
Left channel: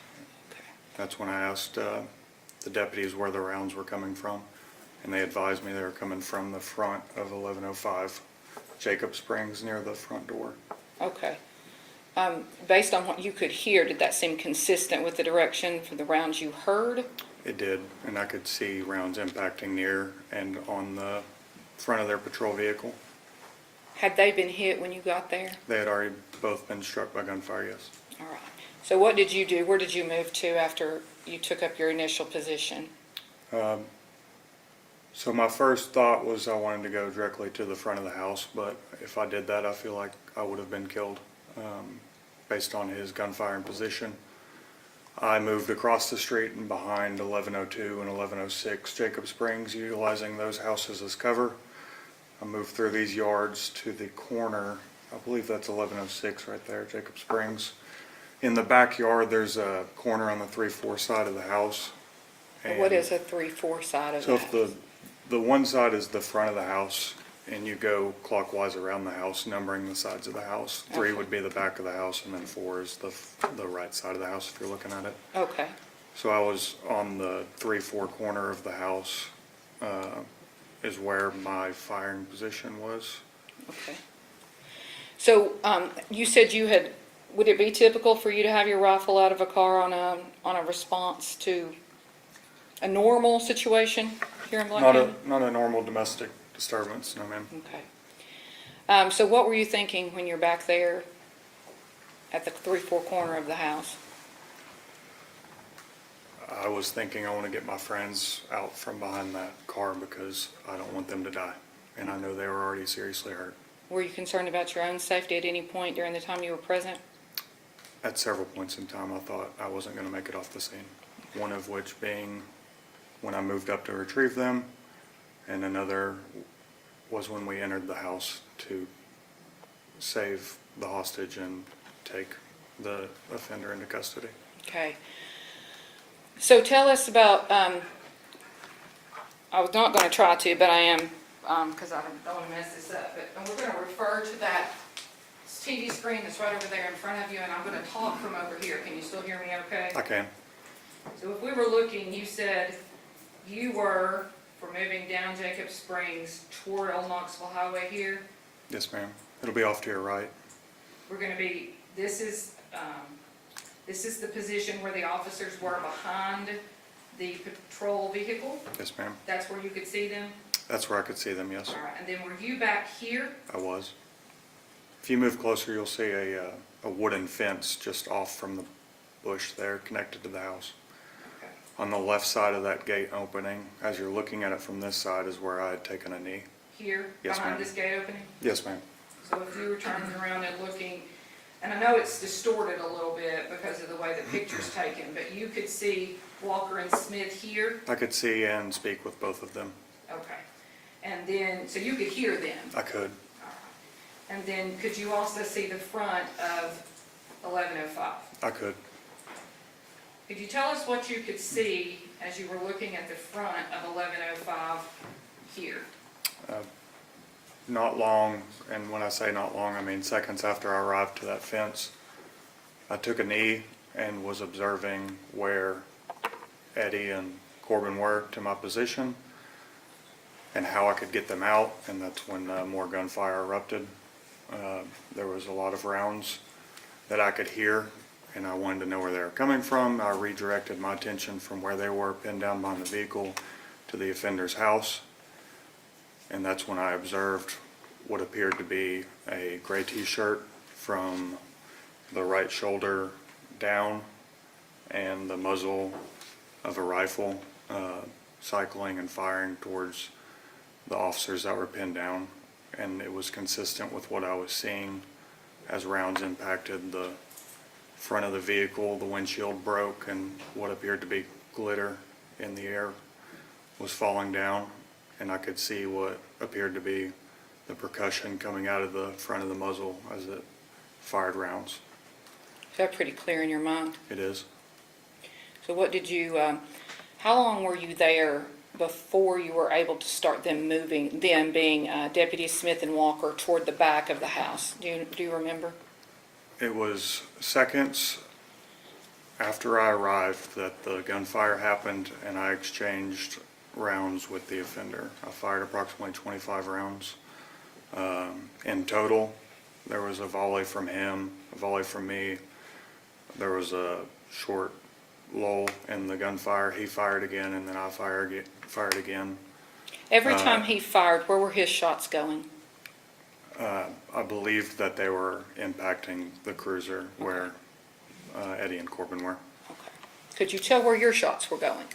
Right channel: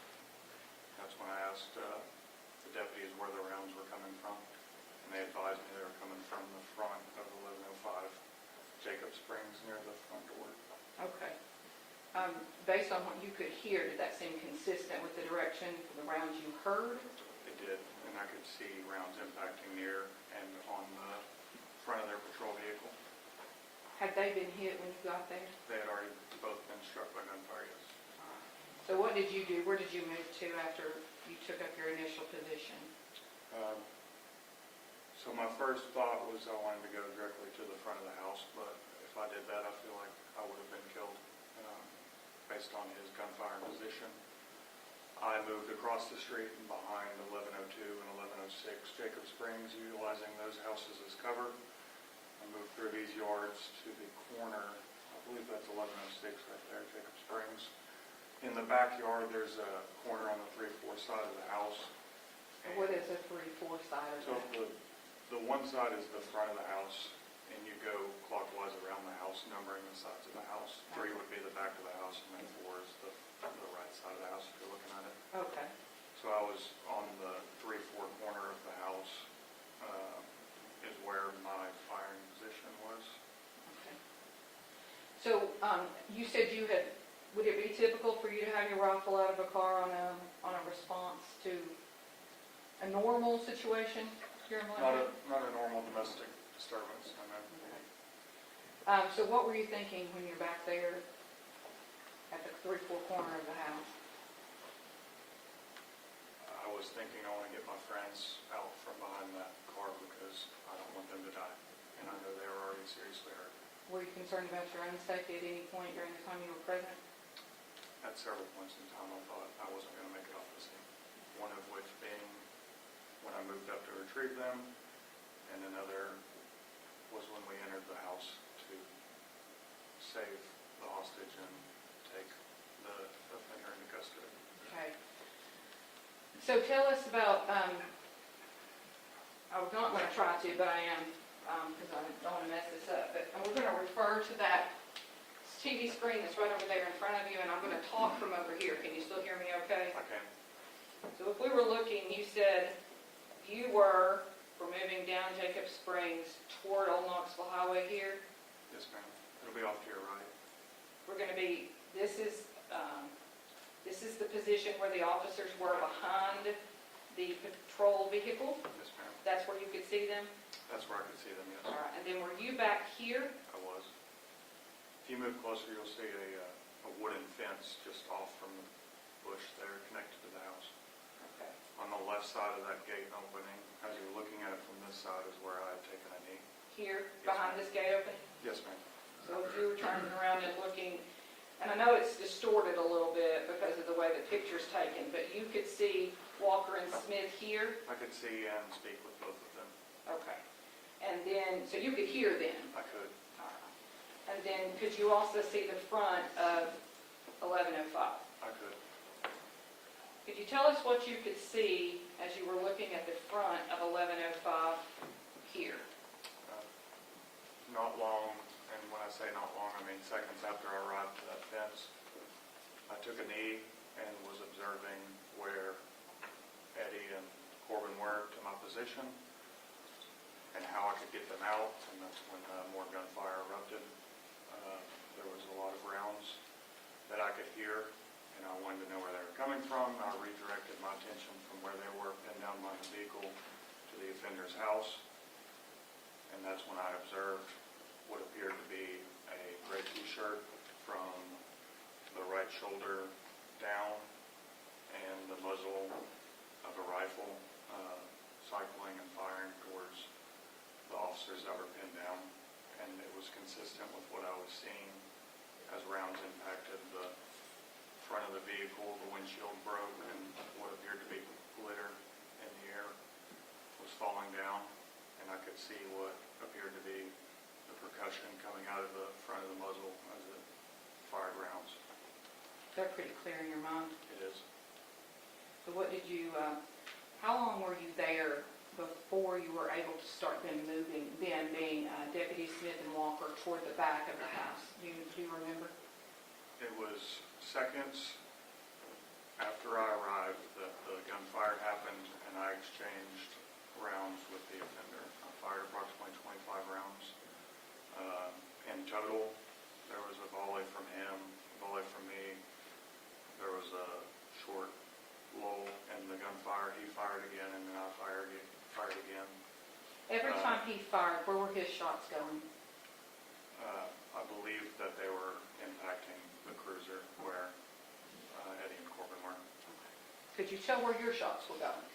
That's when I asked the deputies where the rounds were coming from, and they advised me they were coming from the front of 1105 Jacob Springs near the front door. Okay. Based on what you could hear, did that seem consistent with the direction for the rounds you heard? It did, and I could see rounds impacting near and on the front of their patrol vehicle. Had they been hit when you got there? They had already both been struck by gunfire, yes. All right. So what did you do? Where did you move to after you took up your initial position? So my first thought was I wanted to go directly to the front of the house, but if I did that, I feel like I would have been killed based on his gunfire and position. I moved across the street and behind 1102 and 1106 Jacob Springs, utilizing those houses as cover. I moved through these yards to the corner, I believe that's 1106 right there, Jacob Springs. In the backyard, there's a corner on the 3-4 side of the house. What is a 3-4 side of So that? if the one side is the front of the house, and you go clockwise around the house, numbering the sides of the house. 3 would be the back of the house, and then 4 is the right side of the house if you're looking at it. Okay. So I was on the 3-4 corner of the house, is where my firing position was. Okay. So, you said you had, would it be typical for you to have your rifle out of a car on a response to a normal situation here in Blount County? Not a normal domestic disturbance, no ma'am. Okay. So what were you thinking when you're back there at the 3-4 corner of the house? I was thinking I want to get my friends out from behind that car because I don't want them to die. And I know they were already seriously hurt. Were you concerned about your own safety at any point during the time you were present? At several points in time, I thought I wasn't going to make it off the scene. One of which being when I moved up to retrieve them, and another was when we entered the house to save the hostage and take the offender into custody. Okay. So tell us about, I was not going to try to, but I am, because I don't want to mess this up, but we're going to refer to that TV screen that's right over there in front of you, and I'm going to talk from over here. Can you still hear me okay? I can. So if we were looking, you said you were for moving down Jacob Springs toward Old Knoxville Highway here. Yes, ma'am. It'll be off to your right. We're going to be, this is the position where the officers were behind the patrol vehicle. Yes, ma'am. That's where you could see them? That's where I could see them, yes. All right, and then were you back here? I was. If you move closer, you'll see a wooden fence just off from the bush there connected to the house. On the left side of that gate opening, as you're looking at it from this side, is where I had taken a knee. Here, Yes, behind ma'am. this gate opening? Yes, ma'am. So if you were turning around and looking, and I know it's distorted a little bit because of the way the picture's taken, but you could see Walker and Smith here? I could see and speak with both of them. Okay. And then, so you could hear them? I could. And then could you also see the front of 1105? I could. Could you tell us what you could see as you were looking at the front of 1105 here? Not long, and when I say not long, I mean seconds after I arrived to that fence, I took a knee and was observing where Eddie and Corbin were to my position and how I could get them out, and that's when more gunfire erupted. There was a lot of rounds that I could hear, and I wanted to know where they were coming from. I redirected my attention from where they were pinned down behind the vehicle to the offender's house. And that's when I observed what appeared to be a gray t-shirt from the right shoulder down and the muzzle of a rifle cycling and firing towards the officers that were pinned down. And it was consistent with what I was seeing as rounds impacted the front of the vehicle. The windshield broke and what appeared to be glitter in the air was falling down. And I could see what appeared to be the percussion coming out of the front of the muzzle as it fired rounds. Is that pretty clear in your mind? It is. So what did you, how long were you there before you were able to start them moving, them being Deputies Smith and Walker toward the back of the house? Do you remember? It was seconds after I arrived that the gunfire happened and I exchanged rounds with the offender. I fired approximately 25 rounds. In total, there was a volley from him, a volley from me. There was a short lull in the gunfire. He fired again, and then I fired again. Every time he fired, where were his shots going? I believed that they were impacting the cruiser where Eddie and Corbin were. Could you tell where your shots were going?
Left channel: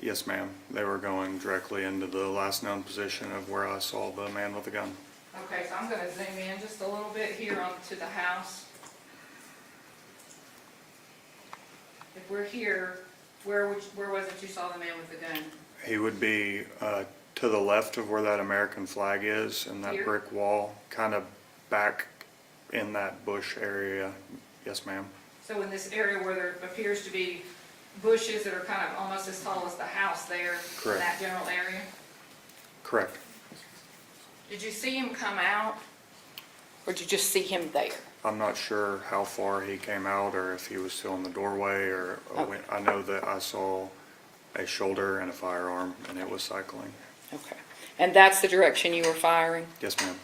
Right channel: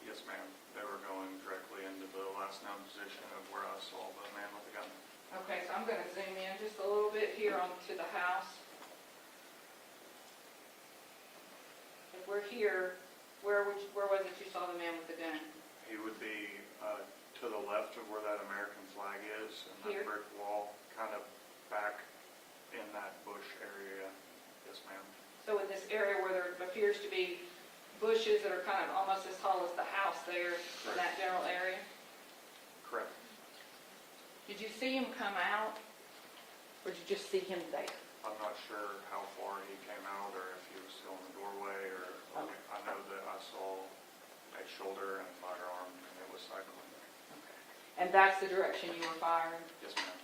Yes, ma'am. They were going directly into the last known position of where I saw the man with the gun. Okay, so I'm gonna zoom in just a little bit here onto the house. If we're here, where was it you saw the man with the gun? He would be to the left of where that American flag is and that Here? brick wall, kind of back in that bush area. Yes, ma'am. So in this area where there appears to be bushes that are kind of almost as tall as the house there, in Correct. that general area? Correct. Did you see him come out, or did you just see him there? I'm not sure how far he came out or if he was still in the doorway or I know that I saw a shoulder and a firearm and it was cycling. Okay. And that's the direction you were firing? Yes, ma'am.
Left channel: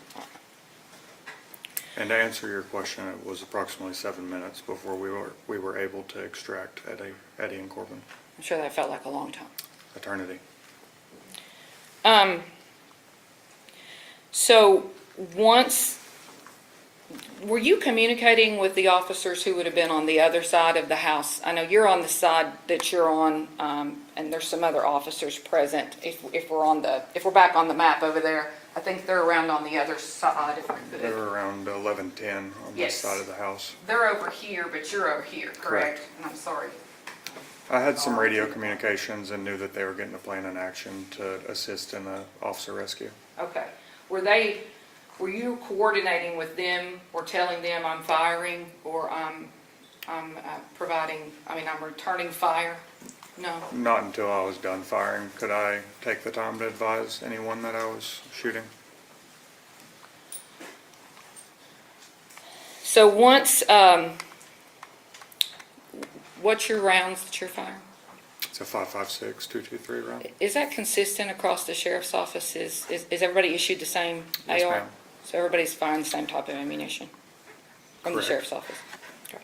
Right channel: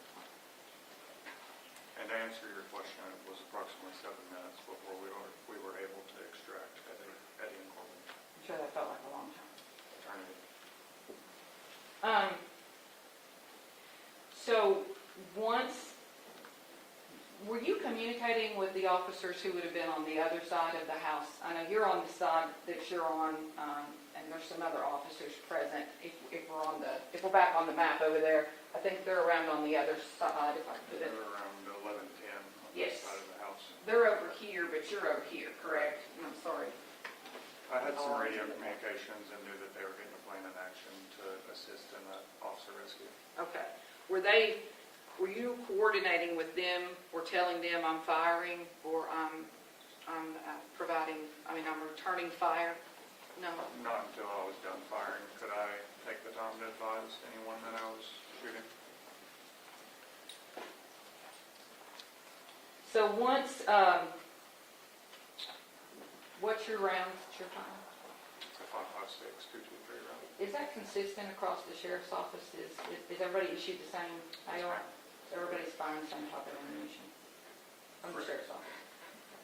And to answer your question, it was approximately 7 minutes before we were able to extract Eddie and Corbin. I'm sure that felt like a long time. Eternity. So once, were you communicating with the officers who would have been on the other side of the house? I know you're on the side that you're on, and there's some other officers present. If we're back on the map over there, I think they're around on the other side. They were around 11:10 on this side of the house. They're over here, but you're over here, correct? Correct. And I'm sorry. I had some radio communications and knew that they were getting a plan in action to assist in an officer rescue. Okay. Were you coordinating with them or telling them I'm firing or I'm returning fire? No? Not until I was done firing could I take the time to advise anyone that I was shooting. So once, what's your rounds that you're firing? It's a 5.56 .223 round. Is that consistent across the sheriff's office? Is everybody issued the same AR? Yes, ma'am. So everybody's firing the same type of ammunition from the Correct. sheriff's office? Okay.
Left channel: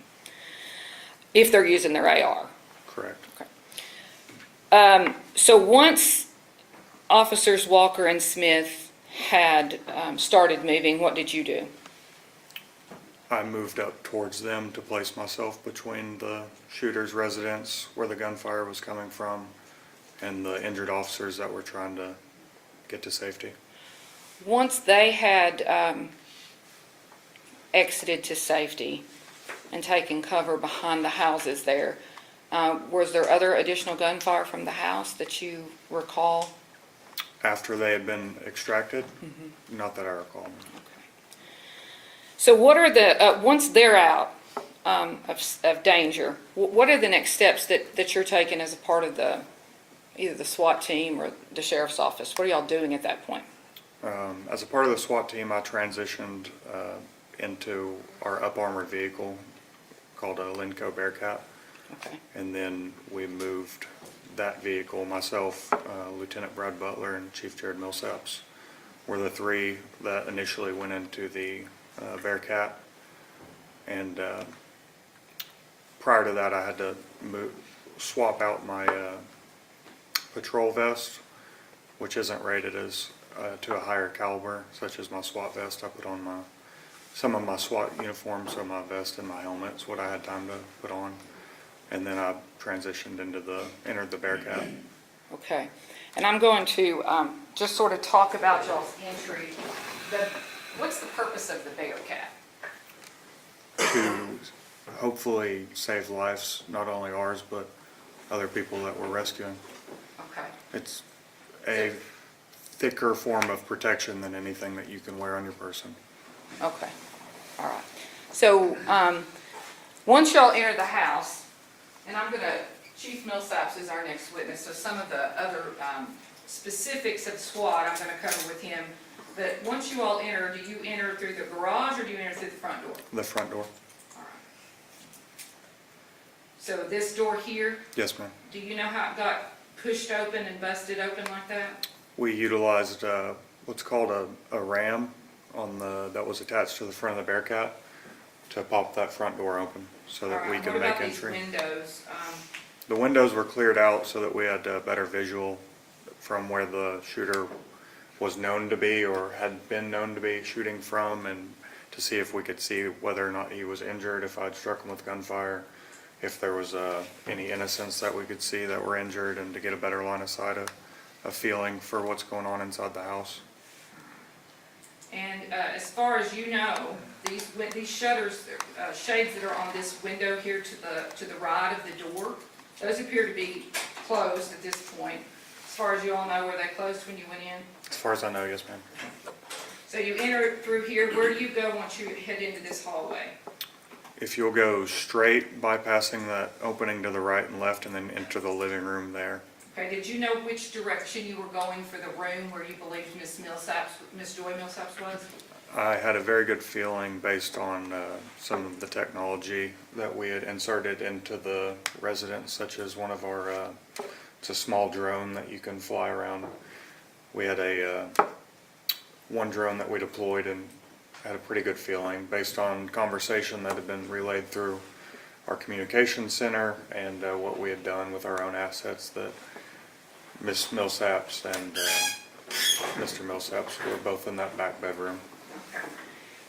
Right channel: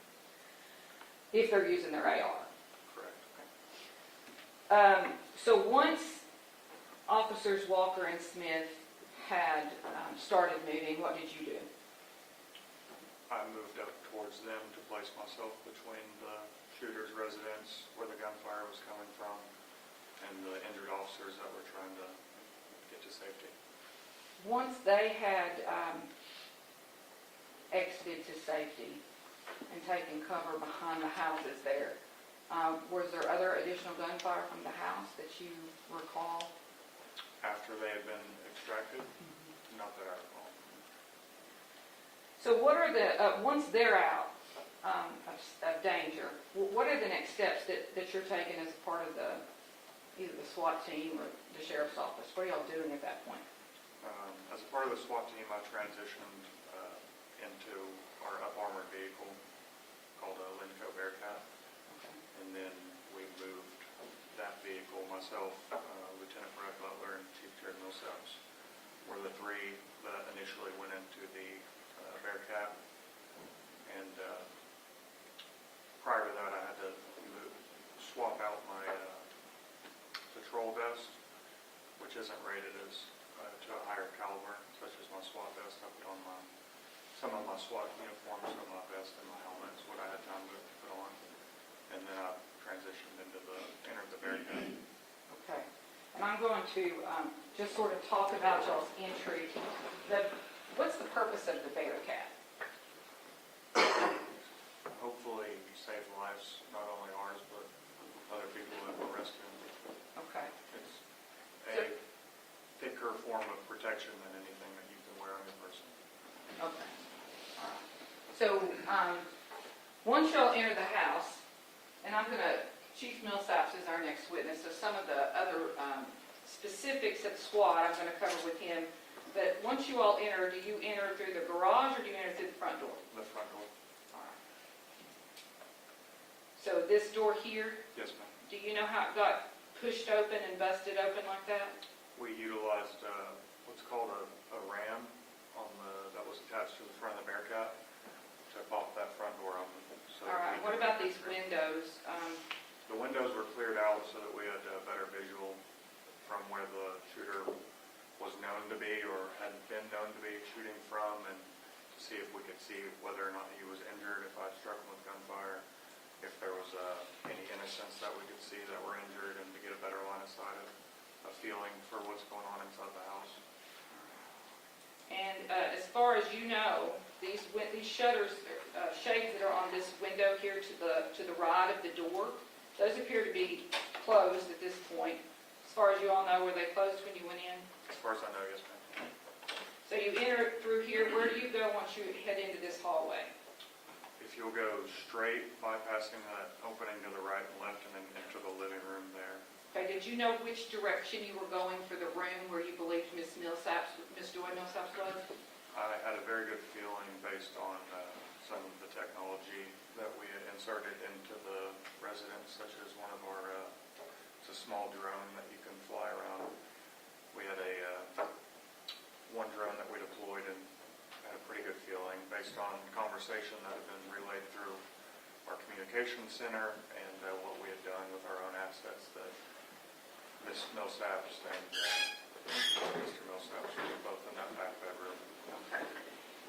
If they're using their AR? Correct. So once Officers Walker and Smith had started moving, what did you do? I moved up towards them to place myself between the shooter's residence where the gunfire was coming from and the injured officers that were trying to get to safety. Once they had exited to safety and taken cover behind the houses there, was there other additional gunfire from the house that you recall? After they had been extracted? Not that I recall. So what are the, once they're out of danger, what are the next steps that you're taking as a part of either the SWAT team or the sheriff's office? What are y'all doing at that point? As a part of the SWAT team, I transitioned into our up-armored vehicle called a Blount Co Bearcat. Okay. And then we moved that vehicle, myself, Lieutenant Brad Butler, and Chief Jared Millsaps were the three that initially went into the Bearcat. And prior to that, I had to swap out my patrol vest, which isn't rated as to a higher caliber, such as my SWAT vest. I put on some of my SWAT uniforms, so my vest and my helmet's what I had time to put on. And then I transitioned entered the Bearcat. Okay. And I'm going to just sort of talk about y'all's entry. What's the purpose of the Bearcat? To hopefully save lives, not only ours, but other people that we're rescuing. Okay. It's a thicker form of protection than anything that you can wear on your person. Okay. All right. So once y'all enter the house, and Chief Millsaps is our next witness, so some of the other specifics of SWAT, I'm going to cover with him. But once you all enter, do you enter through the garage or do you enter through the front door? The front door. All right. So this door here, Yes, ma'am. do you know how it got pushed open and busted open like that? We utilized what's called a ram that was attached to the front of the Bearcat to pop that front door open so that we could make entry. What about these windows? The windows were cleared out so that we had better visual from where the shooter was known to be or had been known to be shooting from, and to see if we could see whether or not he was injured, if I'd struck him with gunfire, if there was any innocents that we could see that were injured, and to get a better line of sight, a feeling for what's going on inside the house. And as far as you know, these shutters, shades that are on this window here to the right of the door, those appear to be closed at this point. As far as you all know, were they closed when you went in? As far as I know, yes, ma'am. So you enter through here. Where do you go once you head into this hallway? If you'll go straight, bypassing that opening to the right and left, and then enter the living room there. Okay, did you know which direction you were going for the room where you believed Miss Joy Millsaps was? I had a very good feeling based on some of the technology that we had inserted into the residence, such as one of our, it's a small drone that you can fly around. We had one drone that we deployed and had a pretty good feeling based on conversation that had been relayed through our communication center and what we had done with our own assets, that Miss Millsaps and Mr. Millsaps were both in that back bedroom.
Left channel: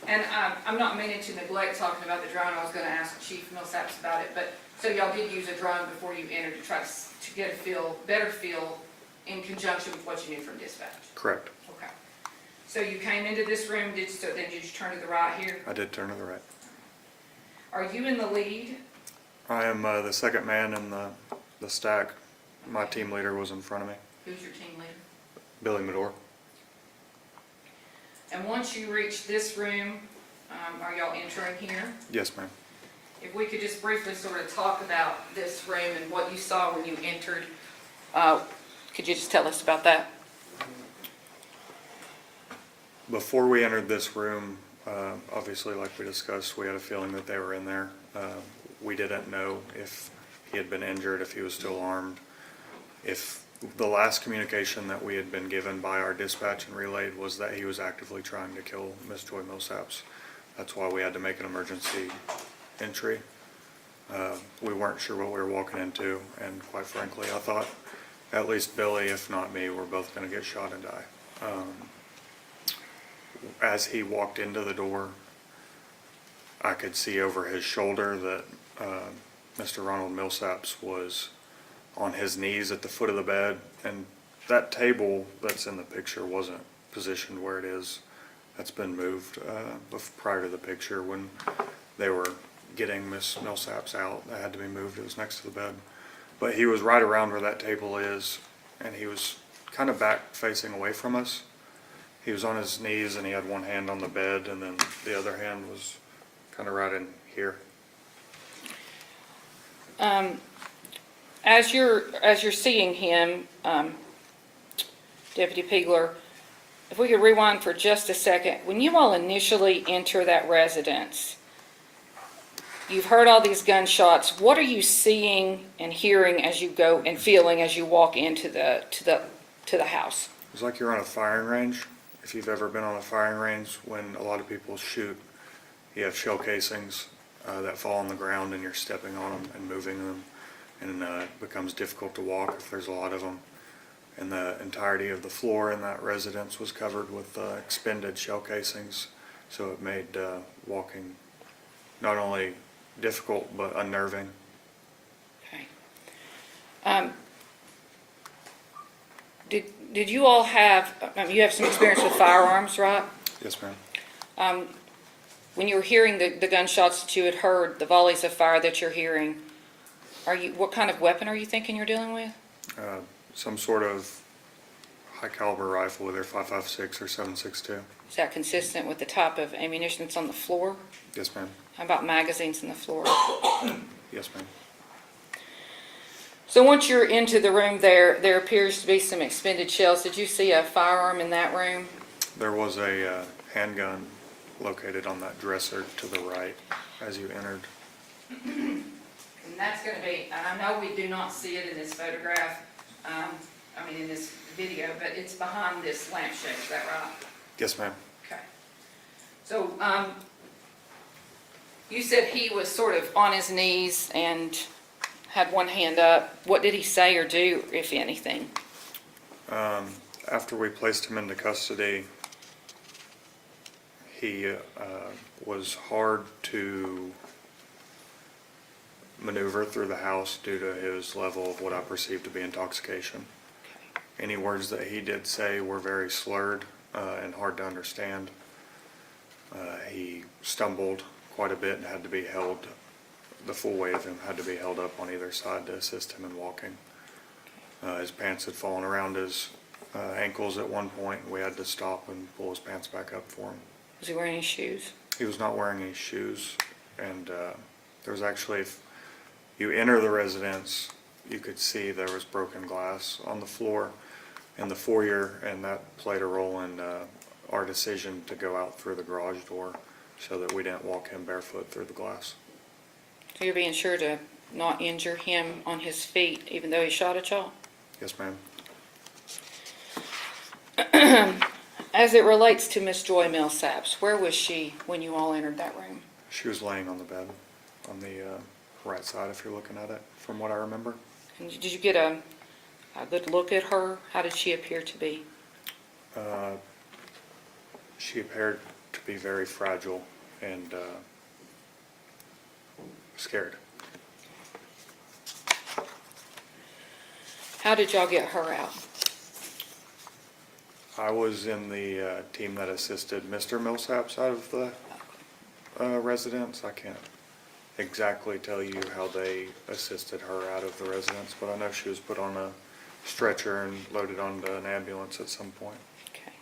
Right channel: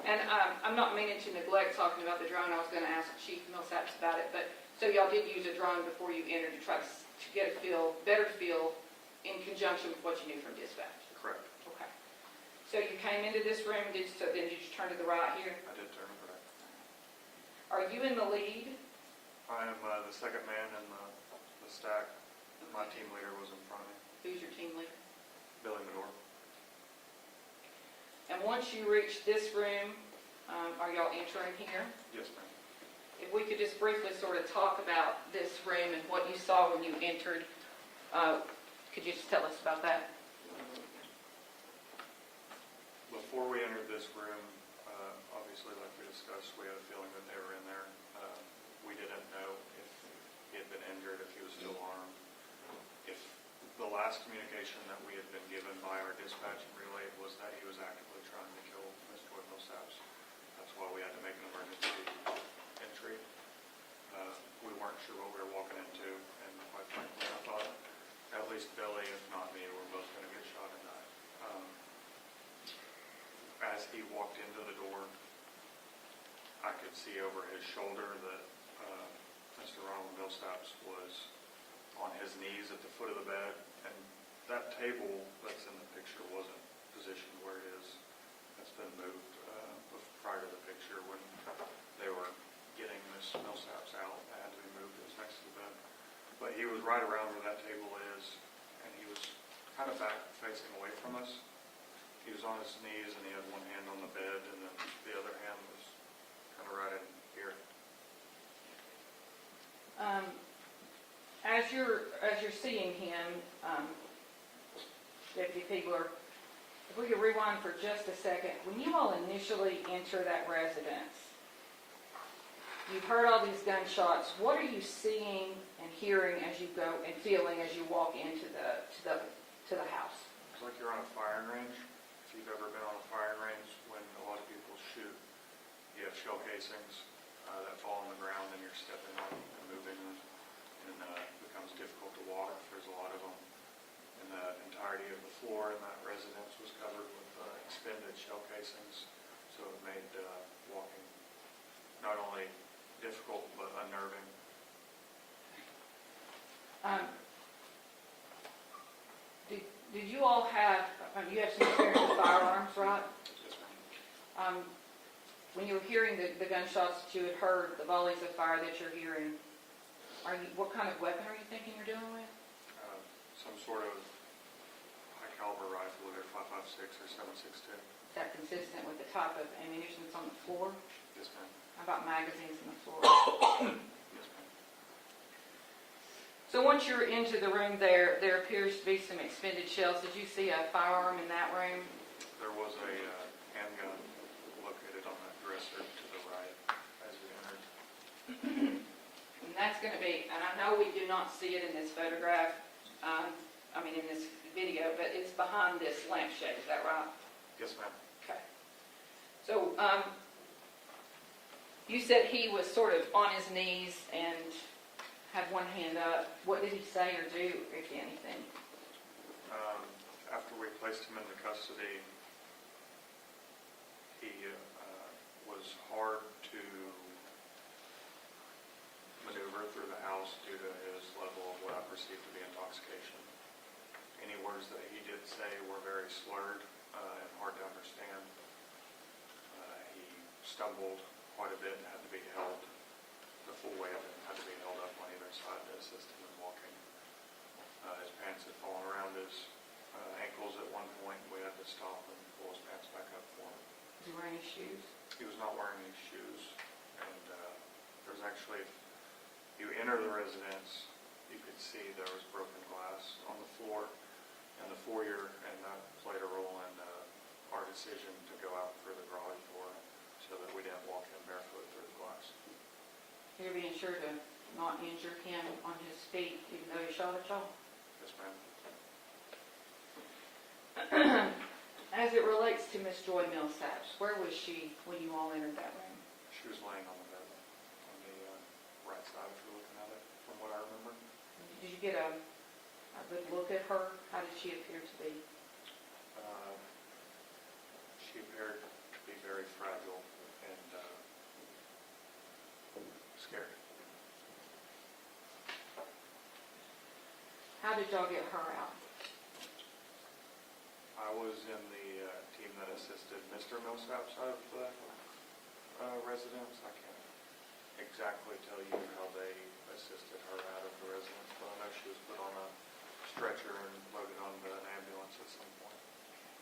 And I'm not meaning to neglect talking about the drone. I was going to ask Chief Millsaps about it, but so y'all did use a drone before you entered to try to get a better feel in conjunction with what you knew from dispatch. Correct. Okay. So you came into this room. Then did you turn to the right here? I did turn to the right. Are you in the lead? I am the second man in the stack. My team leader was in front of me. Who's your team leader? Billy Medor. And once you reach this room, are y'all entering here? Yes, ma'am. If we could just briefly sort of talk about this room and what you saw when you entered, could you just tell us about that? Before we entered this room, obviously, like we discussed, we had a feeling that they were in there. We didn't know if he had been injured, if he was still armed. If the last communication that we had been given by our dispatch and relayed was that he was actively trying to kill Miss Joy Millsaps. That's why we had to make an emergency entry. We weren't sure what we were walking into, and quite frankly, I thought at least Billy, if not me, were both going to get shot and die. As he walked into the door, I could see over his shoulder that Mr. Ronald Millsaps was on his knees at the foot of the bed, and that table that's in the picture wasn't positioned where it is. That's been moved prior to the picture. When they were getting Miss Millsaps out, that had to be moved. It was next to the bed. But he was right around where that table is, and he was kind of back facing away from us. He was on his knees, and he had one hand on the bed, and then the other hand was kind of right in here. As you're seeing him, Deputy Pegler, if we could rewind for just a second. When you all initially enter that residence, you've heard all these gunshots. What are you seeing and hearing as you go, and feeling as you walk into the house? It's like you're on a firing range. If you've ever been on a firing range, when a lot of people shoot, you have shell casings that fall on the ground, and you're stepping on them and moving them, and it becomes difficult to walk if there's a lot of them. And the entirety of the floor in that residence was covered with expended shell casings, so it made walking not only difficult but unnerving. Okay. Did you all have, you have some experience with firearms, right? Yes, ma'am. When you were hearing the gunshots that you had heard, the volleys of fire that you're hearing, what kind of weapon are you thinking you're dealing with? Some sort of high caliber rifle, either 5.56 or 7.62. Is that consistent with the type of ammunition that's on the floor? Yes, ma'am. How about magazines on the floor? Yes, ma'am. So once you're into the room there appears to be some expended shells. Did you see a firearm in that room? There was a handgun located on that dresser to the right as you entered. And that's going to be, and I know we do not see it in this photograph, in this video, but it's behind this lampshade, is that right? Yes, ma'am. Okay. So, you said he was sort of on his knees and had one hand up. What did he say or do, if anything? After we placed him into custody, he was hard to maneuver through the house due to his level of what I perceived to be intoxication. Any words that he did say were very slurred and hard to understand. He stumbled quite a bit and had to be held, the full weight of him had to be held up on either side to assist him in walking. His pants had fallen around his ankles at one point. We had to stop and pull his pants back up for him. Was he wearing any shoes? He was not wearing any shoes, and there was actually, if you enter the residence, you could see there was broken glass on the floor in the foyer, and that played a role in our decision to go out through the garage door so that we didn't walk him barefoot through the glass. So you're being sure to not injure him on his feet, even though he shot at y'all? Yes, ma'am. As it relates to Miss Joy Millsaps, where was she when you all entered that room? She was laying on the bed on the right side, if you're looking at it, from what I remember. And did you get a good look at her? How did she appear to be? She appeared to be very fragile and scared. How did y'all get her out? I was in the team that assisted Mr. Millsaps out of the residence. I can't exactly tell you how they assisted her out of the residence, but I know she was put on a stretcher and loaded onto an ambulance at some point. Okay.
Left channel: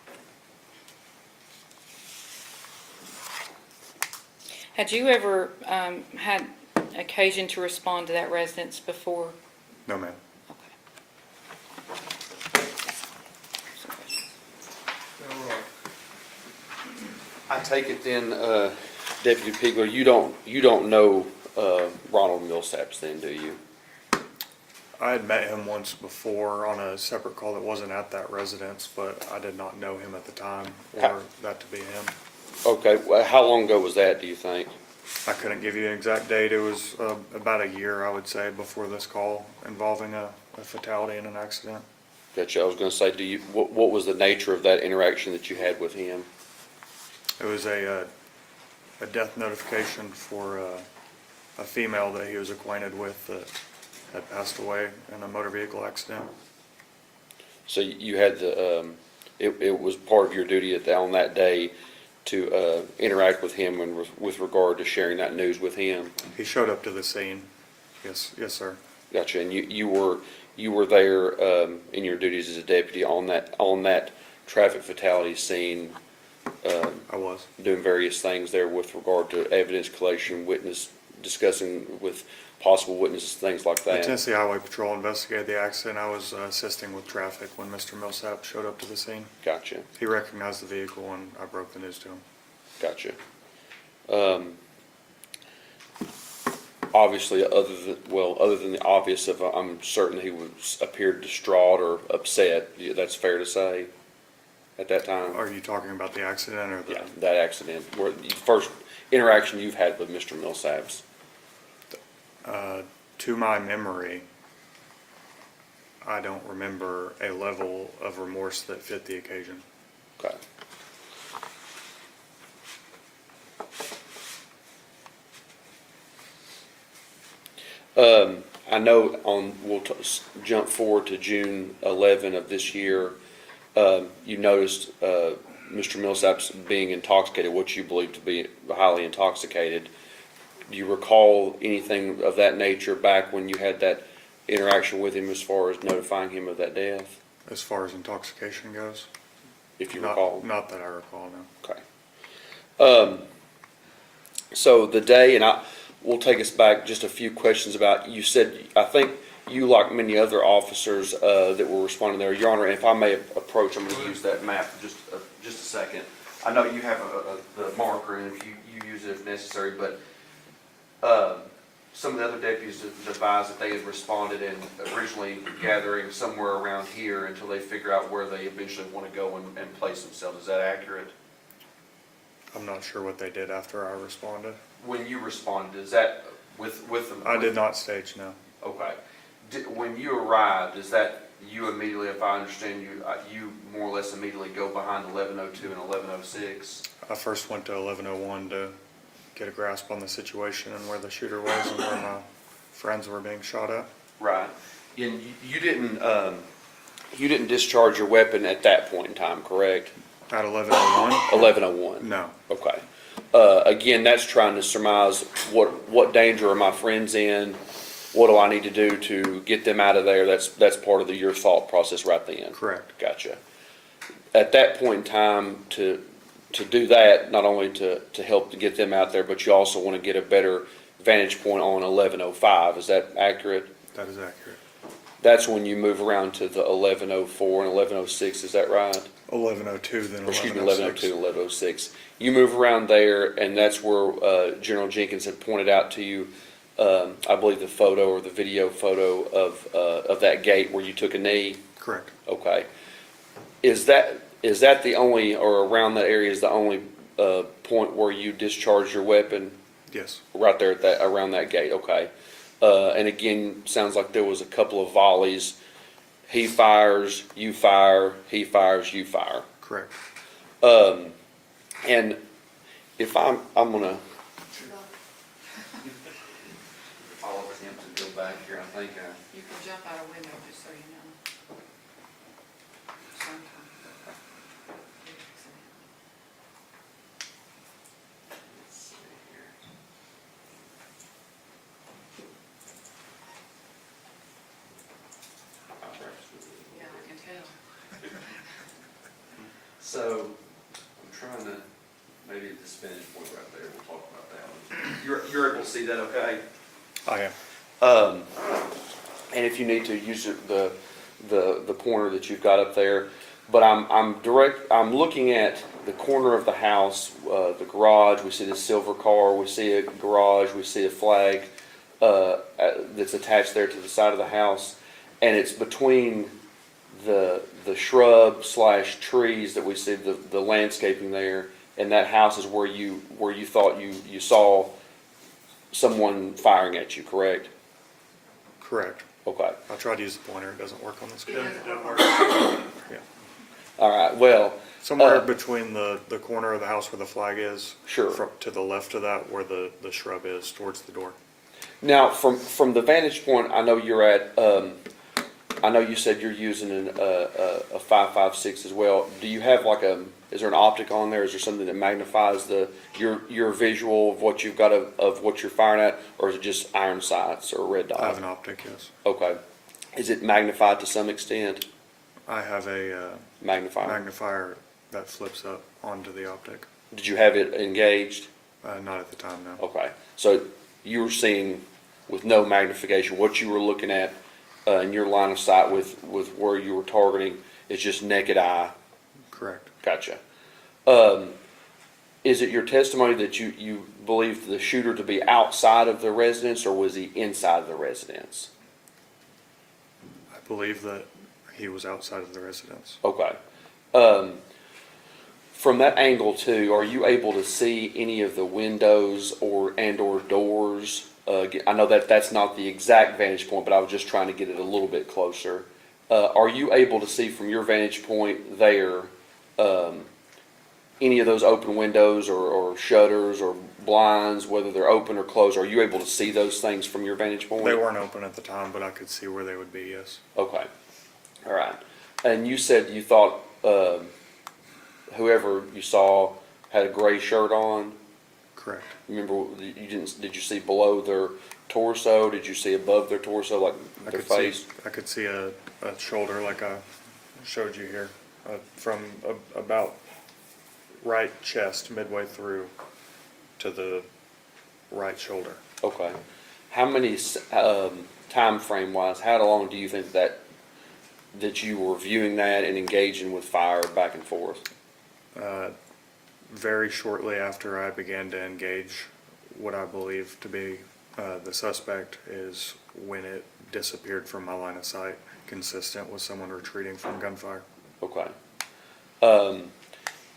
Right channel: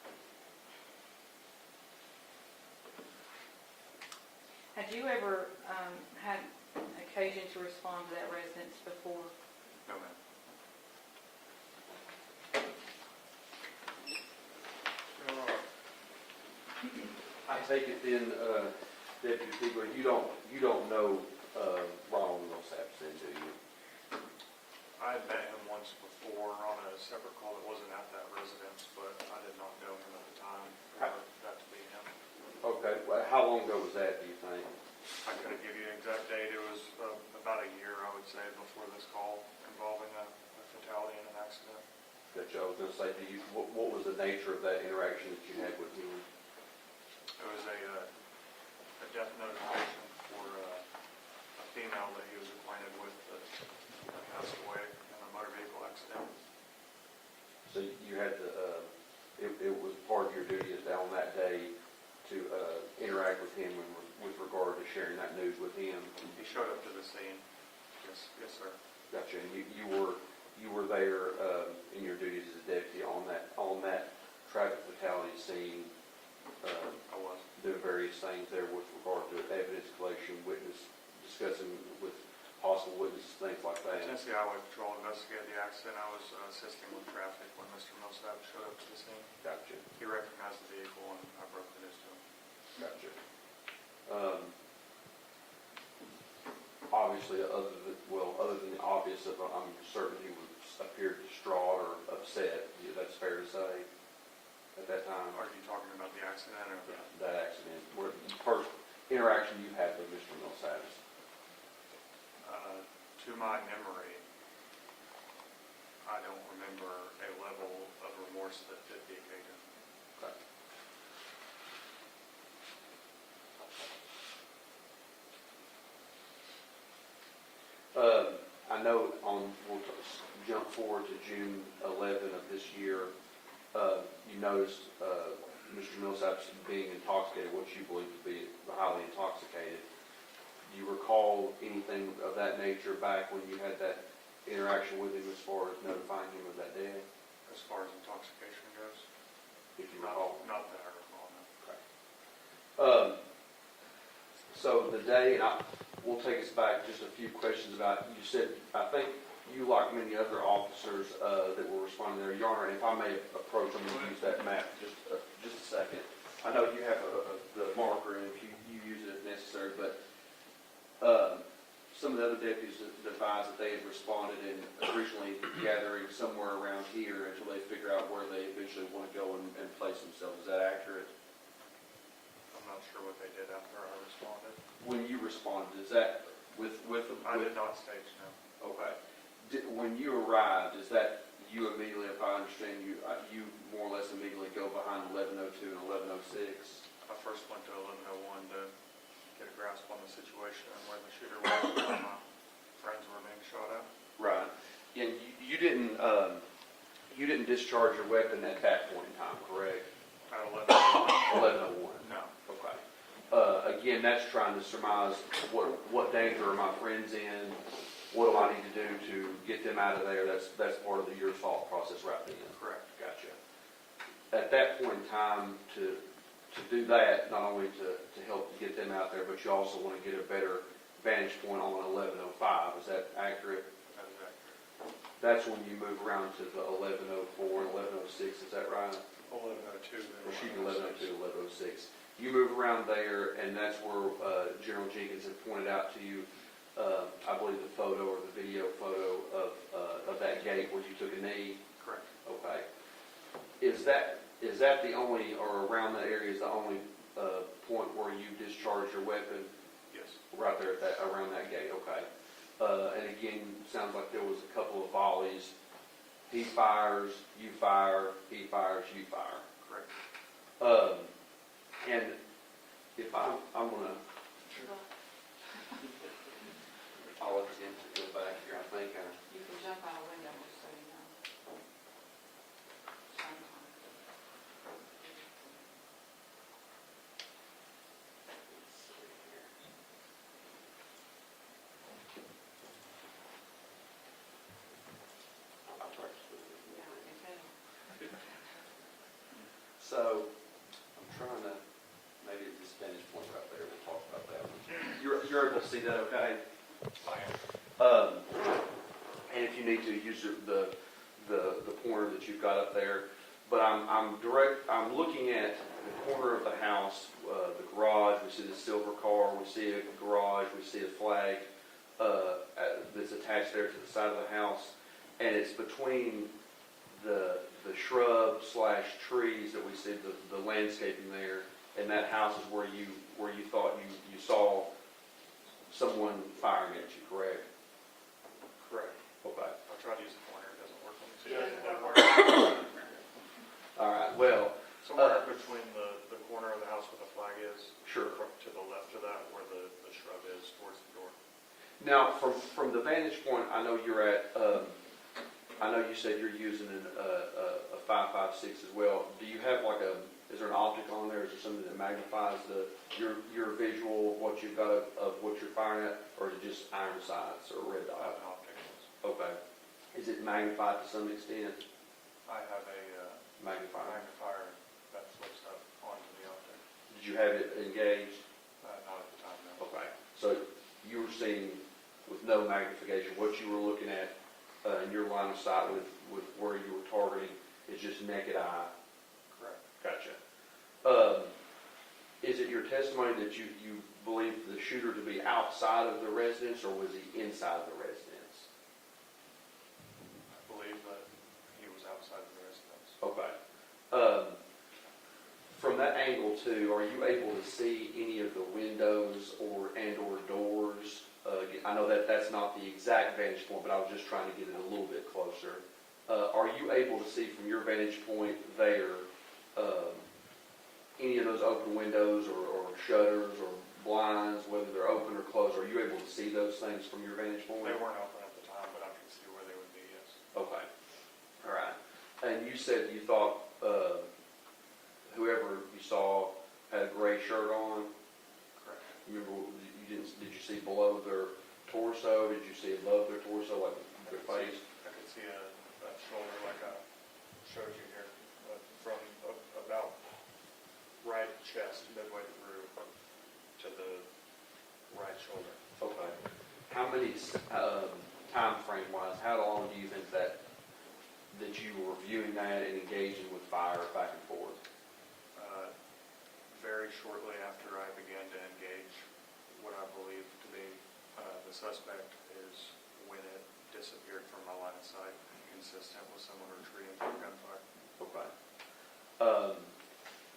Had you ever had occasion to respond to that residence before? No, ma'am. I take it then, Deputy Pigler, you don't know Ronald Millsaps then, do you? I had met him once before on a separate call that wasn't at that residence, but I did not know him at the time or that to be him. Okay, well, how long ago was that, do you think? I couldn't give you an exact date. It was about a year, I would say, before this call involving a fatality in an accident. Gotcha, I was gonna say, what was the nature of that interaction that you had with him? It was a death notification for a female that he was acquainted with that had passed away in a motor vehicle accident. So you had it was part of your duty on that day to interact with him and with regard to sharing that news with him? He showed up to the scene. Yes, sir. Gotcha, and you were there in your duties as a deputy on that traffic fatality scene. I was. Doing various things there with regard to evidence collection, discussing with possible witnesses, things like The that. Tennessee Highway Patrol investigated the accident. I was assisting with traffic when Mr. Millsap showed up to the scene. Gotcha, He recognized the vehicle and I broke the news to him. gotcha. Obviously, other than the obvious of, I'm certain he appeared distraught or upset. That's fair to say at that time? Are you talking about the accident or the? Yeah, that accident, where the first interaction you've had with Mr. Millsaps. To my memory, I don't remember a level of remorse that fit the occasion. Okay. I know we'll jump forward to June 11 of this year. You noticed Mr. Millsaps being intoxicated, what you believe to be highly intoxicated. Do you recall anything of that nature back when you had that interaction with him as far as notifying him of that death? As far as intoxication goes? If you recall. Not that I recall, no. Okay. So the day, and we'll take us back just a few questions about, you said, I think you, like many other officers that were responding there, Your Honor, and if I may approach, I'm going to use that map for just a second. I know you have the marker, and if you use it if necessary, but some of the other deputies advised that they had responded and originally gathering somewhere around here until they figure out where they eventually want to go and place themselves. Is that accurate? I'm not sure what they did after I responded. When you responded, is that with I did not stage, no. Okay. When you arrived, is that you immediately, if I understand you, you more or less immediately go behind 1102 and 1106? I first went to 1101 to get a grasp on the situation and where the shooter was and where my friends were being shot at. Right. And you didn't discharge your weapon at that point in time, correct? At 1101? 1101? No. Okay. Again, that's trying to surmise what danger are my friends in? What do I need to do to get them out of there? That's part of your thought process right then? Correct. Gotcha. At that point in time, to do that, not only to help to get them out there, but you also want to get a better vantage point on 1105. Is that accurate? That is accurate. That's when you move around to the 1104 and 1106, is that right? 1102, then 1106. Excuse me, 1102, 1106. You move around there, and that's where General Jenkins had pointed out to you, I believe, the photo or the video photo of that gate where you took a knee? Correct. Okay. Is that the only, or around that area is the only point where you discharged your weapon? Yes. Right there at around that gate, okay. And again, sounds like there was a couple of volleys. He fires, you fire, he fires, you fire. Correct. And if I'm gonna, I'll attempt to go back here, I think. You can jump out a window, just so you know. Let's see here. Yeah, I can tell. So, I'm trying to, maybe this finish point right there, we'll talk about that one. You're able to see that okay? I am. And if you need to, use the pointer that you've got up there. But I'm looking at the corner of the house, the garage, we see the silver car, we see a garage, we see a flag that's attached there to the side of the house. And it's between the shrub / trees that we see, the landscaping there, and that house is where you thought you saw someone firing at you, correct? Correct. Okay. I tried to use the pointer, it doesn't work on this It guy. doesn't work. Yeah. All right, well. Somewhere between the corner of the house where the flag is. Sure. To the left of that, where the shrub is, towards the door. Now, from the vantage point, I know you're at, I know you said you're using a 5.56 as well. Do you have is there an optic on there? Is there something that magnifies your visual of what you've got of what you're firing at, or is it just iron sights or red dot? I have an optic, yes. Okay. Is it magnified to some extent? I have a magnifier that flips up onto the optic. Did you have it engaged? Not at the time, no. Okay. So you were seeing with no magnification, what you were looking at in your line of sight with where you were targeting is just naked eye? Correct. Gotcha. Is it your testimony that you believe the shooter to be outside of the residence, or was he inside of the residence? I believe that he was outside of the residence. Okay. From that angle too, are you able to see any of the windows or doors? I know that's not the exact vantage point, but I was just trying to get it a little bit closer. Are you able to see from your vantage point there any of those open windows or shutters or blinds, whether they're open or closed? Are you able to see those things from your vantage point? They weren't open at the time, but I could see where they would be, yes. Okay. All right. And you said you thought whoever you saw had a gray shirt on? Correct. Remember, did you see below their torso? Did you see above their torso, like their face? I could see a shoulder like I showed you here, from about right chest midway through to the right shoulder. Okay. How many, time frame wise, how long do you think that you were viewing that and engaging with fire back and forth? Very shortly after I began to engage what I believe to be the suspect is when it disappeared from my line of sight, consistent with someone retreating from gunfire. Okay.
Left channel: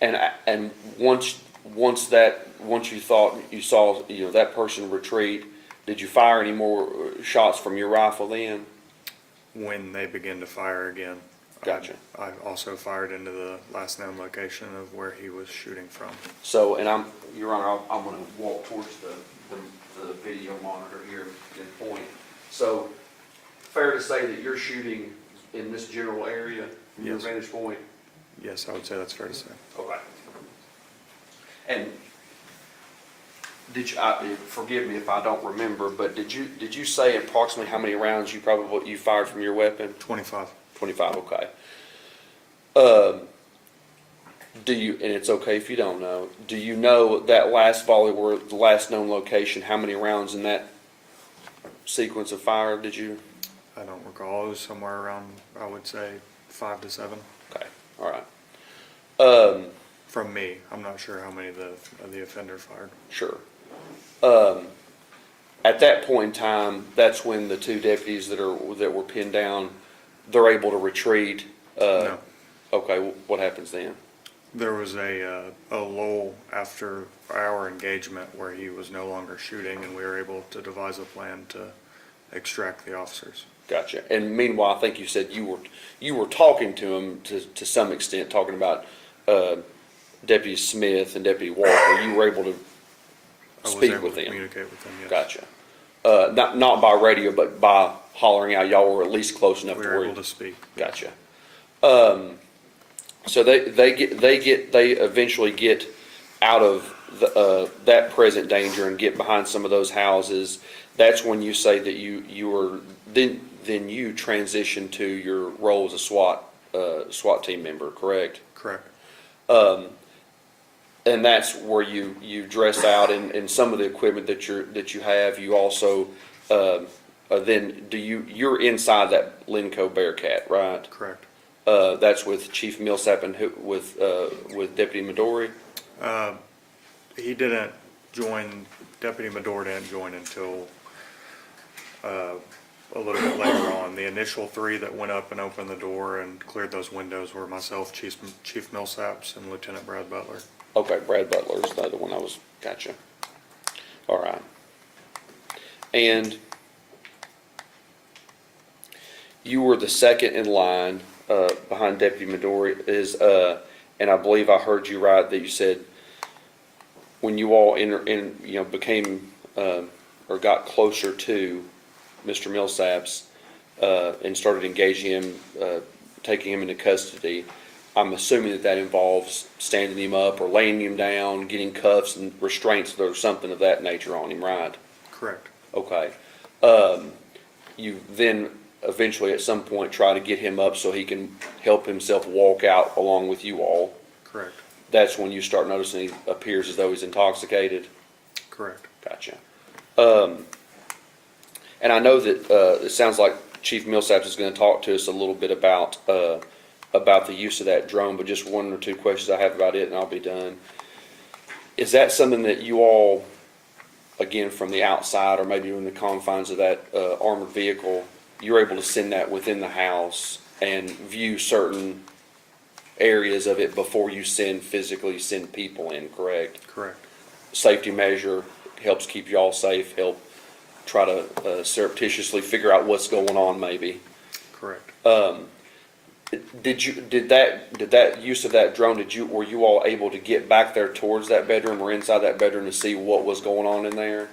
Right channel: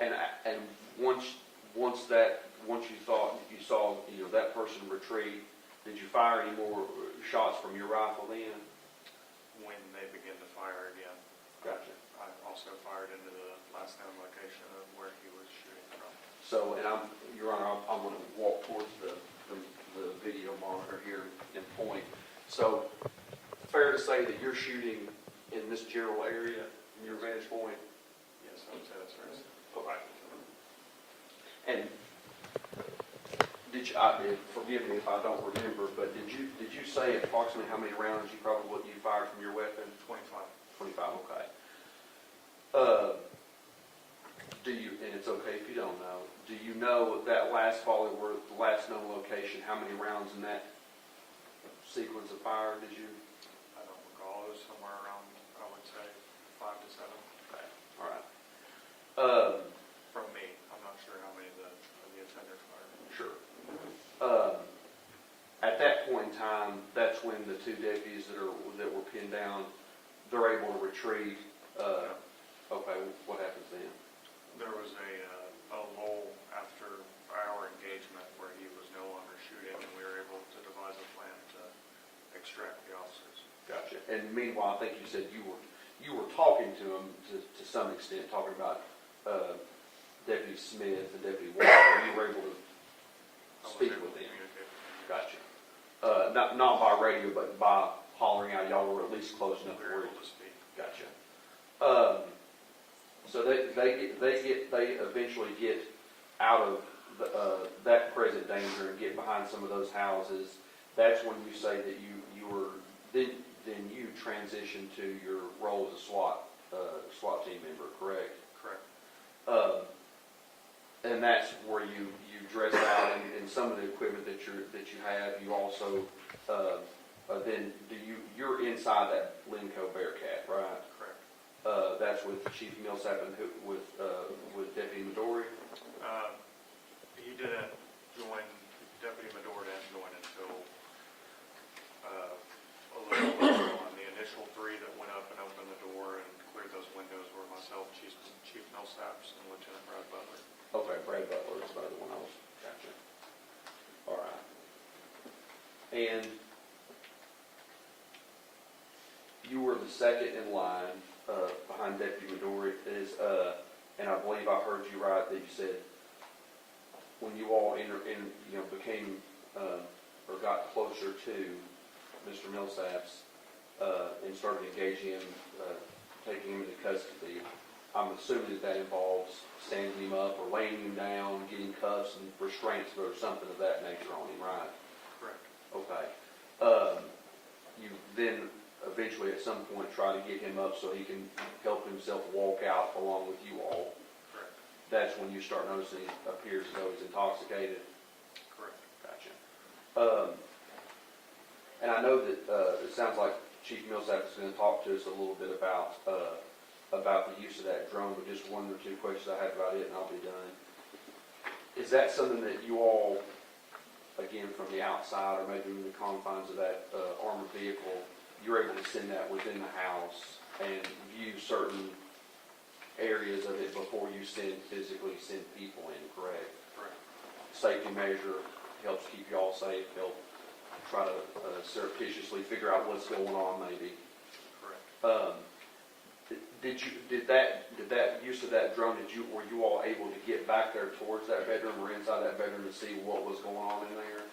And once you thought you saw that person retreat, did you fire any more shots from your rifle then? when they begin to fire again. Gotcha. I also fired into the last known location of where he was shooting from. So, and Your Honor, I'm gonna walk towards the video monitor here and point. So, fair to say that you're shooting in this general area, from your Yes. vantage point? Yes, I would say that's fair to say. Okay. And forgive me if I don't remember, but did you say approximately how many rounds you fired from your weapon? 25. 25, okay. And it's okay if you don't know, do you know that last volley were the last known location, how many rounds in that sequence of fire did you? I don't recall. It was somewhere around, I would say, 5 to 7. Okay, all right. From me. I'm not sure how many the offender fired. Sure. At that point in time, that's when the two deputies that were pinned down, they're able to retreat. No. Okay, what happens then? There was a lull after our engagement where he was no longer shooting, and we were able to devise a plan to extract the officers. Gotcha. And meanwhile, I think you said you were talking to him to some extent, talking about Deputy Smith and Deputy Walker. You were able to speak with them. Communicate with them, yes. Gotcha. Not by radio, but by hollering out. Y'all were at least close enough We to were where able to speak. Gotcha. So they eventually get out of that present danger and get behind some of those houses. That's when you say that you were then you transition to your role as a SWAT team member, correct? Correct. And that's where you dress out and some of the equipment that you have. You also then you're inside that Blount Co Bearcat, right? Correct. That's with Chief Millsap and with Deputy Midori? He didn't join, Deputy Midori didn't join until a little bit later on. The initial 3 that went up and opened the door and cleared those windows were myself, Chief Millsaps, and Lieutenant Brad Butler. Okay, Brad Butler is the other one gotcha. All right. And you were the second in line behind Deputy Midori and I believe I heard you right that you said when you all became or got closer to Mr. Millsaps and started engaging him, taking him into custody, I'm assuming that involves standing him up or laying him down, getting cuffs and restraints or something of that nature on him, right? Correct. Okay. You then eventually at some point try to get him up so he can help himself walk out along with you all. Correct. That's when you start noticing he appears as though he's intoxicated. Correct. Gotcha. And I know that it sounds like Chief Millsaps is going to talk to us a little bit about the use of that drone, but just 1 or 2 questions I have about it and I'll be done. Is that something that you all, again from the outside or maybe in the confines of that armored vehicle, you're able to send that within the house and view certain areas of it before you physically send people in, correct? Correct. Safety Measure, helps keep you all safe, help try to surreptitiously figure out what's going on maybe. Correct. Did that use of that drone, were you all able to get back there towards that bedroom or inside that bedroom to see what was going on in there?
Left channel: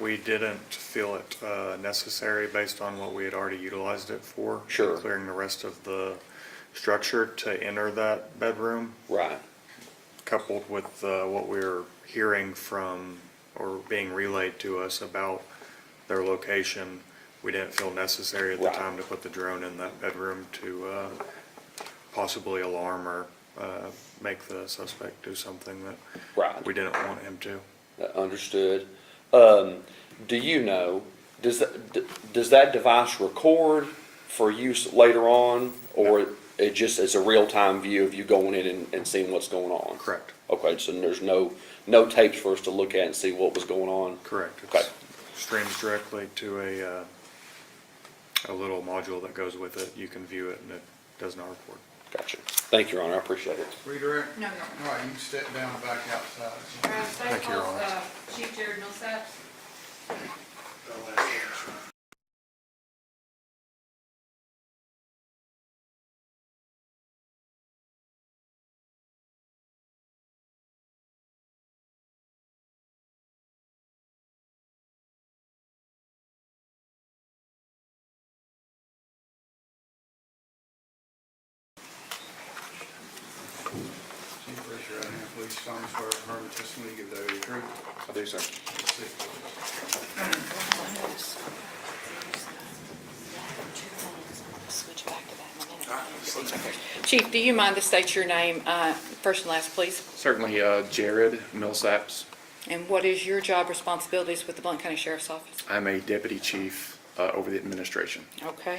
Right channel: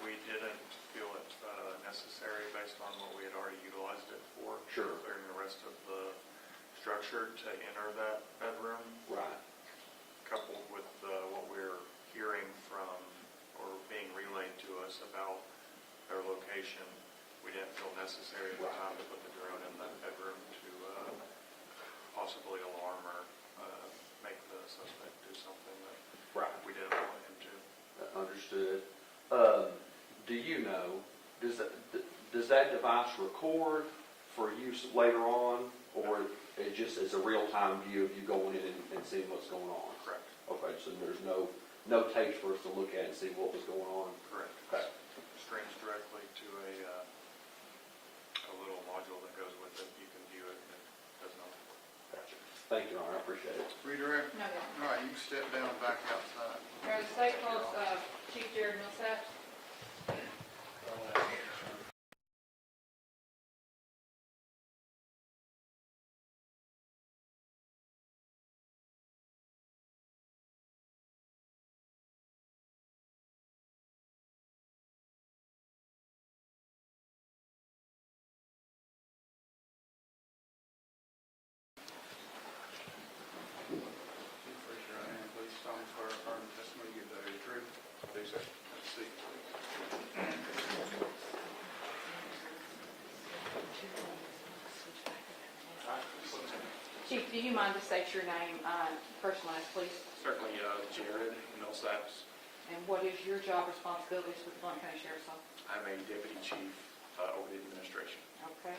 We didn't feel it necessary based on what we had already utilized it for. Sure. Clearing the rest of the structure to enter that bedroom. Right. Coupled with what we were hearing from or being relayed to us about their location, we didn't feel necessary at the time to put the drone in that bedroom to possibly alarm or make the suspect do something that we didn't want him to. Understood. Do you know, does that device record for use later on, or it just is a real-time view of you going in and seeing what's going on? Correct. Okay, so there's no tapes for us to look at and see what was going on? Correct. Okay. It streams directly to a little module that goes with it. You can view it and it does not record. Gotcha. Thank you, Your Honor. I appreciate it. Redirect? No. All right, you can step down back outside. Thank you, Your Honor. Chief Jared Millsap. solemnly swear affirm the testimony you give today will be true. I do, sir. Chief, do you mind to state your name, first and last, please? Certainly, Jared Millsaps. And what is your job responsibilities with the Blount County Sheriff's Office? I'm a deputy chief over the administration. Okay.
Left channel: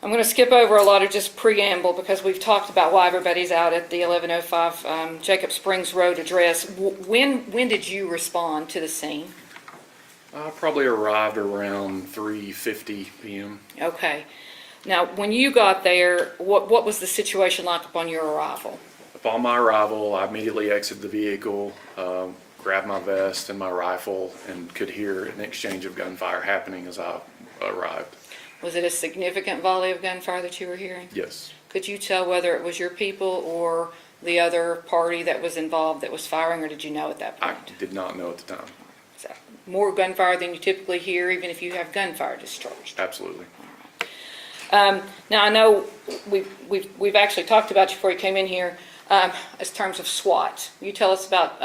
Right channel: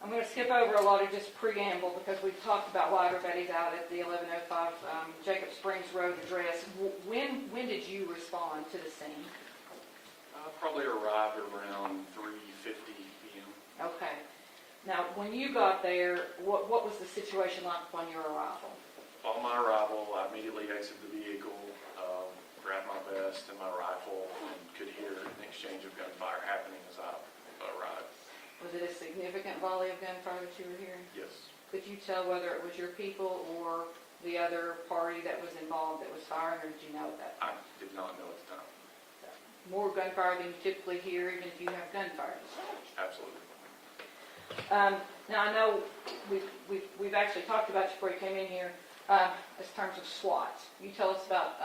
I'm going to skip over a lot of just preamble because we've talked about why everybody's out at the 1105 Jacob Springs Road address. When did you respond to the scene? Probably arrived around 3:50 p.m. Okay. Now, when you got there, what was the situation like upon your arrival? Upon my arrival, I immediately exited the vehicle, grabbed my vest and my rifle, and could hear an exchange of gunfire happening as I arrived. Was it a significant volley of gunfire that you were hearing? Yes. Could you tell whether it was your people or the other party that was involved that was firing, or did you know at that point? I did not know at the time. So, more gunfire than you typically hear, even if you have gunfire discharged? Absolutely. Now, I know we've actually talked about you before you came in here, as terms of SWAT. You tell us about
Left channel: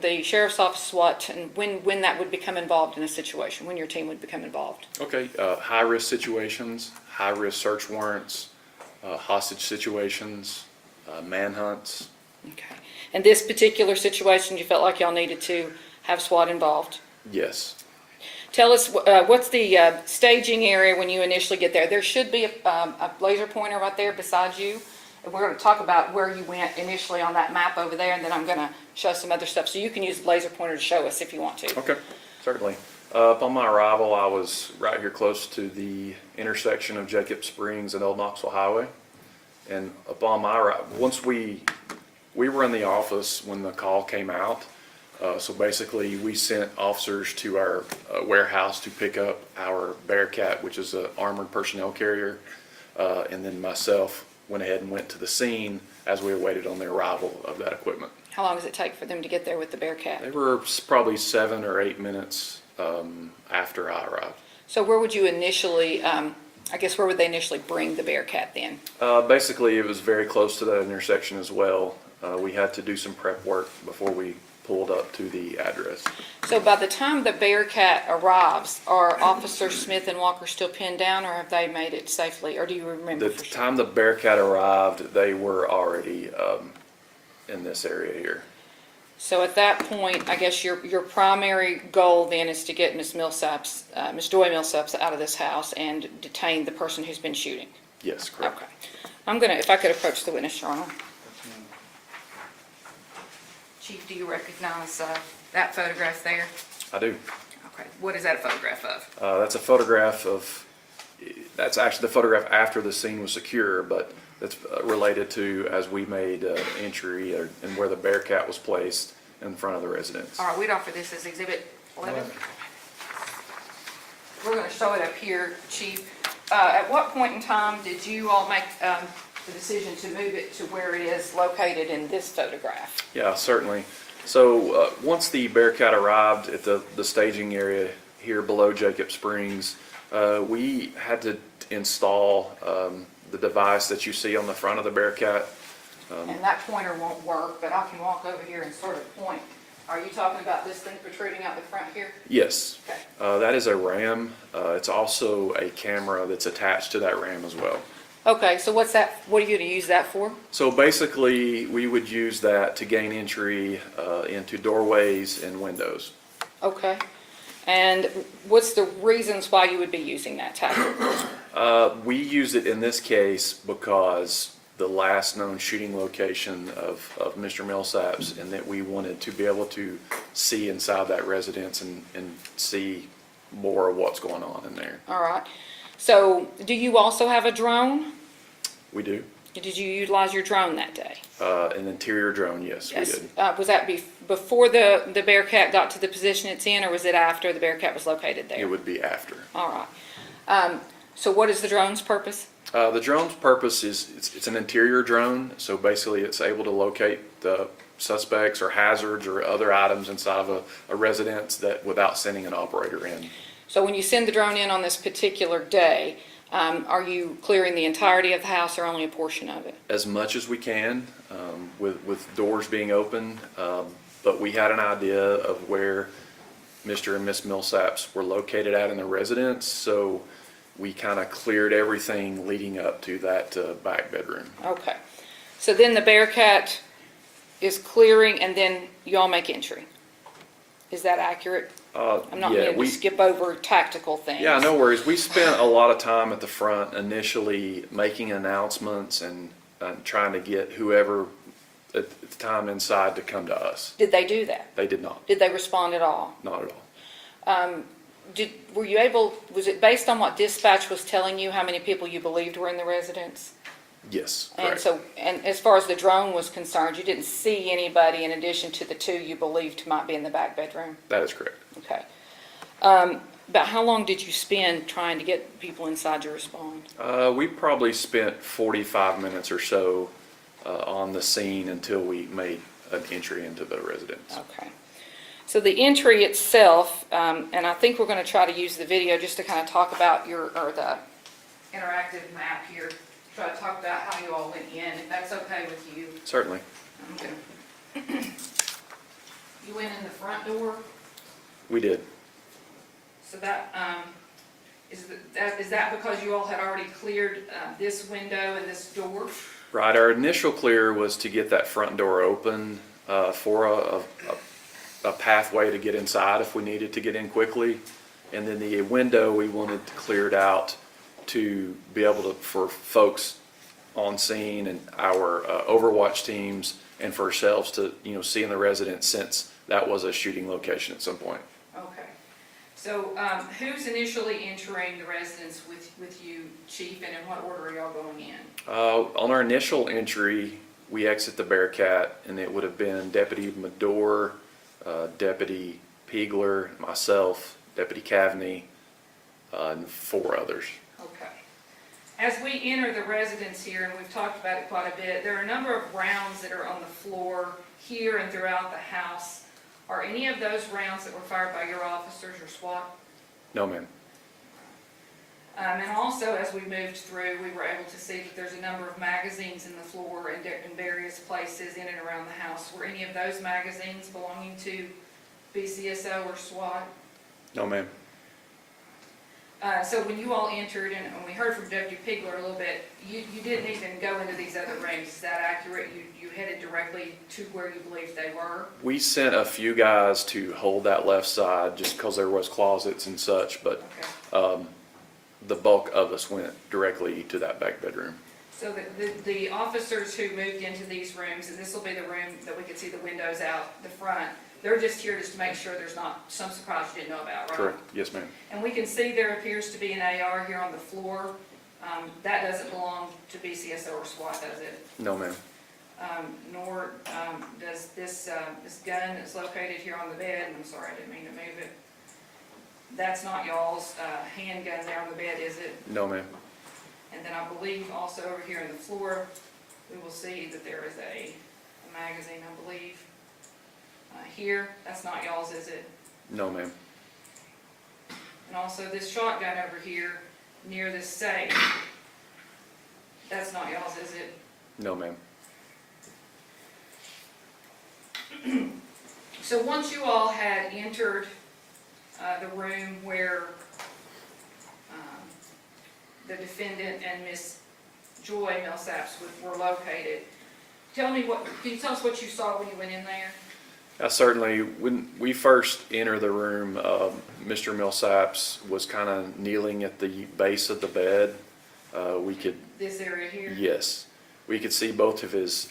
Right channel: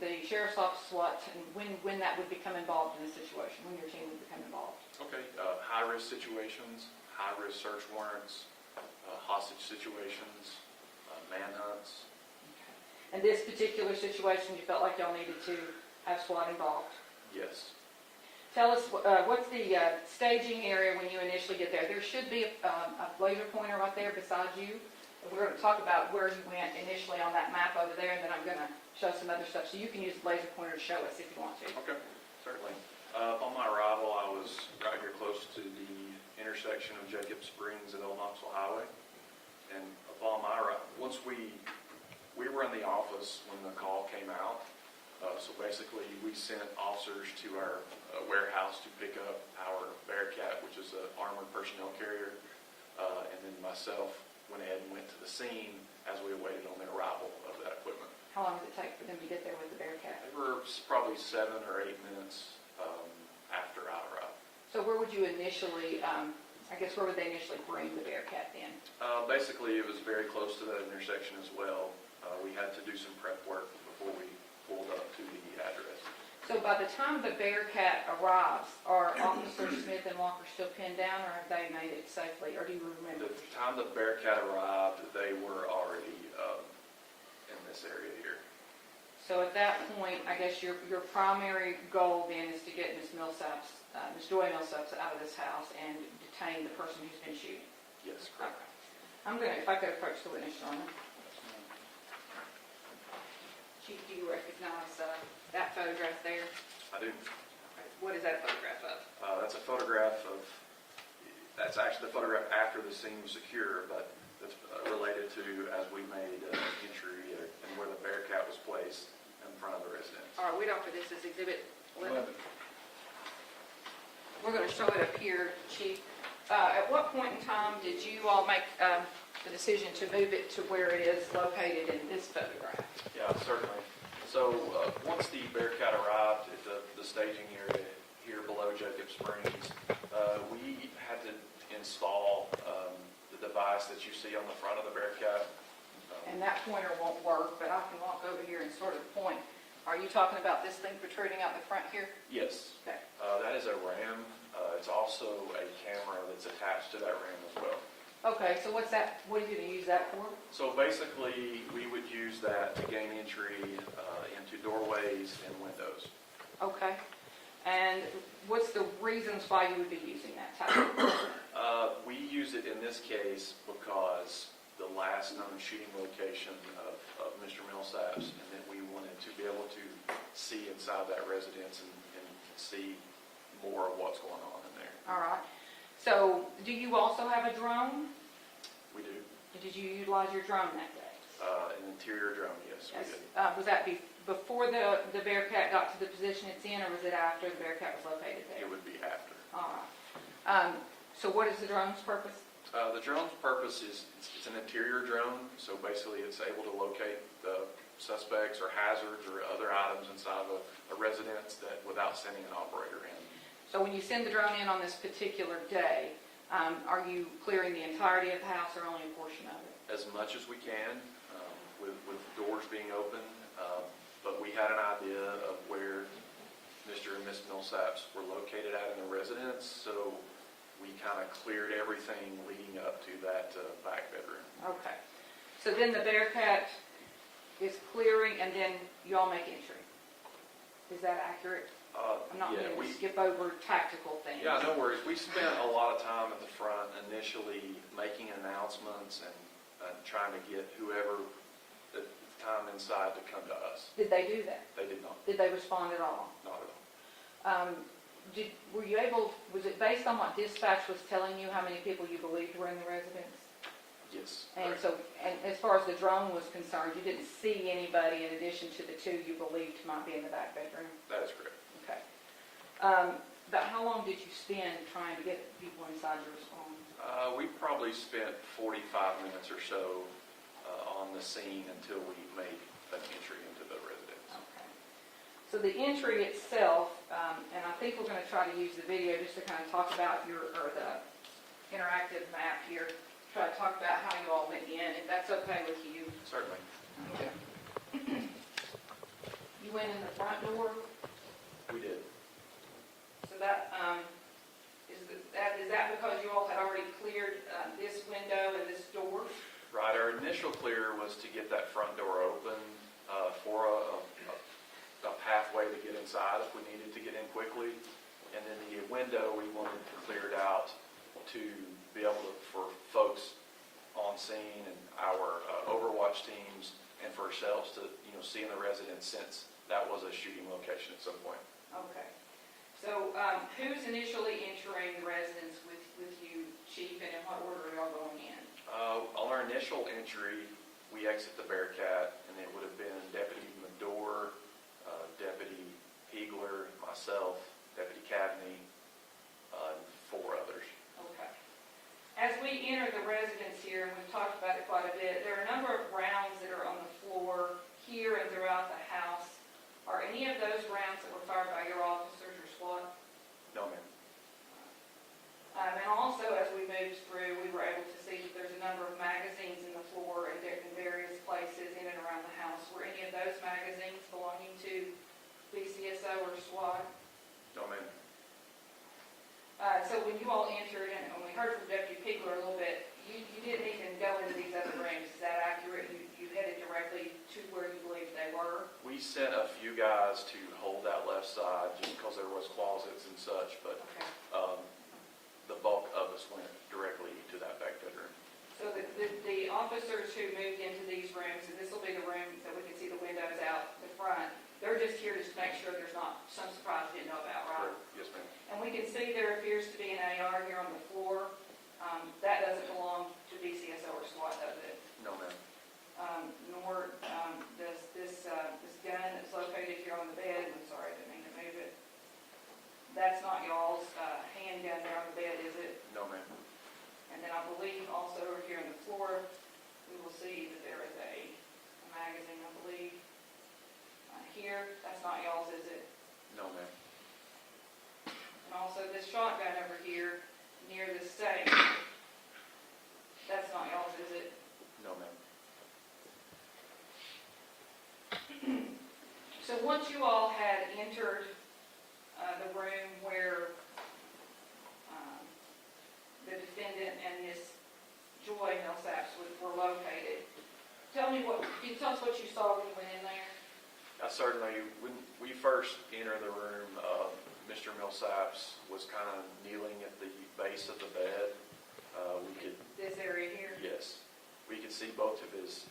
the Sheriff's Office SWAT and when that would become involved in a situation, when your team would become involved. Okay, high-risk situations, high-risk search warrants, hostage situations, manhunts. Okay. And this particular situation, you felt like y'all needed to have SWAT involved? Yes. Tell us, what's the staging area when you initially get there? There should be a laser pointer right there beside you. And we're going to talk about where you went initially on that map over there, and then I'm going to show some other stuff. So you can use the laser pointer to show us if you want to. Okay, certainly. Upon my arrival, I was right here close to the intersection of Jacob Springs and Old Knoxville Highway. And upon my arrival, once we were in the office when the call came out. So basically, we sent officers to our warehouse to pick up our Bearcat, which is an armored personnel carrier, and then myself went ahead and went to the scene as we awaited on the arrival of that equipment. How long does it take for them to get there with the Bearcat? They were probably 7 or 8 minutes after I arrived. So where would you initially, where would they initially bring the Bearcat then? Basically, it was very close to that intersection as well. We had to do some prep work before we pulled up to the address. So by the time the Bearcat arrives, are Officer Smith and Walker still pinned down, or have they made it safely, or do you remember? The time the Bearcat arrived, they were already in this area here. So at that point, I guess your primary goal then is to get Ms. Millsaps, Ms. Joy Millsaps out of this house and detain the person who's been shooting? Yes, correct. Okay. I'm gonna, if I could approach the witness, Your Honor. Chief, do you recognize that photograph there? I do. Okay. What is that a photograph of? That's a photograph of, that's actually the photograph after the scene was secure, but that's related to as we made entry and where the Bearcat was placed in front of the residence. All right, we'd offer this as Exhibit 11. We're going to show it up here, Chief. At what point in time did you all make the decision to move it to where it is located in this photograph? Yeah, certainly. So once the Bearcat arrived at the staging area here below Jacob Springs, we had to install the device that you see on the front of the Bearcat. And that pointer won't work, but I can walk over here and sort of point. Are you talking about this thing protruding out the front here? Yes. Okay. That is a RAM. It's also a camera that's attached to that RAM as well. Okay, so what's that? What are you going to use that for? So basically, we would use that to gain entry into doorways and windows. Okay. And what's the reasons why you would be using that tactic? We use it in this case because the last known shooting location of Mr. Millsaps, and that we wanted to be able to see inside that residence and see more of what's going on in there. All right. So do you also have a drone? We do. Did you utilize your drone that day? An interior drone, yes, we did. Was that before the Bearcat got to the position it's in, or was it after the Bearcat was located there? It would be after. All right. So what is the drone's purpose? The drone's purpose is it's an interior drone, so basically it's able to locate the suspects or hazards or other items inside of a residence that without sending an operator in. So when you send the drone in on this particular day, are you clearing the entirety of the house or only a portion of it? As much as we can. with doors being open. But we had an idea of where Mr. and Miss Millsaps were located at in the residence, so we kind of cleared everything leading up to that back bedroom. Okay. So then the Bearcat is clearing and then you all make entry. Is that accurate? I'm not Yeah, meaning to skip over tactical things. Yeah, no worries. We spent a lot of time at the front initially making announcements and trying to get whoever at the time inside to come to us. Did they do that? They did not, Did they respond at all? not at all. Were you able, was it based on what dispatch was telling you, how many people you believed were in the residence? Yes, And correct. so, and as far as the drone was concerned, you didn't see anybody in addition to the two you believed might be in the back bedroom? That is correct. Okay. About how long did you spend trying to get people inside to respond? We probably spent 45 minutes or so on the scene until we made an entry into the residence. Okay. So the entry itself, and I think we're going to try to use the video just to kind of talk about the interactive map here, try to talk about how you all went in, if that's okay with you. Certainly. Okay. You went in the front door, We did. so that, is that because you all had already cleared this window and this door? Right, our initial clear was to get that front door open for a pathway to get inside if we needed to get in quickly. And then the window, we wanted to clear it out to be able to, for folks on scene and our overwatch teams and for ourselves to, see in the residence, since that was a shooting location at some point. Okay. So who's initially entering the residence with you, Chief, and in what order are y'all going in? On our initial entry, we exit the Bearcat, and it would have been Deputy Medore, Deputy Piegler, myself, Deputy Cavney, and 4 others. Okay. As we enter the residence here, and we've talked about it quite a bit, there are a number of rounds that are on the floor here and throughout the house. Are any of those rounds that were fired by your officers or SWAT? No, ma'am. And also, as we moved through, we were able to see that there's a number of magazines in the floor and in various places in and around the house. Were any of those magazines belonging to BCSO or SWAT? No, ma'am. So when you all entered, and we heard from Deputy Piegler a little bit, you didn't even go into these other rooms. Is that accurate? You headed directly to where you believed they were? We sent a few guys to hold that left side just because there was closets and such, but the bulk of us went directly to that back bedroom. So the officers who moved into these rooms, and this will be the room that we could see the windows out the front, they're just here just to make sure there's not some surprise you didn't know about, right? Correct. Yes, ma'am. And we can see there appears to be an AR here on the floor. That doesn't belong to BCSO or SWAT, does it? No, ma'am. Nor does this gun that's located here on the bed, and I'm sorry, I didn't mean to move it. That's not y'all's handgun there on the bed, is it? No, ma'am. And then I believe also over here on the floor, we will see that there is a magazine, I believe. Here, that's not y'all's, is it? No, ma'am. And also this shotgun over here near this safe, that's not y'all's, is it? No, ma'am. So once you all had entered the room where the defendant and Miss Joy Millsaps were located, can you tell us what you saw when you went in there? Certainly, when we first entered the room, Mr. Millsaps was kind of kneeling at the base of the bed. We could, This area here? yes, we could see both of his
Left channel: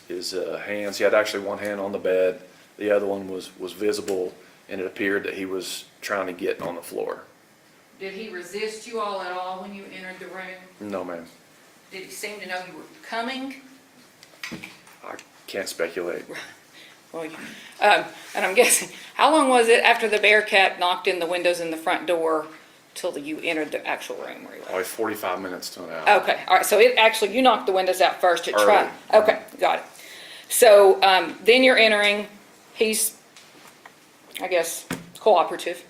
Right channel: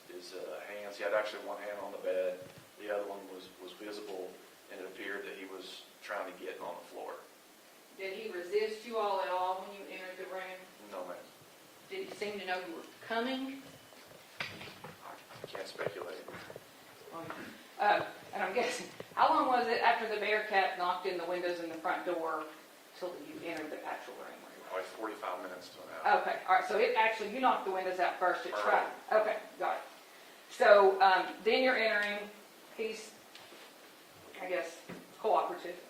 hands. He had actually one hand on the bed, the other one was visible, and it appeared that he was trying to get on the floor. Did he resist you all at all when you entered the room? No, ma'am. Did he seem to know you were coming? I can't speculate. Well, and I'm guessing, how long was it after the Bearcat knocked in the windows in the front door till you entered the actual room where you were? Probably 45 minutes to an hour. Okay, all right, so you knocked the windows out first to try. Early. Okay, got it. So then you're entering, he's, I guess, cooperative.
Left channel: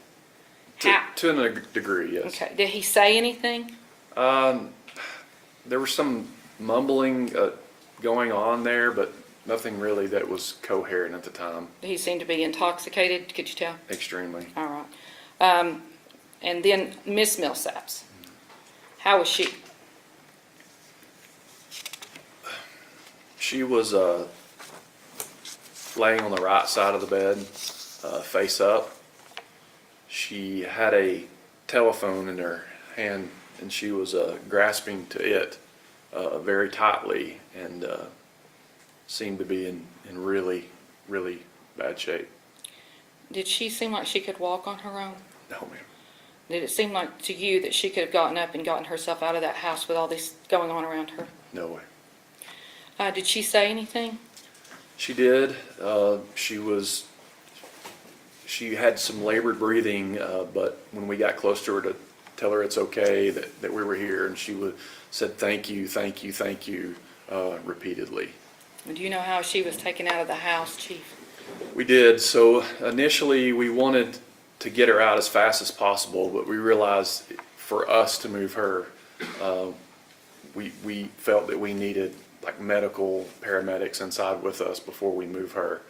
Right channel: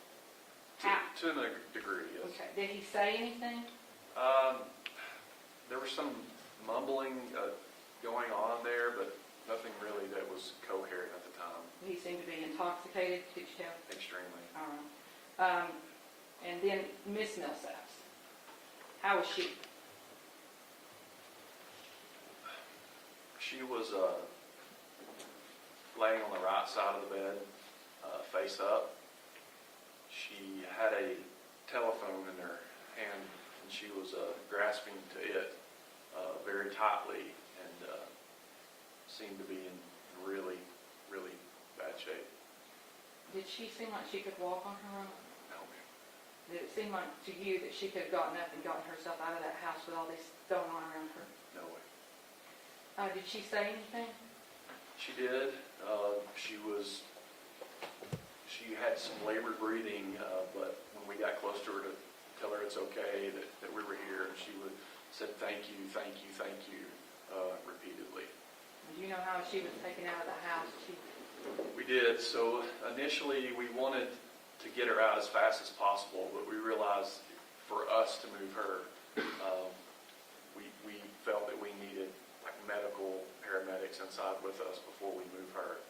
To a degree, yes. Okay, did he say anything? There was some mumbling going on there, but nothing really that was coherent at the time, He seemed to be intoxicated, could you tell? extremely. All right. And then Miss Millsaps, how was she? She was laying on the right side of the bed, face up. She had a telephone in her hand, and she was grasping to it very tightly, and seemed to be in really, really bad shape. Did she seem like she could walk on her own? No, ma'am. Did it seem like to you that she could have gotten up and gotten herself out of that house with all this going on around her? No way. Did she say anything? She did. She had some labored breathing, but when we got close to her to tell her it's okay, that we were here, and she said thank you, thank you, thank you, repeatedly. Do you know how she was taken out of the house, Chief? We did. So initially, we wanted to get her out as fast as possible, but we realized for us to move her, we felt that we needed like medical paramedics inside with us before we move her.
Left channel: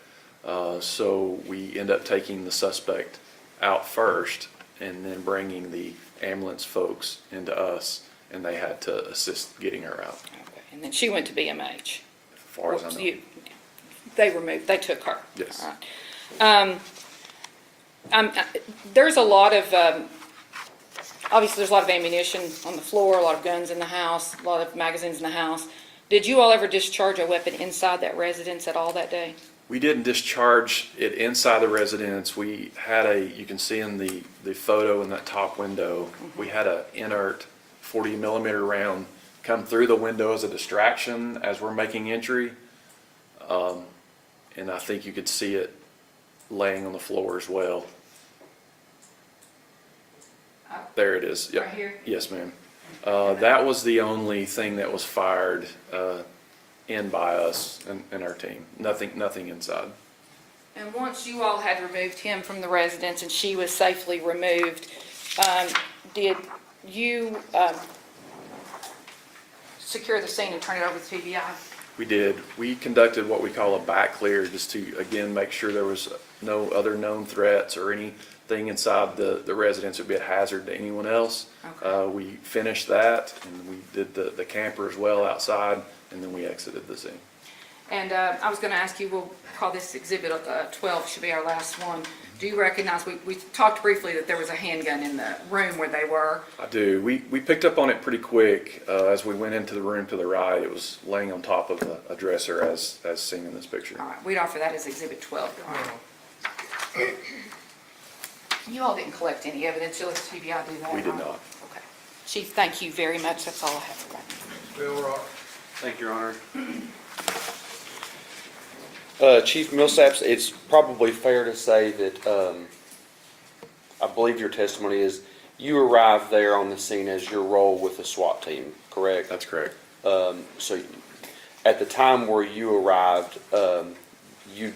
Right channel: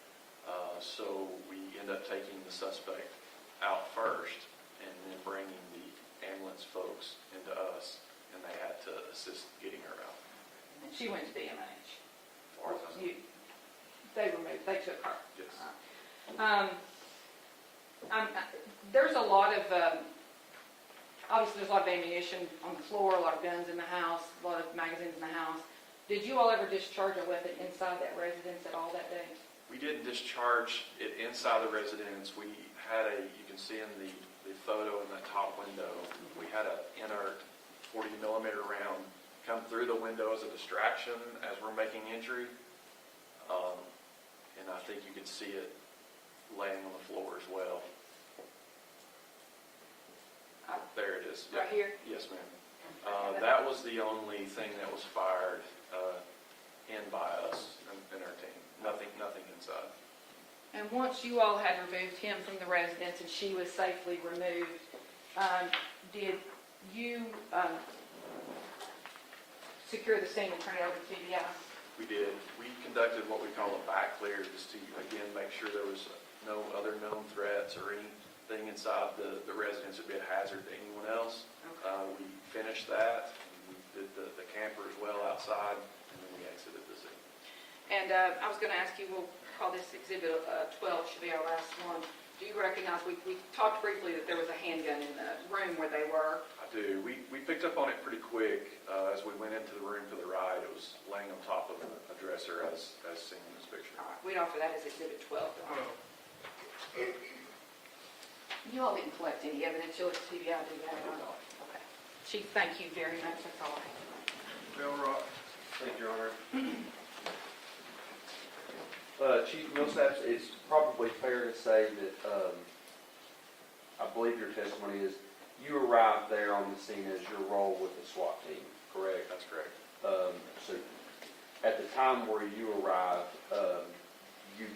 So we end up taking the suspect out first and then bringing the ambulance folks into us, and they had to assist getting her out. And then she went to BMH. As far as I know. They took her. Yes. All right. There's a lot of, obviously there's a lot of ammunition on the floor, a lot of guns in the house, a lot of magazines in the house. Did you all ever discharge a weapon inside that residence at all that day? We didn't discharge it inside the residence. We had you can see in the photo in that top window, we had an inert 40 millimeter round come through the window as a distraction as we're making entry. And I think you could see it laying on the floor as well. There it is. Yep. Right here? Yes, ma'am. That was the only thing that was fired in by us and our team. Nothing inside. And once you all had removed him from the residence and she was safely removed, did you secure the scene and turn it over to TBI? We did. We conducted what we call a back clear, just to, again, make sure there was no other known threats or anything inside the residence that would be a hazard to anyone else. Okay. We finished that, and we did the camper as well outside, and then we exited the scene. And I was going to ask you, we'll call this Exhibit 12, should be our last one. Do you recognize, we talked briefly that there was a handgun in the room where they were. I do. We picked up on it pretty quick. As we went into the room to the right, it was laying on top of a dresser as seen in this picture. All right, we'd offer that as Exhibit 12. All right. You all didn't collect any evidence, you'll let TBI do that? We did right? not. Okay. Chief, thank you very much, that's all I have for that. Bill Rock. Thank you, Your Honor. Chief Millsaps, it's probably fair to say that, I believe your testimony is, you arrived there on the scene as your role with the SWAT team, correct? That's correct. So at the time where you arrived, you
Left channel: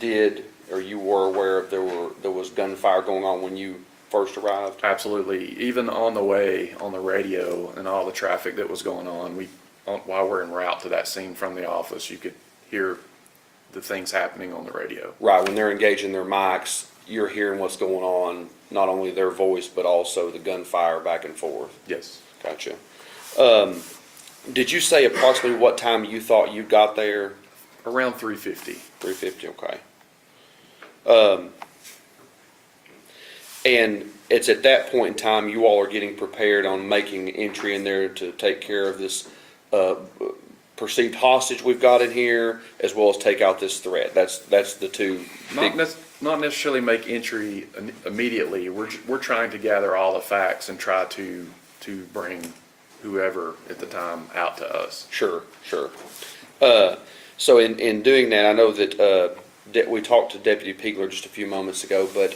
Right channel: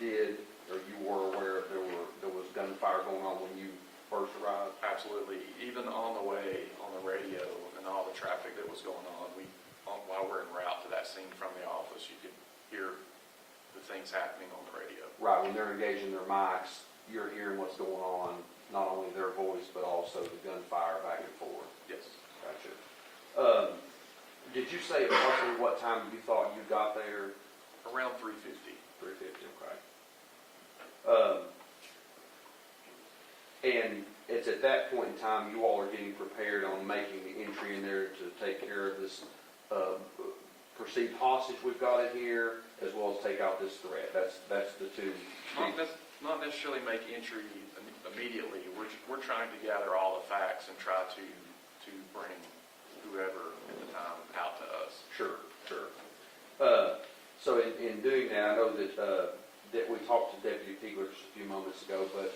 did, or you were aware there was gunfire going on when you first arrived? Absolutely. Even on the way, on the radio and all the traffic that was going on, while we're en route to that scene from the office, you could hear the things happening on the radio. Right, when they're engaging their mics, you're hearing what's going on, not only their voice, but also the gunfire back and forth. Yes. Gotcha. Did you say approximately what time you thought you got there? Around 3:50. 3:50, okay. And it's at that point in time you all are getting prepared on making entry in there to take care of this perceived hostage we've got in here, as well as take out this threat. That's the two big. Not necessarily make entry immediately. We're trying to gather all the facts and try to bring whoever at the time out to us. Sure. So in doing that, I know that we talked to Deputy Pegler just a few moments ago, but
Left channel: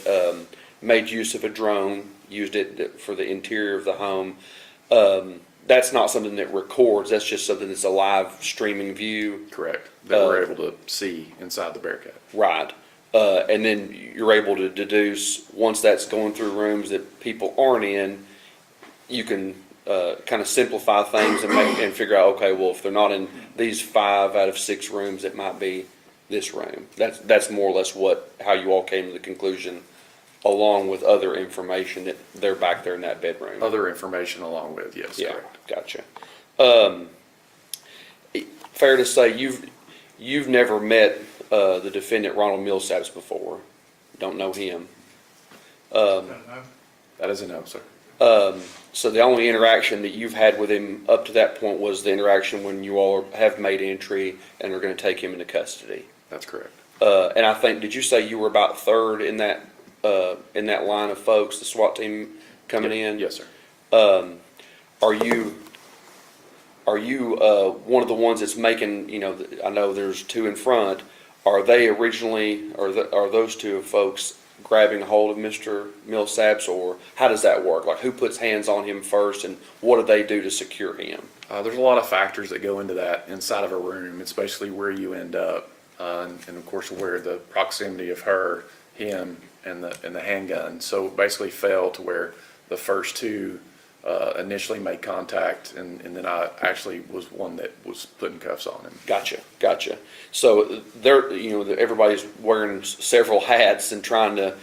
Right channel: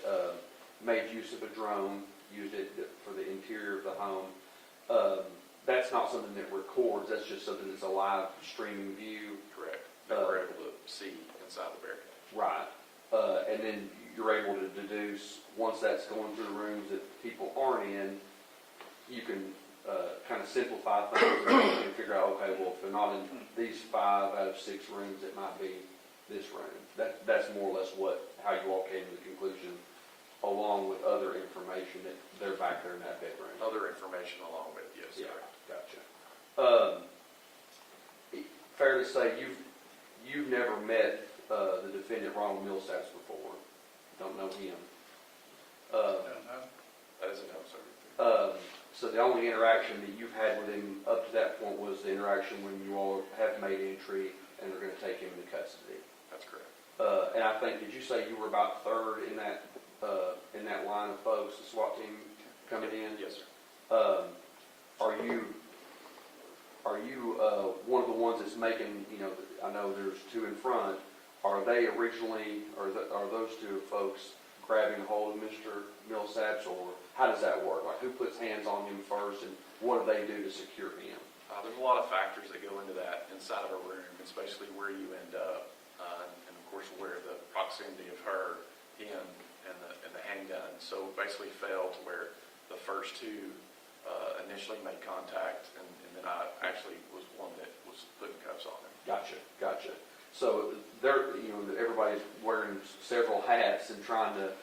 made use of a drone, used it for the interior of the home. That's not something that records, that's just something that's a live streaming view. Correct. That we're able to see inside the Bearcat. Right. And then you're able to deduce, once that's going through rooms that people aren't in, you can kind of simplify things and figure out, okay, well, if they're not in these 5 out of 6 rooms, it might be this room. That's more or less how you all came to the conclusion, along with other information that they're back there in that bedroom. Other information along with, yes, Yeah, correct. gotcha. Fair to say, you've never met the defendant, Ronald Millsaps, before? Don't know him? That is a no, sir. So the only interaction that you've had with him up to that point was the interaction when you all have made entry and are going to take him into custody? That's correct. And I think, did you say you were about third in that line of folks, the SWAT team coming in? Yes, sir. Are you one of the ones that's making, I know there's 2 in front, are they originally, are those 2 folks grabbing a hold of Mr. Millsaps, or how does that work? Like, who puts hands on him first, and what do they do to secure him? There's a lot of factors that go into that inside of a room. It's basically where you end up, and of course where the proximity of him, and the handgun. So basically fell to where the first 2 initially made contact, and then I actually was one that was putting cuffs on him. Gotcha. So everybody's wearing several hats and trying to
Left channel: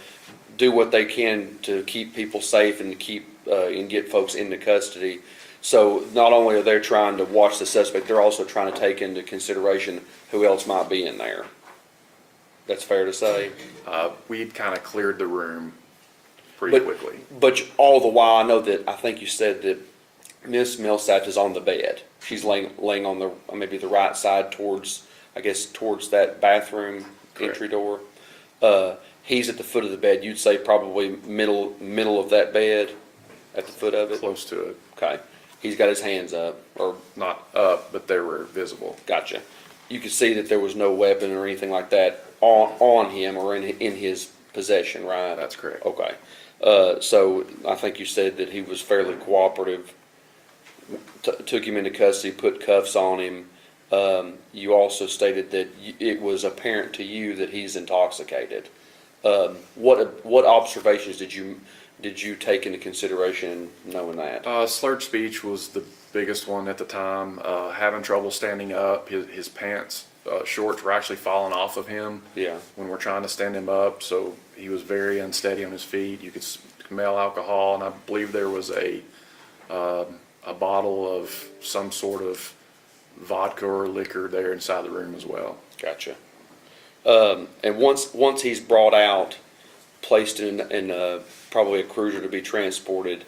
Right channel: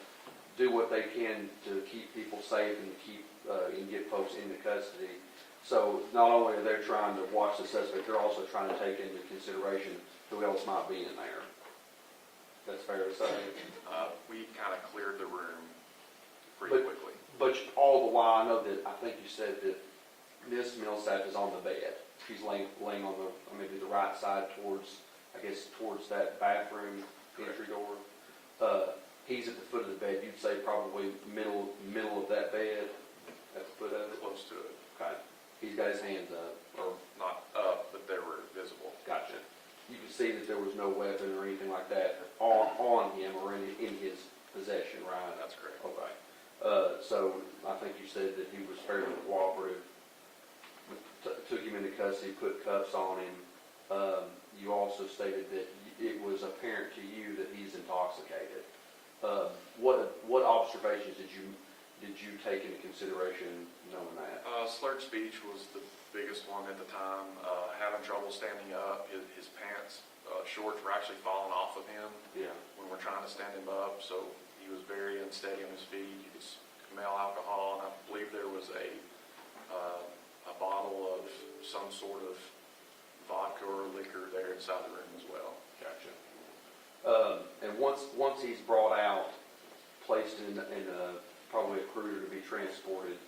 do what they can to keep people safe and to keep and get folks into custody. So not only are they trying to watch the suspect, they're also trying to take into consideration who else might be in there. That's fair to say? We'd kind of cleared the room pretty quickly. But all the while, I know that, I think you said that Miss Millsaps is on the bed. She's laying on maybe the right side towards that bathroom entry door. He's at the foot of the bed. You'd say probably middle of that bed, at the foot of it? Close to it. Okay. He's got his hands up, or not up, but they were visible. Gotcha. You could see that there was no weapon or anything like that on him or in his possession, right? That's correct. Okay. So I think you said that he was fairly cooperative, took him into custody, put cuffs on him. You also stated that it was apparent to you that he's intoxicated. What observations did you take into consideration knowing that? Slurred speech was the biggest one at the time. Having trouble standing up. His pants, shorts were actually falling off of him. Yeah. When we're trying to stand him up, so he was very unsteady on his feet. You could smell alcohol, and I believe there was a bottle of some sort of vodka or liquor there inside the room as well. Gotcha. And once he's brought out, placed in probably a cruiser to be transported,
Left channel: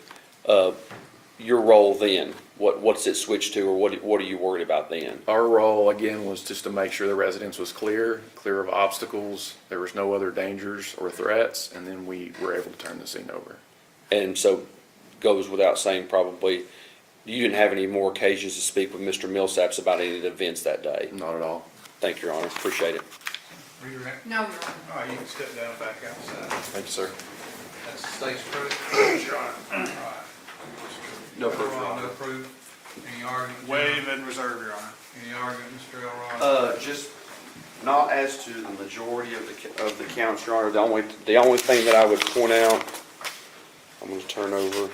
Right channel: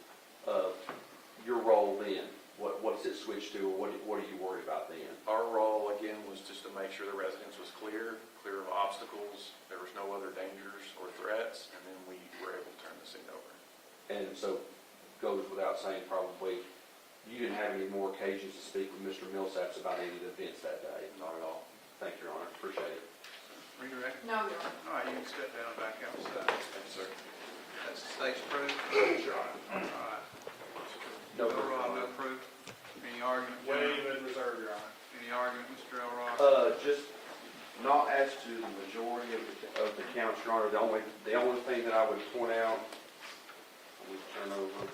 your role then, what's it switched to, or what are you worried about then? Our role, again, was just to make sure the residence was clear of obstacles, there was no other dangers or threats, and then we were able to turn the scene over. And so, goes without saying probably, you didn't have any more occasions to speak with Mr. Millsaps about any of the events that day? Not at all. Thank you, Your Honor. Appreciate it. Are you ready? No, Your Honor. All right, you can step down back outside. Thank you, sir. That's the state's proof. Your Honor. All right. No proof, Your No Honor. proof. Any argument? Waive and reserve, Your Honor. Any argument, Mr. Elrod? Just not as to the majority of the counts, Your Honor. The only thing that I would point out, I'm going to turn over.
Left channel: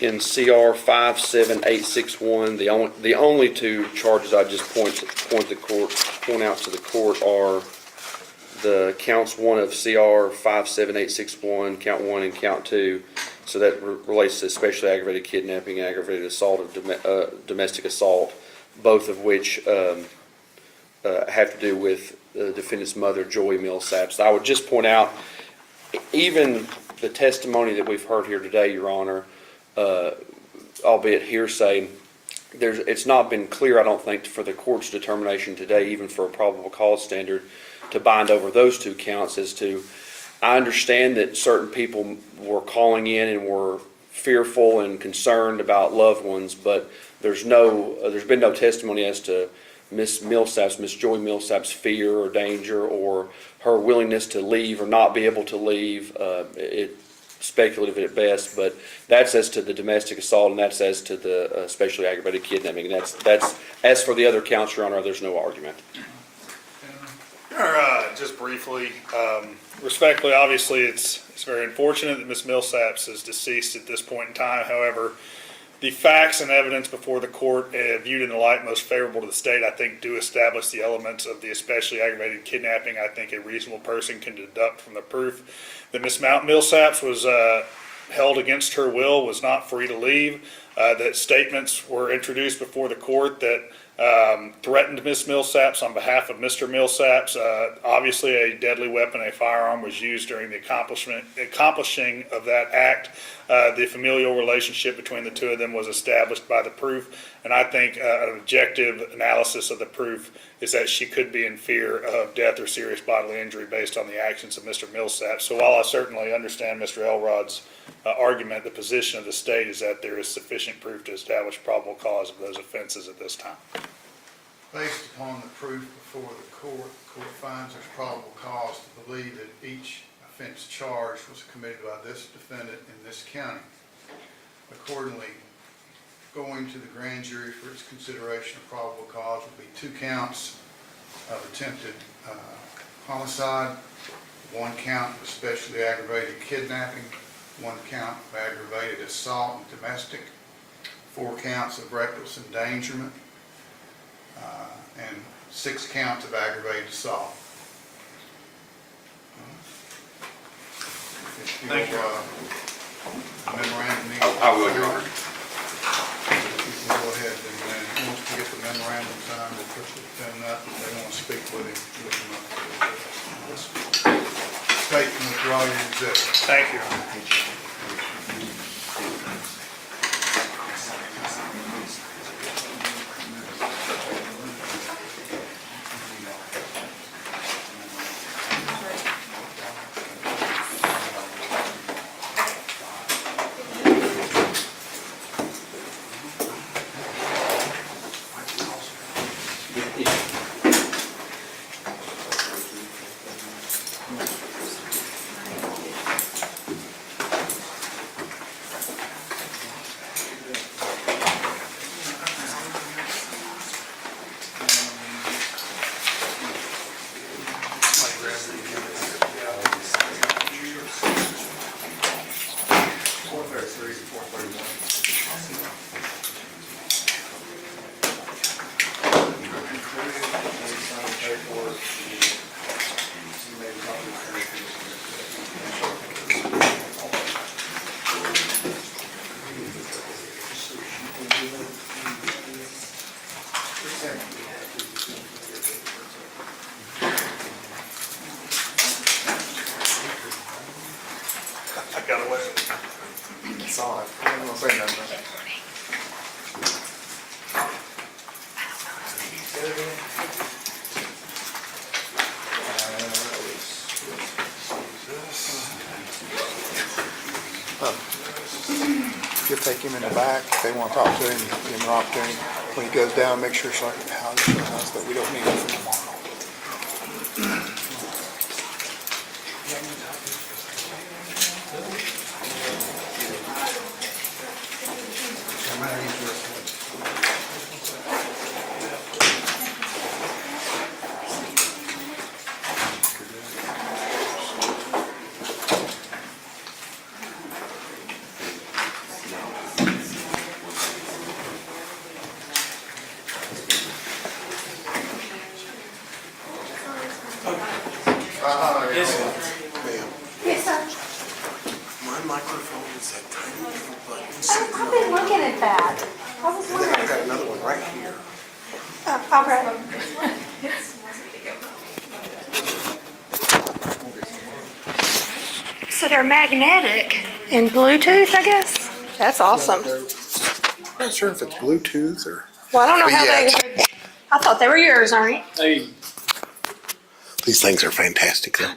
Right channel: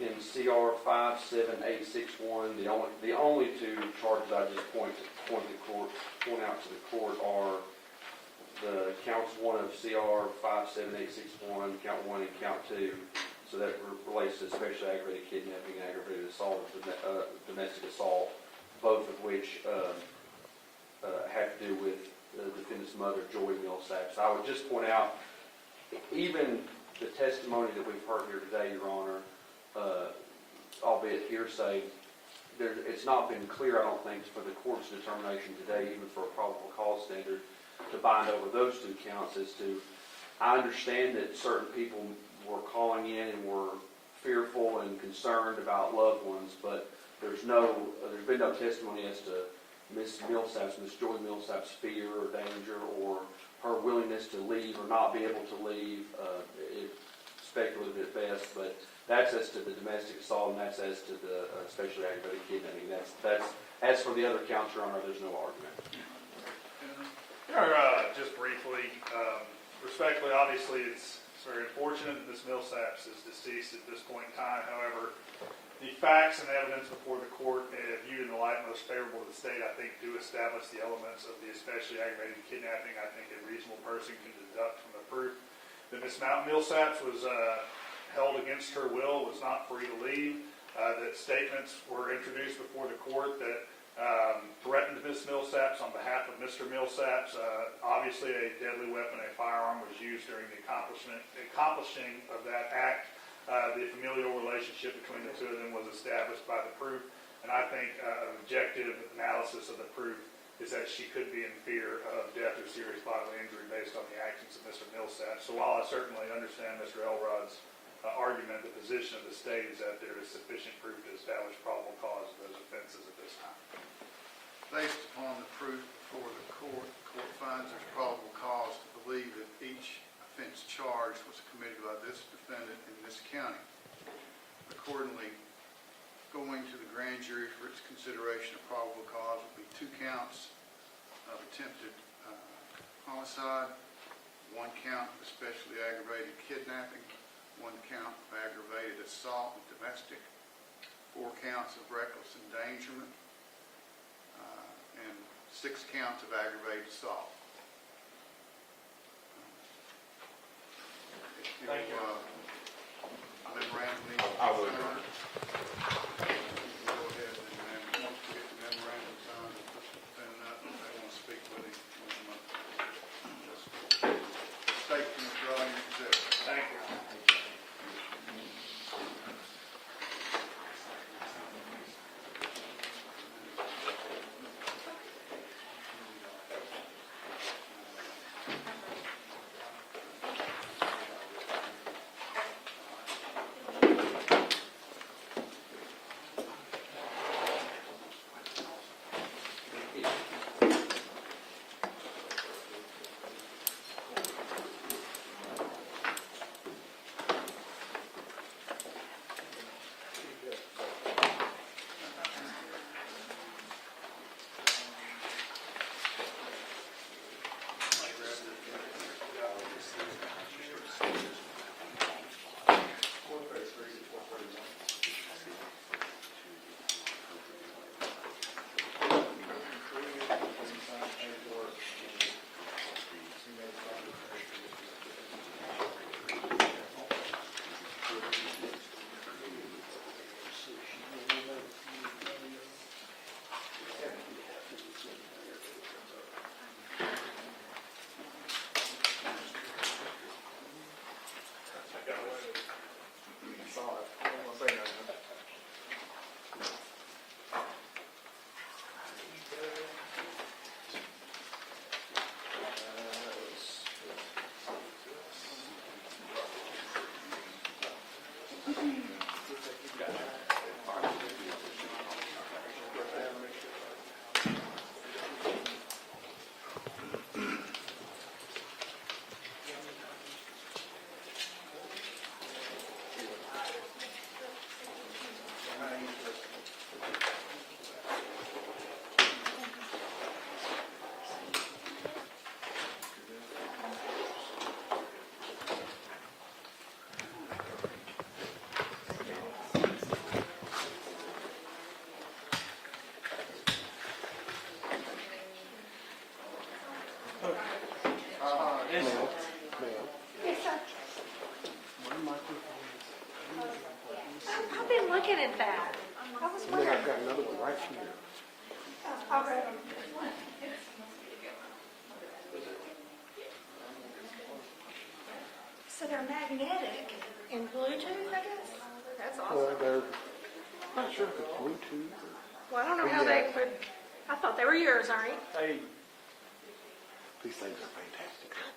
In CR 57861, the only 2 charges I just point out to the court are the counts 1 of CR 57861, count 1 and count 2. So that relates to especially aggravated kidnapping, aggravated assault, of domestic assault, both of which have to do with the defendant's mother, Joy Millsaps. I would just point out, even the testimony that we've heard here today, Your Honor, albeit hearsay, it's not been clear, I don't think, for the court's determination today, even for a probable cause standard, to bind over those 2 counts as to, I understand that certain people were calling in and were fearful and concerned about loved ones, but there's been no testimony as to Miss Joy Millsaps' fear or danger or her willingness to leave or not be able to leave. It's speculative at best, but that's as to the domestic assault, and that's as to the especially aggravated kidnapping. And that's as for the other counts, Your Honor, there's no argument. Just briefly, respectfully, obviously, It's very unfortunate that Ms. Millsaps is deceased at this point in time. However, the facts and evidence before the court, viewed in the light most favorable to the state, I think do establish the elements of the especially aggravated kidnapping. I think a reasonable person can deduct from the proof that Ms. Millsaps was held against her will, was not free to leave, that statements were introduced before the court that threatened Ms. Millsaps on behalf of Mr. Millsaps. Obviously, a deadly weapon, a firearm, was used during the accomplishing of that act. The familial relationship between the two of them was established by the proof, and I think an objective analysis of the proof is that she could be in fear of death or serious bodily injury based on the actions of Mr. Millsaps. So while I certainly understand Mr. Elrod's argument, the position of the state is that there is sufficient proof to establish probable cause of those offenses at this time. Based upon the proof before the court finds there's probable cause to believe that each offense charged was committed by this defendant in this county. Accordingly, going to the grand jury for its consideration of probable cause will be 2 counts of attempted homicide, 1 count of especially aggravated kidnapping, 1 count of aggravated assault and domestic, 4 counts of reckless endangerment, and 6 counts of aggravated assault. If you'll, Thank you. memorandum. I will, Your Honor. You can go ahead and once we get the memorandum signed, we'll push the defendant up. If they want to speak with him, look him up. State and withdraw your exhibit. Thank you. I got away. It's all right. I ain't gonna say nothing. You'll take him in the back, if they want to talk to him, give him an opportunity. When he goes down, make sure it's like a house, but we don't need him for tomorrow. Yes, sir. My microphone is that tiny little button. I've been looking at that. I was I've wondering. got another one right here. I'll grab them. So they're magnetic and Bluetooth, I guess? That's awesome. I'm not sure if it's Bluetooth or. Well, I don't know how Yeah. I thought they were yours, Ernie. These things are fantastic though.